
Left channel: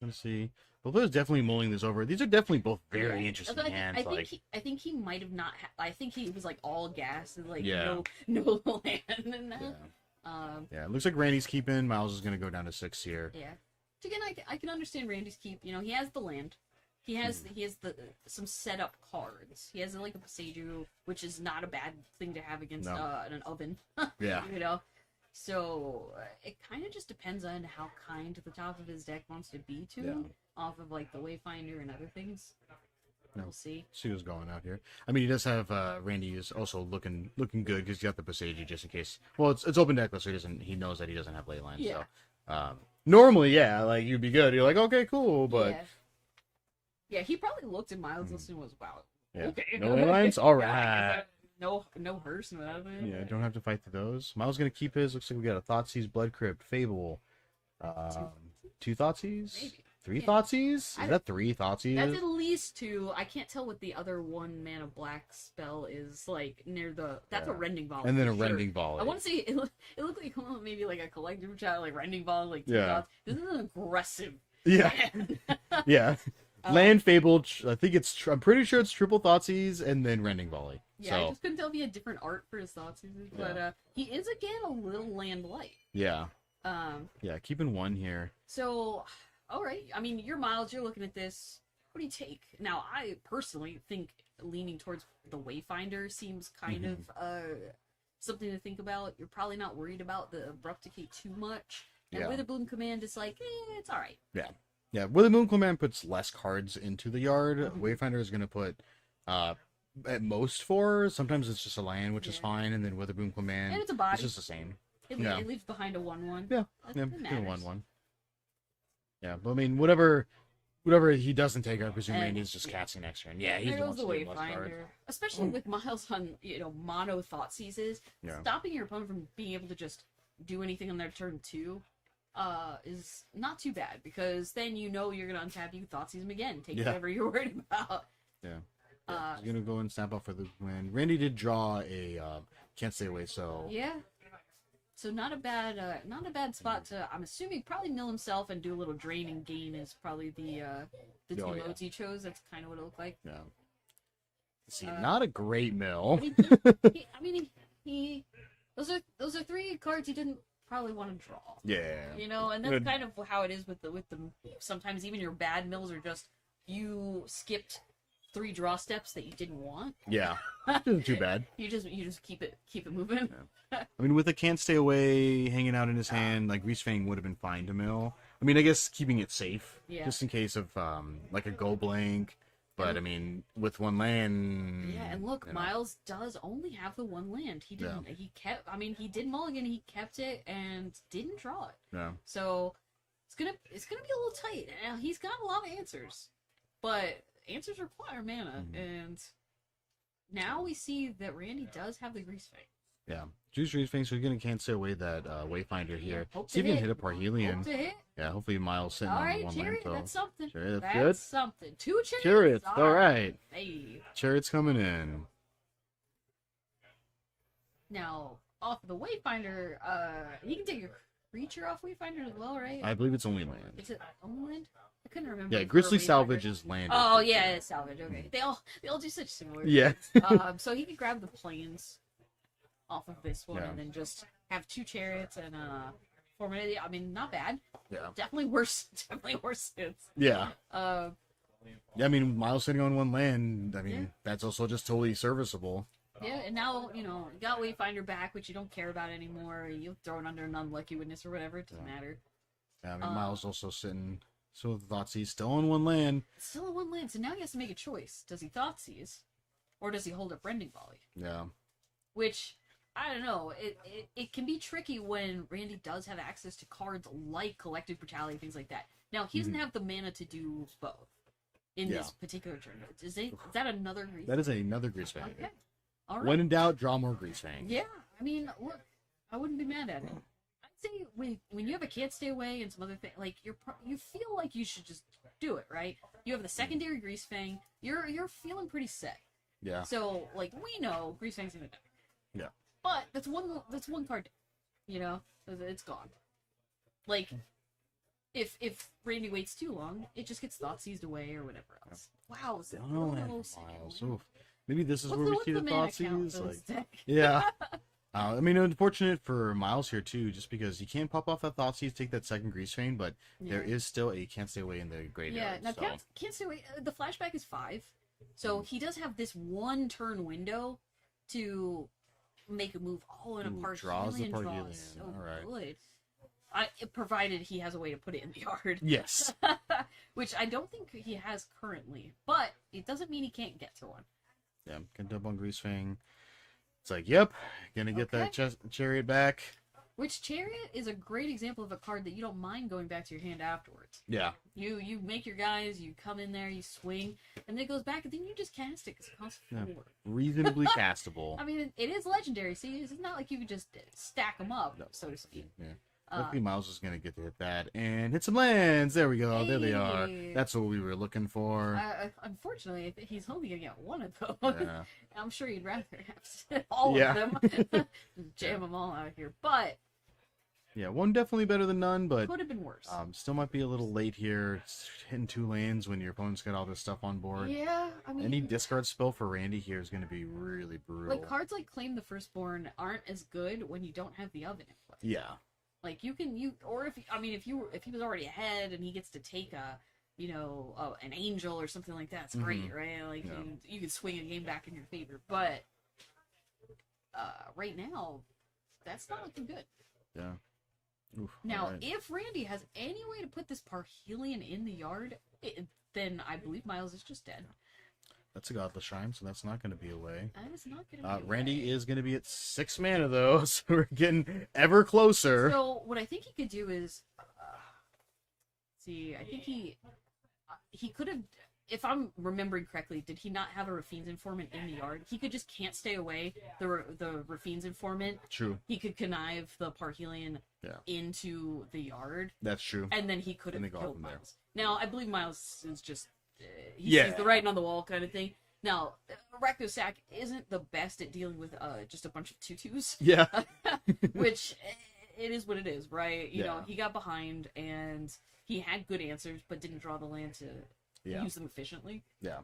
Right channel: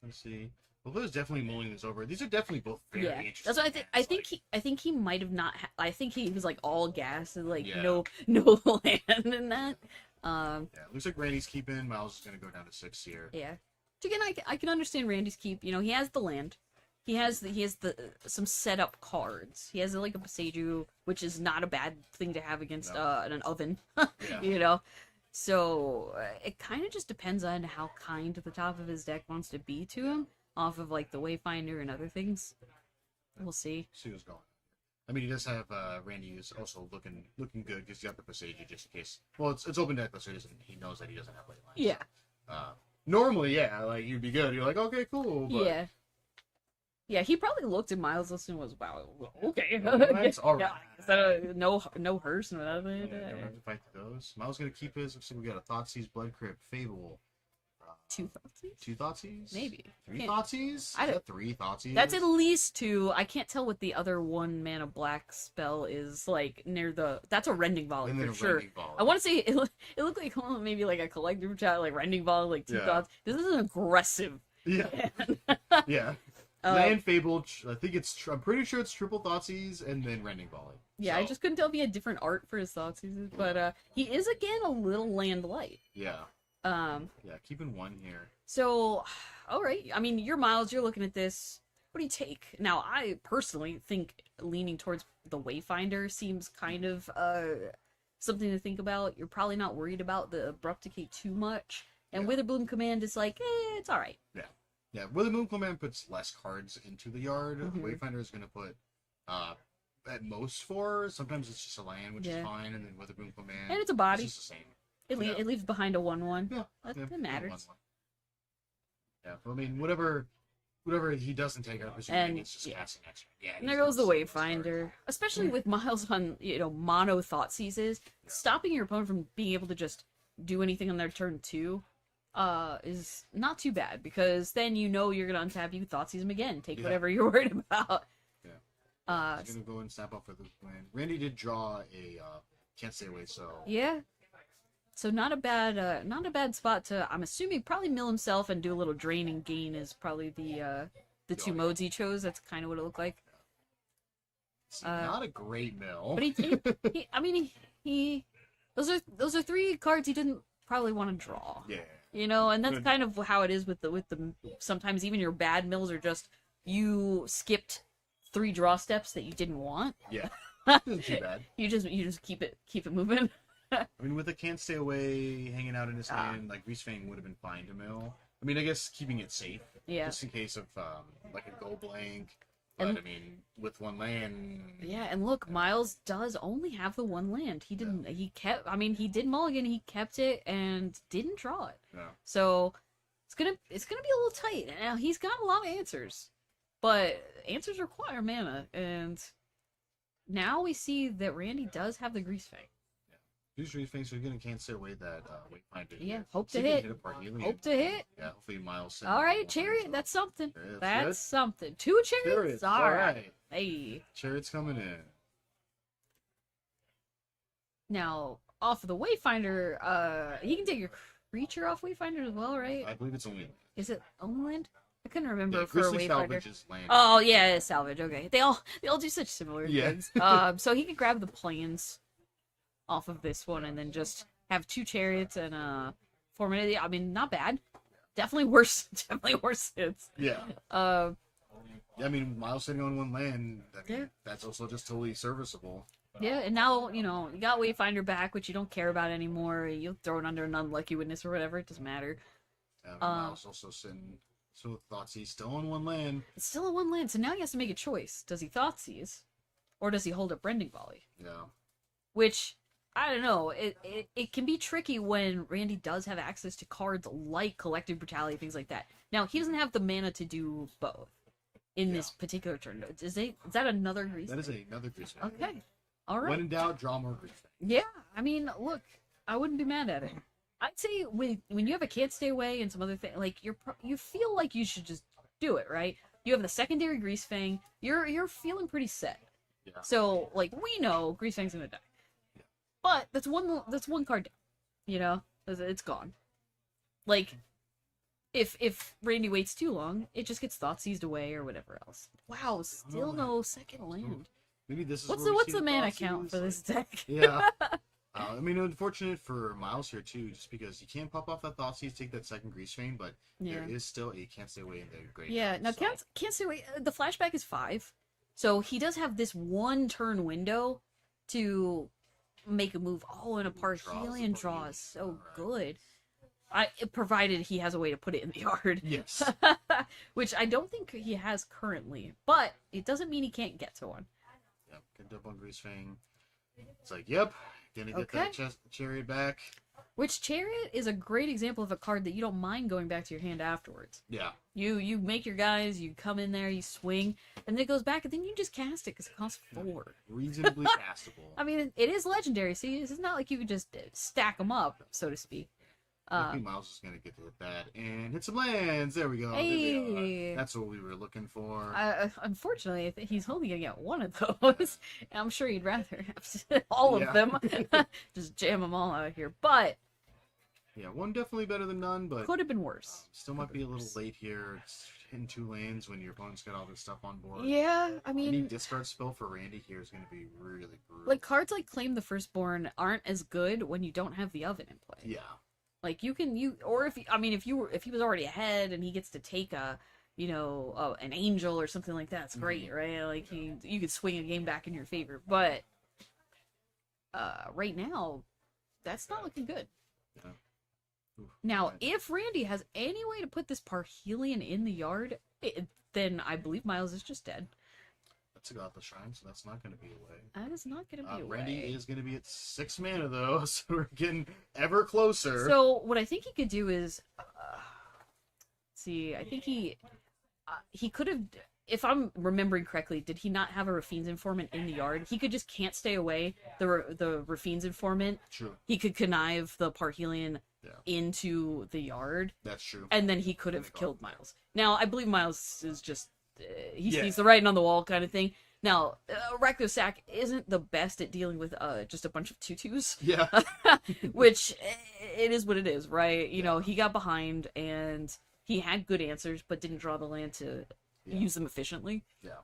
Let's see. Well, there's definitely mulling this over. These are definitely both very interesting That's what hands. I think he might have not. I think he was like all gas and like Yeah. no land in that. Yeah, it looks like Randy's keeping. Miles is going to go down to 6 here. Yeah. Again, I can understand Randy's keep. He has the land. He has the some setup cards. He has like a Pasaju, which is not a bad thing to have against an oven. Yeah. So it kind of just depends on how kind the top of his deck wants to be to him, off of like the Wayfinder and other things. Yeah. We'll see. See who's going out here. I mean, he does have Randy is also looking good because he's got the Pasaju just in case. Well, it's open deckless, so he knows that he doesn't have leyline. Yeah. So, normally, yeah, like you'd be good. You're like, okay, cool, but Yeah, he probably looked at Miles' list and was, wow, Yeah. okay. No lines? All Yeah, no hearse, no nothing. yeah, don't have to fight through those. Miles gonna keep his. Looks like we got a Thoughtseize, Blood Crypt, Fable. Two Thoughtseize? Maybe. 3 Can't- Thoughtseize? Is I- that 3 Thoughtseize? That's at least 2. I can't tell what the other 1 mana black spell is like near the. That's a Rending Volley. And then a for sure. Rending Volley. I want to say it looked like maybe like a collective chat, like Rending Volley, like 2 Yeah. dots. This is an aggressive. Yeah. hand. Yeah. Land Fable. I think I'm pretty sure it's triple Thoughtseize and then Rending Volley. Yeah, I So, just couldn't tell if he had different art for his thoughts, but he is again a little land light. yeah. Yeah, keeping 1 here. So, all right. I mean, you're Miles. You're looking at this. What do you take? Now, I personally think leaning towards the Wayfinder seems kind of something to think about. You're probably not worried about the Abrupt Decay too much. And Yeah. Witherbloom Command is like, it's all right. Yeah, Wither Moon Command puts less cards into the yard. Wayfinder is going to put at most 4. Sometimes it's just a land, which is Yeah. fine, and then Witherbloom Command. And it's a body. It's just the same. It Yeah. leaves behind a 1/1. Yeah, That yeah, matters. 1/1. Yeah, but I mean, whatever he doesn't take, I presume And- Randy's just casting next turn. Yeah, he's There goes the wants to see less cards. Wayfinder, especially with Miles on mono thought seizes. Yeah. Stopping your opponent from being able to just do anything on their turn 2 is not too bad, because then you're gonna untap, you thought seize him again, take Yeah. whatever you're worried about. Yeah. He's gonna go and snap off for the win. Randy did draw a can't stay away, so Yeah. So not a bad spot to. I'm assuming probably mill himself and do a little drain and gain is probably the two yeah. modes he chose. That's kind of what it looked like. yeah. See, not a great mill. But I mean, those are 3 cards he didn't probably want to draw. Yeah. And that's Good. kind of how it is with the sometimes even your bad mills are just you skipped 3 draw steps that you didn't want. Yeah. Isn't too bad. You just keep it moving. I mean, with a can't stay away hanging out in his hand, like Greasefang would have been fine to mill. I mean, I guess keeping it safe, Yeah. just in case of like a go blank. But I mean, with 1 land. Yeah, and look, yeah. Miles does only have the 1 land. He didn't. He kept. I mean, he did mulligan. He kept it and didn't draw it. No. So it's gonna be a little tight. Now he's got a lot of answers, but answers require mana, and now we see that Randy does have the Greasefang. Yeah. Juice Dreams Fangs are gonna can't stay away that Wayfinder Yeah, here. hope See to if he can hit. hit a Parhelion. Hope to hit. Yeah, hopefully Miles sitting All on right, one Chariot. lane, so- That's something. Chariot, That's something. 2 chariots. Chariots. All right. Hey. Chariot's coming in. Now, off of the Wayfinder, you can take your creature off Wayfinder as well, right? I believe it's only land. Is it only land? I couldn't remember. Yeah, for a Grizzly Wayfinder. Salvage is land. Oh yeah, it's salvage. Okay, they all do such similar Yeah. things. So he could grab the planes off of this one Yeah. and then just have 2 chariots and 4 minutes. I mean, not bad. Yeah. Definitely worse. Definitely worse hits. Yeah. Uh, Yeah, I mean, Miles sitting on one land, I mean, Yeah. that's also just totally serviceable. yeah, and now you got Wayfinder back, which you don't care about anymore. You'll throw it under an unlucky witness or whatever. It doesn't matter. Yeah, I mean, Miles also sitting, so the Thoughtseiz's still on one land. It's still a 1 land, so now he has to make a choice. Does he Thoughtseize, or does he hold up Rending Volley? Yeah. Which, I don't know, it can be tricky when Randy does have access to cards like Collective Brutality, things like that. Now, he doesn't have the mana to do both in this particular turn. Is that another Grease? That is another Grease Fang. Okay. All right. When in doubt, draw more Grease Fang. Yeah, I mean, look, I wouldn't be mad at it. I'd say when you have a Can't Stay Away and some other thing, like you feel like you should just do it, right? You have the secondary Grease Fang. You're feeling pretty set. Yeah. So like we know Grease Fang's gonna die. Yeah. But that's one card down. You know, it's gone. Like if Randy waits too long, it just gets Thoughtseized away or whatever else. Wow, still no second Wow, land. so maybe this is What's where the, we what's see the mana count Thoughtseize, for this like- deck? Yeah. I mean, unfortunate for Miles here too, just because you can't pop off that Thoughtseize, take that second Grease Fang, but there is still a Can't Stay Away in the graveyard. Yeah, now so. can't say wait. The flashback is 5, so he does have this 1 turn window to make a move all in a Ooh, Parhelion draws the draw is Parhelion, so alright. good. Provided he has a way to put it in the yard. Yes. Which I don't think he has currently, but it doesn't mean he can't get to one. Yeah, can double on Grease Fang. It's like, yep, gonna get that Chariot back. Which Chariot is a great example of a card that you don't mind going back to your hand afterwards. Yeah. You make your guys, you come in there, you swing, and then it goes back, and then you just cast it because it costs 4. Reasonably castable. I mean, it is legendary, so it's not like you could just stack them up, so to speak. Yeah. Hopefully Miles is going to get to hit that and hit some lands. There we go. There they are. Hey. That's what we were looking for. Unfortunately, I think he's only going to get 1 of those. Yeah. And I'm sure you'd rather have all Yeah. of them. Just jam them all out here. But Yeah, one definitely better than none, but could have been worse. still might be a little late here. It's hitting 2 lanes when your opponent's got all this stuff on board. Yeah, I mean... Any discard spell for Randy here is going to be really brutal. Like, cards like Claim the Firstborn aren't as good when you don't have the oven in play. Yeah. Like or if he was already ahead and he gets to take an angel or something like that, it's great, right? Like you could swing a game back in your favor. But right now, that's not looking good. Yeah. Oof, Now, alright. if Randy has any way to put this Parhelion in the yard, then I believe Miles is just dead. That's a Godless Shrine, so that's not going to be a way. That is not going to be a Randy way. is going to be at 6 mana, though, so we're getting ever closer. So what I think he could do is, see, I think he could have, if I'm remembering correctly, did he not have a Rafine's Informant in the yard? He could just can't stay away the Rafine's Informant. True. He could connive the Parhelion Yeah. into the yard, That's true. and then he could And have they go killed from there. Miles. Now, I believe Miles is just, he Yeah. sees the writing on the wall kind of thing. Now, Rakdos Sack isn't the best at dealing with just a bunch of tutus. Yeah. Which it is what it is, right? You know, Yeah. he got behind and he had good answers, but didn't draw the land to use them efficiently. Yeah.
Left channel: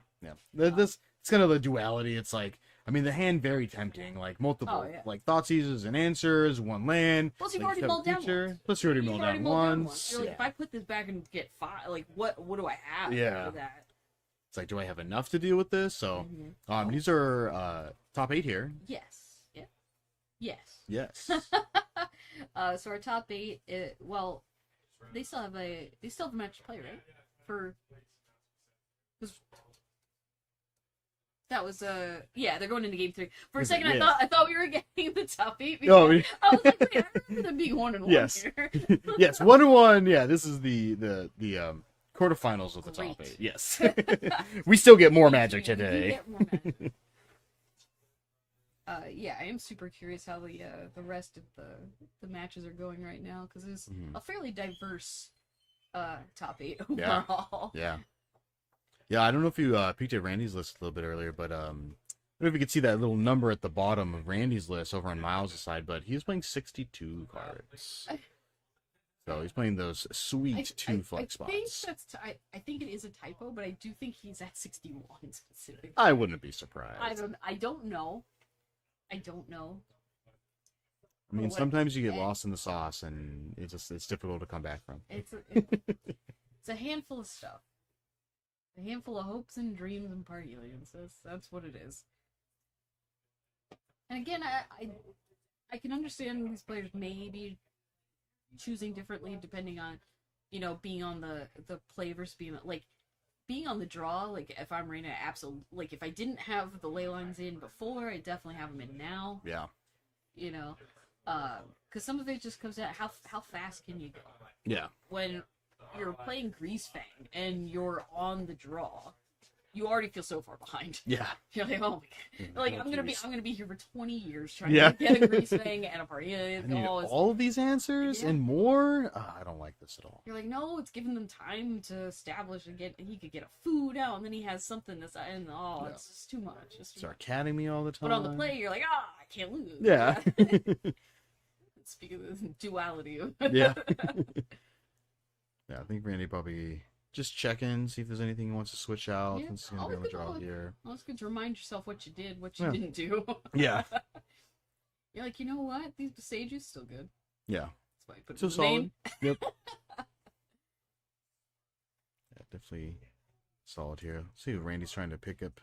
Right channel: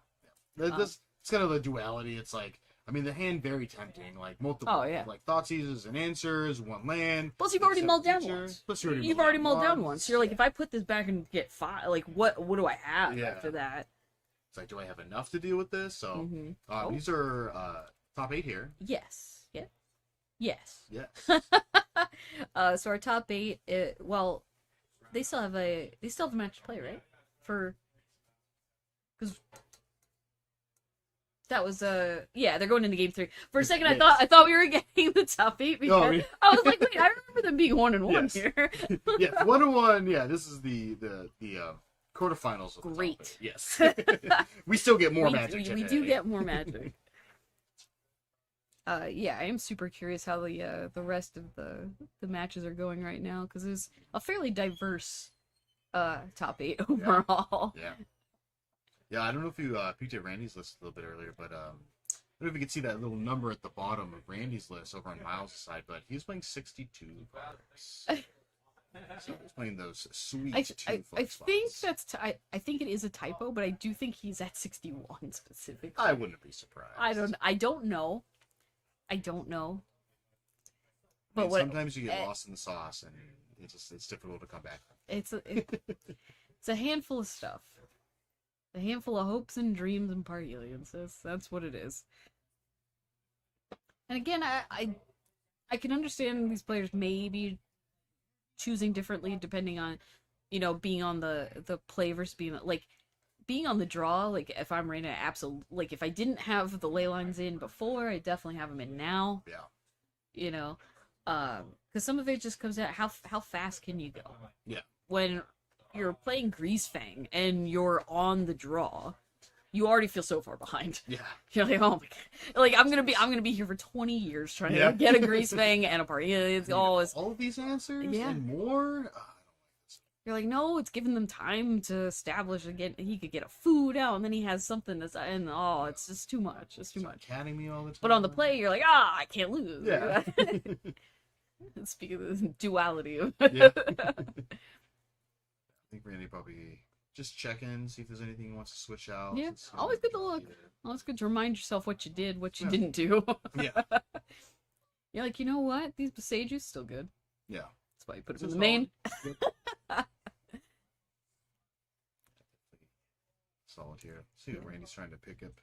This it's kind of the duality. It's like, I mean, the hand very tempting, like multiple, Oh, yeah. like Thoughtseizes and answers, 1 land. Plus, you've like already seven mulled down feature. once. Plus, you already You've mulled already down mulled down once. once. You're like, if I put this back and get 5, like, what do I have Yeah. after that? It's like, do I have enough to deal with this? So, Oh. these are top 8 here. Yes. Yeah. Yes. Yes. So our top 8, well, they still have a match to play, right? Because that was they're going into game 3. For a second, Yes. I thought we were getting the top 8. Oh, Because I was like, wait, I remember them being 1-1 Yes. here. Yes, 1-1. Yeah, this is the quarterfinals of the Great. top 8. Yes. We still get more We magic do today. get more magic. Yeah, I am super curious how the rest of the matches are going right now, because it's a fairly diverse top 8 Yeah. overall. Yeah, I don't know if you peeked at Randy's list a little bit earlier, but I don't know if you could see that little number at the bottom of Randy's list over on Miles' side, but he was playing 62 cards. So he's playing those sweet two flex spots. Think that's I think it is a typo, but I do think he's at 61 specifically. I wouldn't be surprised. I don't know. I mean, what- sometimes you get lost in the sauce, and it's difficult to come back from. It's a handful of stuff. A handful of hopes and dreams and party aliens. That's what it is. And again, I can understand these players maybe choosing differently depending on, being on the play versus being on the draw. Like, if I'm running like, if I didn't have the ley lines in before, I definitely have them in now. Yeah. Because some of it just comes out how fast can you go? Yeah. When you're playing Greasefang and you're on the draw, you already feel so far behind. Yeah. You're like, oh my god, like I'm gonna be here for 20 years trying Yeah. to get a Greasefang and a party. It's all all of these answers Yeah. and more. I don't like this at all. You're like, no, it's giving them time to establish again. He could get a food out, and then he has something that's it's just too much. It's too Start much. catting me all the time. But on the play, you're like, I can't lose. Yeah. Speaking of the duality of Yeah. Yeah, I think Randy probably just check in, see if there's anything he wants to switch out. Yeah, since he's gonna always be on the good to draw look. here. Well, it's good to remind yourself what you did, what you Yeah. didn't do. Yeah. You're like, you know what? These Besages still good. Yeah. That's why you put it So in the main. Yep. Yeah, definitely solid here. See if Randy's trying to pick up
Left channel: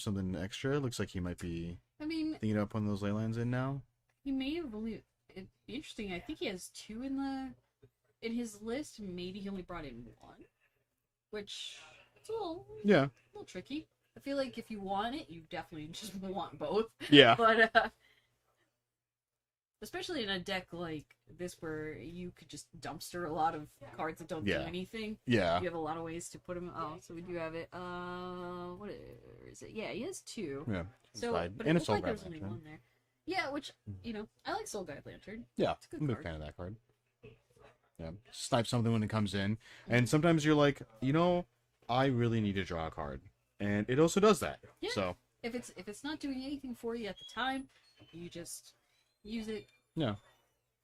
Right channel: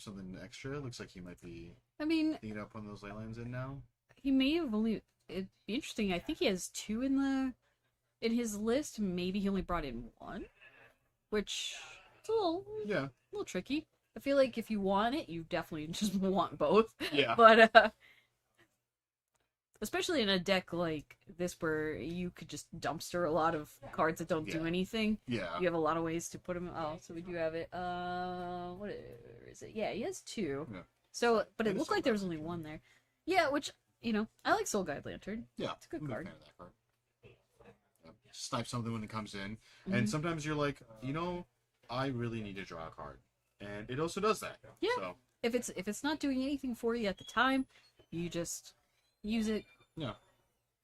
something extra. Looks like he might be I mean, thinking about putting those ley lines in now. he may have only. It'd be interesting. I think he has 2 in his list. Maybe he only brought in 1, which it's a little tricky. I feel like if you want it, you definitely just want both. Yeah. But especially in a deck like this where you could just dumpster a lot of cards that don't do Yeah. anything. Yeah. You have a lot of ways to put them. Oh, so we do have it. What is it? Yeah, he has 2. Yeah. So, Side. but it And a looked Soul like there Guide was only Lantern. 1 there. Yeah, which, I like Soul Guide Lantern. Yeah, It's a good I'm a big card. fan of that card. Yeah, snipe something when it comes in, Mm-hmm. and sometimes you're like, I really need to draw a card, and it also does that. Yeah. So If it's not doing anything for you at the time, you just use it, yeah,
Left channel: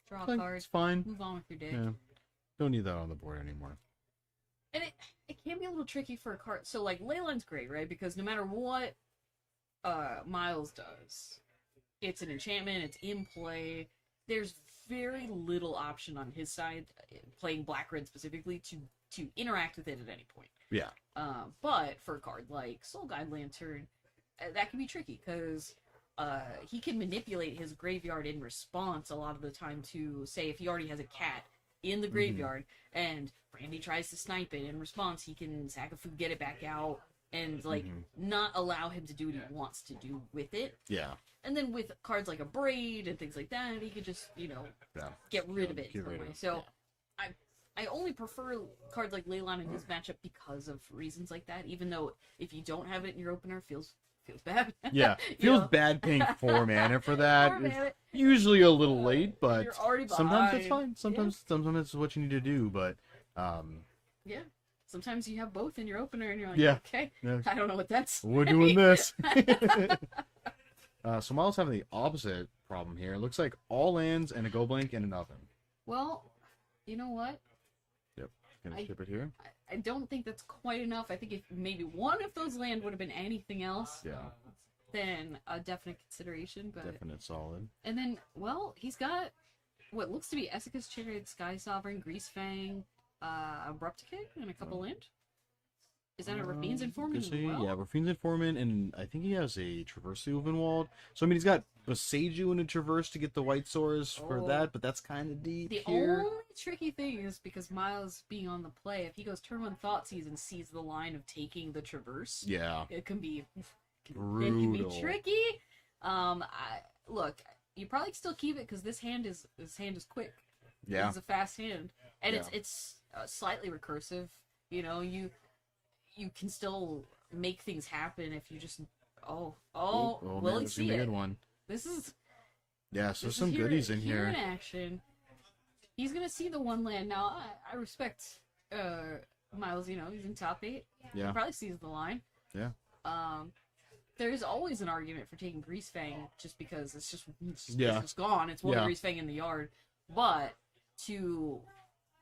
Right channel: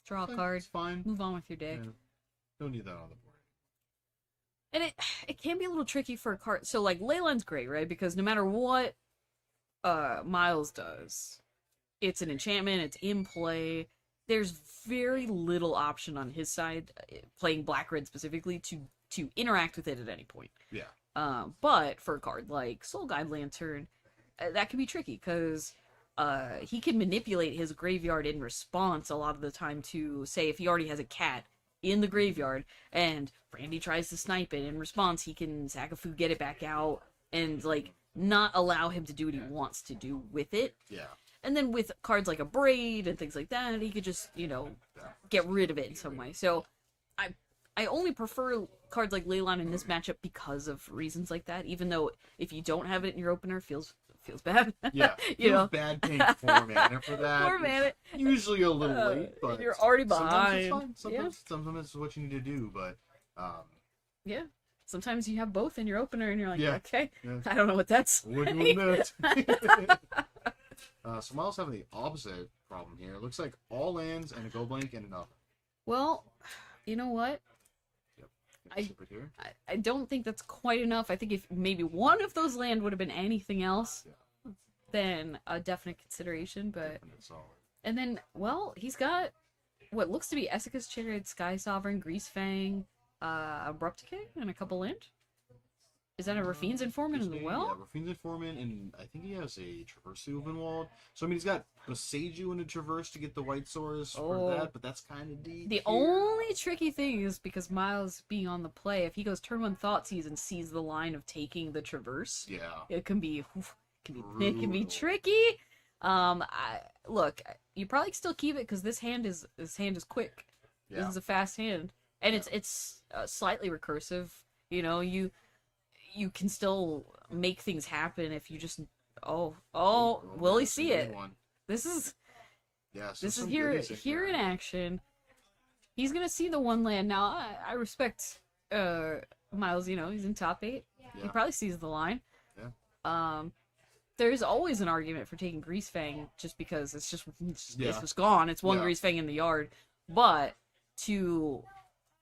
draw a Like, card, it's fine. move on with your day. Yeah, don't need that on the board anymore. And it can be a little tricky for a card. So like Leyline's great, right? Because no matter what Miles does, it's an enchantment, it's in play. There's very little option on his side, playing black red specifically, to interact with it at any point. Yeah. But for a card like Soul Guide Lantern, that can be tricky because he can manipulate his graveyard in response a lot of the time to, say, if he already has a cat in the graveyard and Randy tries to snipe it, in response he can sack a food, get it back out, and not allow him to do what he wants to do with it. Yeah. And then with cards like a Braid and things like that, he could just, get rid of it in some way. So I only prefer cards like Leyline in this matchup because of reasons like that, even though if you don't have it in your opener, it feels bad. Yeah, feels bad paying 4 mana for that. 4 mana. It's usually a little late, but You're already sometimes it's behind. fine. Sometimes it's what you need to do, but Yeah. Sometimes you have both in your opener and you're like, Yeah. okay, Yeah. I don't know what that's. we're doing this. So Miles having the opposite problem here. It looks like all lands and a go blank and an oven. Well, you know what? Gonna ship it here. I don't think that's quite enough. I think if maybe one of those land would have been anything else, Yeah, then a definite consideration. But definite solid. and then, well, he's got what looks to be Essica's Chariot, Sky Sovereign, Greasefang, Abrupticate, and a couple land. Is that a Rafine's Informant as well? Yeah, Rafine's Informant, and I think he has a Traverse Ovenwald. So, I mean, he's got a Seiju and a Traverse to get the White Swords for Oh. that, but that's kind of deep. The here. only tricky thing is because Miles being on the play, if he goes turn 1 Thoughtseize and sees the line of taking the Traverse, Yeah. it can be it can be Brutal. tricky. Look, you probably still keep it because this hand is quick. Yeah. It's a fast hand, and Yeah. it's slightly recursive. You can still make things happen if you just will he there's see a it? good one. This is Yeah, so this some is here, goodies in here in here. action. He's gonna see the one land now. I respect Miles. You know, he's in top 8. He Yeah. probably sees the line. Yeah. There's always an argument for taking Grease Fang just because it's Yeah. just gone. It's one Yeah. Grease Fang in the yard. But to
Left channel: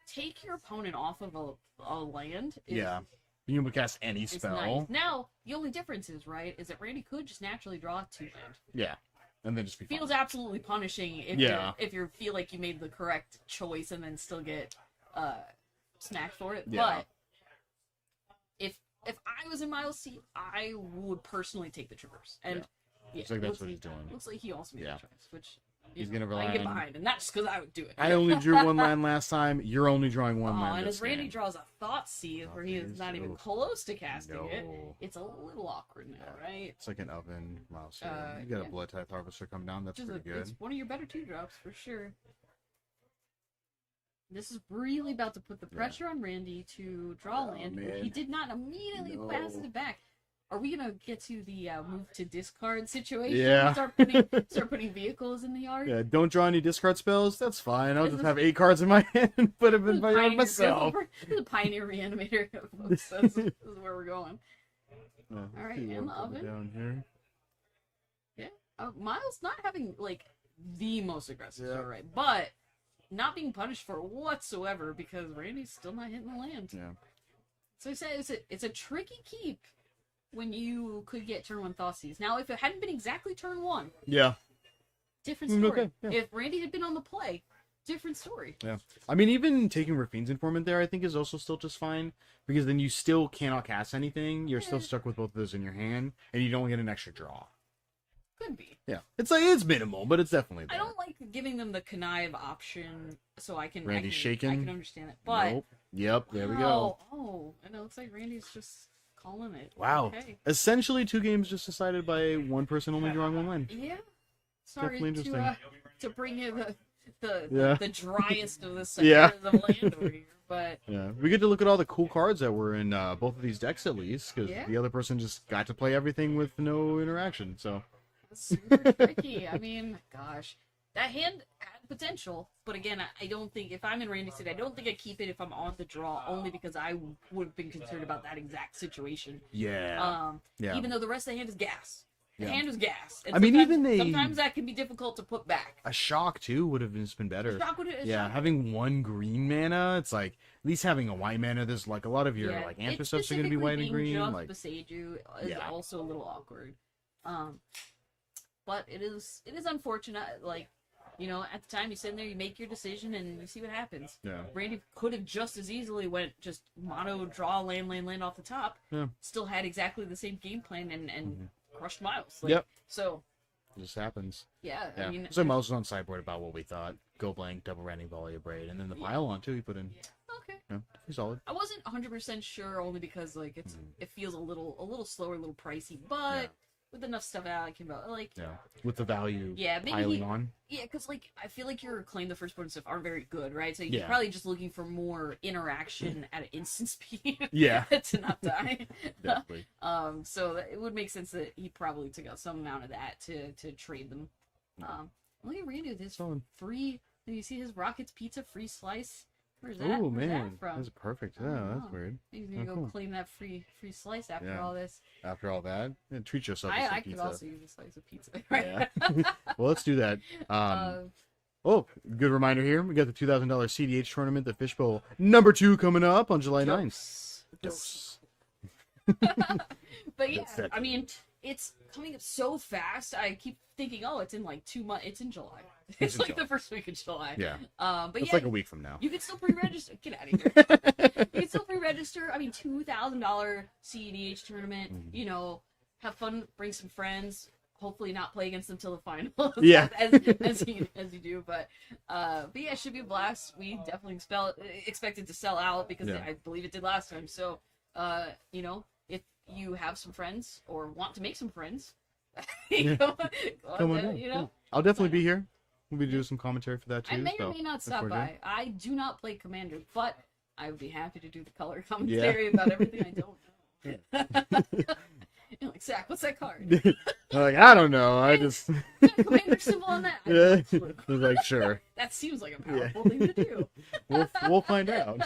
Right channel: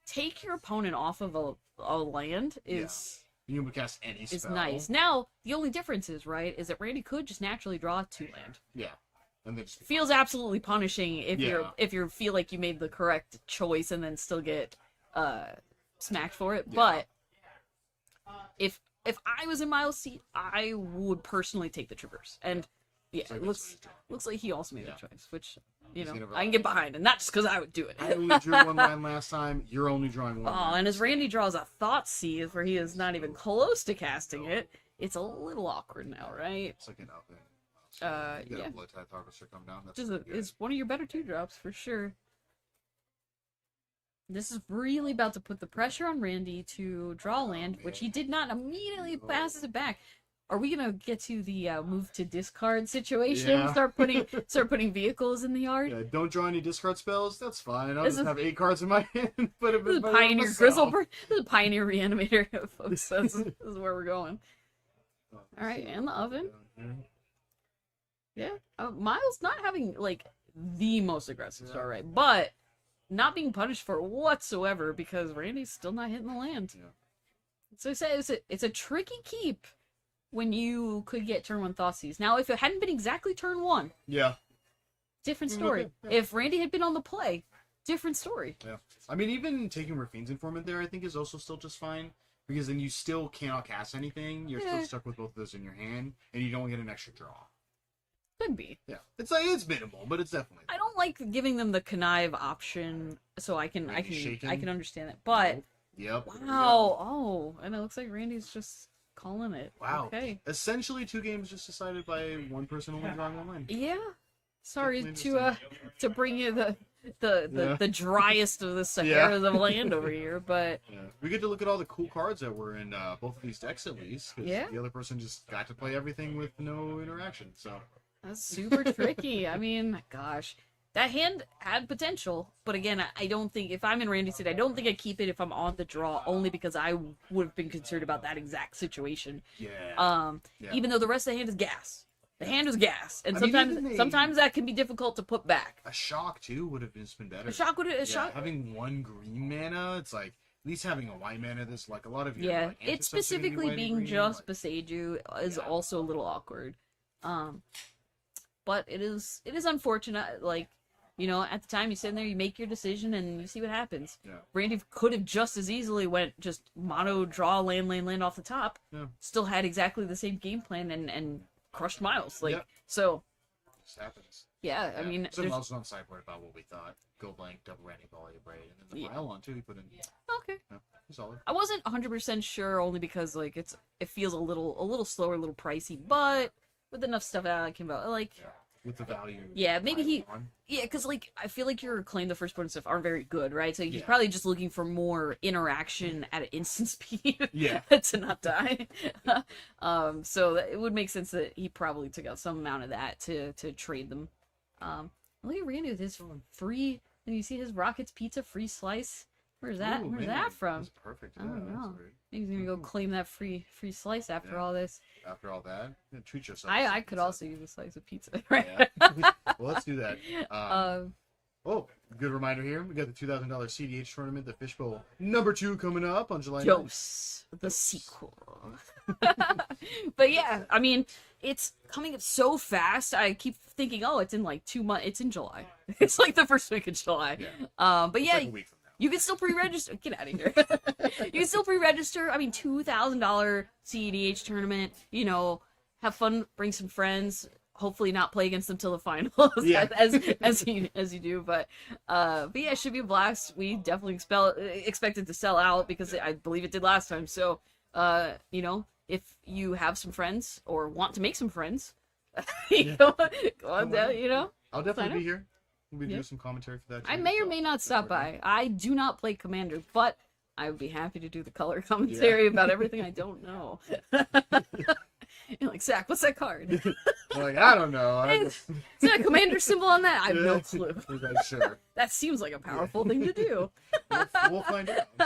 take your opponent off of a land is Yeah. You can cast any is spell. nice. Now the only difference is is that Randy could just naturally draw 2 land. Yeah. And then just be Feels fine. absolutely punishing if you feel like you made the correct choice and then still get smacked for it. Yeah. But if I was in Miles' seat, I would personally take the Traverse. And yeah, Looks like that's what he's doing. looks like he also made Yeah. that choice, which He's gonna I can get rely on- behind, and not just because I would do it. I only drew 1 land last time. You're only drawing 1 land. Oh, and this as Randy game. draws a Thought Sieve where he is not even No. close to casting it, No. it's a little awkward now, right? It's like an oven mouse. Uh, You got yeah. a Blood Tithe Harvester come down. That's Which is, pretty good. is one of your better 2-drops for sure. This is really about to put the pressure on Randy to draw land, which man. he did not immediately No. passes it back. Are we gonna get to the move to discard situation? Yeah. Start putting vehicles in the yard. Yeah, don't draw any discard spells. That's fine. I'll This just is- have 8 cards in my hand. Put them This in is my Pioneer myself. Grizzle. This is Pioneer Reanimator, folks. This is where we're going. Yeah, All right, see and the what's oven. down here. Yeah, Miles not having like the most aggressive Yeah. start, right? But not being punished for it whatsoever because Randy's still not hitting the land. Yeah. So I say it's a tricky keep when you could get turn 1 Thoughtseize. Now, if it hadn't been exactly turn 1, Yeah. different Mm, story. okay, yeah. If Randy had been on the play, different story. Yeah. I mean, even taking Rafine's Informant there, I think, is also still just fine. Because then you still cannot cast anything. You're still Yeah. stuck with both of those in your hand. And you don't get an extra draw. Could be. Yeah. It's like, it's minimal, but it's definitely there. I don't like giving them the connive option, so I can Randy's I shaking? can understand it. But Nope. Yep, there we wow, go. oh, and it looks like Randy's just calling it. Wow. Okay. Essentially, 2 games just decided by one person only drawing 1 land. Yeah. Sorry Definitely to bring you the Yeah. the driest of the Yeah. Saharas of land over here, but Yeah, we get to look at all the cool cards that were in both of these decks at least, because Yeah. the other person just got to play everything with no interaction. So that's super tricky. I mean, gosh, that hand had potential, but again, I don't think if I'm in Randy's seat, I don't think I keep it if I'm on the draw, only because I would have been concerned about that exact situation. yeah, yeah. Even though the rest of the hand is gas. The Yeah. hand is gas, and I mean, sometimes, even they- sometimes that can be difficult to put back. A shock too would have just been better. Shock would Yeah, shock. having 1 green mana, it's like at least having a white mana. There's like a lot of your Yeah, like it's answer stuff's gonna be specifically white and being green. just Like, Beseiju is Yeah. also a little awkward. But it is unfortunate. Like, you know, at the time you sit in there, you make your decision, and you see what happens. yeah, Randy could have just as easily went just mono draw land off the top. Yeah. Still had exactly the same game plan and crushed Miles. Like Yep. so. it just happens. Yeah, Yeah. I mean, so there's- Miles was on sideboard about what we thought. Go blank, double random volley of braid, and then the Yeah. pile on too. He put in. okay. Yeah, he's solid. I wasn't 100% sure only because like it feels a little slower, a little pricey, but with enough stuff out, I came out like Yeah, with the value. yeah, maybe piling he on. yeah, because like I feel like your claim the firstborn stuff aren't very good, right? So you're Yeah. probably just looking for more interaction at an instant speed Yeah, to not die. definitely. So it would make sense that he probably took out some amount of that to trade them. Look at Randy with his Solid. free. And you see his Rockets Pizza free slice. Where's that? Ooh, Where's man, that from? That's perfect. I Yeah, don't that's know. weird. He's gonna Oh, go cool. claim that free slice after Yeah. all this. After all that, yeah, treat yourself. to some I could pizza. also use a slice of pizza, right? Yeah. Well, let's do that. Um, Oh, good reminder here. We got the $2,000 CDH tournament, the Fishbowl #2 coming up on July 9th. Dose, the Dose. sequel. But yeah, I mean, it's coming up so fast. I keep thinking, oh, it's in like 2 months. It's in July. It's in like the first week of July. Yeah. But It's yeah, like a week from now. you can still pre-register. Get out of here. You can still pre-register. I mean, $2,000 CEDH tournament. Mm-hmm. You know, have fun, bring some friends. Hopefully, not play against them till the finals. Yeah. as you do. But yeah, it should be a blast. We definitely expect it to sell out because Yeah. I believe it did last time. So, you know, if you have some friends or want to make some friends, Yeah. go on Come on down. in. You know. I'll definitely Sign be here. We'll be Yeah. doing some commentary for that too. I may or so may not that's stop what by. I do not play Commander, but I would be happy to do the color commentary about everything I don't know. You're like, Zach, what's that card? I'm like, I don't know. I Is just there a commander symbol on that? I have no clue. I was like, sure. That seems like a powerful thing to do. We'll find out.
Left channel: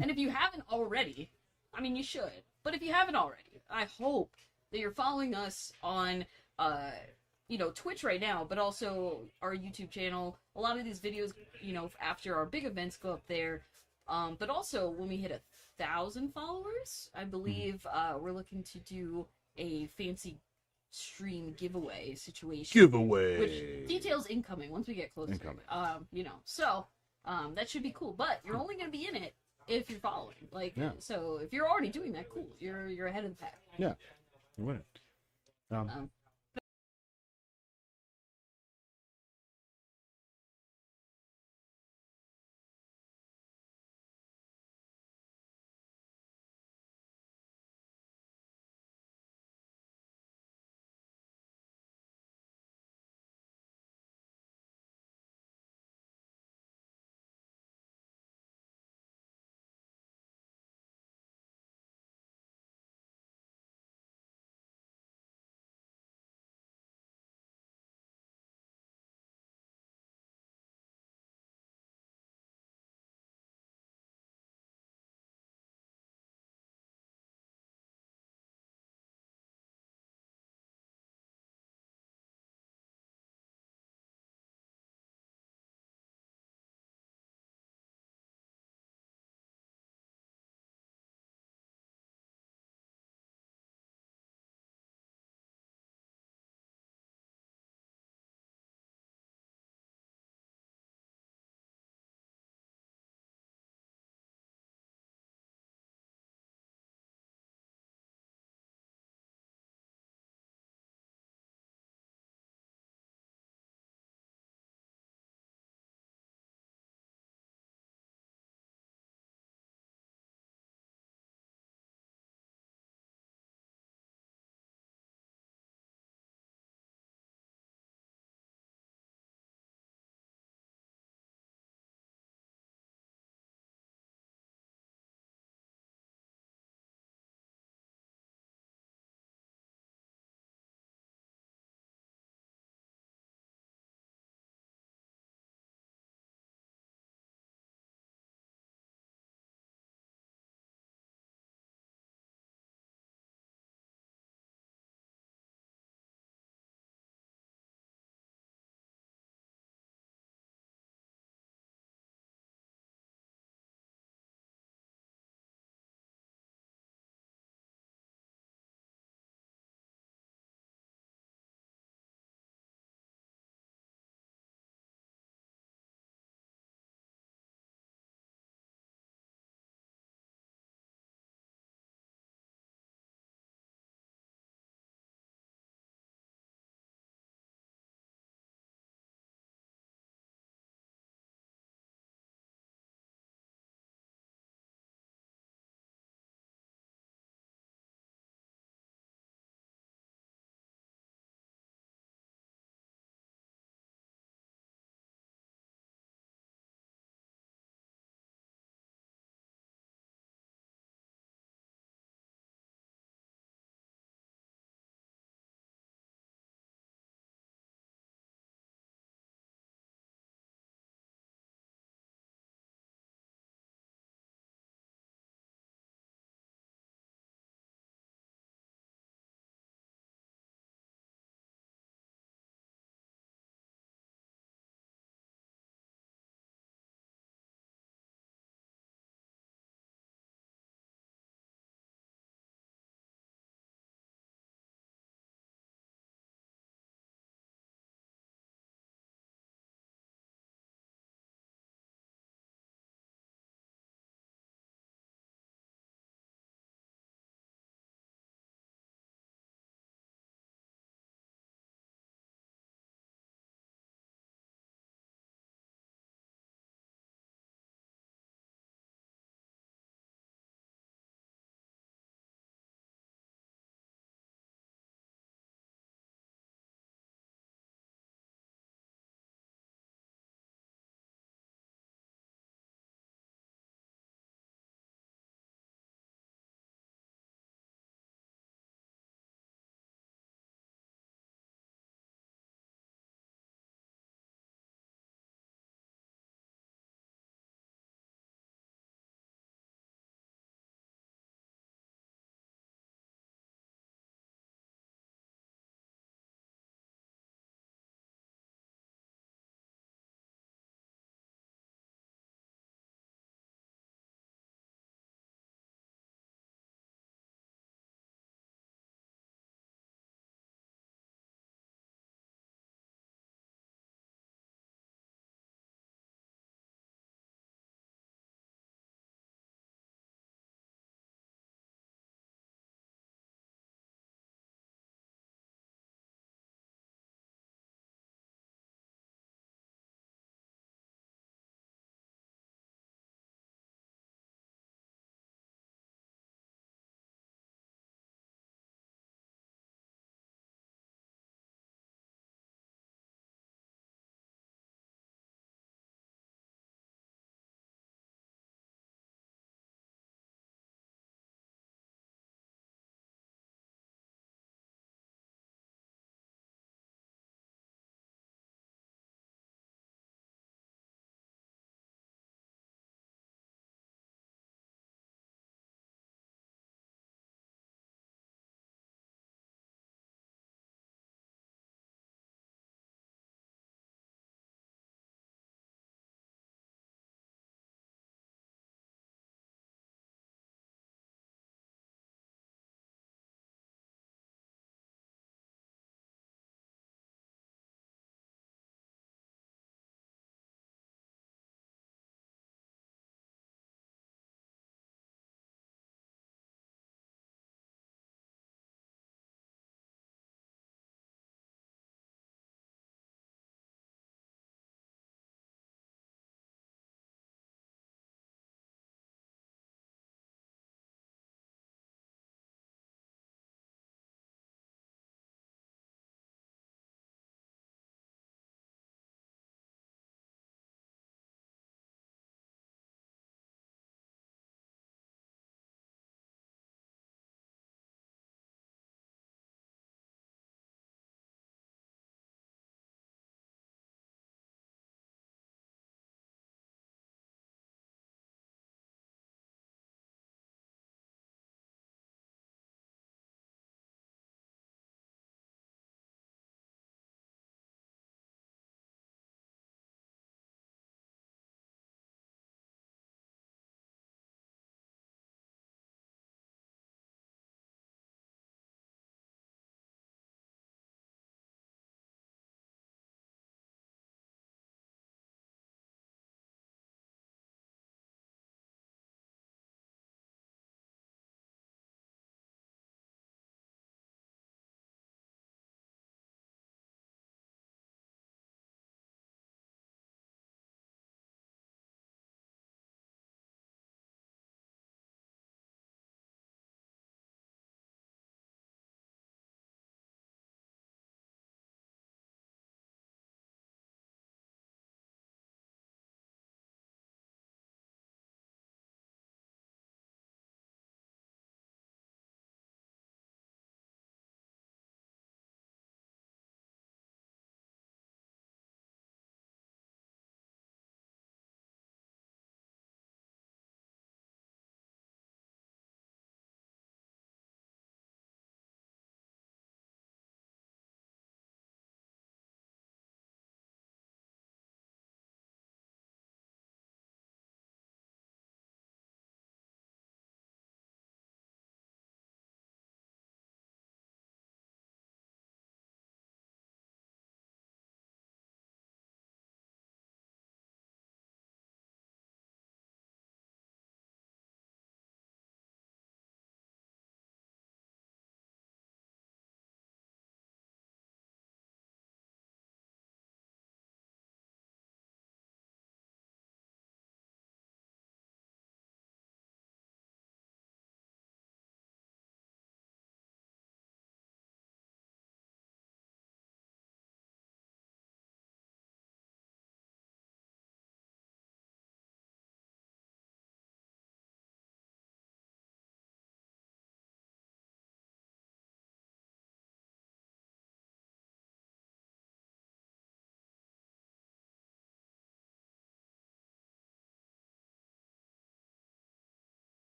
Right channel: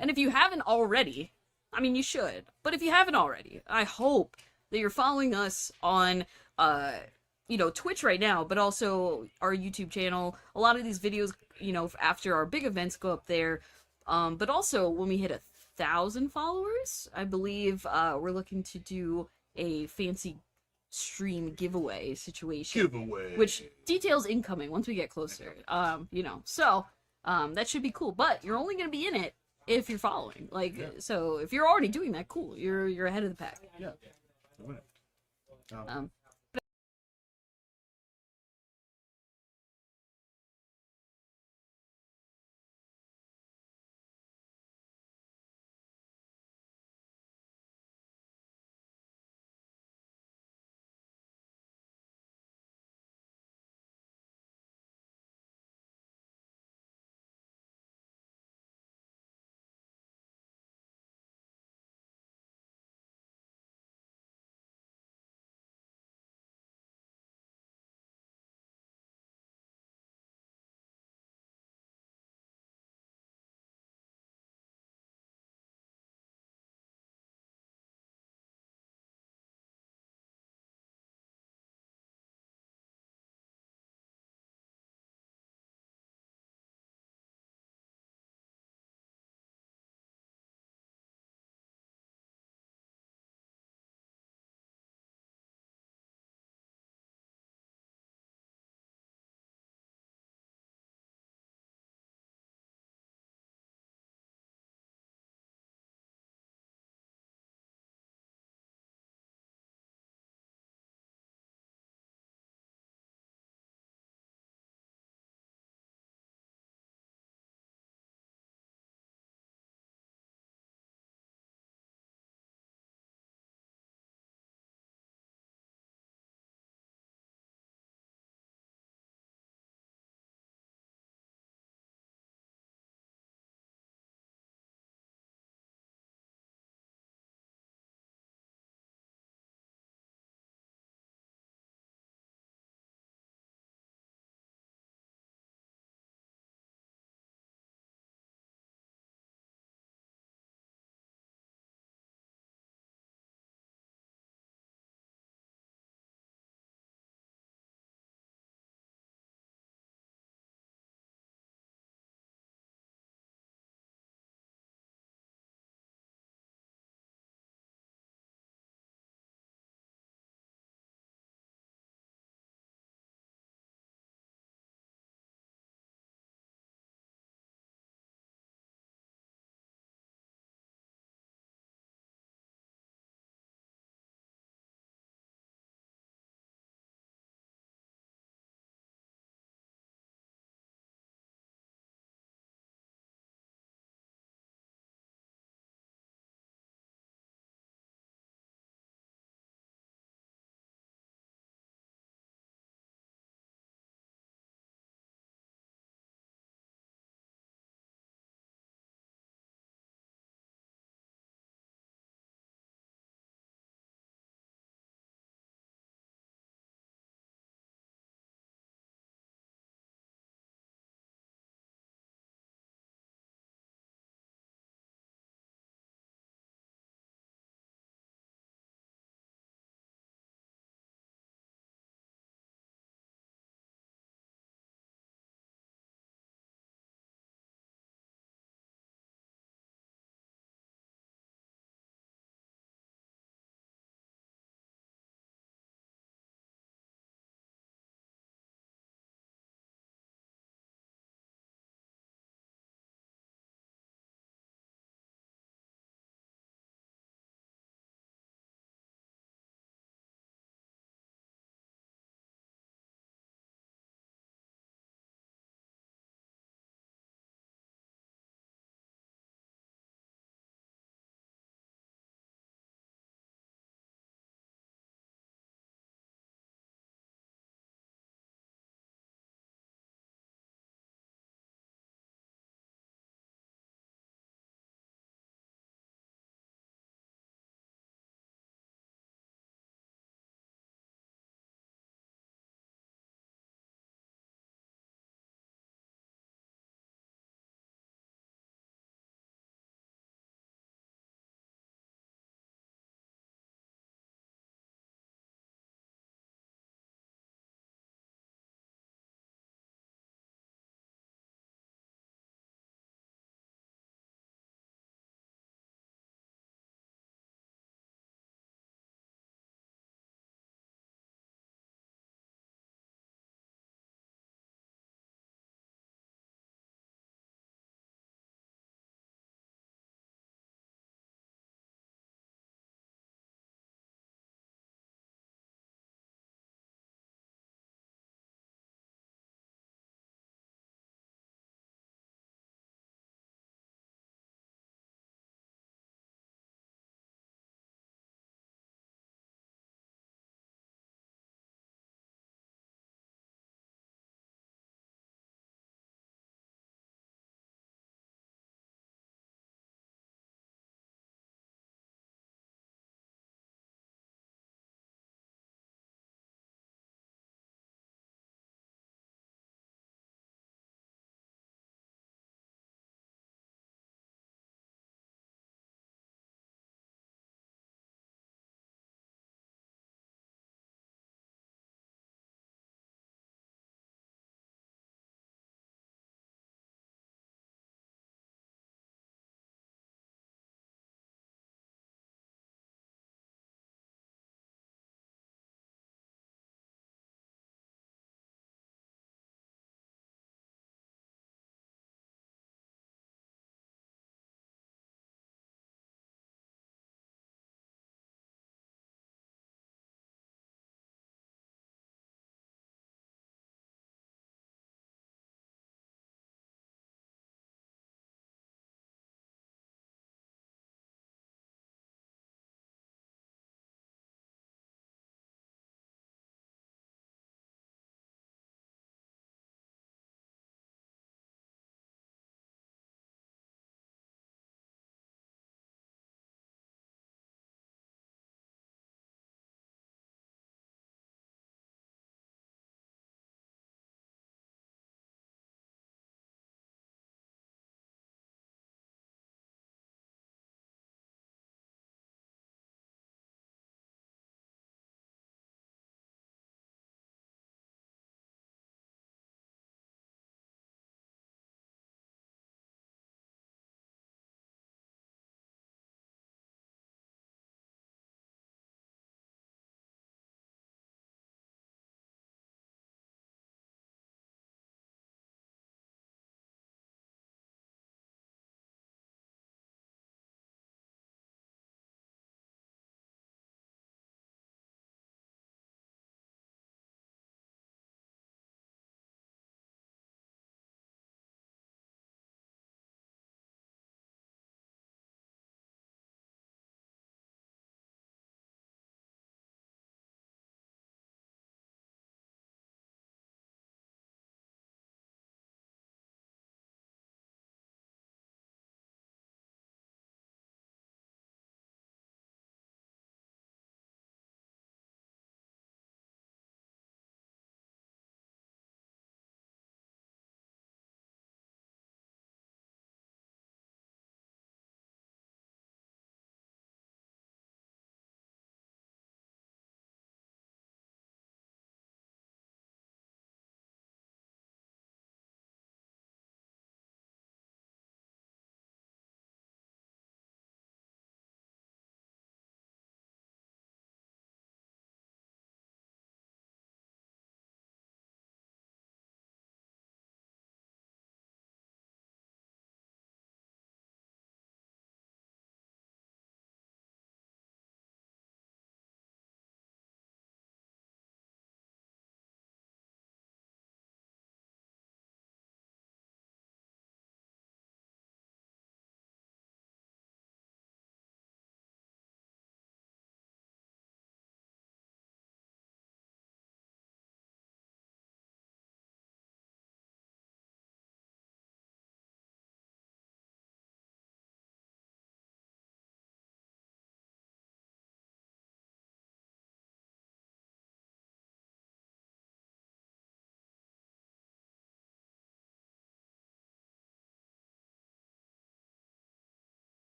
And if you haven't already, I mean, you should. But if you haven't already, I hope that you're following us on, Twitch right now, but also our YouTube channel. A lot of these videos, after our big events go up there. But also when we hit 1,000 followers, I believe we're looking to do a fancy stream giveaway situation. Giveaway. Which details incoming once we get closer. That should be cool. But you're only going to be in it if you're following. So if you're already doing that, cool. You're ahead of the pack. Yeah. You win it.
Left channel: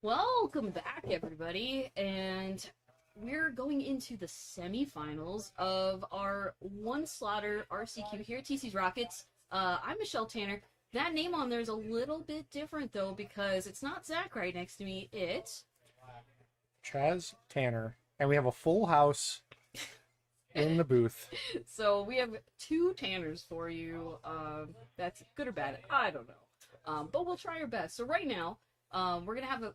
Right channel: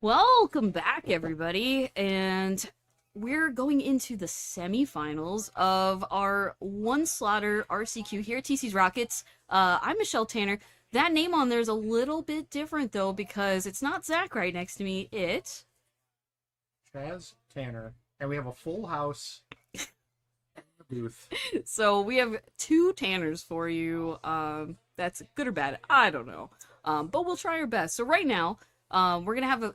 Welcome back, everybody, and we're going into the semifinals of our one slaughter RCQ here at TC's Rockets. I'm Michelle Tanner. That name on there is a little bit different, though, because it's not Zach right next to me. It's Chaz Tanner, and we have a full house in the booth. So we have two Tanners for you. That's good or bad, I don't know. But we'll try our best. So right now, we're gonna have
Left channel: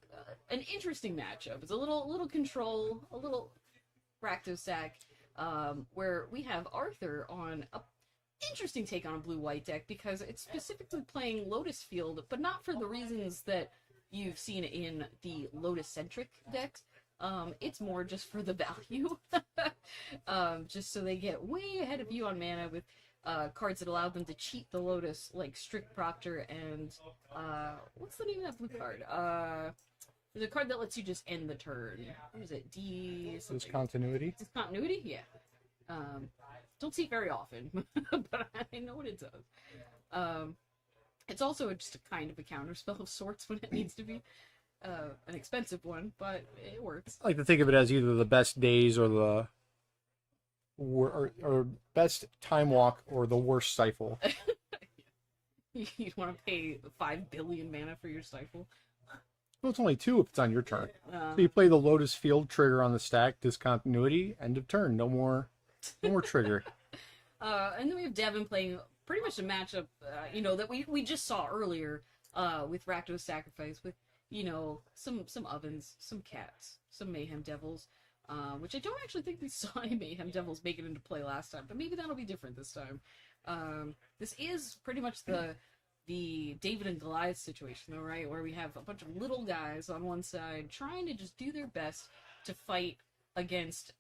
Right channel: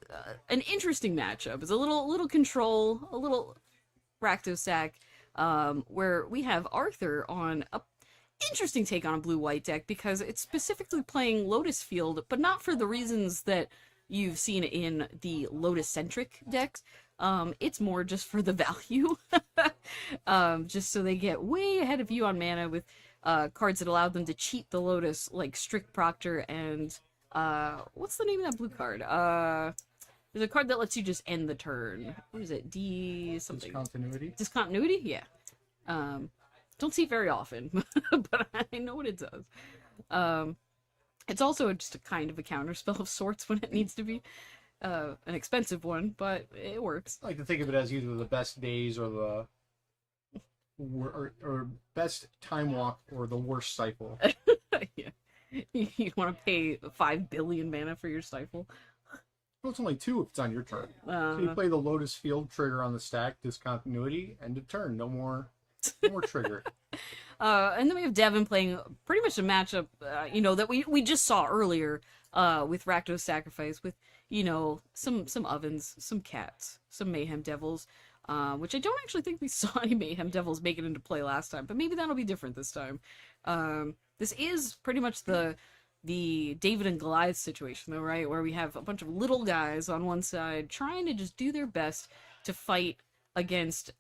an interesting matchup. It's a little control, a little Rakdos sack, where we have Arthur on a interesting take on a blue-white deck because it's specifically playing Lotus Field, but not for the reasons that you've seen in the Lotus-centric decks. It's more just for the value, just so they get way ahead of you on mana with cards that allow them to cheat the Lotus, like Strict Proctor and what's the name of that blue card? There's a card that lets you just end the turn. What is it? Something. Discontinuity. Discontinuity? Yeah. Don't see it very often, but I know what it does. It's also just a kind of a counterspell of sorts when it needs to be. An expensive one, but it works. I like to think of it as either the best days or the or best time walk or the worst stifle. Yeah. You want to pay 5 billion mana for your stifle? Well, it's only 2 if it's on your turn. So you play the Lotus Field trigger on the stack, discontinuity, end of turn. No more trigger. And then we have Devin playing pretty much a matchup, that we just saw earlier with Rakdos Sacrifice, with, some ovens, some cats, some Mayhem Devils, which I don't actually think we saw any Mayhem Devils make it into play last time, but maybe that'll be different this time. This is pretty much the David and Goliath situation, though, right? Where we have a bunch of little guys on one side trying to just do their best to fight against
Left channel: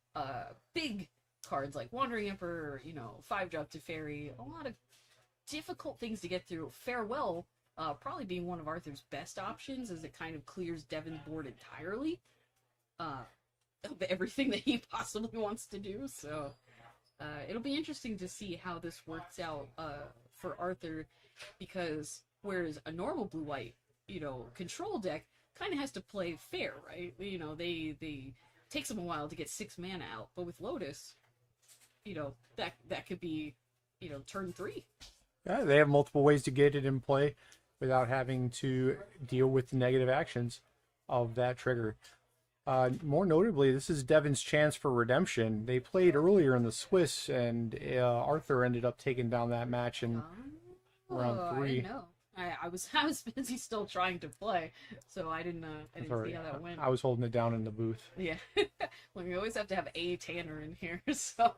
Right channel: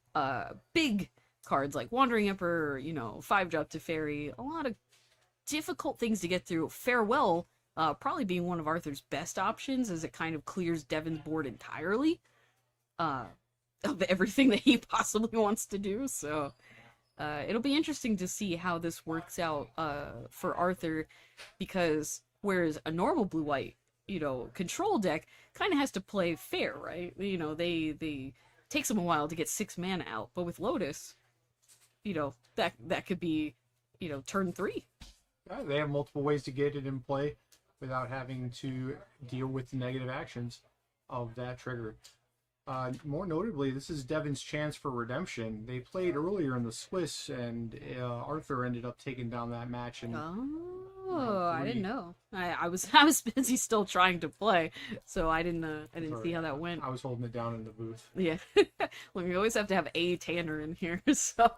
big cards like Wandering Emperor, 5-drop to Fairy, a lot of difficult things to get through. Farewell probably being one of Arthur's best options, as it kind of clears Devin's board entirely of everything that he possibly wants to do. So it'll be interesting to see how this works out for Arthur, because whereas a normal blue-white, control deck kind of has to play fair, right? They takes them a while to get 6 mana out, but with Lotus, that could be, turn 3. Yeah, they have multiple ways to get it in play without having to deal with the negative actions of that trigger. More notably, this is Devin's chance for redemption. They played earlier in the Swiss, and Arthur ended up taking down that match in round 3. I didn't know. I was busy still trying to play, so I didn't see how that went. I was holding it down in the booth. Yeah. Well, we always have to have a Tanner in here, so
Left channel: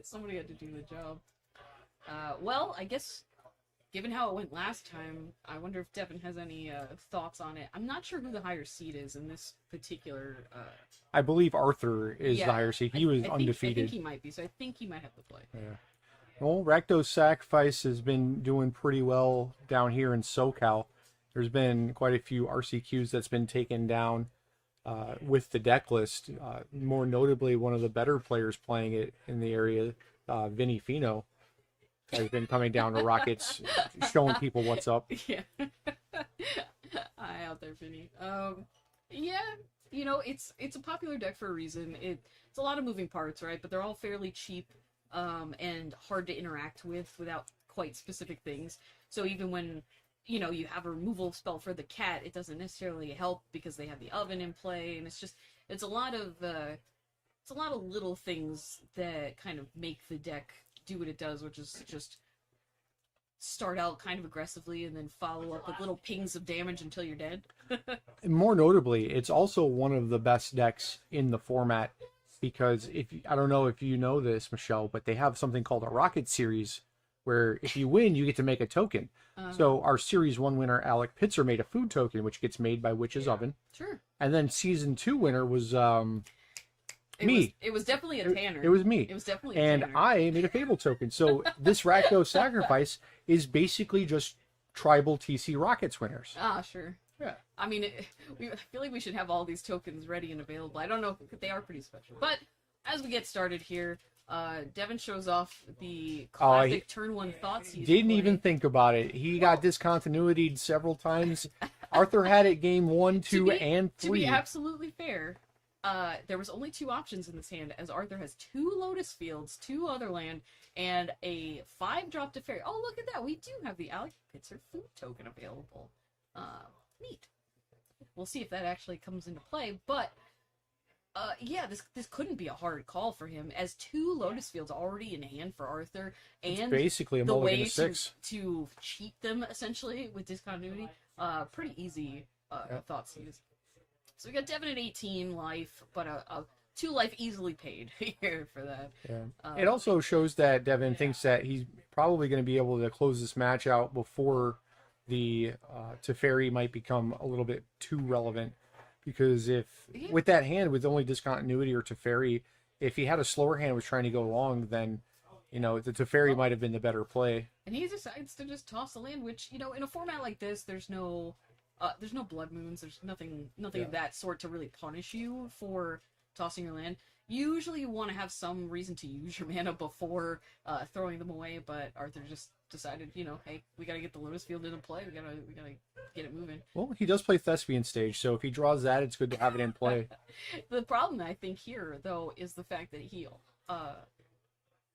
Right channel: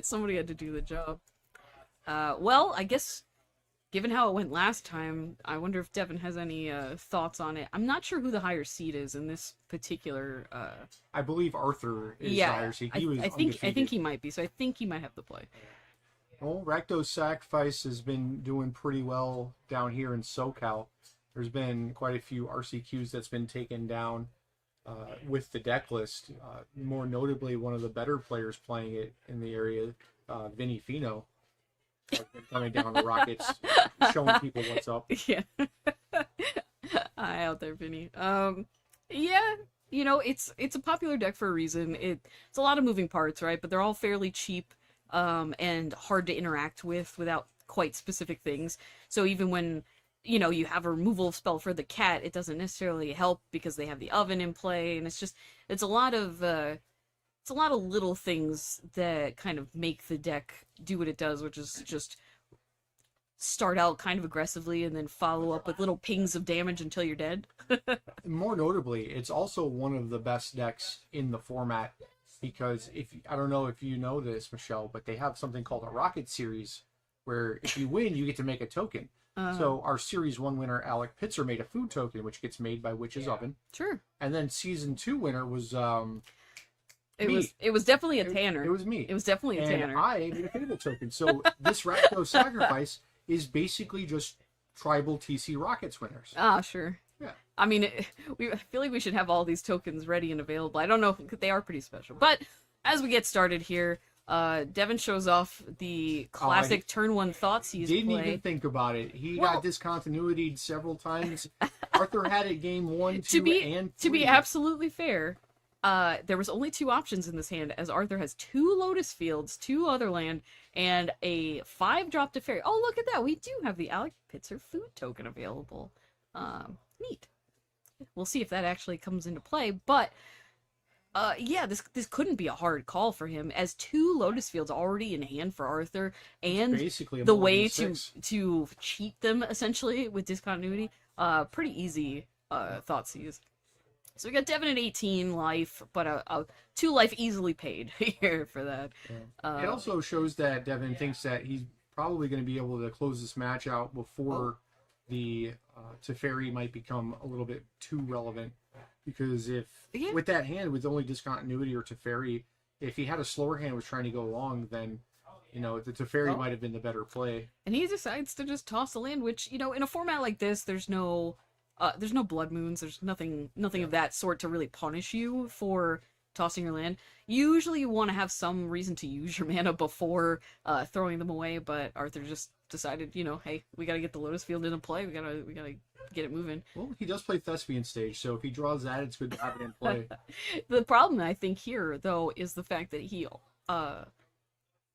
somebody had to do the job. Well, I guess given how it went last time, I wonder if Devin has any thoughts on it. I'm not sure who the higher seed is in this particular. I believe Arthur is the higher seed. He was undefeated. I think he might be, so I think he might have the play. Yeah. Well, Rakdos Sacrifice has been doing pretty well down here in SoCal. There's been quite a few RCQs that's been taken down with the deck list. More notably, one of the better players playing it in the area, Vinny Fino, has been coming down to Rockets, showing people what's up. Yeah. Hi out there, Vinny. Yeah, it's a popular deck for a reason. It's a lot of moving parts, right? But they're all fairly cheap and hard to interact with without quite specific things. So even when you have a removal spell for the cat, it doesn't necessarily help because they have the oven in play, and it's a lot of little things that kind of make the deck do what it does, which is just start out kind of aggressively and then follow up with little pings of damage until you're dead. And more notably, it's also one of the best decks in the format, because I don't know if you know this, Michelle, but they have something called a Rocket Series, where if you win, you get to make a token. So our Series 1 winner, Alec Pitzer, made a food token, which gets made by Witch's Oven. Sure. And then Season 2 winner was It was definitely a Tanner. It was me. It was definitely a and Tanner. I made a Fable token. So this Rakdos Sacrifice is basically just tribal TC Rockets winners. Ah, sure. Yeah. I mean, I feel like we should have all these tokens ready and available. I don't know if they are pretty special. But as we get started here, Devin shows off the classic turn 1 thoughts he's Didn't even think about it. He got discontinuity'd several times Arthur had it game 1, 2, and 3. To be absolutely fair, there was only 2 options in this hand, as Arthur has 2 Lotus Fields, 2 other land, and a 5-drop to fairy. Oh, look at that! We do have the Alec Pitzer food token available. Neat. We'll see if that actually comes into play, but yeah, this couldn't be a hard call for him, as 2 Lotus Fields already in hand for Arthur, and basically the way to cheat them essentially with discontinuity. Pretty easy thought seize. So we got Devin at 18 life, but a 2 life easily paid here for that. Yeah. It also shows that Devin thinks that he's probably going to be able to close this match out before the Teferi might become a little bit too relevant. Because if, with that hand, with only discontinuity or Teferi, if he had a slower hand was trying to go long, then, you know, the Teferi might have been the better play. And he decides to just toss the land, which, you know, in a format like this, there's no blood moons, there's nothing of that sort to really punish you for tossing your land. Usually you want to have some reason to use your mana before throwing them away, but Arthur just decided, you know, hey, we gotta get the Lotus Field into play, we gotta get it moving. Well, he does play Thespian Stage, so if he draws that, it's good to have it in play. The problem, I think, here, though, is the fact that he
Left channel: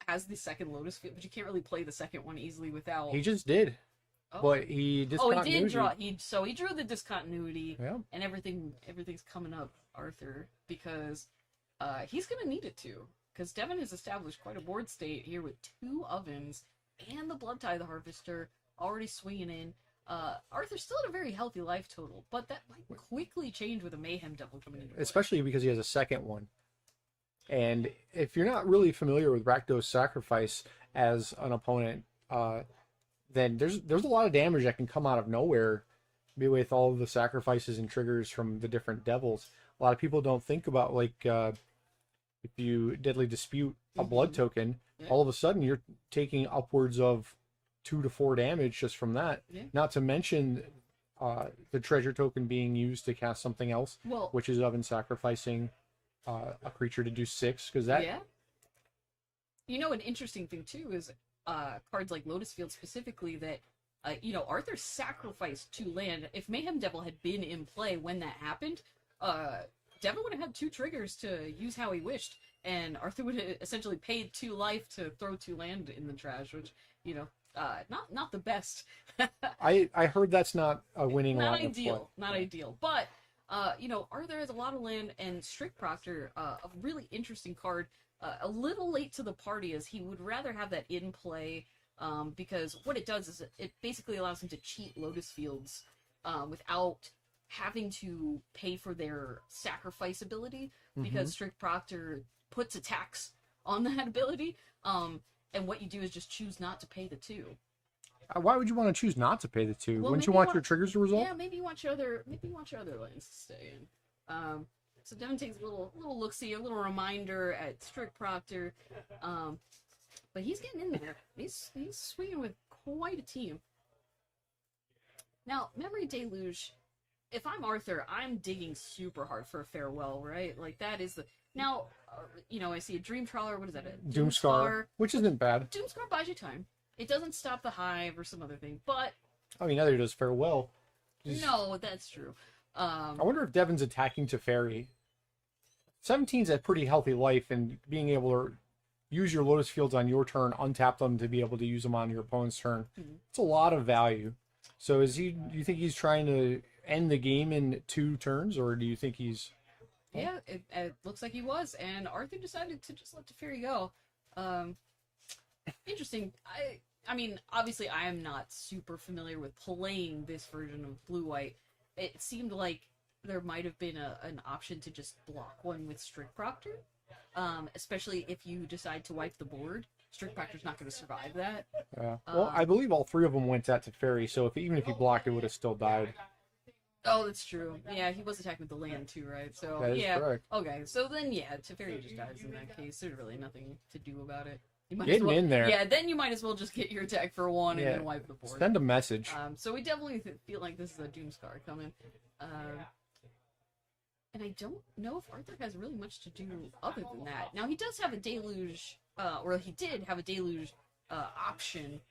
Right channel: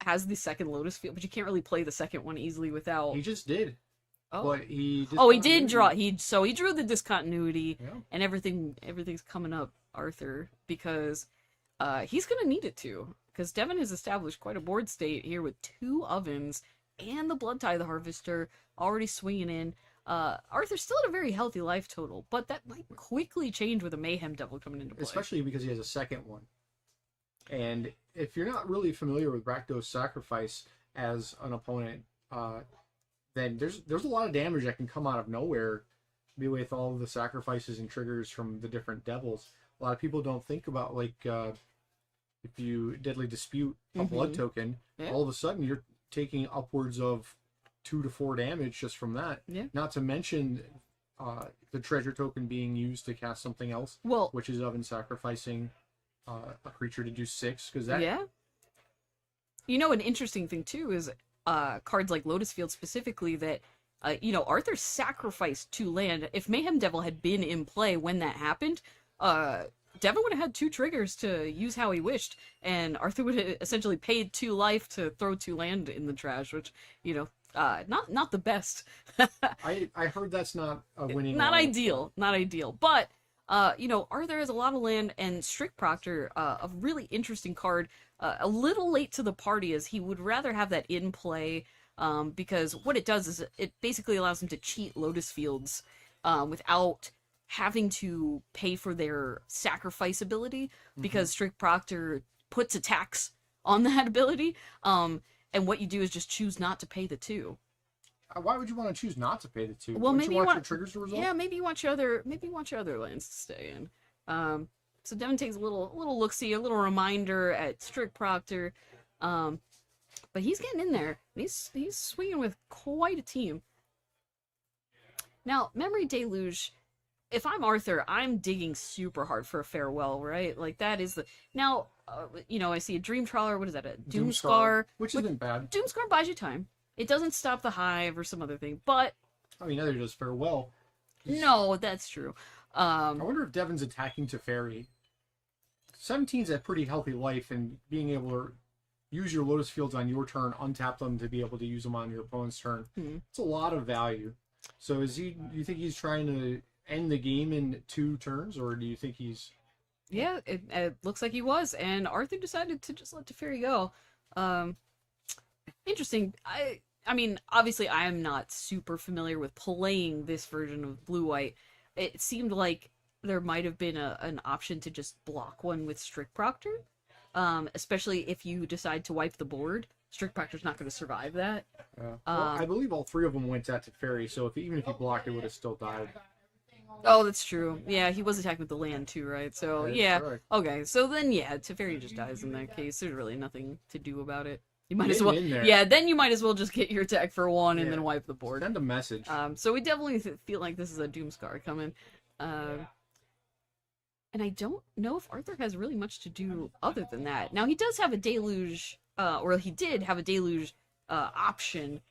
has the second Lotus Field, but you can't really play the second one easily without... He just did. Oh. But he did draw. He drew the discontinuity, and everything's coming up, Arthur, because he's gonna need it to. Because Devin has established quite a board state here with 2 ovens and the Blood Tithe Harvester already swinging in. Arthur's still at a very healthy life total, but that might quickly change with a Mayhem Devil coming into play. Especially because he has a second one. And if you're not really familiar with Rakdos Sacrifice as an opponent, then there's a lot of damage that can come out of nowhere with all of the sacrifices and triggers from the different devils. A lot of people don't think about, like, if you Deadly Dispute a blood token, all of a sudden you're taking upwards of 2 to 4 damage just from that. Yeah. Not to mention the treasure token being used to cast something else, which is Oven sacrificing a creature to do 6, because that... Yeah. You know, an interesting thing, too, is cards like Lotus Field specifically that, you know, Arthur sacrificed 2 land. If Mayhem Devil had been in play when that happened, Devin would have had 2 triggers to use how he wished, and Arthur would have essentially paid 2 life to throw 2 land in the trash, which, you know, not the best. I heard that's not a winning. Not ideal, but you know, Arthur has a lot of land, and Strict Proctor, a really interesting card, a little late to the party, as he would rather have that in play, because what it does is it basically allows him to cheat Lotus Fields without having to pay for their sacrifice ability, because Strict Proctor puts a tax on that ability, and what you do is just choose not to pay the 2. Why would you want to choose not to pay the 2? Well, Wouldn't you want your triggers to resolve? Yeah, maybe you want your other lands to stay in. So Devin takes a little look-see, a little reminder at Strict Proctor, but he's getting in there. He's swinging with quite a team. Now, Memory Deluge. If I'm Arthur, I'm digging super hard for a farewell, right? Like, that is the... Now, you know, I see a Dream Trawler, what is that, a Doomscar? Which isn't bad. Doomscar buys you time. It doesn't stop the hive or some other thing, but... I mean, neither does farewell. No, that's true. I wonder if Devin's attacking Teferi. 17's a pretty healthy life, and being able to use your Lotus Fields on your turn, untap them to be able to use them on your opponent's turn. It's a lot of value. So do you think he's trying to end the game in 2 turns, or do you think he's... Yeah, it looks like he was, and Arthur decided to just let Teferi go. Interesting. I mean, obviously I am not super familiar with playing this version of Blue-White. It seemed like there might have been an option to just block one with Strict Proctor, especially if you decide to wipe the board. Strict Proctor's not going to survive that. Yeah. Well, I believe all 3 of them went at Teferi, so even if he blocked, it would have still died. Oh, that's true. Yeah, he was attacking with the land too, right? So, yeah. Correct. Okay, so then, yeah, Teferi just dies in that case. There's really nothing to do about it. You might Get as well... in there. Yeah, then you might as well just get your attack for 1 and then wipe the board. Send a message. So we definitely feel like this is a Doomscar coming. And I don't know if Arthur has really much to do other than that. Now, he does have a Deluge... or he did have a Deluge option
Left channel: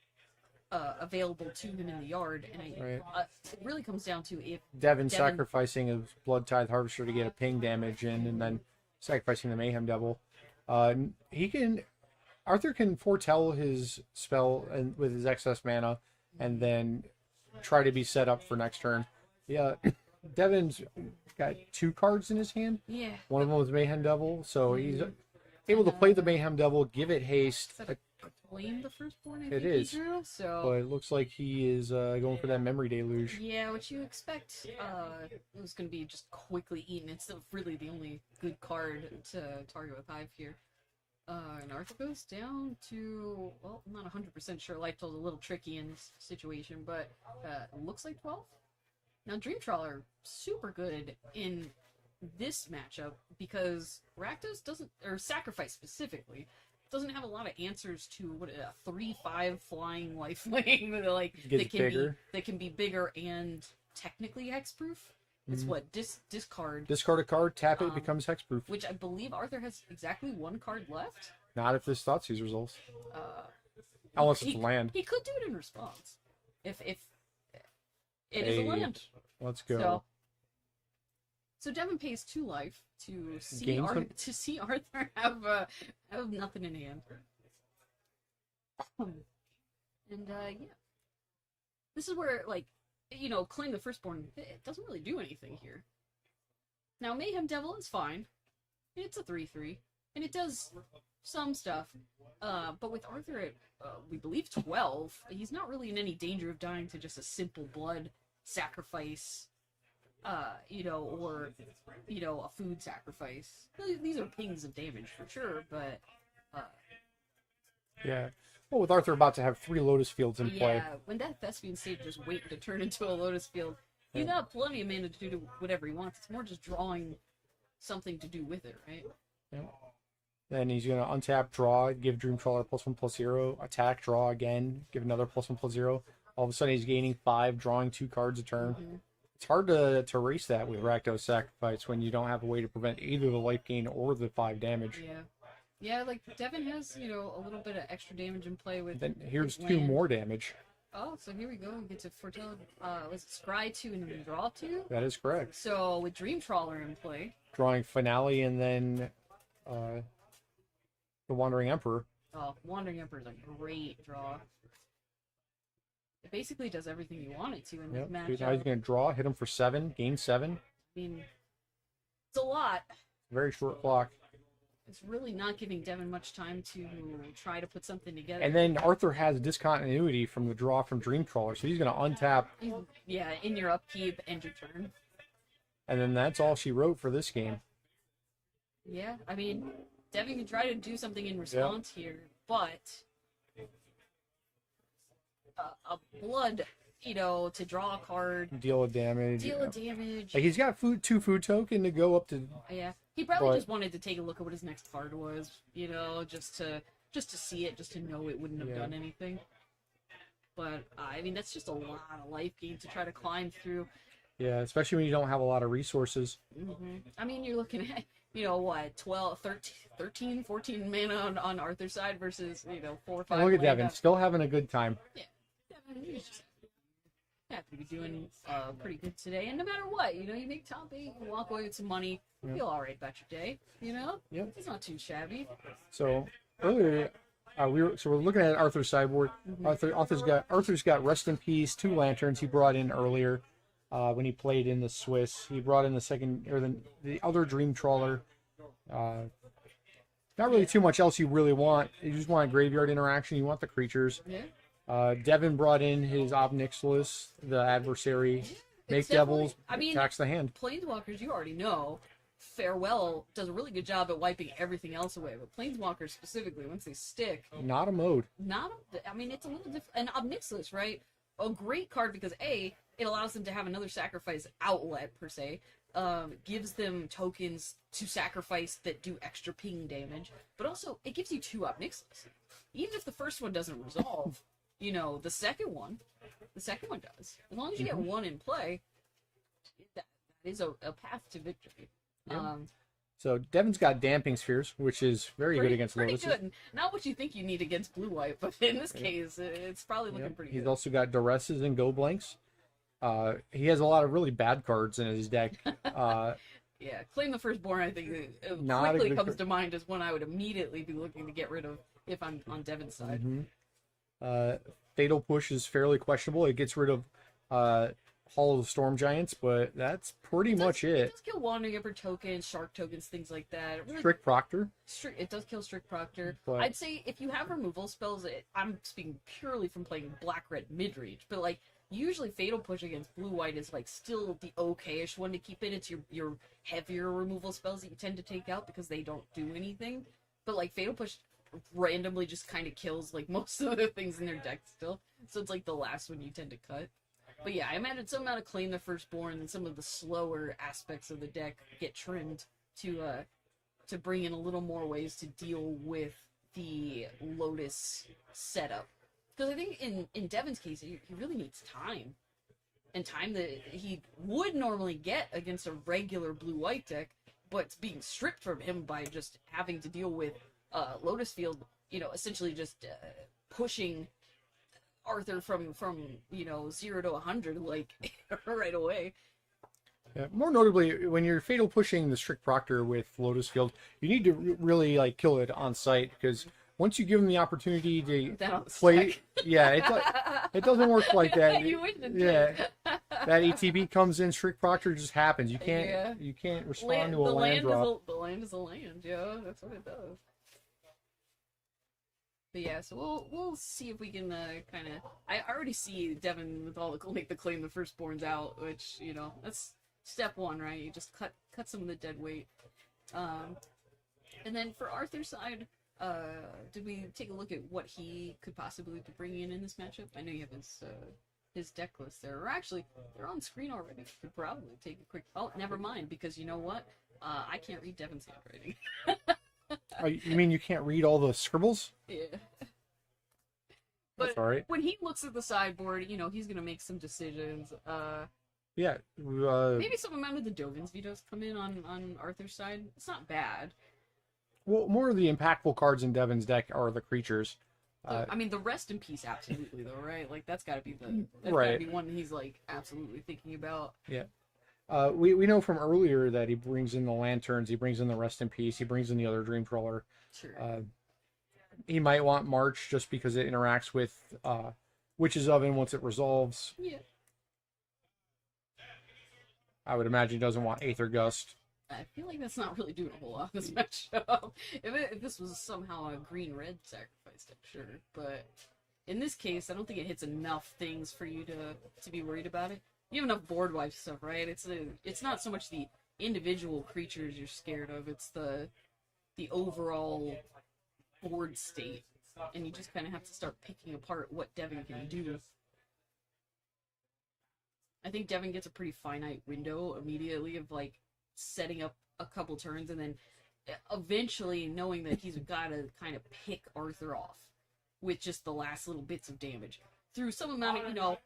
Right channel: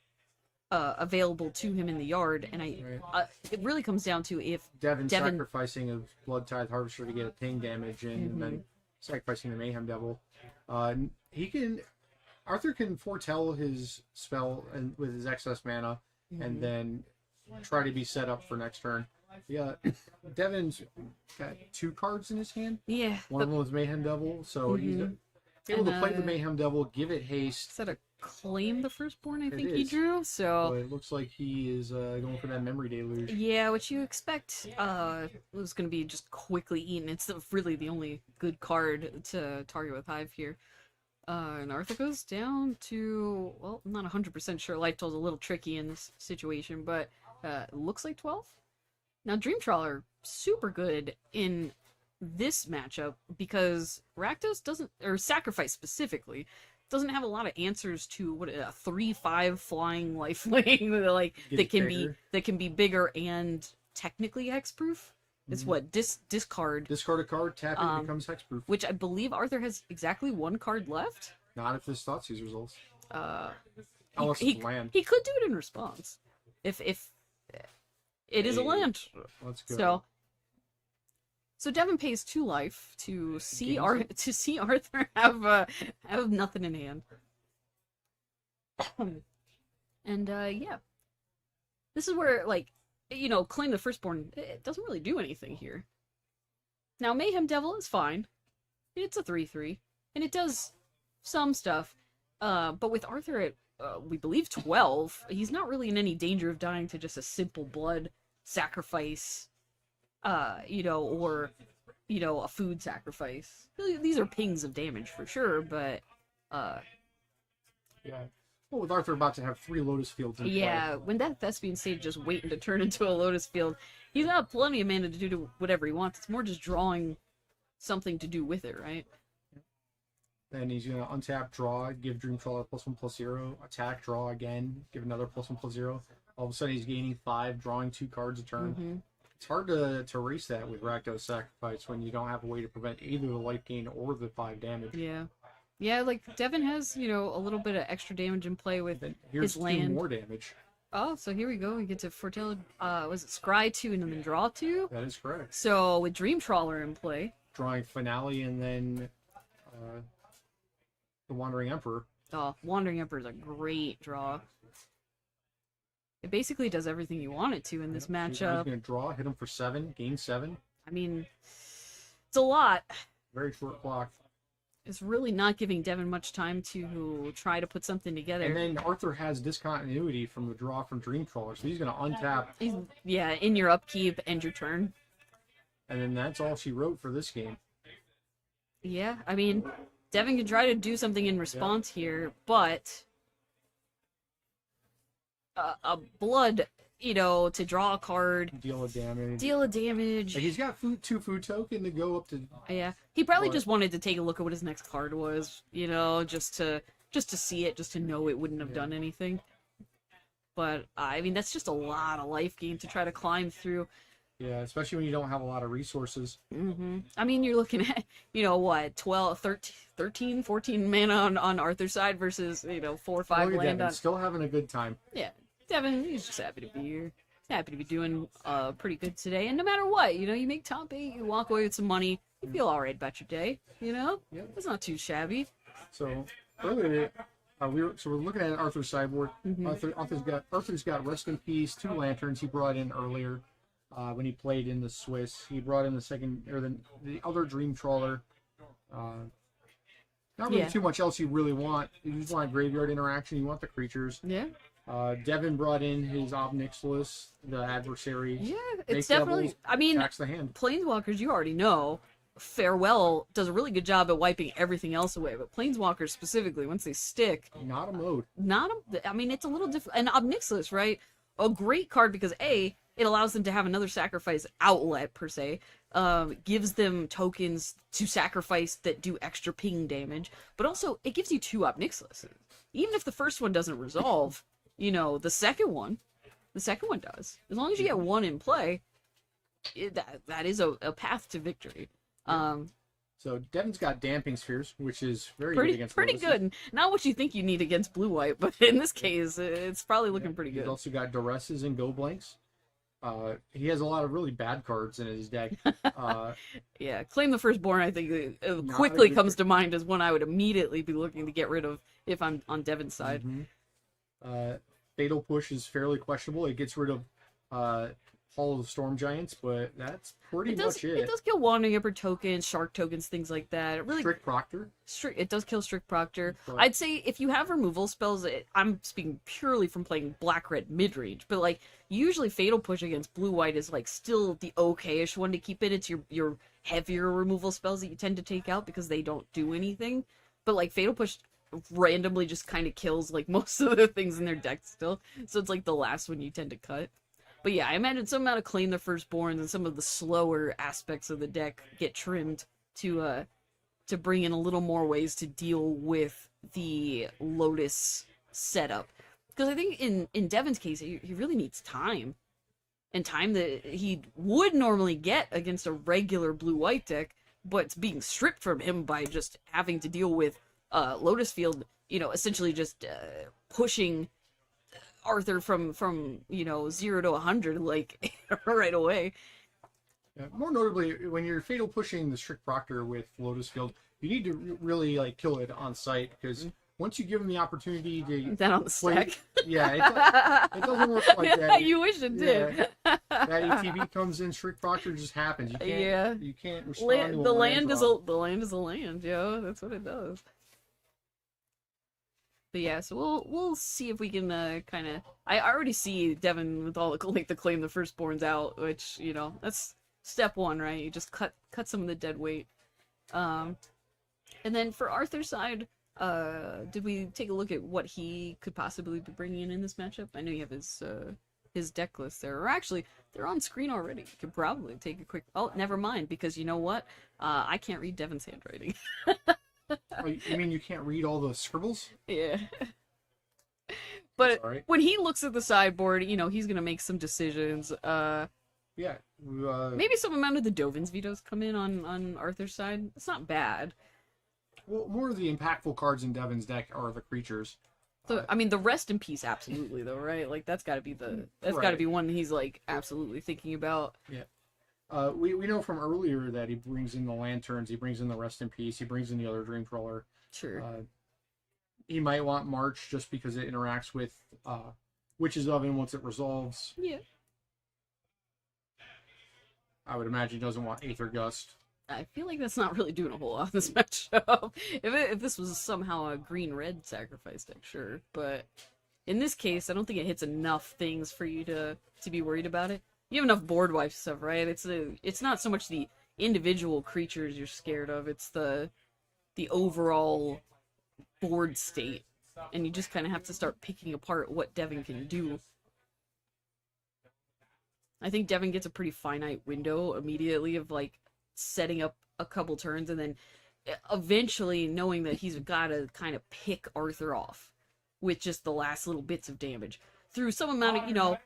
available to him in the yard, and it really comes down to if Devin sacrificing a Blood Tithe Harvester to get a ping damage in, and then sacrificing the Mayhem Devil. Arthur can foretell his spell and with his excess mana, and then try to be set up for next turn. Yeah, Devin's got 2 cards in his hand. Yeah. One of them was Mayhem Devil, so he's able to play the Mayhem Devil, give it haste. Is that a Claim the Firstborn? I It think he is. drew. So But it looks like he is going for that Memory Deluge. yeah, what you expect was going to be just quickly eaten. It's really the only good card to target with Hive here. And Arthur goes down to, well, I'm not 100% sure. Life Toll's a little tricky in this situation, but it looks like 12. Now, Dream Trawler, super good in this matchup because Rakdos doesn't, or Sacrifice specifically, doesn't have a lot of answers to what a 3/5 flying lifelink that can be bigger and technically hexproof. It's what discard. Discard a card, tap it, becomes hexproof. Which I believe Arthur has exactly 1 card left. Not if this Thoughtseize resolves. Unless it's a land. He could do it in response, if it is a land. Let's go. So Devin pays 2 life to see Gains Arthur have nothing in hand. And yeah, this is where Claim the Firstborn, it doesn't really do anything here. Now Mayhem Devil is fine. It's a 3/3, and it does some stuff. But with Arthur at we believe 12, he's not really in any danger of dying to just a simple blood sacrifice. Or a food sacrifice. These are pings of damage for sure, but yeah. Well, with Arthur about to have 3 Lotus Fields in play. Yeah, when that Thespian stage just waiting to turn into a Lotus Field, he's got plenty of mana to do whatever he wants. It's more just drawing something to do with it, right? Yeah. Then he's gonna untap, draw, give Dream Trawler +1/+0, attack, draw again, give another +1/+0. All of a sudden he's gaining 5, drawing 2 cards a turn. It's hard to erase that with Rakdos Sacrifice when you don't have a way to prevent either the life gain or the 5 damage. Yeah. Yeah, like Devin has, a little bit of extra damage in play with Then here's his 2 land. more damage. Oh, so here we go. We get to foretell, was it Scry 2 and then draw 2? That is correct. So with Dream Trawler in play. Drawing Finale and then the Wandering Emperor. Oh, Wandering Emperor is a great draw. It basically does everything you want it to in this He's matchup. going to draw, hit him for 7, gain 7. I mean, it's a lot. Very short clock. It's really not giving Devin much time to try to put something together. And then Arthur has discontinuity from the draw from Dream Trawler, so he's going to untap. In your upkeep, end your turn. And then that's all she wrote for this game. Yeah, I mean, Devin can try to do something in response here, but a blood, to draw a card, Deal of damage. Like, He's got 2 food token to go up to. yeah, he probably But- just wanted to take a look at what his next card was, just to see it, just to know it wouldn't have done anything. But I mean, that's just a lot of life gain to try to climb through. Yeah, especially when you don't have a lot of resources. I mean, you're looking at, 12, 13, 14 mana on Arthur's side versus, 4 or 5 Look at land Devin, on... still having a good time. Yeah, Devin, he's just happy to be here. He's happy to be doing pretty good today. And no matter what, you make top 8, you walk away with some money, you feel all right about your day, Yep. It's not too shabby. So earlier, we're looking at Arthur's sideboard. Arthur's got Rest in Peace, 2 lanterns he brought in earlier when he played in the Swiss. He brought in the other Dream Trawler. Not really too much else you really want. You just want a graveyard interaction. You want the creatures. Yeah. Devin brought in his Obnixilis, the adversary. Yeah, Make it's definitely... devils, I mean, attacks the hand. Planeswalkers, you already know. Farewell does a really good job at wiping everything else away, but Planeswalkers specifically, once they stick... Not a mode. It's a little different. And Obnixilis, right? A great card because, A, it allows them to have another sacrifice outlet, per se. Gives them tokens to sacrifice that do extra ping damage. But also, it gives you 2 Obnixilis. Even if the first one doesn't resolve, the second one does. As long as you get 1 in play, that is a path to victory. So Devin's got Damping Spheres, which is very good against pretty Lotus. good. Not what you think you need against blue-white, but in this case, it's probably looking pretty He's good. also got Duresses and Go Blanks. He has a lot of really bad cards in his deck. Yeah, Claim the Firstborn, I think, Not quickly a good comes to mind as one I would immediately be looking to get rid of if I'm on Devin's side. Fatal Push is fairly questionable. It gets rid of Hall of the Storm Giants, but that's pretty much It does kill Wandering Emperor tokens, Shark tokens, things like that. It really Strict Proctor. It does kill Strict Proctor. But- I'd say if you have removal spells, I'm speaking purely from playing black-red mid-range, but like usually Fatal Push against blue-white is like still the okay-ish one to keep in. It's your heavier removal spells that you tend to take out because they don't do anything. But like Fatal Push randomly just kind of kills like most of the things in their deck still, so it's like the last one you tend to cut. But yeah, I imagine some amount of Claim the Firstborns and some of the slower aspects of the deck get trimmed to bring in a little more ways to deal with the Lotus setup. Because I think in Devin's case, he really needs time. And time that he would normally get against a regular blue-white deck, but it's being stripped from him by just having to deal with Lotus Field, essentially just pushing Arthur from 0 to 100 like right away. Yeah, more notably, when you're Fatal Pushing the Strict Proctor with Lotus Field, you need to really like kill it on site, because once you give him the opportunity to Then on the play, stack. it doesn't work like that. You wish it did. Yeah, that ATB comes in, Strict Proctor just happens. You can't respond to a the land drop. the land is a land, yo. That's what it does. But yeah, so we'll see if we can kind of. I already see Devin with all the Claim the Firstborns out, which that's step one, right? You just cut some of the dead weight. And then for Arthur's side, did we take a look at what he could possibly be bringing in this matchup? I know you have his deck list there, or actually they're on screen already. You could probably take a quick. Oh, never mind, because you know what? I can't read Devin's handwriting. You mean you can't read all the scribbles? Yeah. But all right. when he looks at the sideboard, he's gonna make some decisions. Yeah. Maybe some amount of the Dovin's vetoes come in on Arthur's side. It's not bad. Well, more of the impactful cards in Devin's deck are the creatures. So, I mean, the Rest in Peace, absolutely, though, right? Like that's gotta be gotta Right. be one he's like absolutely thinking about. Yeah. We know from earlier that he brings in the Lanterns, he brings in the Rest in Peace, he brings in the other Dream Trawler. Sure. He might want March just because it interacts with Witch's Oven once it resolves. Yeah. I would imagine he doesn't want Aether Gust. I feel like that's not really doing a whole lot in this matchup. If this was somehow a green-red sacrifice deck, sure. But in this case, I don't think it hits enough things for you to be worried about it. You have enough board wipe stuff, right? It's not so much the individual creatures you're scared of, it's the overall board state. And you just kind of have to start picking apart what Devin can do. I think Devin gets a pretty finite window immediately of like setting up a couple turns and then eventually knowing that he's got to kind of pick Arthur off with just the last little bix of damage through some amount of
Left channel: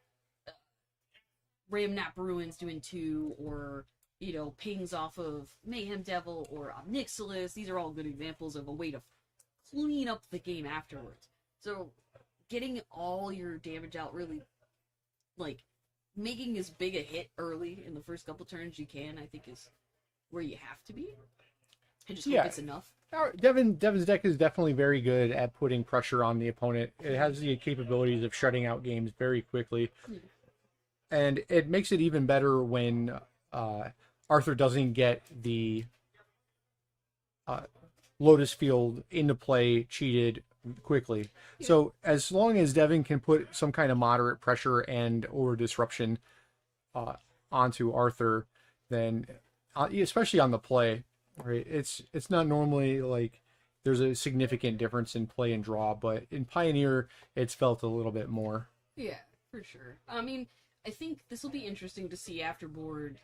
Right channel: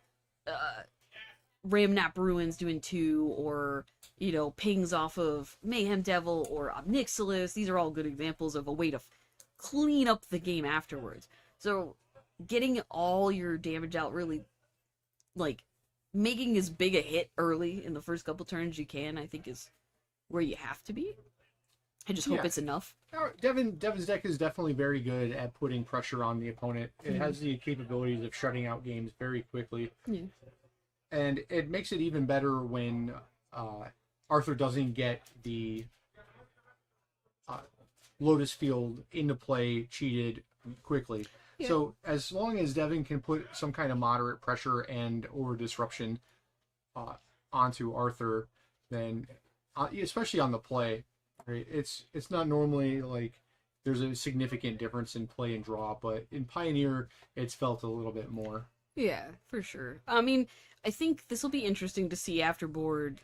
Ramnap Ruins doing 2, or pings off of Mayhem Devil or Obnixilis. These are all good examples of a way to clean up the game afterwards. So getting all your damage out, really like making as big a hit early in the first couple turns you can, I think is where you have to be. I just hope it's enough. Devin's deck is definitely very good at putting pressure on the opponent. It has the capabilities of shutting out games very quickly. Yeah. And it makes it even better when Arthur doesn't get the Lotus Field into play cheated quickly. Yeah. So as long as Devin can put some kind of moderate pressure and or disruption onto Arthur, then especially on the play, right? It's not normally like there's a significant difference in play and draw, but in Pioneer it's felt a little bit more. Yeah, for sure. I mean, I think this will be interesting to see afterboard,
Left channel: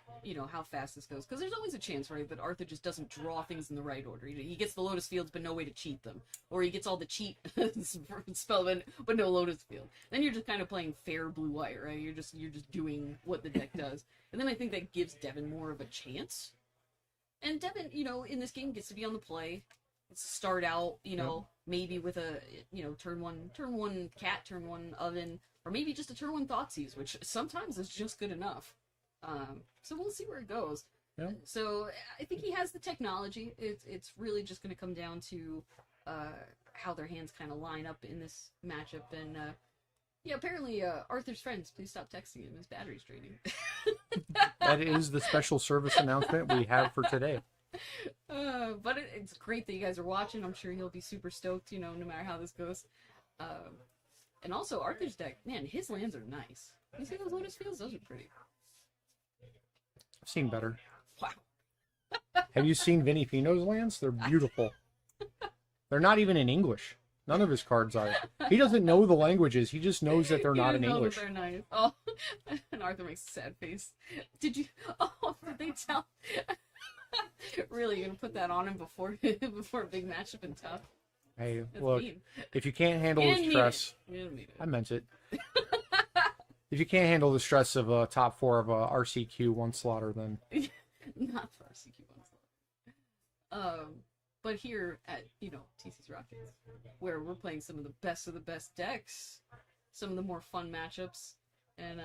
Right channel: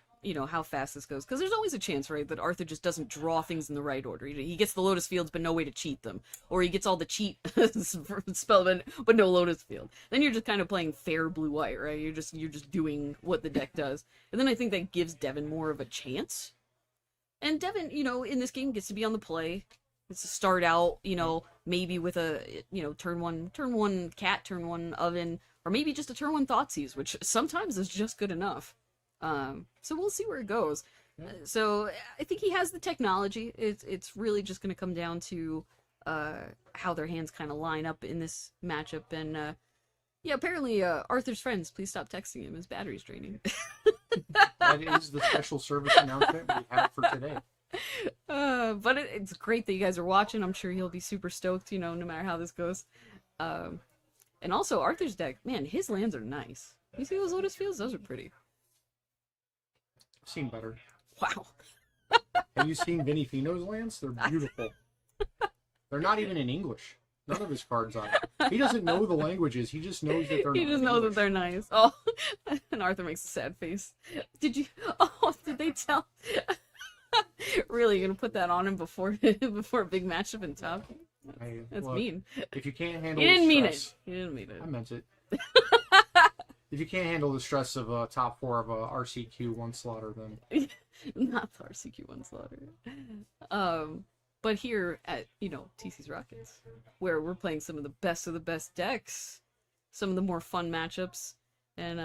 how fast this goes. Because there's always a chance, right, that Arthur just doesn't draw things in the right order. He gets the Lotus Fields, but no way to cheat them. Or he gets all the cheat spell, but no Lotus Field. Then you're just kind of playing fair blue-white, right? You're just doing what the deck does. And then I think that gives Devin more of a chance. And Devin, in this game gets to be on the play. Gets to start out, maybe with a, turn one cat, turn one oven, or maybe just a turn one Thoughtseize, which sometimes is just good enough. So we'll see where it goes. Yeah. So I think he has the technology. It's really just going to come down to how their hands kind of line up in this matchup. And yeah, apparently Arthur's friends, please stop texting him. His battery's draining. That is the special service announcement we have for today. But it's great that you guys are watching. I'm sure he'll be super stoked, no matter how this goes. And also Arthur's deck, man, his lands are nice. You see those Lotus Fields? Those are pretty. I've seen better. Wow. Have you seen Vinny Fino's lands? They're beautiful. They're not even in English. None of his cards are. He doesn't know the languages. He just knows that they're not in English. He just knows that they're nice. Oh, and Arthur makes a sad face. Did they tell? Really, you're gonna put that on him before a big matchup in top? Hey, That's look, mean. if you can't handle He didn't the mean it. stress, He didn't mean it. I meant it. If you can't handle the stress of a top 4 of a RCQ one slaughter, then Not the RCQ one slaughter. But here at TC's Rockets, where we're playing some of the best decks, some of the more fun matchups, and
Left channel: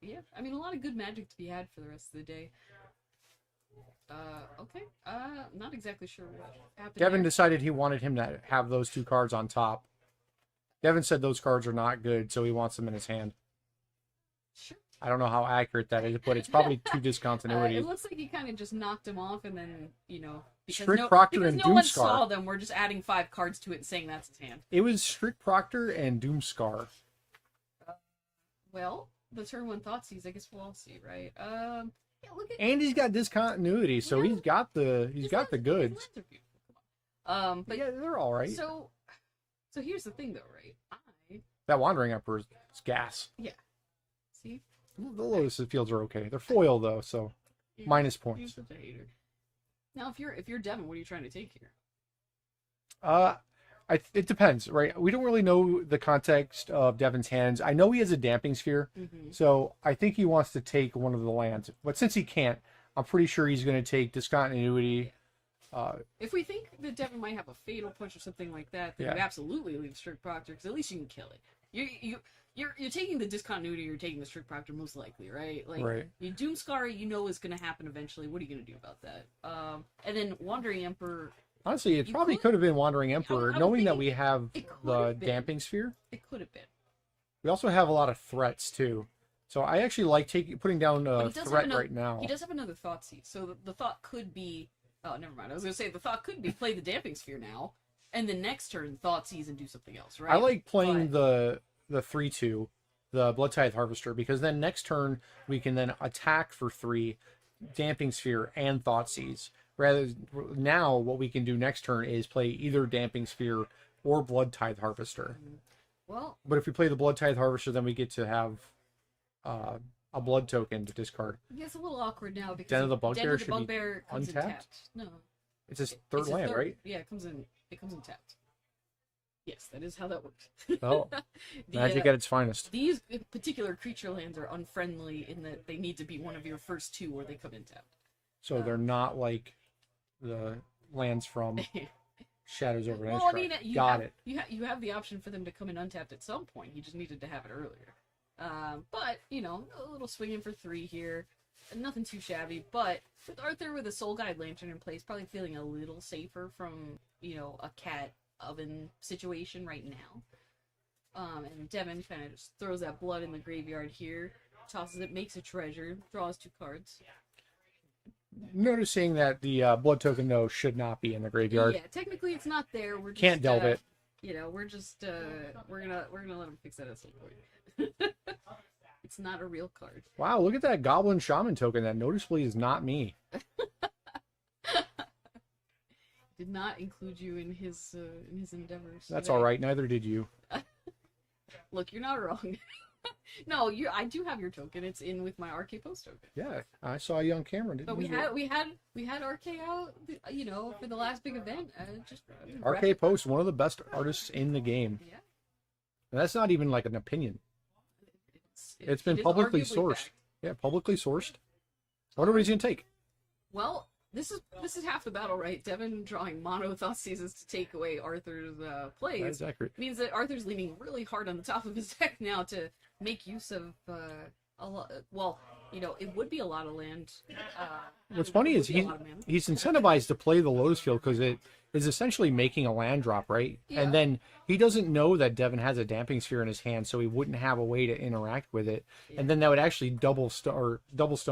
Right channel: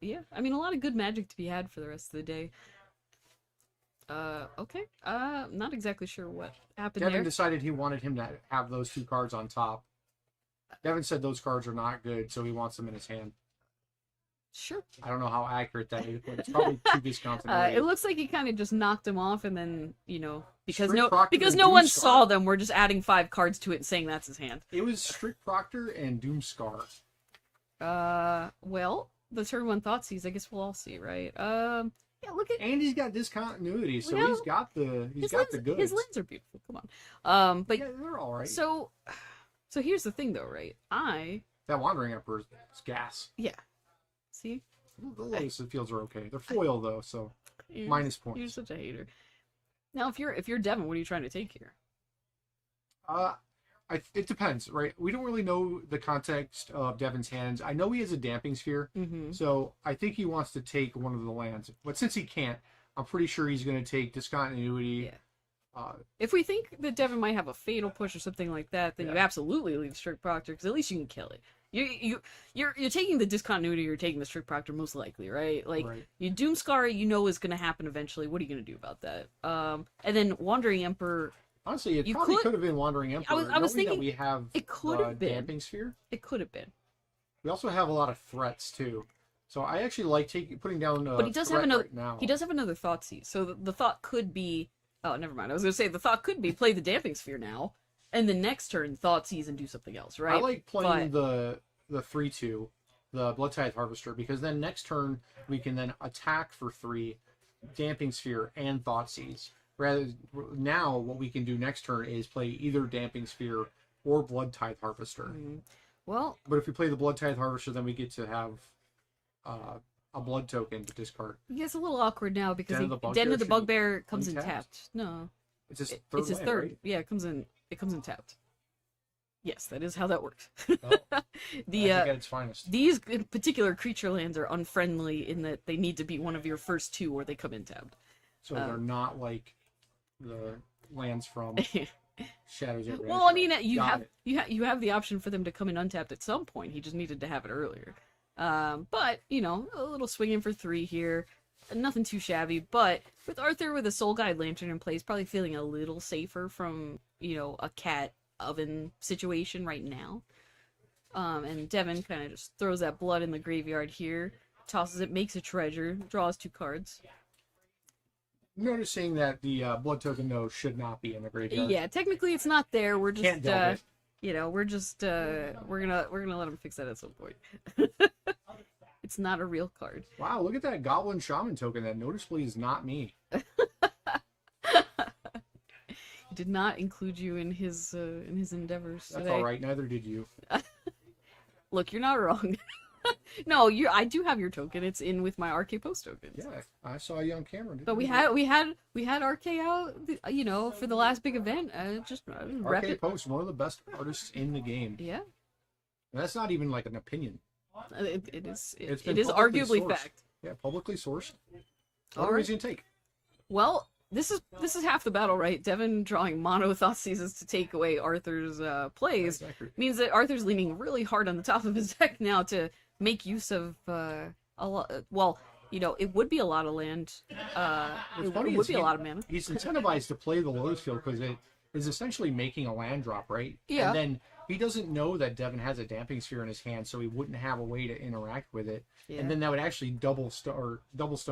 yeah, I mean a lot of good Magic to be had for the rest of the day. Okay. Not exactly sure what happened Devin there. decided he wanted him to have those 2 cards on top. Devin said those cards are not good, so he wants them in his hand. Sure. I don't know how accurate that is, but it's probably 2 discontinuity. It looks like he kind of just knocked them off, and then because Strict Proctor because and no one Doomscar. saw them, we're just adding 5 cards to it and saying that's his hand. It was Strict Proctor and Doomscar. Well, the turn one Thoughtseize, I guess we'll all see, right? Yeah, look at And he's got discontinuity, so he's got the the goods. His lands are beautiful. Come on. But yeah, they're all right. so here's the thing, though, right? That Wandering Emperor's gas. Yeah. See, The Lotus Fields are okay. They're foil though, so You're- minus You're points. such a hater. Now, if you're Devin, what are you trying to take here? It depends, right? We don't really know the context of Devin's hands. I know he has a Damping Sphere, Mm-hmm. so I think he wants to take one of the lands. But since he can't, I'm pretty sure he's going to take discontinuity. If we think that Devin might have a fatal push or something like that, then you Yeah. absolutely leave Strict Proctor because at least you can kill it. You're taking the discontinuity. You're taking the Strict Proctor most likely, right? Like Right. you Doomscar, is going to happen eventually. What are you going to do about that? And then Wandering Emperor, Honestly, it You probably could- could have been Wandering Emperor, I was knowing that thinking we have it could the have been. Damping Sphere. it could have been, We also have a lot of threats too. So I actually like putting down but a he does threat have another. right now. He does have another Thoughtseize, so the thought could be. Oh, never mind. I was going to say the thought could be play the Damping Sphere now, and the next turn Thoughtseize and do something else, right? I like playing the 3/2, the Blood Tithe Harvester, because then next turn we can then attack for 3, Damping Sphere and Thoughtseize. Rather now, what we can do next turn is play either Damping Sphere or Blood Tithe Harvester. Well, But if we play the Blood Tithe Harvester, then we get to have a blood token to discard. it gets a little awkward now because Den of the Bugbear Den of the should be Bugbear comes in untapped? tapped. No, It's his It- third it's his land, third. right? Yeah, it comes in tapped. Yes, that is how that works. Oh, magic at its finest. These particular creature lands are unfriendly in that they need to be one of your first 2 or they come in tapped. So they're not like the lands from Shadows over Well, I mean, you have the option for them to come in untapped at some point. He just needed to have it earlier. But a little swinging for 3 here, nothing too shabby. But with Arthur with a Soul Guide Lantern in place, probably feeling a little safer from a cat oven situation right now. And Devin kind of just throws that blood in the graveyard here, tosses it, makes a treasure, draws 2 cards. Noticing that the blood token though should not be in the graveyard. Yeah, technically it's not there. We're just Can't delve it. we're just we're gonna let him fix that at some point. It's not a real card. Wow, look at that Goblin Shaman token. That noticeably is not me. He did not include you in his endeavors. That's today. all right. Neither did you. Look, you're not wrong. No, I do have your token. It's in with my RK Post tokens. Yeah, I saw you on camera. Didn't But we you? had RK out, for the last big event. Just rep RK it. Post, one of the best artists in the game. Yeah, And that's not even like an opinion. it is. It's been it is publicly arguably sourced. fact. Yeah, publicly sourced. What All are we right. going to take? Well, this is half the battle, right? Devin drawing mono Thoughtseizes to take away Arthur's plays That's accurate. means that Arthur's leaning really hard on the top of his deck now to make use of a lot. Well, it would be a lot of land. What's funny would is be a lot of mana. he's incentivized to play the Lotus Field because it is essentially making a land drop, right? Yeah. And then he doesn't know that Devin has a Damping Sphere in his hand, so he wouldn't have a way to interact with it. Yeah. And then that would actually double Stone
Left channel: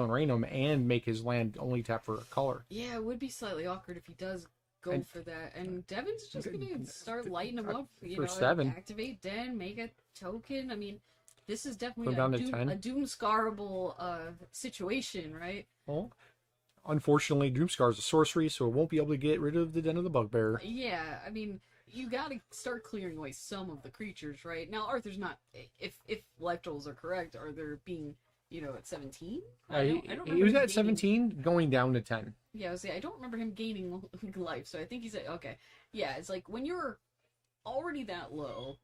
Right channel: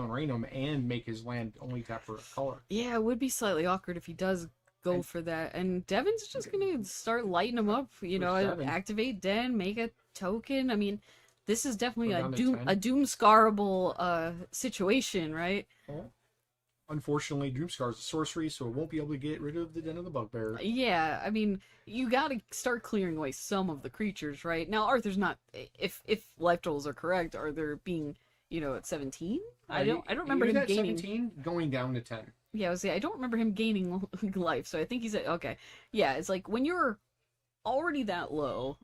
Rain him and make his land only tap for a color. Yeah, it would be slightly awkward if he does go for that. And Devin's just gonna start lighting him up. For 7. Activate Den, make a token. I mean, this is definitely Go down to 10. a doom-scarable situation, right? Well, unfortunately, Doomscar is a sorcery, so it won't be able to get rid of the Den of the Bugbear. Yeah, I mean, you gotta start clearing away some of the creatures, right? Now, Arthur's not. If life totals are correct, Arthur being, at 17. I don't remember He was him at gaining. 17, going down to 10. Yeah, I don't remember him gaining life, so I think he's at okay. Yeah, it's like when you're already that low,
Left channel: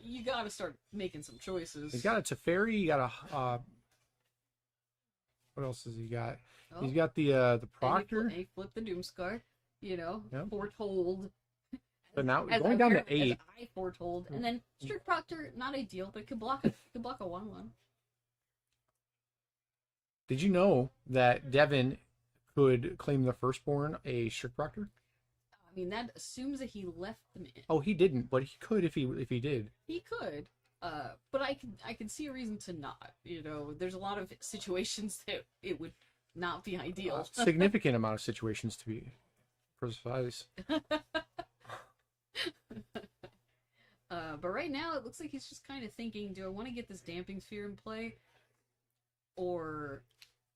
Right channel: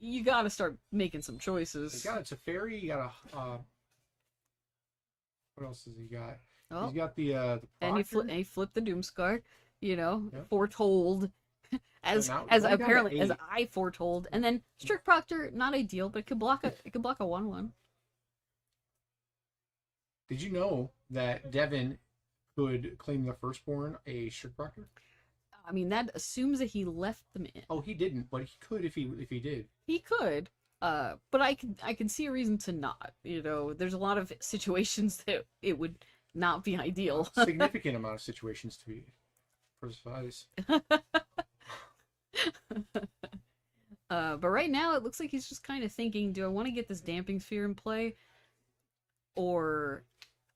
you gotta start making some choices. He's got a Teferi, you got a what else has he got? Oh. He's got the and Proctor. he flipped the Doomscar, foretold, as now as going down to apparently as 8. I foretold, and then Strict Proctor, not ideal, but it could block a 1/1. Did you know that Devin could claim the Firstborn a Strict Proctor? I mean, that assumes that he left them in. Oh, he didn't, but he could if he did. He could, but I can see a reason to not. There's a lot of situations that it would not be ideal. A significant amount of situations to be precise. But right now, it looks like he's just kind of thinking, do I want to get this Damping Sphere in play? Or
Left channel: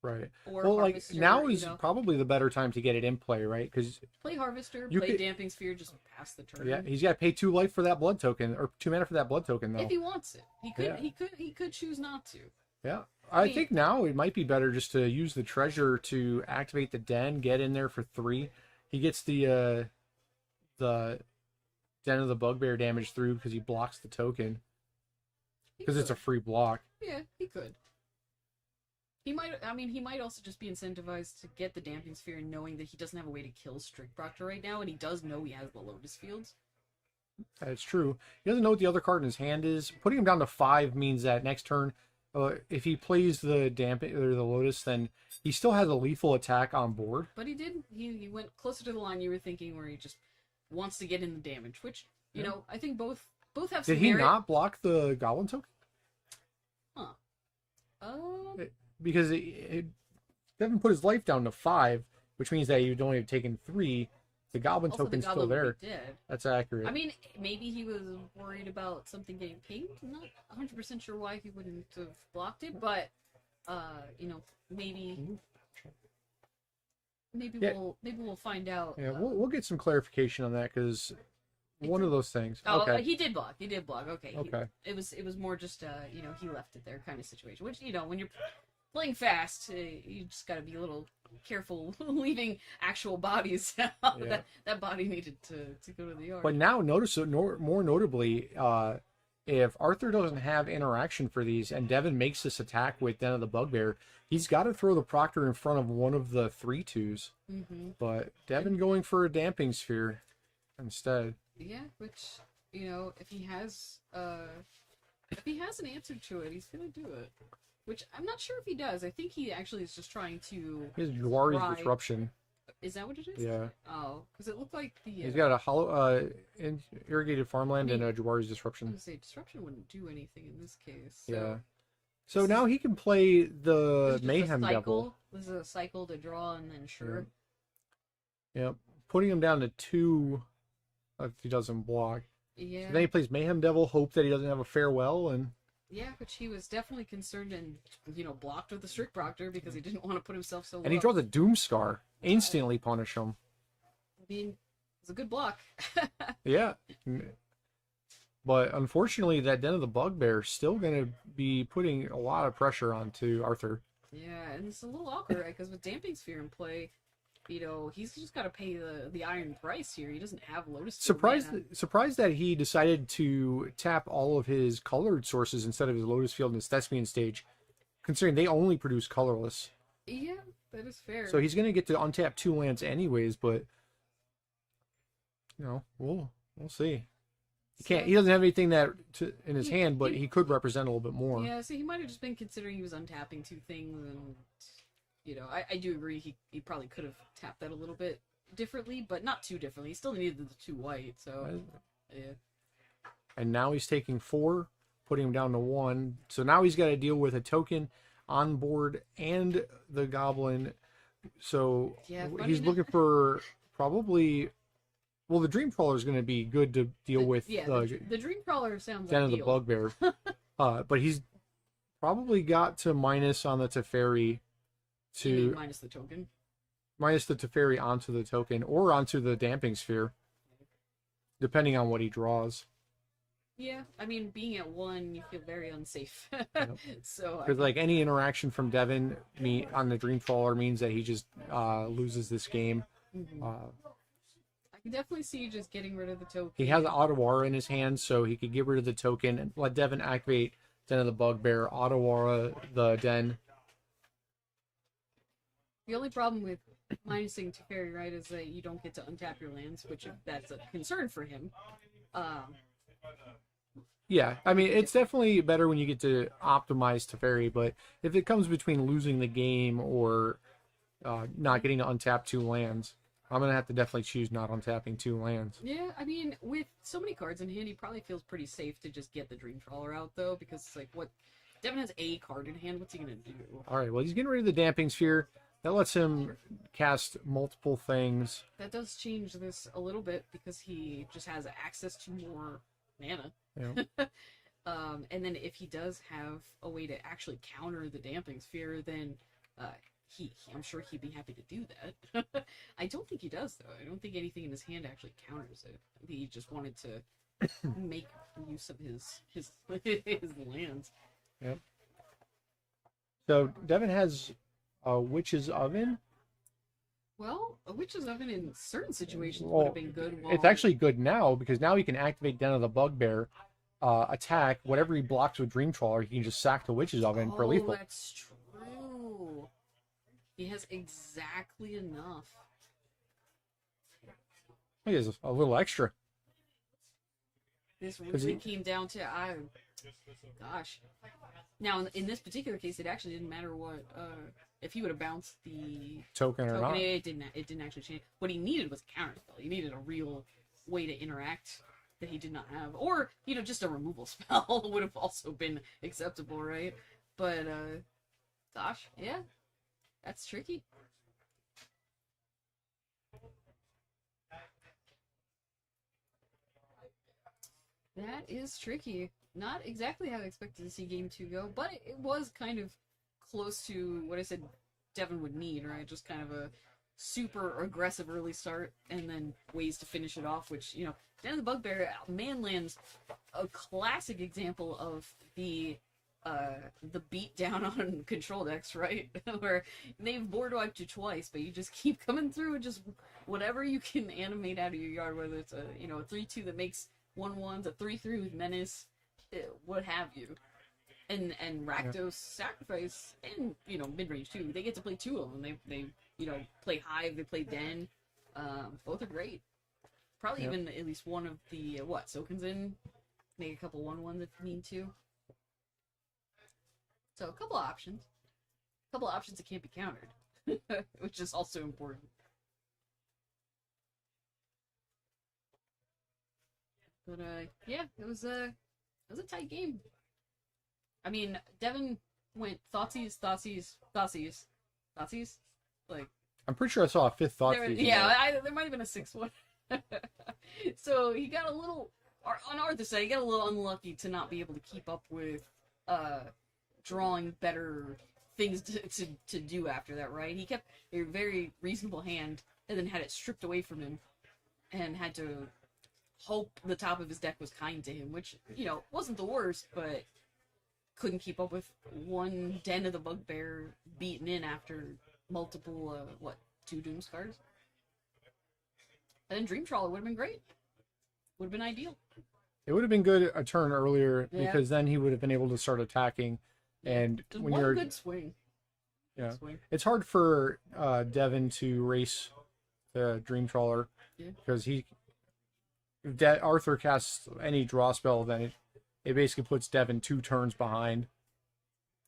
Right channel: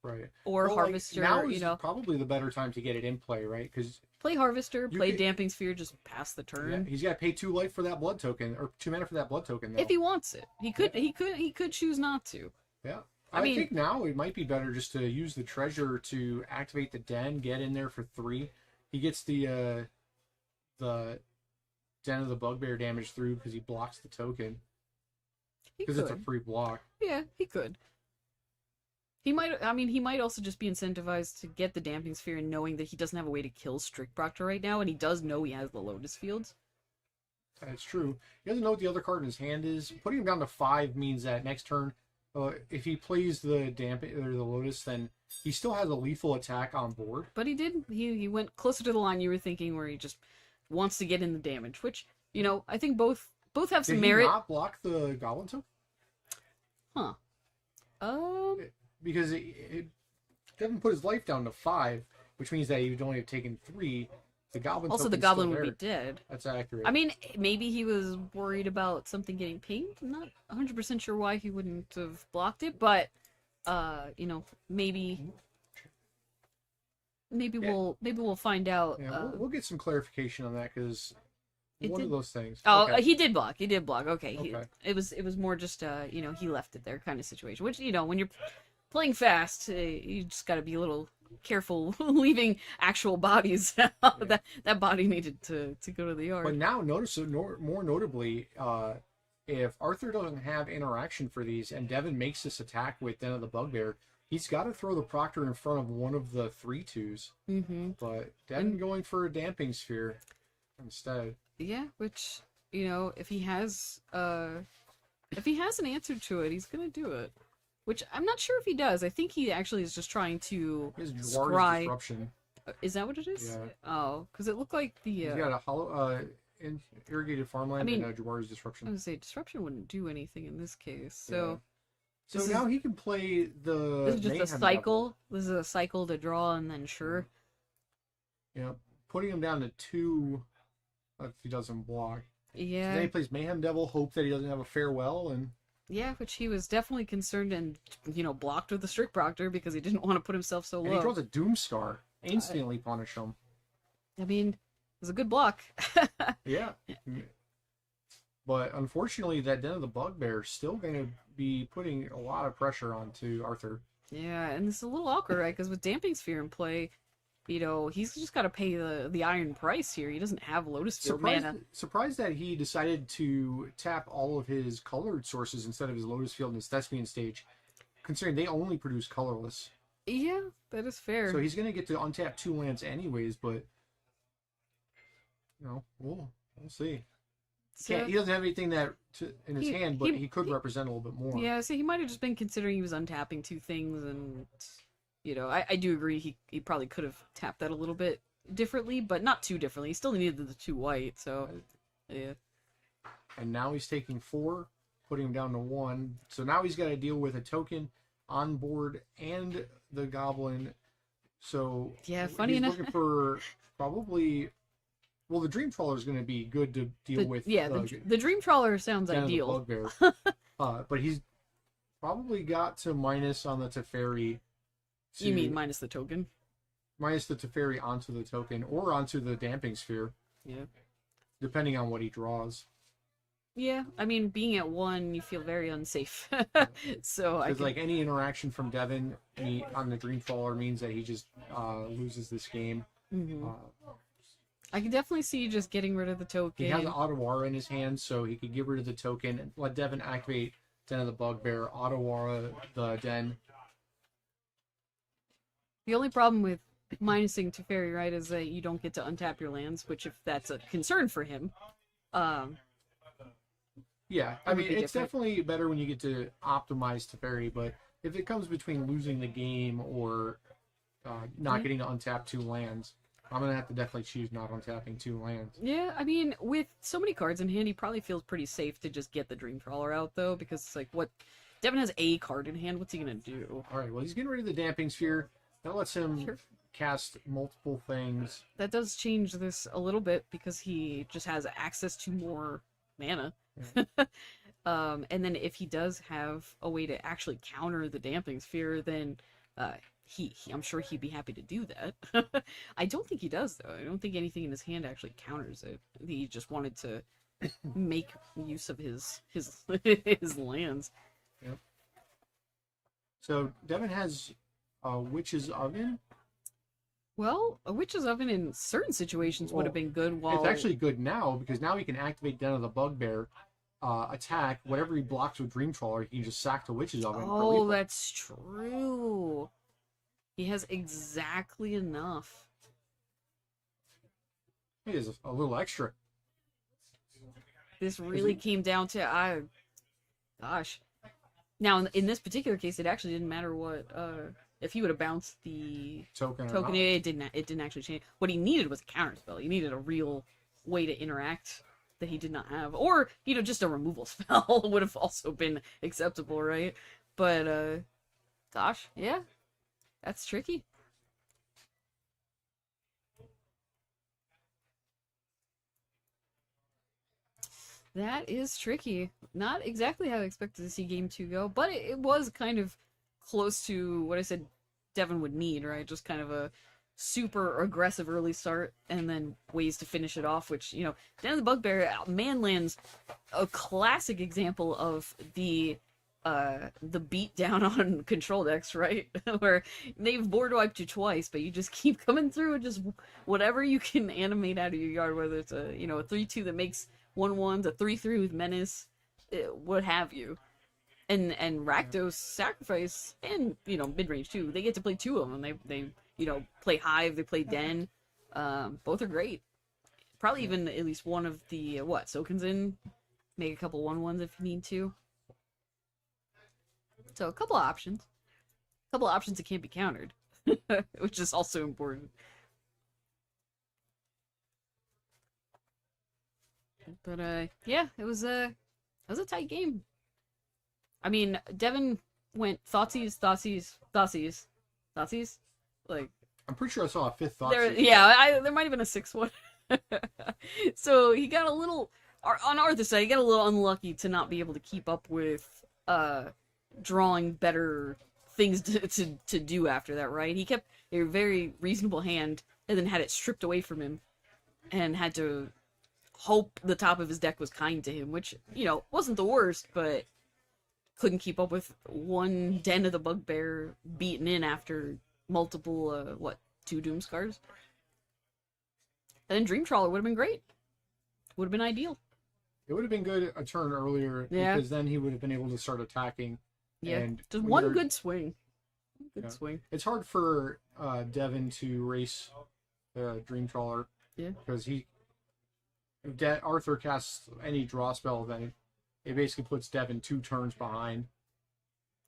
Right. Harvester, now is probably the better time to get it in play, right? Because play Harvester, You play could- Damping Sphere, just pass the turn. yeah, he's got to pay 2 life for that blood token, or 2 mana for that blood token, though. If he wants it. He could Yeah. he could choose not to. Yeah. I I mean- think now it might be better just to use the treasure to activate the Den, get in there for 3. He gets the Den of the Bugbear damage through because he blocks the token. He Because it's a could. free block. Yeah, he could. He might also just be incentivized to get the Damping Sphere and knowing that he doesn't have a way to kill Strict Proctor right now, and he does know he has the Lotus Fields. That's true. He doesn't know what the other card in his hand is. Putting him down to 5 means that next turn, if he plays the the Lotus, then he still has a lethal attack on board. But he did. He went closer to the line you were thinking, where he just wants to get in the damage, which I think both have some Did he merit. not block the Goblin token? Huh. Because Devin put his life down to 5, which means that he'd only have taken 3. The Goblin Also, the token's Goblin still there. would be dead. That's accurate. I mean, maybe he was worried about something getting pinged. I'm not 100% sure why he wouldn't have blocked it, but maybe Yeah. we'll find out. Yeah, we'll get some clarification on that because one of those things. Oh, Okay. he did block. He did block. Okay. Okay. It was more just he left it there kind of situation. Which when you're playing fast, you just got to be a little careful leaving actual bodies out. Yeah. That body needed to go to the yard. But now notice it more notably, if Arthur doesn't have interaction for these and Devin makes this attack with Den of the Bugbear, he's got to throw the Proctor in front of one of the 3/2s. Mm-hmm. But Devin going for a Damping Sphere instead. Yeah, which if he has an answer to it, he's gonna do it. Which I'm not sure if he does. I think he actually is just trying to. His Jawari's scry- Disruption. Is that what it is? Yeah. Oh, because it looked like the. He's got a hollow, irrigated farmland I mean, and a Jawari's I Disruption. was gonna say disruption wouldn't do anything in this case. Yeah. So So this now he can play this the is just Mayhem a Devil. cycle. This is a cycle to draw and then sure. Yep. Putting him down to 2 if he doesn't block. Yeah. Then he plays Mayhem Devil, hope that he doesn't have a farewell, and Yeah, which he was definitely concerned and blocked with the Strict Proctor because he didn't want to put himself so low. he draws a Doomscar. Instantly punish him. I mean, it was a good block. Yeah. But unfortunately, that Den of the Bugbear is still going to be putting a lot of pressure onto Arthur. Yeah, and it's a little awkward, right? Because with Damping Sphere in play, he's just got to pay the iron price here. He doesn't have Lotus Field mana. Surprised that he decided to tap all of his colored sources instead of his Lotus Field and his Thespian stage, considering they only produce colorless. Yeah, that is fair. So he's going to get to untap 2 lands anyways, but we'll see. He doesn't have anything in his hand, but he could represent a little bit more. Yeah, so he might have just been considering he was untapping 2 things, and I do agree he probably could have tapped that a little bit differently, but not too differently. He still needed the 2 white, so yeah. And now he's taking 4, putting him down to 1. So now he's got to deal with a token on board and the goblin. So yeah, funny he's enough, looking for probably. Well, the Dream Trawler is going to be good to deal with. Yeah, the Dream Trawler sounds ideal. The Bugbear. But he's probably got to minus on the Teferi. You mean minus the token? Minus the Teferi onto the token or onto the Damping Sphere. Yeah. Depending on what he draws. Yeah, I mean, being at 1, you feel very unsafe. So because like any interaction from Devin on the Dream Trawler means that he just loses this game. Mm-hmm. I can definitely see just getting rid of the token. He has Ottawara in his hand, so he could get rid of the token and let Devin activate Den of the Bugbear, Ottawara the Den. The only problem with minusing Teferi, right, is that you don't get to untap your lands, which if that's a concern for him. Yeah, I mean, it's definitely better when you get to optimize Teferi, but if it comes between losing the game or not getting to untap 2 lands, I'm going to have to definitely choose not untapping 2 lands. Yeah, I mean, with so many cards in hand, he probably feels pretty safe to just get the Dream Trawler out, though, because it's like, Devin has a card in hand, what's he going to do? Alright, well, he's getting rid of the Damping Sphere. That lets him cast multiple things. That does change this a little bit, because he just has access to more mana. Yeah. And then if he does have a way to actually counter the Damping Sphere, then I'm sure he'd be happy to do that. I don't think he does, though. I don't think anything in his hand actually counters it. He just wanted to make use of his lands. Yep. So Devin has a Witch's Oven. Well, a Witch's Oven in certain situations would have been good. It's actually good now because now he can activate Den of the Bugbear, attack whatever he blocks with Dream Trawler. He can just sack the Witch's Oven for lethal. Oh, that's true. He has exactly enough. He has a little extra. This really came down to gosh. Now in this particular case, it actually didn't matter what if he would have bounced the token or not. It didn't actually change. What he needed was a counter spell. He needed a real way to interact that he did not have, or just a removal spell would have also been acceptable, right? But gosh, yeah. That's tricky. That is tricky. Not exactly how I expected to see game 2 go, but it was kind of close to what I said Devin would need, right? Just kind of a super aggressive early start and then ways to finish it off, which, Den of the Bugbear, Manland's a classic example of the beat down on control decks, right? Where they've board wiped you twice, but you just keep coming through and just whatever you can animate out of your yard, whether it's a 3/2 that makes 1/1s, a 3/3 with menace, what have you. And Rakdos Sacrifice and mid-range too. They get to play 2 of them. They play Hive, they play Den. Both are great. Probably even at least one of the Soken's in. Make a couple 1/1s if you need to. So a couple of options. that can't be countered, which is also important. But yeah, it was a tight game. I mean, Devin went Thoughtseize. Like, I'm pretty sure I saw a 5th Thoughtseize. There might have been a 6th one. So he got a little on Arthur's side. He got a little unlucky to not be able to keep up with drawing better things to do after that, right? He kept a very reasonable hand and then had it stripped away from him and had to hope the top of his deck was kind to him, which, wasn't the worst, but couldn't keep up with one Den of the Bugbear beaten in after multiple, 2 Doom Scars. And then Dream Trawler would have been great. Would have been ideal. It would have been good a turn earlier because then he would have been able to start attacking. Yeah, and just one good swing. Good Yeah. swing. It's hard for Devin to race the Dream Trawler. Yeah. Because if Arthur casts any draw spell, then it basically puts Devin 2 turns behind.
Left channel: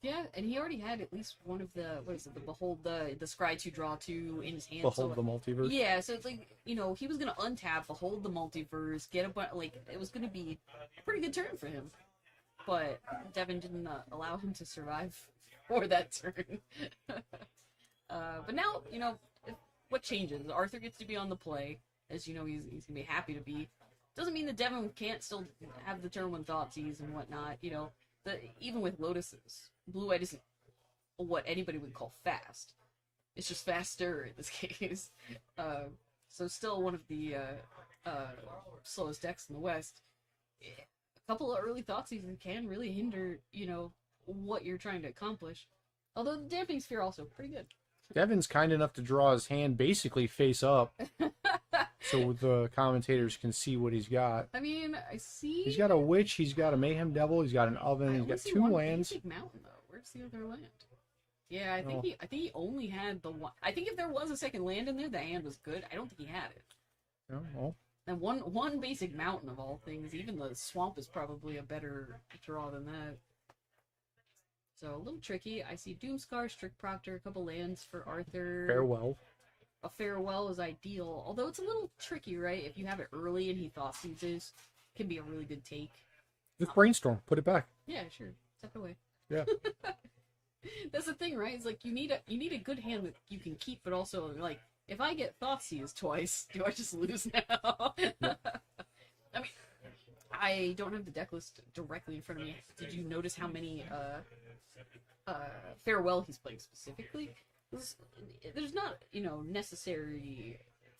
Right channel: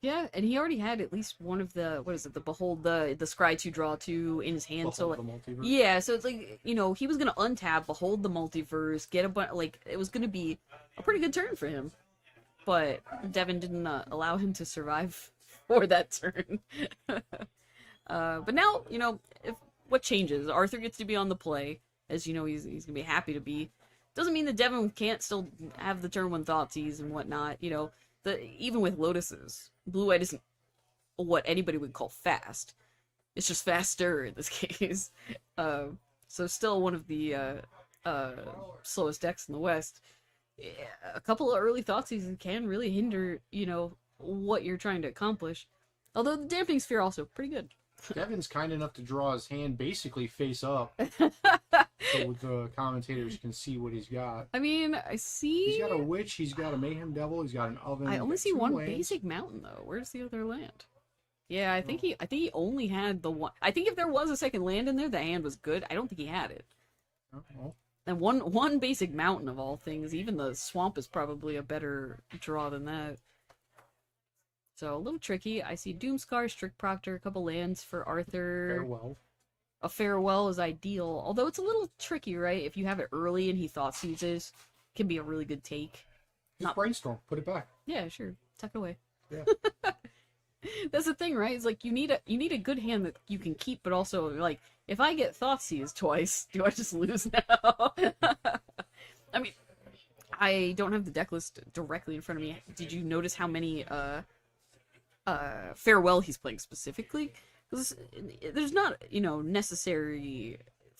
Yeah, and he already had at least one of the the Behold the Scry 2 draw 2 in his hand. Behold so like, the multiverse. yeah, so it's like, you know, he was gonna untap, Behold the Multiverse, get a like it was gonna be a pretty good turn for him, but Devin didn't allow him to survive for that turn. But now, you know, what changes? Arthur gets to be on the play, as you know, he's gonna be happy to be. Doesn't mean that Devin can't still have the turn one Thoughtseize and whatnot. You know, even with Lotuses, Blue-White isn't what anybody would call fast. It's just faster in this case. So still one of the slowest decks in the West. Yeah, a couple of early Thoughtseizes can really hinder, you know, what you're trying to accomplish. Although the Dampening Sphere also pretty good. Devin's kind enough to draw his hand basically face up, so the commentators can see what he's got. I mean, I see. He's got a Witch, he's got a Mayhem Devil, he's got an Oven. I he's only got see 2 one lands. basic mountain though. Where's the other land? Yeah, I think Oh. he only had the one. I think if there was a second land in there, the hand was good. I don't think he had it. Oh, well, And one basic mountain of all things. Even the swamp is probably a better draw than that. So a little tricky. I see Doomscar, Strict Proctor, a couple lands for Arthur. farewell. A farewell is ideal, although it's a little tricky, right? If you have it early and he Thoughtseizes, can be a really good take. Just brainstorm, put it back. Yeah, sure. Tuck it away. Yeah. That's the thing, right? It's like you need a good hand that you can keep, but also like if I get Thoughtseized twice, do I just lose now? I mean, I don't have the deck list directly in front of me. Did you notice how many farewell he's playing specifically? Because there's not, you know, necessary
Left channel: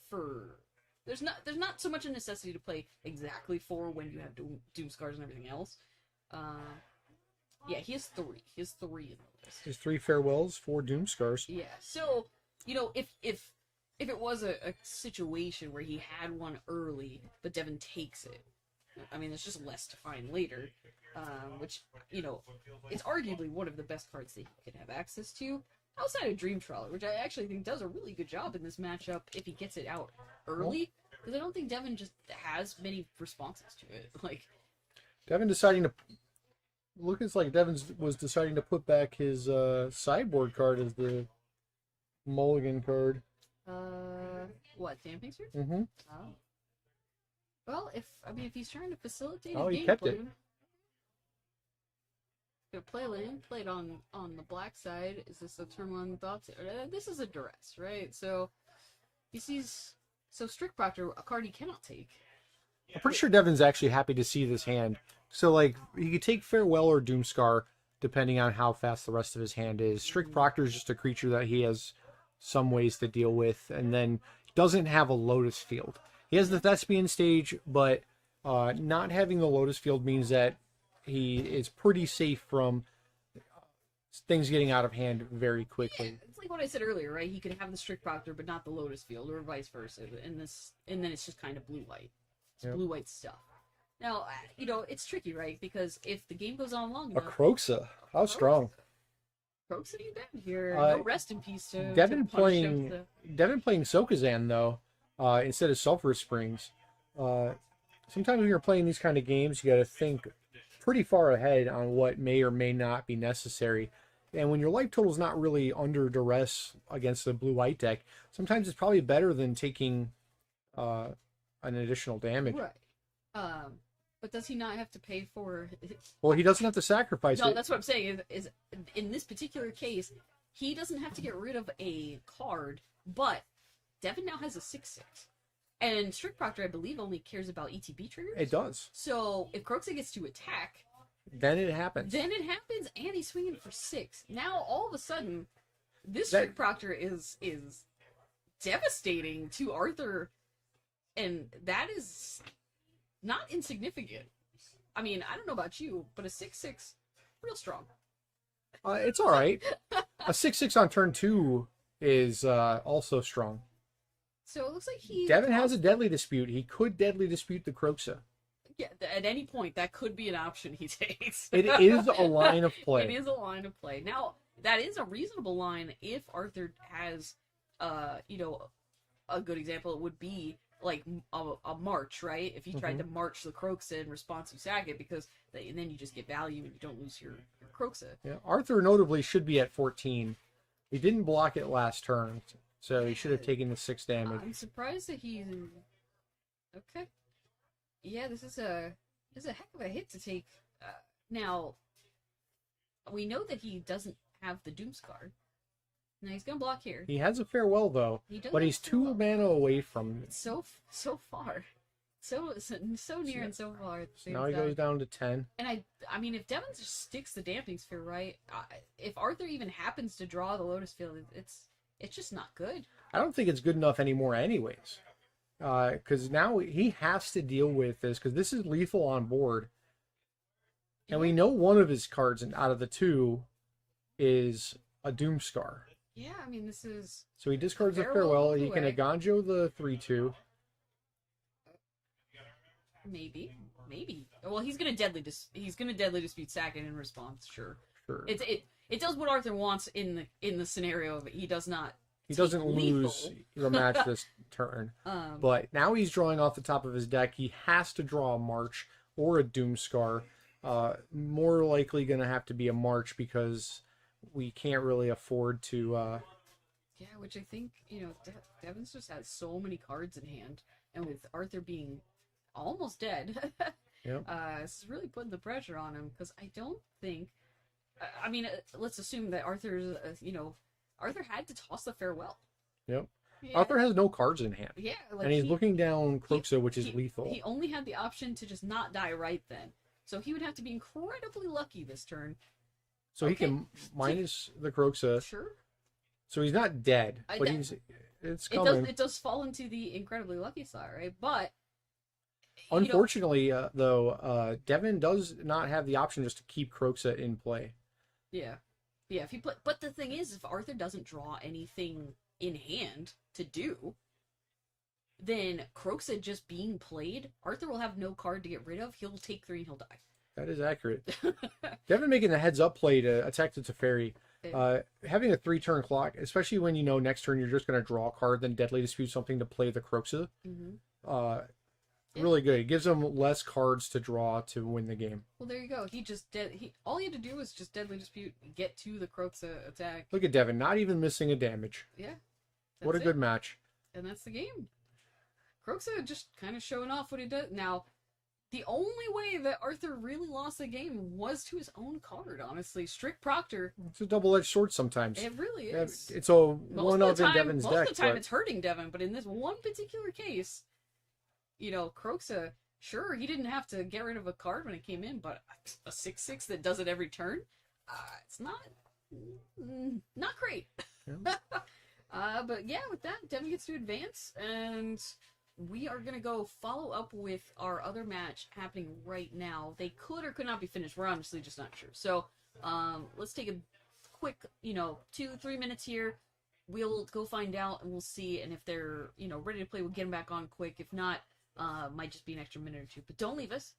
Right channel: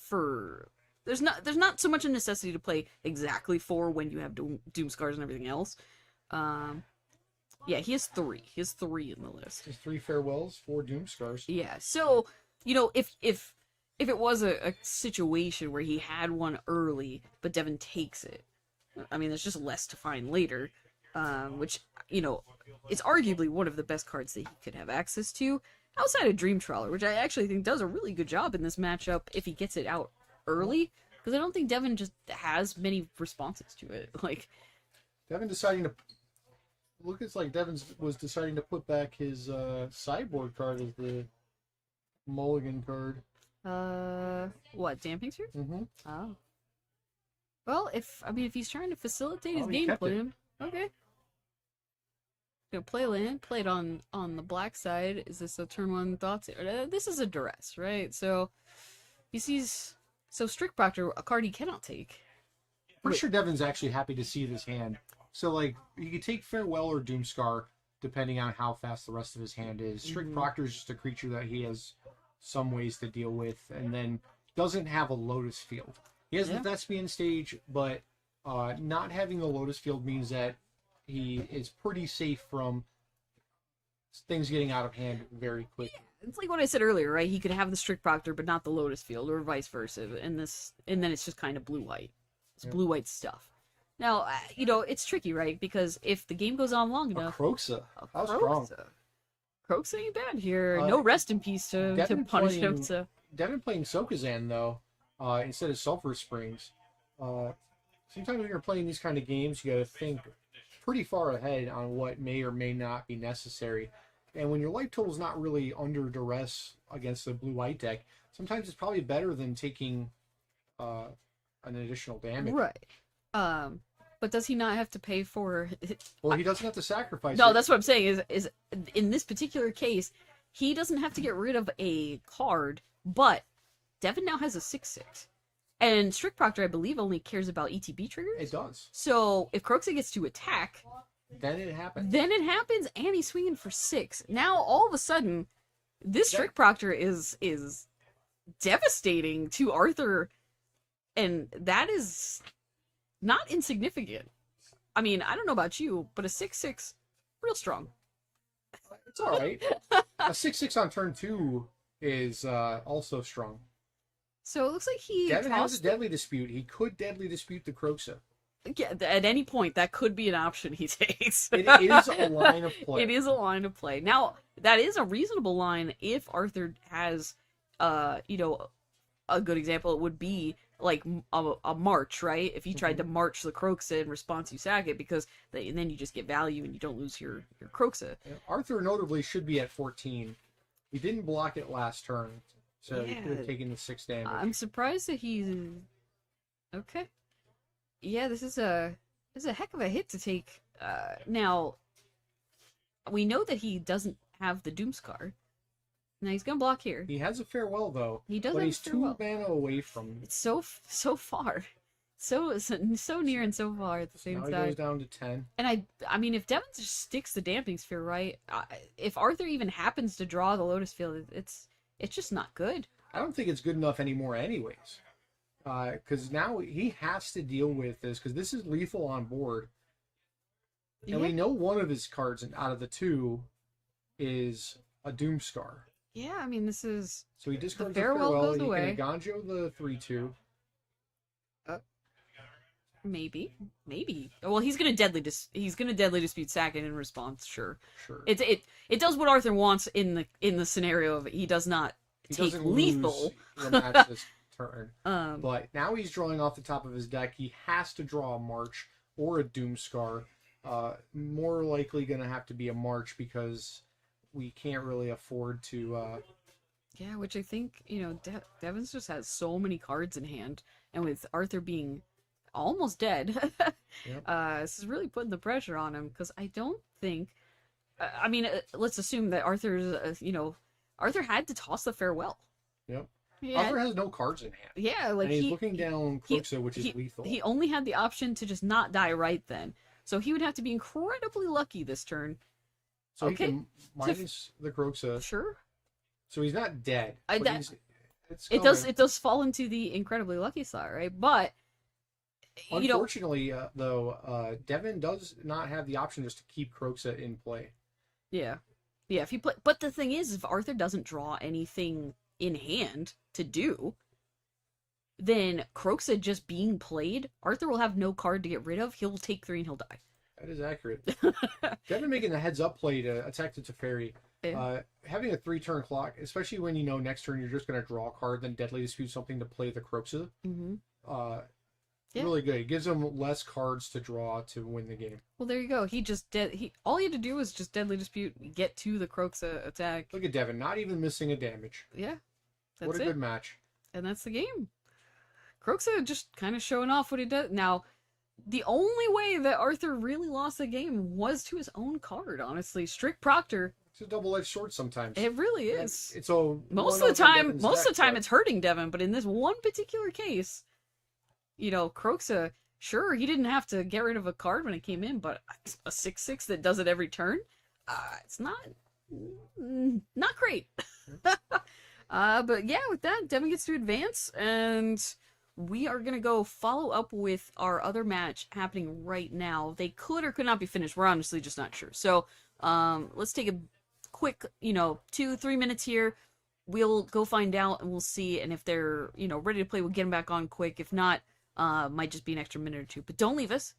for there's not so much a necessity to play exactly 4 when you have Doom Scars and everything else. Yeah, he has 3. He has 3 in the list. There's 3 farewells, 4 Doom Scars. Yeah, so you know, if it was a situation where he had one early, but Devin takes it, I mean, there's just less to find later, which, you know, is arguably one of the best cards that he could have access to outside of Dream Trawler, which I actually think does a really good job in this matchup if he gets it out early, because I don't think Devin just has many responses to it. Like, Devin deciding to it's like Devin was deciding to put back his sideboard card as the mulligan card. what, Damping Sphere? Mm-hmm. Oh. Well, if he's trying to facilitate his Oh, he game kept it. plan, okay. Gonna play land, play it on the black side. Is this a turn 1 thoughts? This is a duress, right? So he sees Strict Proctor, a card he cannot take. I'm pretty sure Devin's actually happy to see this hand. So, like, you could take Farewell or Doomscar, depending on how fast the rest of his hand is. Strict Proctor is just a creature that he has some ways to deal with, and then doesn't have a Lotus Field. He has the Thespian stage, but not having the Lotus Field means that he is pretty safe from things getting out of hand very quickly. It's like what I said earlier, right? He could have the Strict Proctor, but not the Lotus Field, or vice versa. And then it's just kind of blue-white. It's blue-white stuff. Now, you know, it's tricky, right? Because if the game goes on long A enough... Kroxa. How strong. Kroxa ain't bad here. No rest in peace to punish him. Devin playing Sokazan, though, instead of Sulphur Springs. Sometimes when you're playing these kind of games, you got to think pretty far ahead on what may or may not be necessary. And when your life total is not really under duress against the blue-white deck, sometimes it's probably better than taking an additional damage. Right. But does he not have to pay for... Well, he doesn't have to sacrifice No, it. that's what I'm saying, is in this particular case, he doesn't have to get rid of a card, but Devin now has a 6/6. And Strict Proctor, I believe, only cares about ETB triggers. It does. So if Kroxa gets to attack, Then it happens. and he's swinging for 6. Now, all of a sudden, this Strict Proctor is devastating to Arthur, and that is not insignificant. I mean, I don't know about you, but a 6/6, real strong. It's all right. A 6/6 on turn 2 is also strong. So it looks like he Devin has tossed a Deadly Dispute. He could Deadly Dispute the Kroxa. Yeah, at any point that could be an option he takes. It is a line of play. It is a line of play. Now, that is a reasonable line if Arthur has, you know, a good example. It would be like a march, right? If he tried to march the Croxa in response, you sack it because and then you just get value and you don't lose your Croxa. Yeah, Arthur notably should be at 14. He didn't block it last turn, so he should have taken the 6 damage. I'm surprised that he's okay. Yeah, this is a heck of a hit to take. Now we know that he doesn't have the Doomscar. Now he's gonna block here. He has a farewell though. He does, but have he's a 2 farewell. mana away from. It's so far, so near and so far at the same Now he time. goes down to 10. And I mean, if Devin just sticks the Damping Sphere right, if Arthur even happens to draw the Lotus Field, it's just not good. I don't think it's good enough anymore, anyways. Because now he has to deal with this because this is lethal on board, and we know one of his cards out of the 2 is a Doomscar. Yeah, I mean, this is So he discards the farewell farewell. goes He away. can Aganjo the 3/2. maybe. Well, he's gonna deadly dispute Sackett in response. Sure. Sure. It does what Arthur wants in the scenario of he does not He take doesn't lethal. lose the match this turn. Um, But now he's drawing off the top of his deck. He has to draw a March or a Doomscar. More likely going to have to be a March because we can't really afford to. Yeah, which I think, Devon's just has so many cards in hand, and with Arthur being almost dead, Yep. This is really putting the pressure on him, because I don't think, I mean, let's assume that Arthur's, Arthur had to toss the farewell. Yep. Yeah, Arthur has no cards in hand. yeah, like And he's looking down Croxa, which is lethal. He only had the option to just not die right then, so he would have to be incredibly lucky this turn. So okay. he can minus the Croxa. Sure. So he's not dead. But It does fall into the incredibly lucky slot, right? But Unfortunately, though, Devin does not have the option just to keep Croxa in play. Yeah. If he play, but the thing is, if Arthur doesn't draw anything in hand to do, then Croxa just being played, Arthur will have no card to get rid of. He'll take 3 and he'll die. That is accurate. Devin making the heads up play to attack the Teferi. Having a 3-turn clock, especially when you know next turn you're just going to draw a card, then Deadly Dispute something to play the Croxa. Mm-hmm. Yeah. Really good. It gives him less cards to draw to win the game. Well, there you go. He just all he had to do was just Deadly Dispute, get to the Croxa attack. Look at Devin, not even missing a damage. Yeah. What a good match. And that's the game. Croxa just kind of showing off what he does. Now, the only way that Arthur really lost the game was to his own card, honestly. Strict Proctor. It's a double-edged sword sometimes. It really is. It's a Most of the time it's hurting Devin, but in this one particular case, Croxa, sure, he didn't have to get rid of a card when it came in, but a 6/6 that does it every turn, it's not great. But yeah, with that, Devin gets to advance, and we are going to go follow up with our other match happening right now. They could or could not be finished. We're honestly just not sure. So let's take a quick, 2-3 minutes here. We'll go find out, and we'll see. And if they're, ready to play, we'll get them back on quick. If not, might just be an extra minute or two. But don't leave us.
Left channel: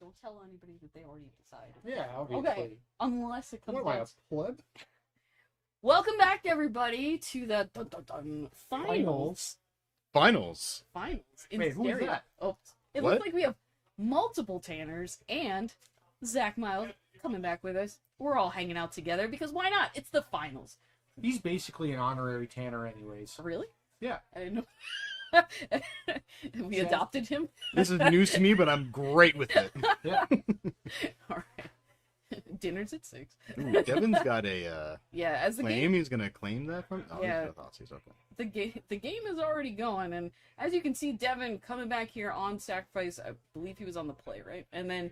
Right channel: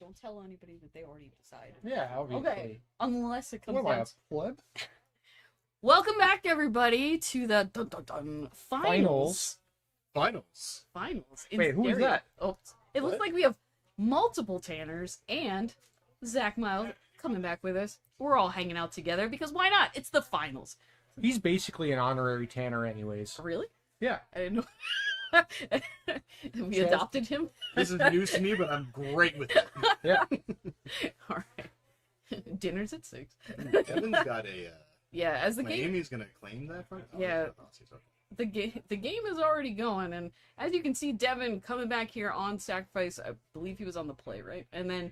Don't tell anybody that they already decided. Yeah, Okay. Unless it comes What am I, out. a pleb? Welcome back, everybody, to the finals. Finals. Finals. In Wait, who is stereo. that? Oops. It What? looks like we have multiple Tanners and Zach Miles coming back with us. We're all hanging out together because why not? It's the finals. He's basically an honorary Tanner anyways. Really? Yeah. I didn't know. We Says- adopted him. This is news to me, but I'm great with it. Yeah. All right. Dinner's at 6. Ooh, Devin's got a Yeah, as the claim. game He's gonna claim that from. Oh, Yeah. he's okay. the game is already going, and as you can see, Devin coming back here on Sacrifice. I believe he was on the play, right? And then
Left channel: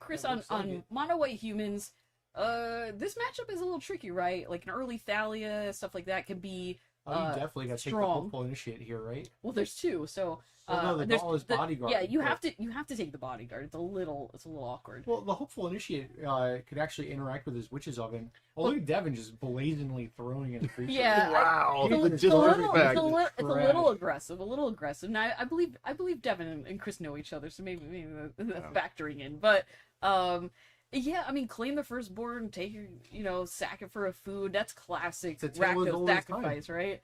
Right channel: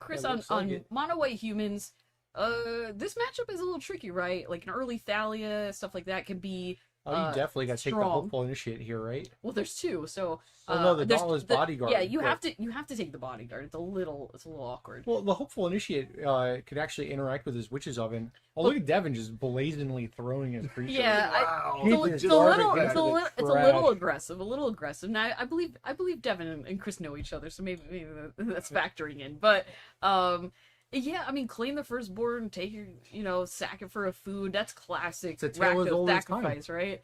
Chris That on looks like it. Mono White Humans. This matchup is a little tricky, right? Like an early Thalia, stuff like that can be. Oh, you definitely got to take the strong. hopeful initiate here, right? Well, there's two, so Well, no, the there's Dauntless the- Bodyguard, Yeah, you but- have to take the bodyguard. It's a little awkward. Well, the hopeful initiate could actually interact with his witch's oven. Oh, look at Devin just blazingly throwing his creature. Yeah, Wow. He It's a, just it's a started little, back it's a with little, it's a trash. little aggressive. Now, I believe Devin and Chris know each other, so maybe that's factoring in. But, yeah, I mean, claim the firstborn, take your, sack it for a food. That's classic. It's a tale as Rakdos old as time. sacrifice, right?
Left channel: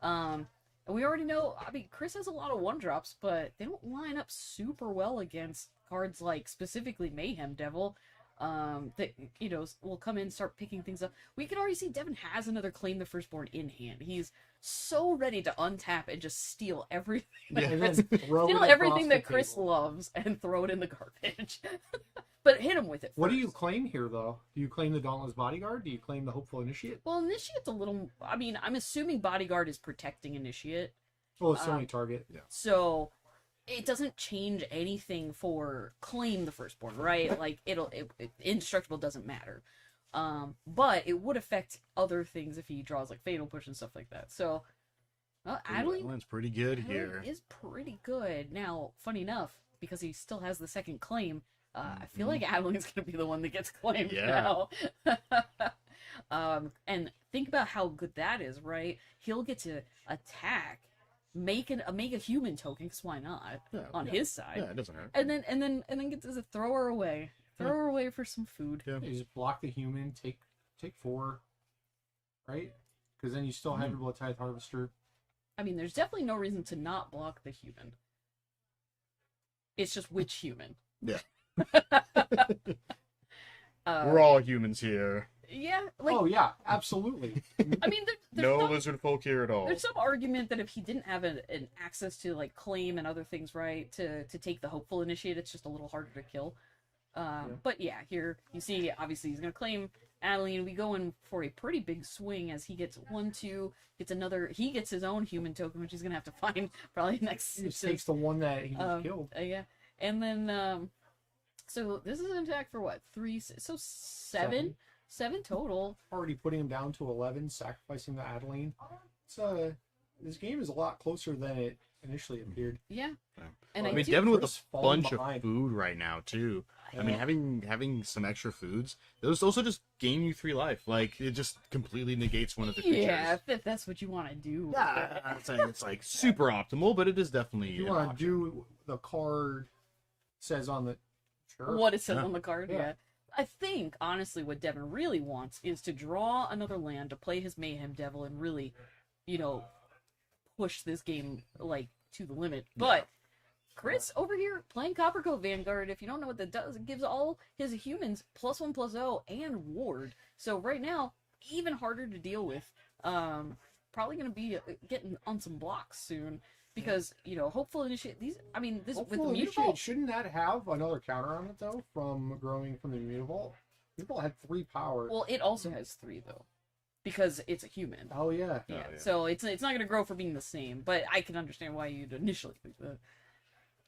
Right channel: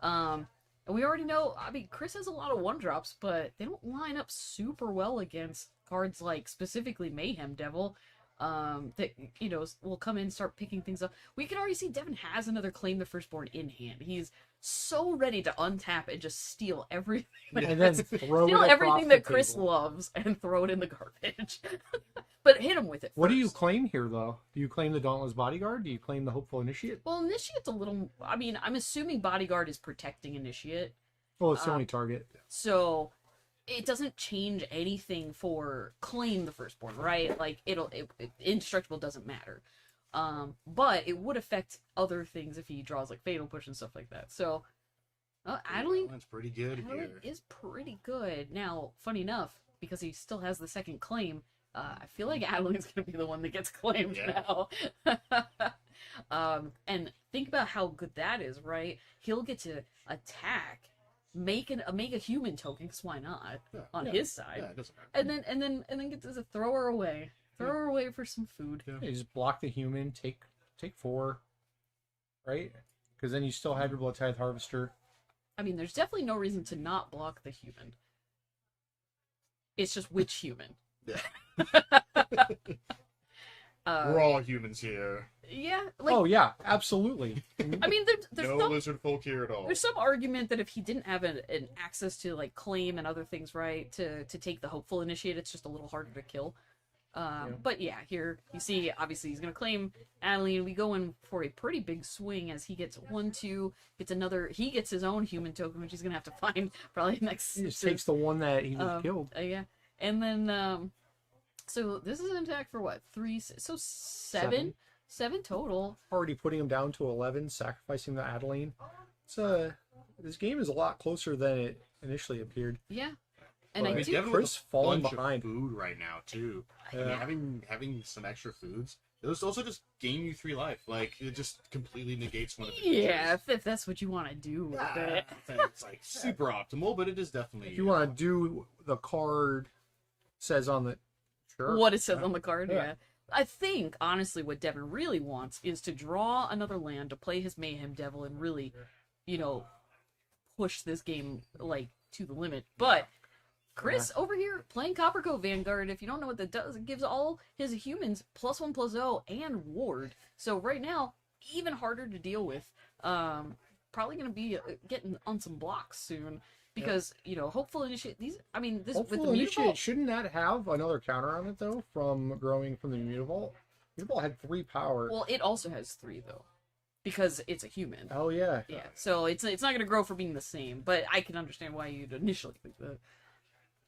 And we already know. I mean, Chris has a lot of one drops, but they don't line up super well against cards like specifically Mayhem Devil. That will come in and start picking things up. We can already see Devin has another claim the firstborn in hand. He's so ready to untap and just steal everything. And then throw Steal it everything across that the Chris table. loves and throw it in the garbage. But hit him with it. What do you first. claim here, though? Do you claim the Dauntless Bodyguard? Do you claim the Hopeful Initiate? Well, Initiate's a little. I mean, I'm assuming Bodyguard is protecting Initiate. Well, it's the only target. So it doesn't change anything for claim the firstborn, right? Like indestructible doesn't matter. But it would affect other things if he draws like Fatal Push and stuff like that. So Adeline Adeline's pretty good here. is pretty good. Now, funny enough, because he still has the second claim, I feel like Adeline's gonna be the one that gets claimed Yeah. now. And think about how good that is, right? He'll get to attack, make a human token, because why not? Yeah, On yeah. his side, Yeah, it doesn't hurt. and then get to throw her away, for some food. Yeah. You just block the human, take 4, right? Because then you still have your Blood Tithe Harvester. I mean, there's definitely no reason to not block the human. It's just which human. Yeah. Uh, We're all humans here. yeah, like Oh yeah, absolutely. I mean, there's No some, lizard folk here at all. there's some argument that if he didn't have an access to like claim and other things, right, to take the hopeful initiate, it's just a little harder to kill. But yeah, here you see, obviously he's gonna claim Adeline. We go in for a pretty big swing as he gets 1, 2, gets another. He gets his own human token, which he's gonna have to find probably next. He just takes the one that he was killed. Yeah, and then so this is an attack for what 3? So 7 total. Already putting him down to 11, sacrificing the Adeline. This game is a lot closer than it initially appeared. Yeah, and I I mean, do. Devin with Chris a falling bunch behind. of food right now too. I mean, Yeah. having some extra foods, those also just gain you 3 life. Like it just completely negates one of the Yeah, creatures. if that's what you want to do. with Yeah, it. it's like super optimal, but it is definitely. If you want to do the card says on the sure. What it says Yeah. on the card, Yeah. yeah. I think, honestly, what Devin really wants is to draw another land to play his Mayhem Devil and really, push this game, like, to the limit. But Chris over here playing Copper Coat Vanguard, if you don't know what that does, it gives all his humans +1/+0 and ward. So right now, even harder to deal with. Probably going to be getting on some blocks soon. Because, hopeful initiate these. I mean, this Hopeful with the Initiate, Mutavault. shouldn't that have another counter on it though from growing from the Mutavault? Mutavault had 3 power. Well, it also has 3 though, because it's a human. Oh yeah. Yeah, yeah. so it's not going to grow for being the same, but I can understand why you'd initially think that.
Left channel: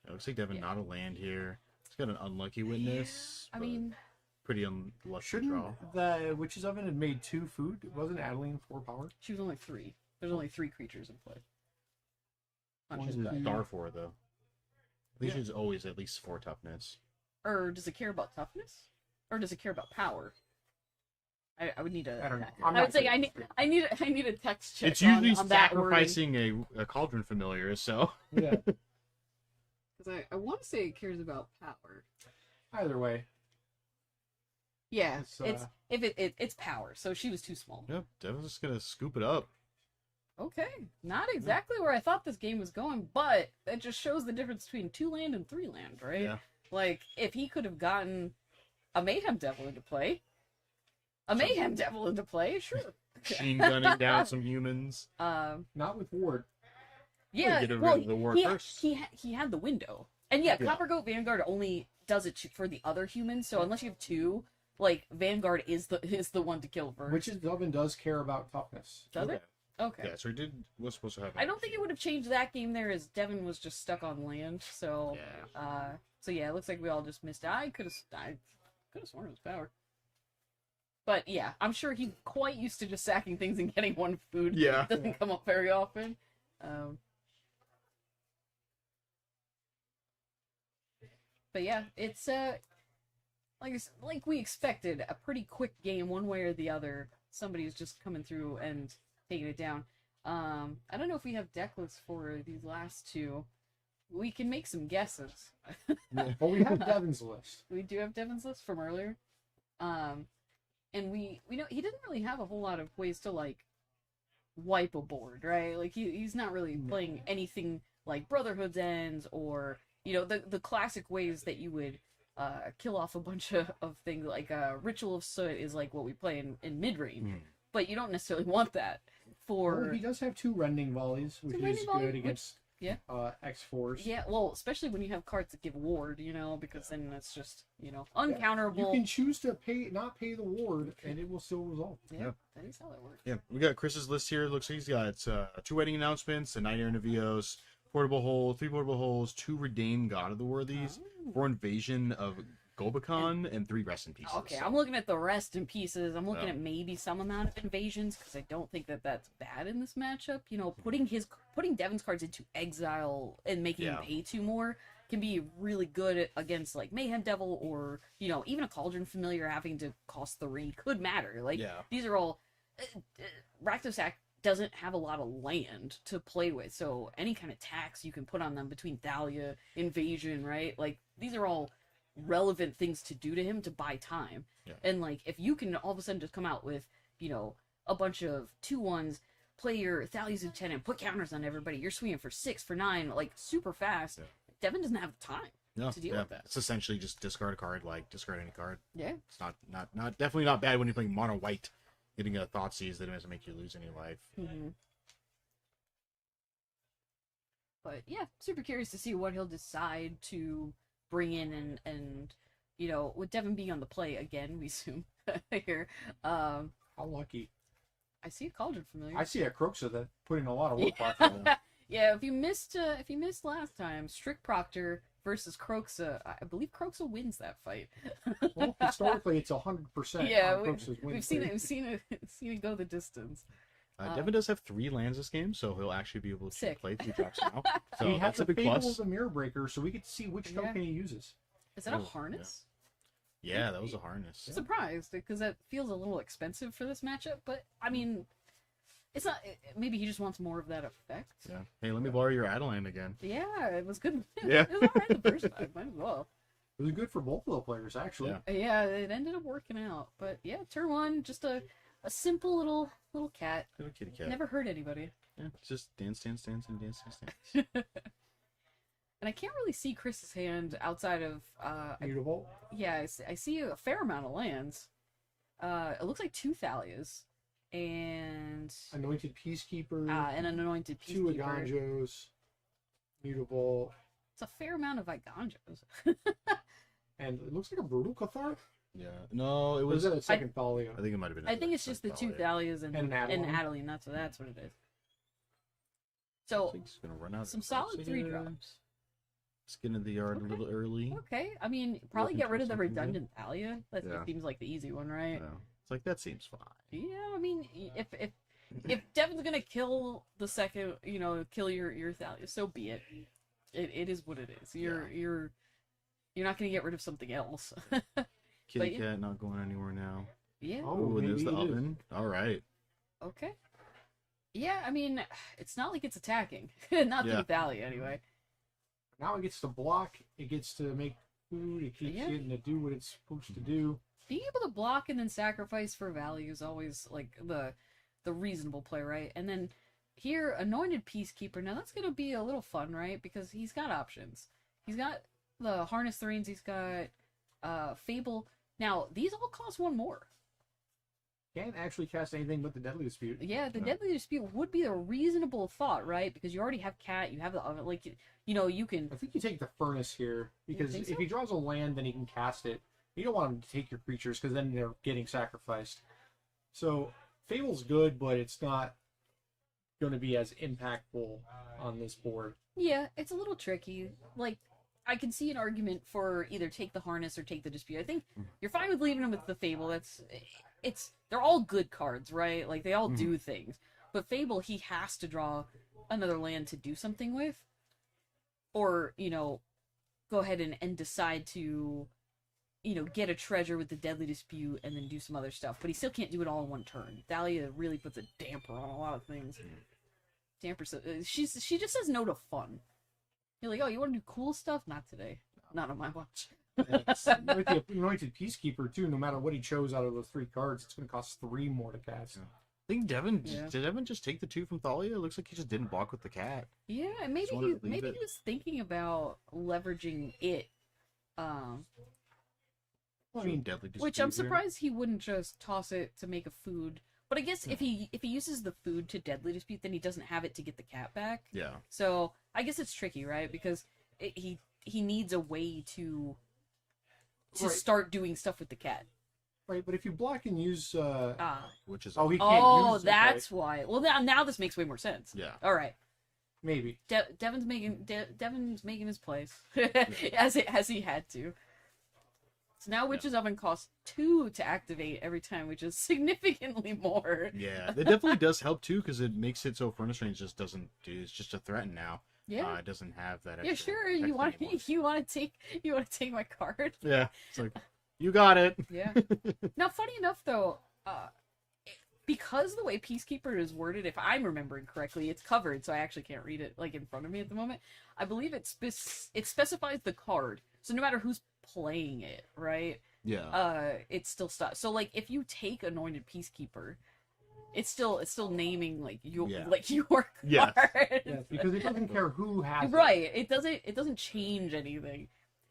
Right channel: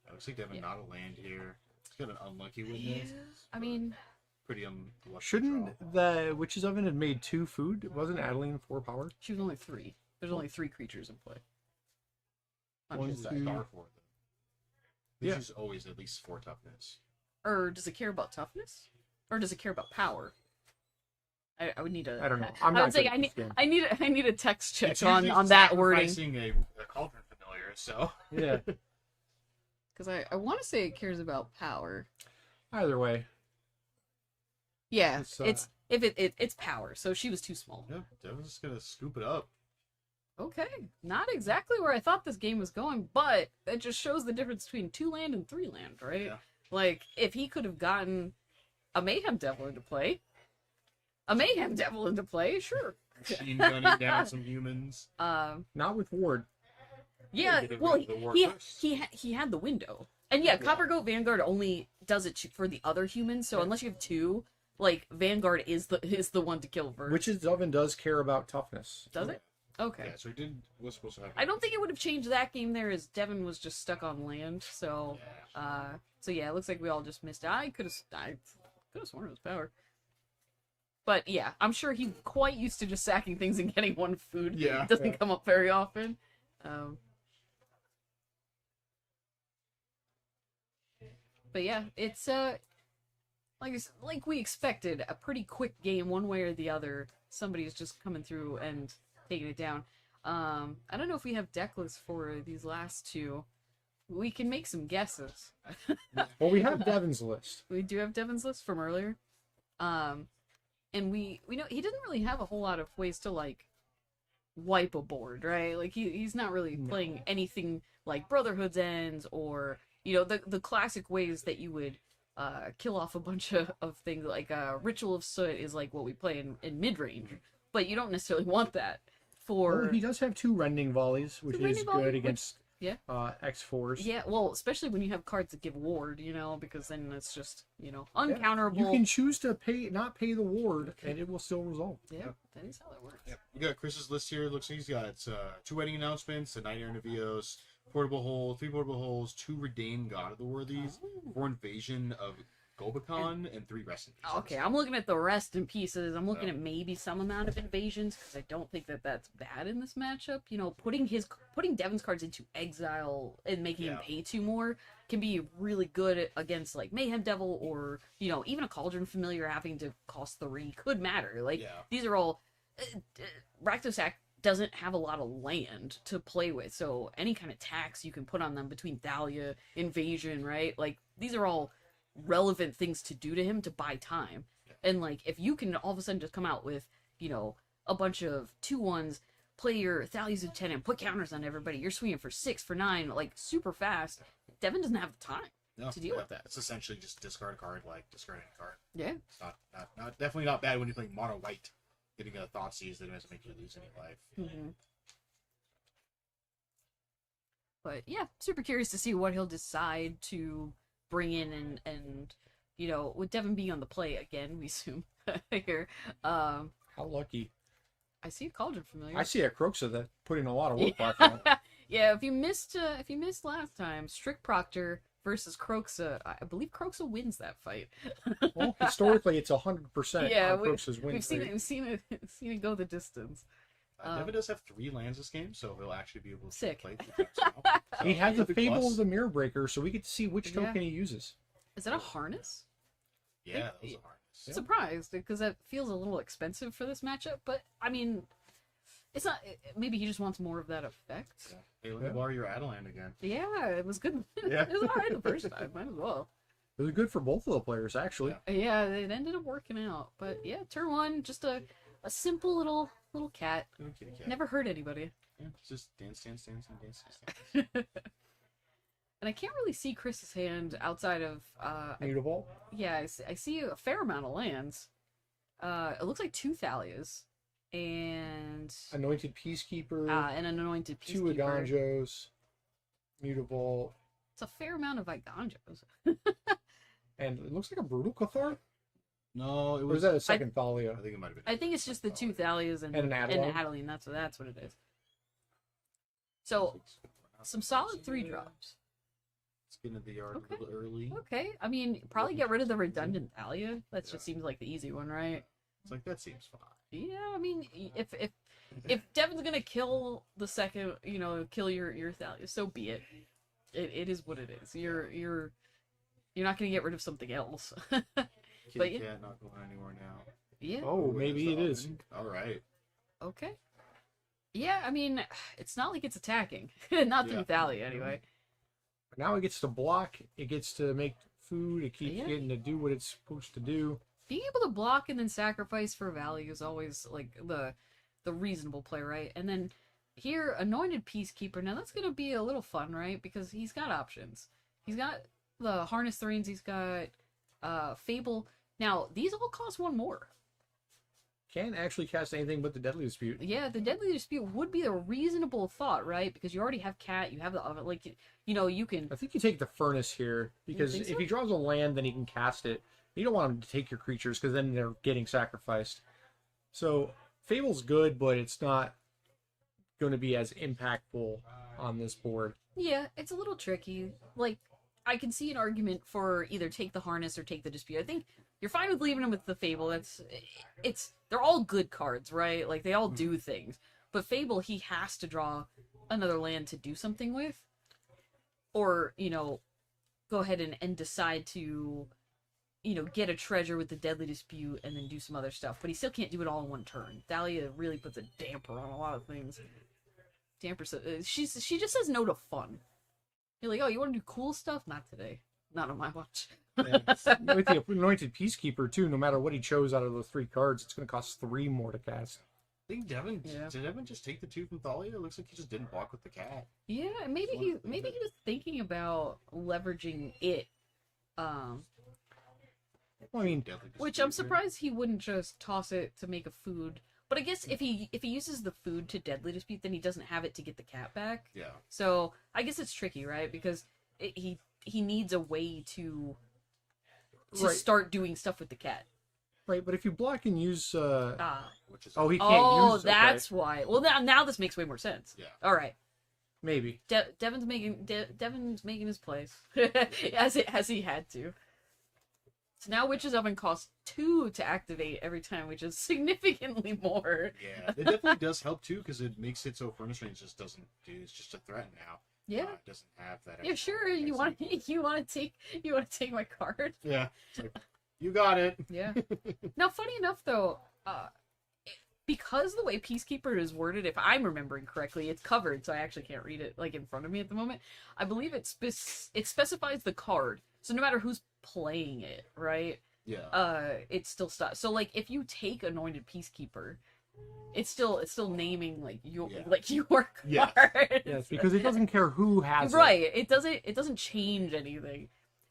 It looks like Devin Yeah. not a land here. It's got an unlucky witness. I but mean, pretty unlucky Shouldn't draw. the Witch's Oven have made 2 food? Wasn't Adeline 4 power? she was only 3. There's only 3 creatures in play. On One his is side. Star 4 though. At least Yeah. there's always at least 4 toughness. Or does it care about toughness? Or does it care about power? I would need a. I don't know. I would say I need a text check It's usually on that wording, sacrificing a cauldron familiar, so Yeah. because I want to say it cares about power. Either way, Yeah, It's, it's power. So she was too small. Yep, Devin's just gonna scoop it up. Okay, not exactly where I thought this game was going, but it just shows the difference between 2-land and 3-land, right? Yeah. Like, if he could have gotten a Mayhem Devil into play, sure. Machine gunning down some humans. not with Ward. Yeah, Get rid well, of the war he, first. he had the window. And yeah, Yeah. Copper Goat Vanguard only does it for the other humans, so unless you have two, like, Vanguard is the one to kill first. Witch's Oven does care about toughness. Does it? Okay. Yeah, so it did what's supposed to happen. I don't think it would have changed that game there, as Devin was just stuck on land. So, so yeah, it looks like we all just missed it. I could have sworn it was power. But yeah, I'm sure he's quite used to just sacking things and getting one food. Yeah. It doesn't come up very often. But yeah, it's like we expected, a pretty quick game, one way or the other. Somebody's just coming through and taking it down. I don't know if we have deck lists for these last two. We can make some guesses. Well, we have Devin's list. We do have Devin's list from earlier. And we know he didn't really have a whole lot of ways to like wipe a board, right? Like he's not really playing anything like Brotherhood's Ends or, you know, the classic ways that you would kill off a bunch of things. Like Ritual of Soot is like what we play in mid-range. But you don't necessarily want that for... Well, he does have 2 Rending Volleys, which Rending is Volley, good which- against yeah. X4s. Yeah, well, especially when you have cards that give ward, you know, because then it's just, you know, Yeah. uncounterable. You can choose to not pay the ward, and it will still resolve. Yeah, that is how it works. Yeah, we got Chris's list here. Looks like he's got 2 wedding announcements, a Nightmare in Navios, portable hole, 3 portable holes, 2 redeemed God of the Worthies, 4 invasion of Gobakon, and 3 rest in pieces. Okay, I'm looking at the rest in pieces. I'm looking Yeah. at maybe some amount of invasions because I don't think that that's bad in this matchup. You know, putting Devin's cards into exile and making him Yeah. pay 2 more can be really good against like Mayhem Devil or, you know, even a Cauldron Familiar having to cost 3 could matter. Like Yeah. these are all Rakdosak doesn't have a lot of land to play with, so any kind of tax you can put on them between Thalia, Invasion, right? Like these are all relevant things to do to him to buy time. Yeah. And like if you can all of a sudden just come out with, you know, a bunch of 2/1s, play your Thalia's Lieutenant, put counters on everybody, you're swinging for 6 for 9 like super fast. Yeah. Devin doesn't have the time No, to deal with that. It's essentially just discard a card, like discard any card. Yeah. It's not definitely not bad when you're playing mono white. Getting a Thoughtseize that doesn't make you lose any life. Mm-hmm. But yeah, super curious to see what he'll decide to bring in and you know, with Devin being on the play again, we assume here. How lucky. I see a Cauldron Familiar. I see a Croxa that put in a lot of work. Yeah. Yeah, if you missed last time, Strict Proctor versus Croxa, I believe Croxa wins that fight. Well, historically, it's 100% Yeah, on Croxa's win we've seen rate. it. We've seen it go the distance. Devin does have 3 lands this game, so he'll actually be able to Sick. play 3 tracks now. So He has that's a big Fable plus. of the Mirror Breaker, so we get to see which Yeah. token he uses. Is that a Oh, harness? Yeah, that was a harness. I'm surprised because that feels a little expensive for this matchup, but I mean, it's not. Maybe he just wants more of that effect. Yeah. Hey, let me borrow your Adeline again. Yeah, it was good. Yeah. It was alright the first time. Might as well. It was good for both of the players, actually. Yeah. Yeah, it ended up working out. But yeah, turn 1, just a simple little cat. Little kitty cat. Never hurt anybody. Yeah, it's just dance. And I can't really see Chris's hand outside of Mutable. yeah, I see a fair amount of lands. It looks like 2 Thalias and Anointed Peacekeeper. an anointed 2 peacekeeper. Aganjos. Mutable. It's a fair amount of Iganjos. And it looks like a Brutal Cathar. Yeah. No, it Or was. is that a second Thalia? I think it might have been. I think it's just the 2 Thalias and And an Adeline. Adeline. That's what it is. So It's gonna run out some of solid cards 3 here. drops. Skin of the yard Okay. a little early. Okay, I mean probably Looking get rid for of the something good. redundant Thalia. That Yeah. just seems like the easy one, right? Yeah. It's like that seems fine. Yeah, I mean, if Devin's gonna kill the second, you know, kill your Thalia, so be it. It is what it is. You're not gonna get rid of something else. Kitty yeah. cat not going anywhere now. Yeah. Oh, Ooh, maybe there's the it is. oven. All right. Okay. Yeah, I mean, it's not like it's attacking. Not Yeah. through Thalia, anyway. Now it gets to block. It gets to make food. It keeps Yeah. getting to do what it's supposed to do. Being able to block and then sacrifice for value is always like the reasonable play, right? And then here, Anointed Peacekeeper. Now that's gonna be a little fun, right? Because he's got options. He's got the Harness Threens. He's got Fable. Now these all cost one more. Can't actually cast anything but the Deadly Dispute. Yeah, the Deadly Dispute would be a reasonable thought, right? Because you already have Cat, you have the oven, like you know, you can. I think you take the Furnace here because think if so? he draws a land, then he can cast it. You don't want him to take your creatures because then they're getting sacrificed. So Fable's good, but it's not going to be as impactful on this board. Yeah, it's a little tricky. Like, I can see an argument for either take the Harness or take the Dispute. I think you're fine with leaving him with the Fable. They're all good cards, right? Like, they all do things. But Fable, he has to draw another land to do something with. Or, you know, go ahead and decide to, you know, get a treasure with the Deadly Dispute and then do some other stuff. But he still can't do it all in one turn. Thalia really puts a damper on a lot of things. Damper, she just says no to fun. You're like, oh, you want to do cool stuff? Not today. Not on my watch. And with the Anointed Peacekeeper, too, no matter what he chose out of the 3 cards, it's going to cost 3 more to cast. I think Devin Yeah. did Devin just take the 2 from Thalia? It looks like he just didn't block with the cat. Yeah, and maybe Just wanted to leave he it. was thinking about leveraging it. Well, I mean, Deadly Which Dispute I'm here. surprised he wouldn't just toss it to make a food. But I guess if he uses the food to Deadly Dispute, then he doesn't have it to get the cat back. Yeah. So I guess it's tricky, right? Because he needs a way to Right. start doing stuff with the cat. right, but if you block and use... Which is Oh, he can't Oh, use... that's why. Well, now this makes way more sense. yeah. All right, Maybe. Devin's making his place as he had to. So now Witch's Oven costs 2 to activate every time, which is significantly more. Yeah, it definitely does help too because it makes it so Furnace Range just doesn't do. It's just a threat now. Yeah. It doesn't have that. Yeah, extra sure. text You want anymore. to take my card? Yeah, it's like you got it. Yeah. Now, funny enough, though, because the way Peacekeeper is worded, if I'm remembering correctly, it's covered, so I actually can't read it like in front of me at the moment. I believe it specifies the card, so no matter who's playing it, right? Yeah. It still stops. So, like, if you take Anointed Peacekeeper, it's still naming like your card. Yeah. Yes, because it doesn't care who has Right. It doesn't change anything.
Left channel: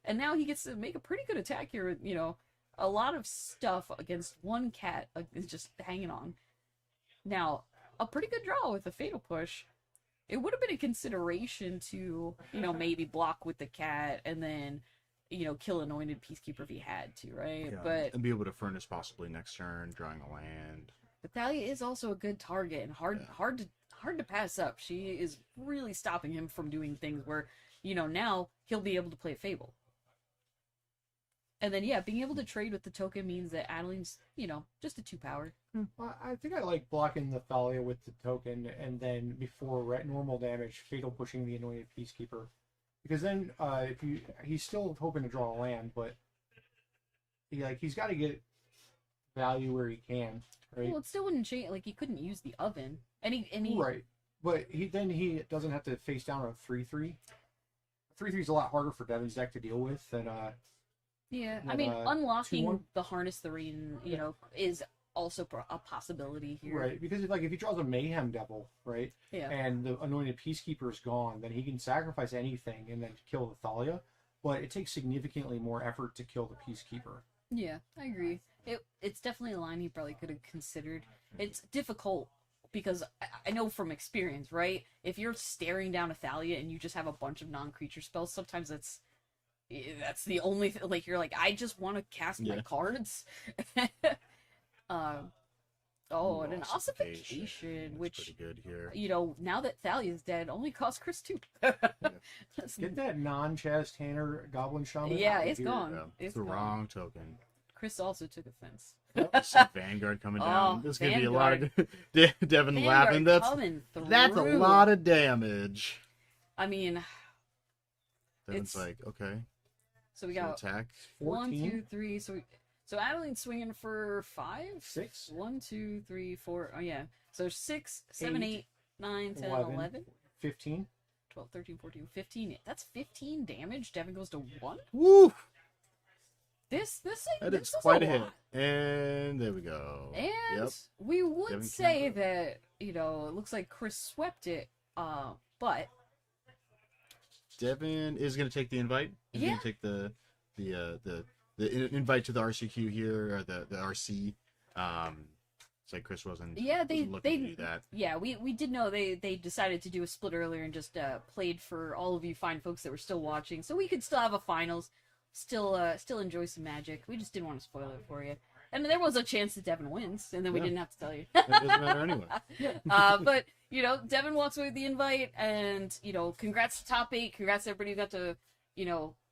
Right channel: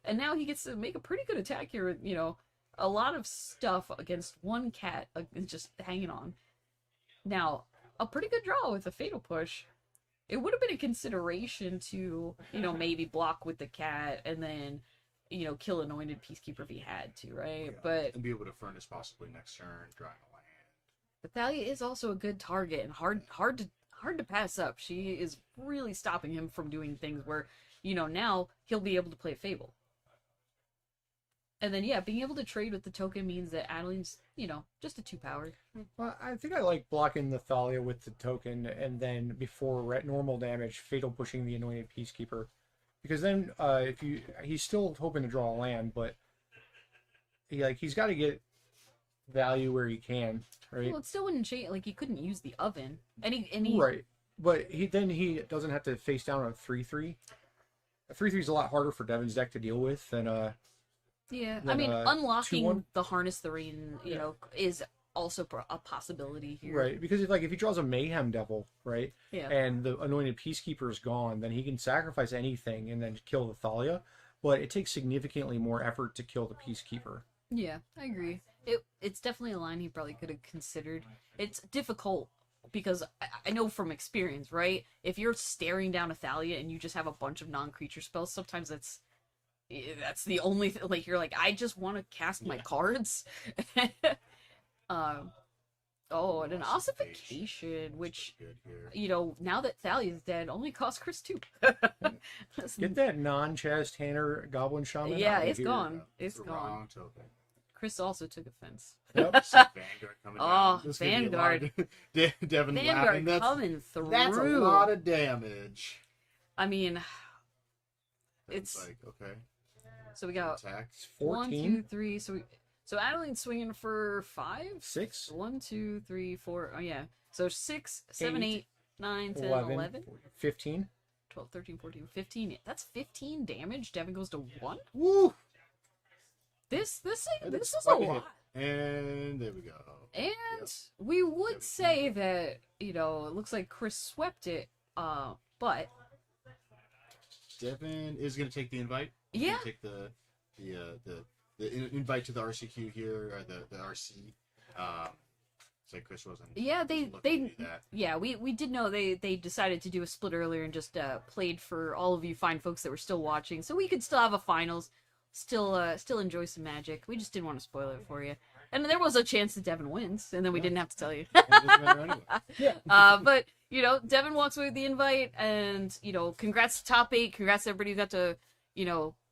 And now he gets to make a pretty good attack here, you know. A lot of stuff against one cat is just hanging on. Now, a pretty good draw with a Fatal Push. It would have been a consideration to, you know, maybe block with the cat and then, you know, kill Anointed Peacekeeper if he had to, right? Yeah. But And be able to Furnace possibly next turn, drawing a land. Thalia is also a good target and hard to pass up. She is really stopping him from doing things where, you know, now he'll be able to play Fable. And then, yeah, being able to trade with the token means that Adeline's, you know, just a 2-power. Well, I think I like blocking the Thalia with the token, and then before normal damage, Fatal Pushing the Anointed Peacekeeper. Because then, he's still hoping to draw a land, but he's got to get value where he can, right? Well, it still wouldn't change. Like, he couldn't use the oven. And he Right, but he doesn't have to face down on a 3/3. A 3/3 is a lot harder for Devin's deck to deal with than Yeah, I Then, mean, unlocking 2/1. the Harness Threan, you know, is also a possibility here. right, because if he draws a Mayhem Devil, right, Yeah. and the Anointed Peacekeeper is gone, then he can sacrifice anything and then kill the Thalia, but it takes significantly more effort to kill the Peacekeeper. Yeah, I agree. It's definitely a line he probably could have considered. It's difficult because I know from experience, right? If you're staring down a Thalia and you just have a bunch of non-creature spells, sometimes that's the only like you're like, I just want to cast my Yeah. cards. And an Ossification. ossification, That's which, pretty good here. you know, now that Thalia's dead, only costs Chris 2. Get that non-Chaz Tanner Goblin Shaman. Yeah, out of it's here. gone. Yeah, It's the gone. wrong token. Chris also took offense. Yep. Some Vanguard coming Oh, down. There's gonna be a lot of Devin Vanguard laughing. coming through. That's a lot of damage. I mean, Devin's It's- like, okay. so we got Attack. 1, 2, 14? 3. So Adeline's swinging for 5. 6, 1, 2, 3, 4. Oh yeah. So 6, 7, 8, 8, 9, 10, 11, 11, 15. 12, 13, 14, 15. That's 15 damage. Devin goes to 1. Woo! This That is is quite a a hit. lot. And there we go. And Yep. we would Devin say Campbell. that, it looks like Chris swept it, but Devin is going to take the invite. He's Yeah. going to take the invite to the RCQ here, or the RC. It's like Chris wasn't. yeah, wasn't looking to do that. yeah, we did know they decided to do a split earlier and just played for all of you fine folks that were still watching, so we could still have a finals, still enjoy some Magic. We just didn't want to spoil it for you. And there was a chance that Devin wins, and then we Yeah. didn't have to tell you. It doesn't matter anyway. But Devin walks away with the invite, and congrats to top 8. Congrats to everybody who got to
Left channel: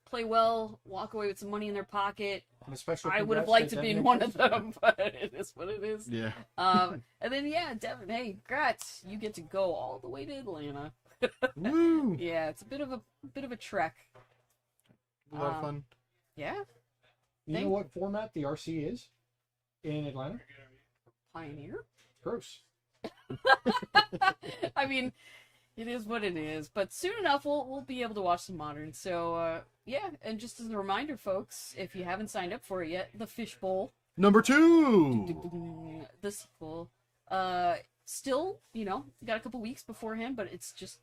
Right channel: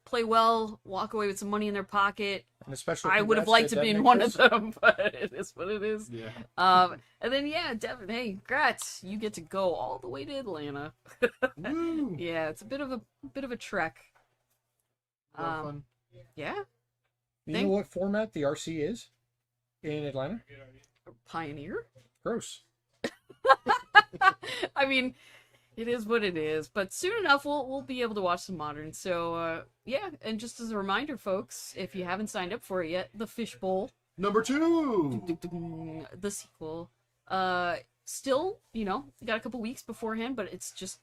play well, walk away with some money in their pocket. And a special I would have congrats liked to Devin be in and one of Chris. them, but it is what it is. Yeah. And then Devin, hey, congrats! You get to go all the way to Atlanta. Woo! Yeah, it's a bit of a trek. A lot of fun. Yeah, You know what format the RC is in Atlanta? Pioneer. Gross. I mean, it is what it is. But soon enough, we'll be able to watch some Modern. So and just as a reminder, folks, if you haven't signed up for it yet, the Fishbowl, Number 2. the sequel, still, got a couple weeks beforehand, but it's just,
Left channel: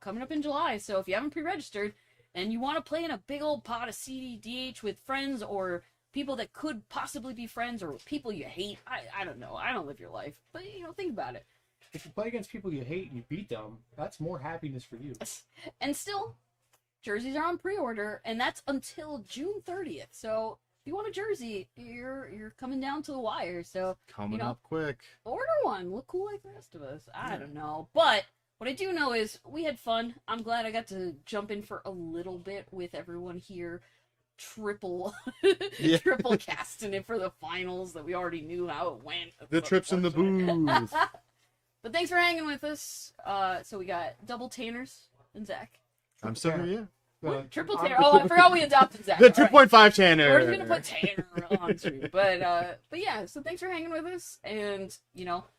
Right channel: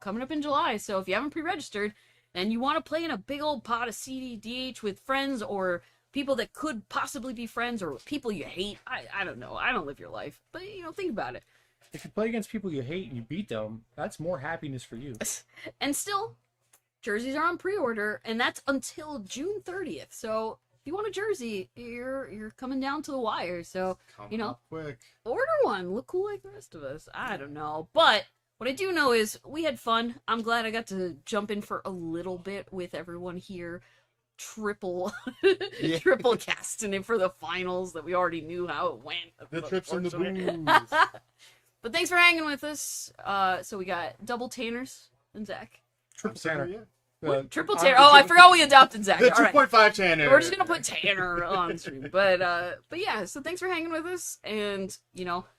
coming up in July. So if you haven't pre-registered and you want to play in a big old pot of CDDH with friends or people that could possibly be friends or people you hate, I don't know. I don't live your life, but think about it. If you play against people you hate and you beat them, that's more happiness for you. And still, jerseys are on pre-order, and that's until June 30th. So if you want a jersey, you're coming down to the wire. So Coming up quick. order one. Look cool like the rest of us. I don't know. But what I do know is we had fun. I'm glad I got to jump in for a little bit with everyone here. Triple casting it for the finals that we already knew how it went. The trips in the booth. But thanks for hanging with us. So we got double Tanners and Zach. I'm sorry, yeah. Triple Tanner. Oh, I forgot we adopted Zach. The All right. 2.5 Tanner. We're just gonna put Tanner on stream. But yeah, so thanks for hanging with us, and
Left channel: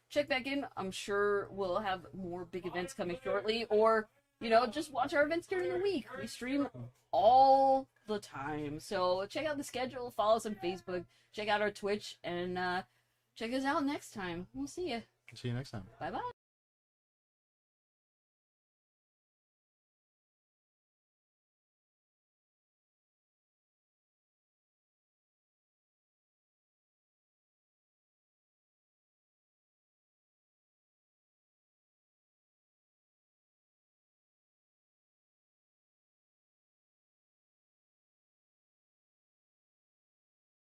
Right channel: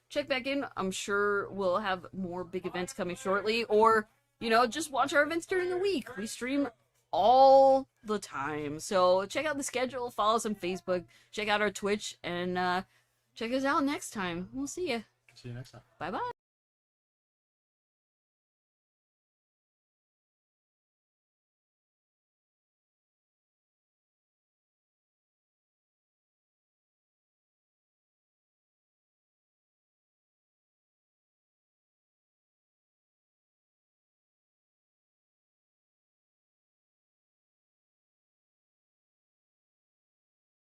check back in. I'm sure we'll have more big events coming shortly, or just watch our events during the week. We stream all the time, so check out the schedule, follow us on Facebook, check out our Twitch, and check us out next time. We'll see you. See you next time. Bye bye.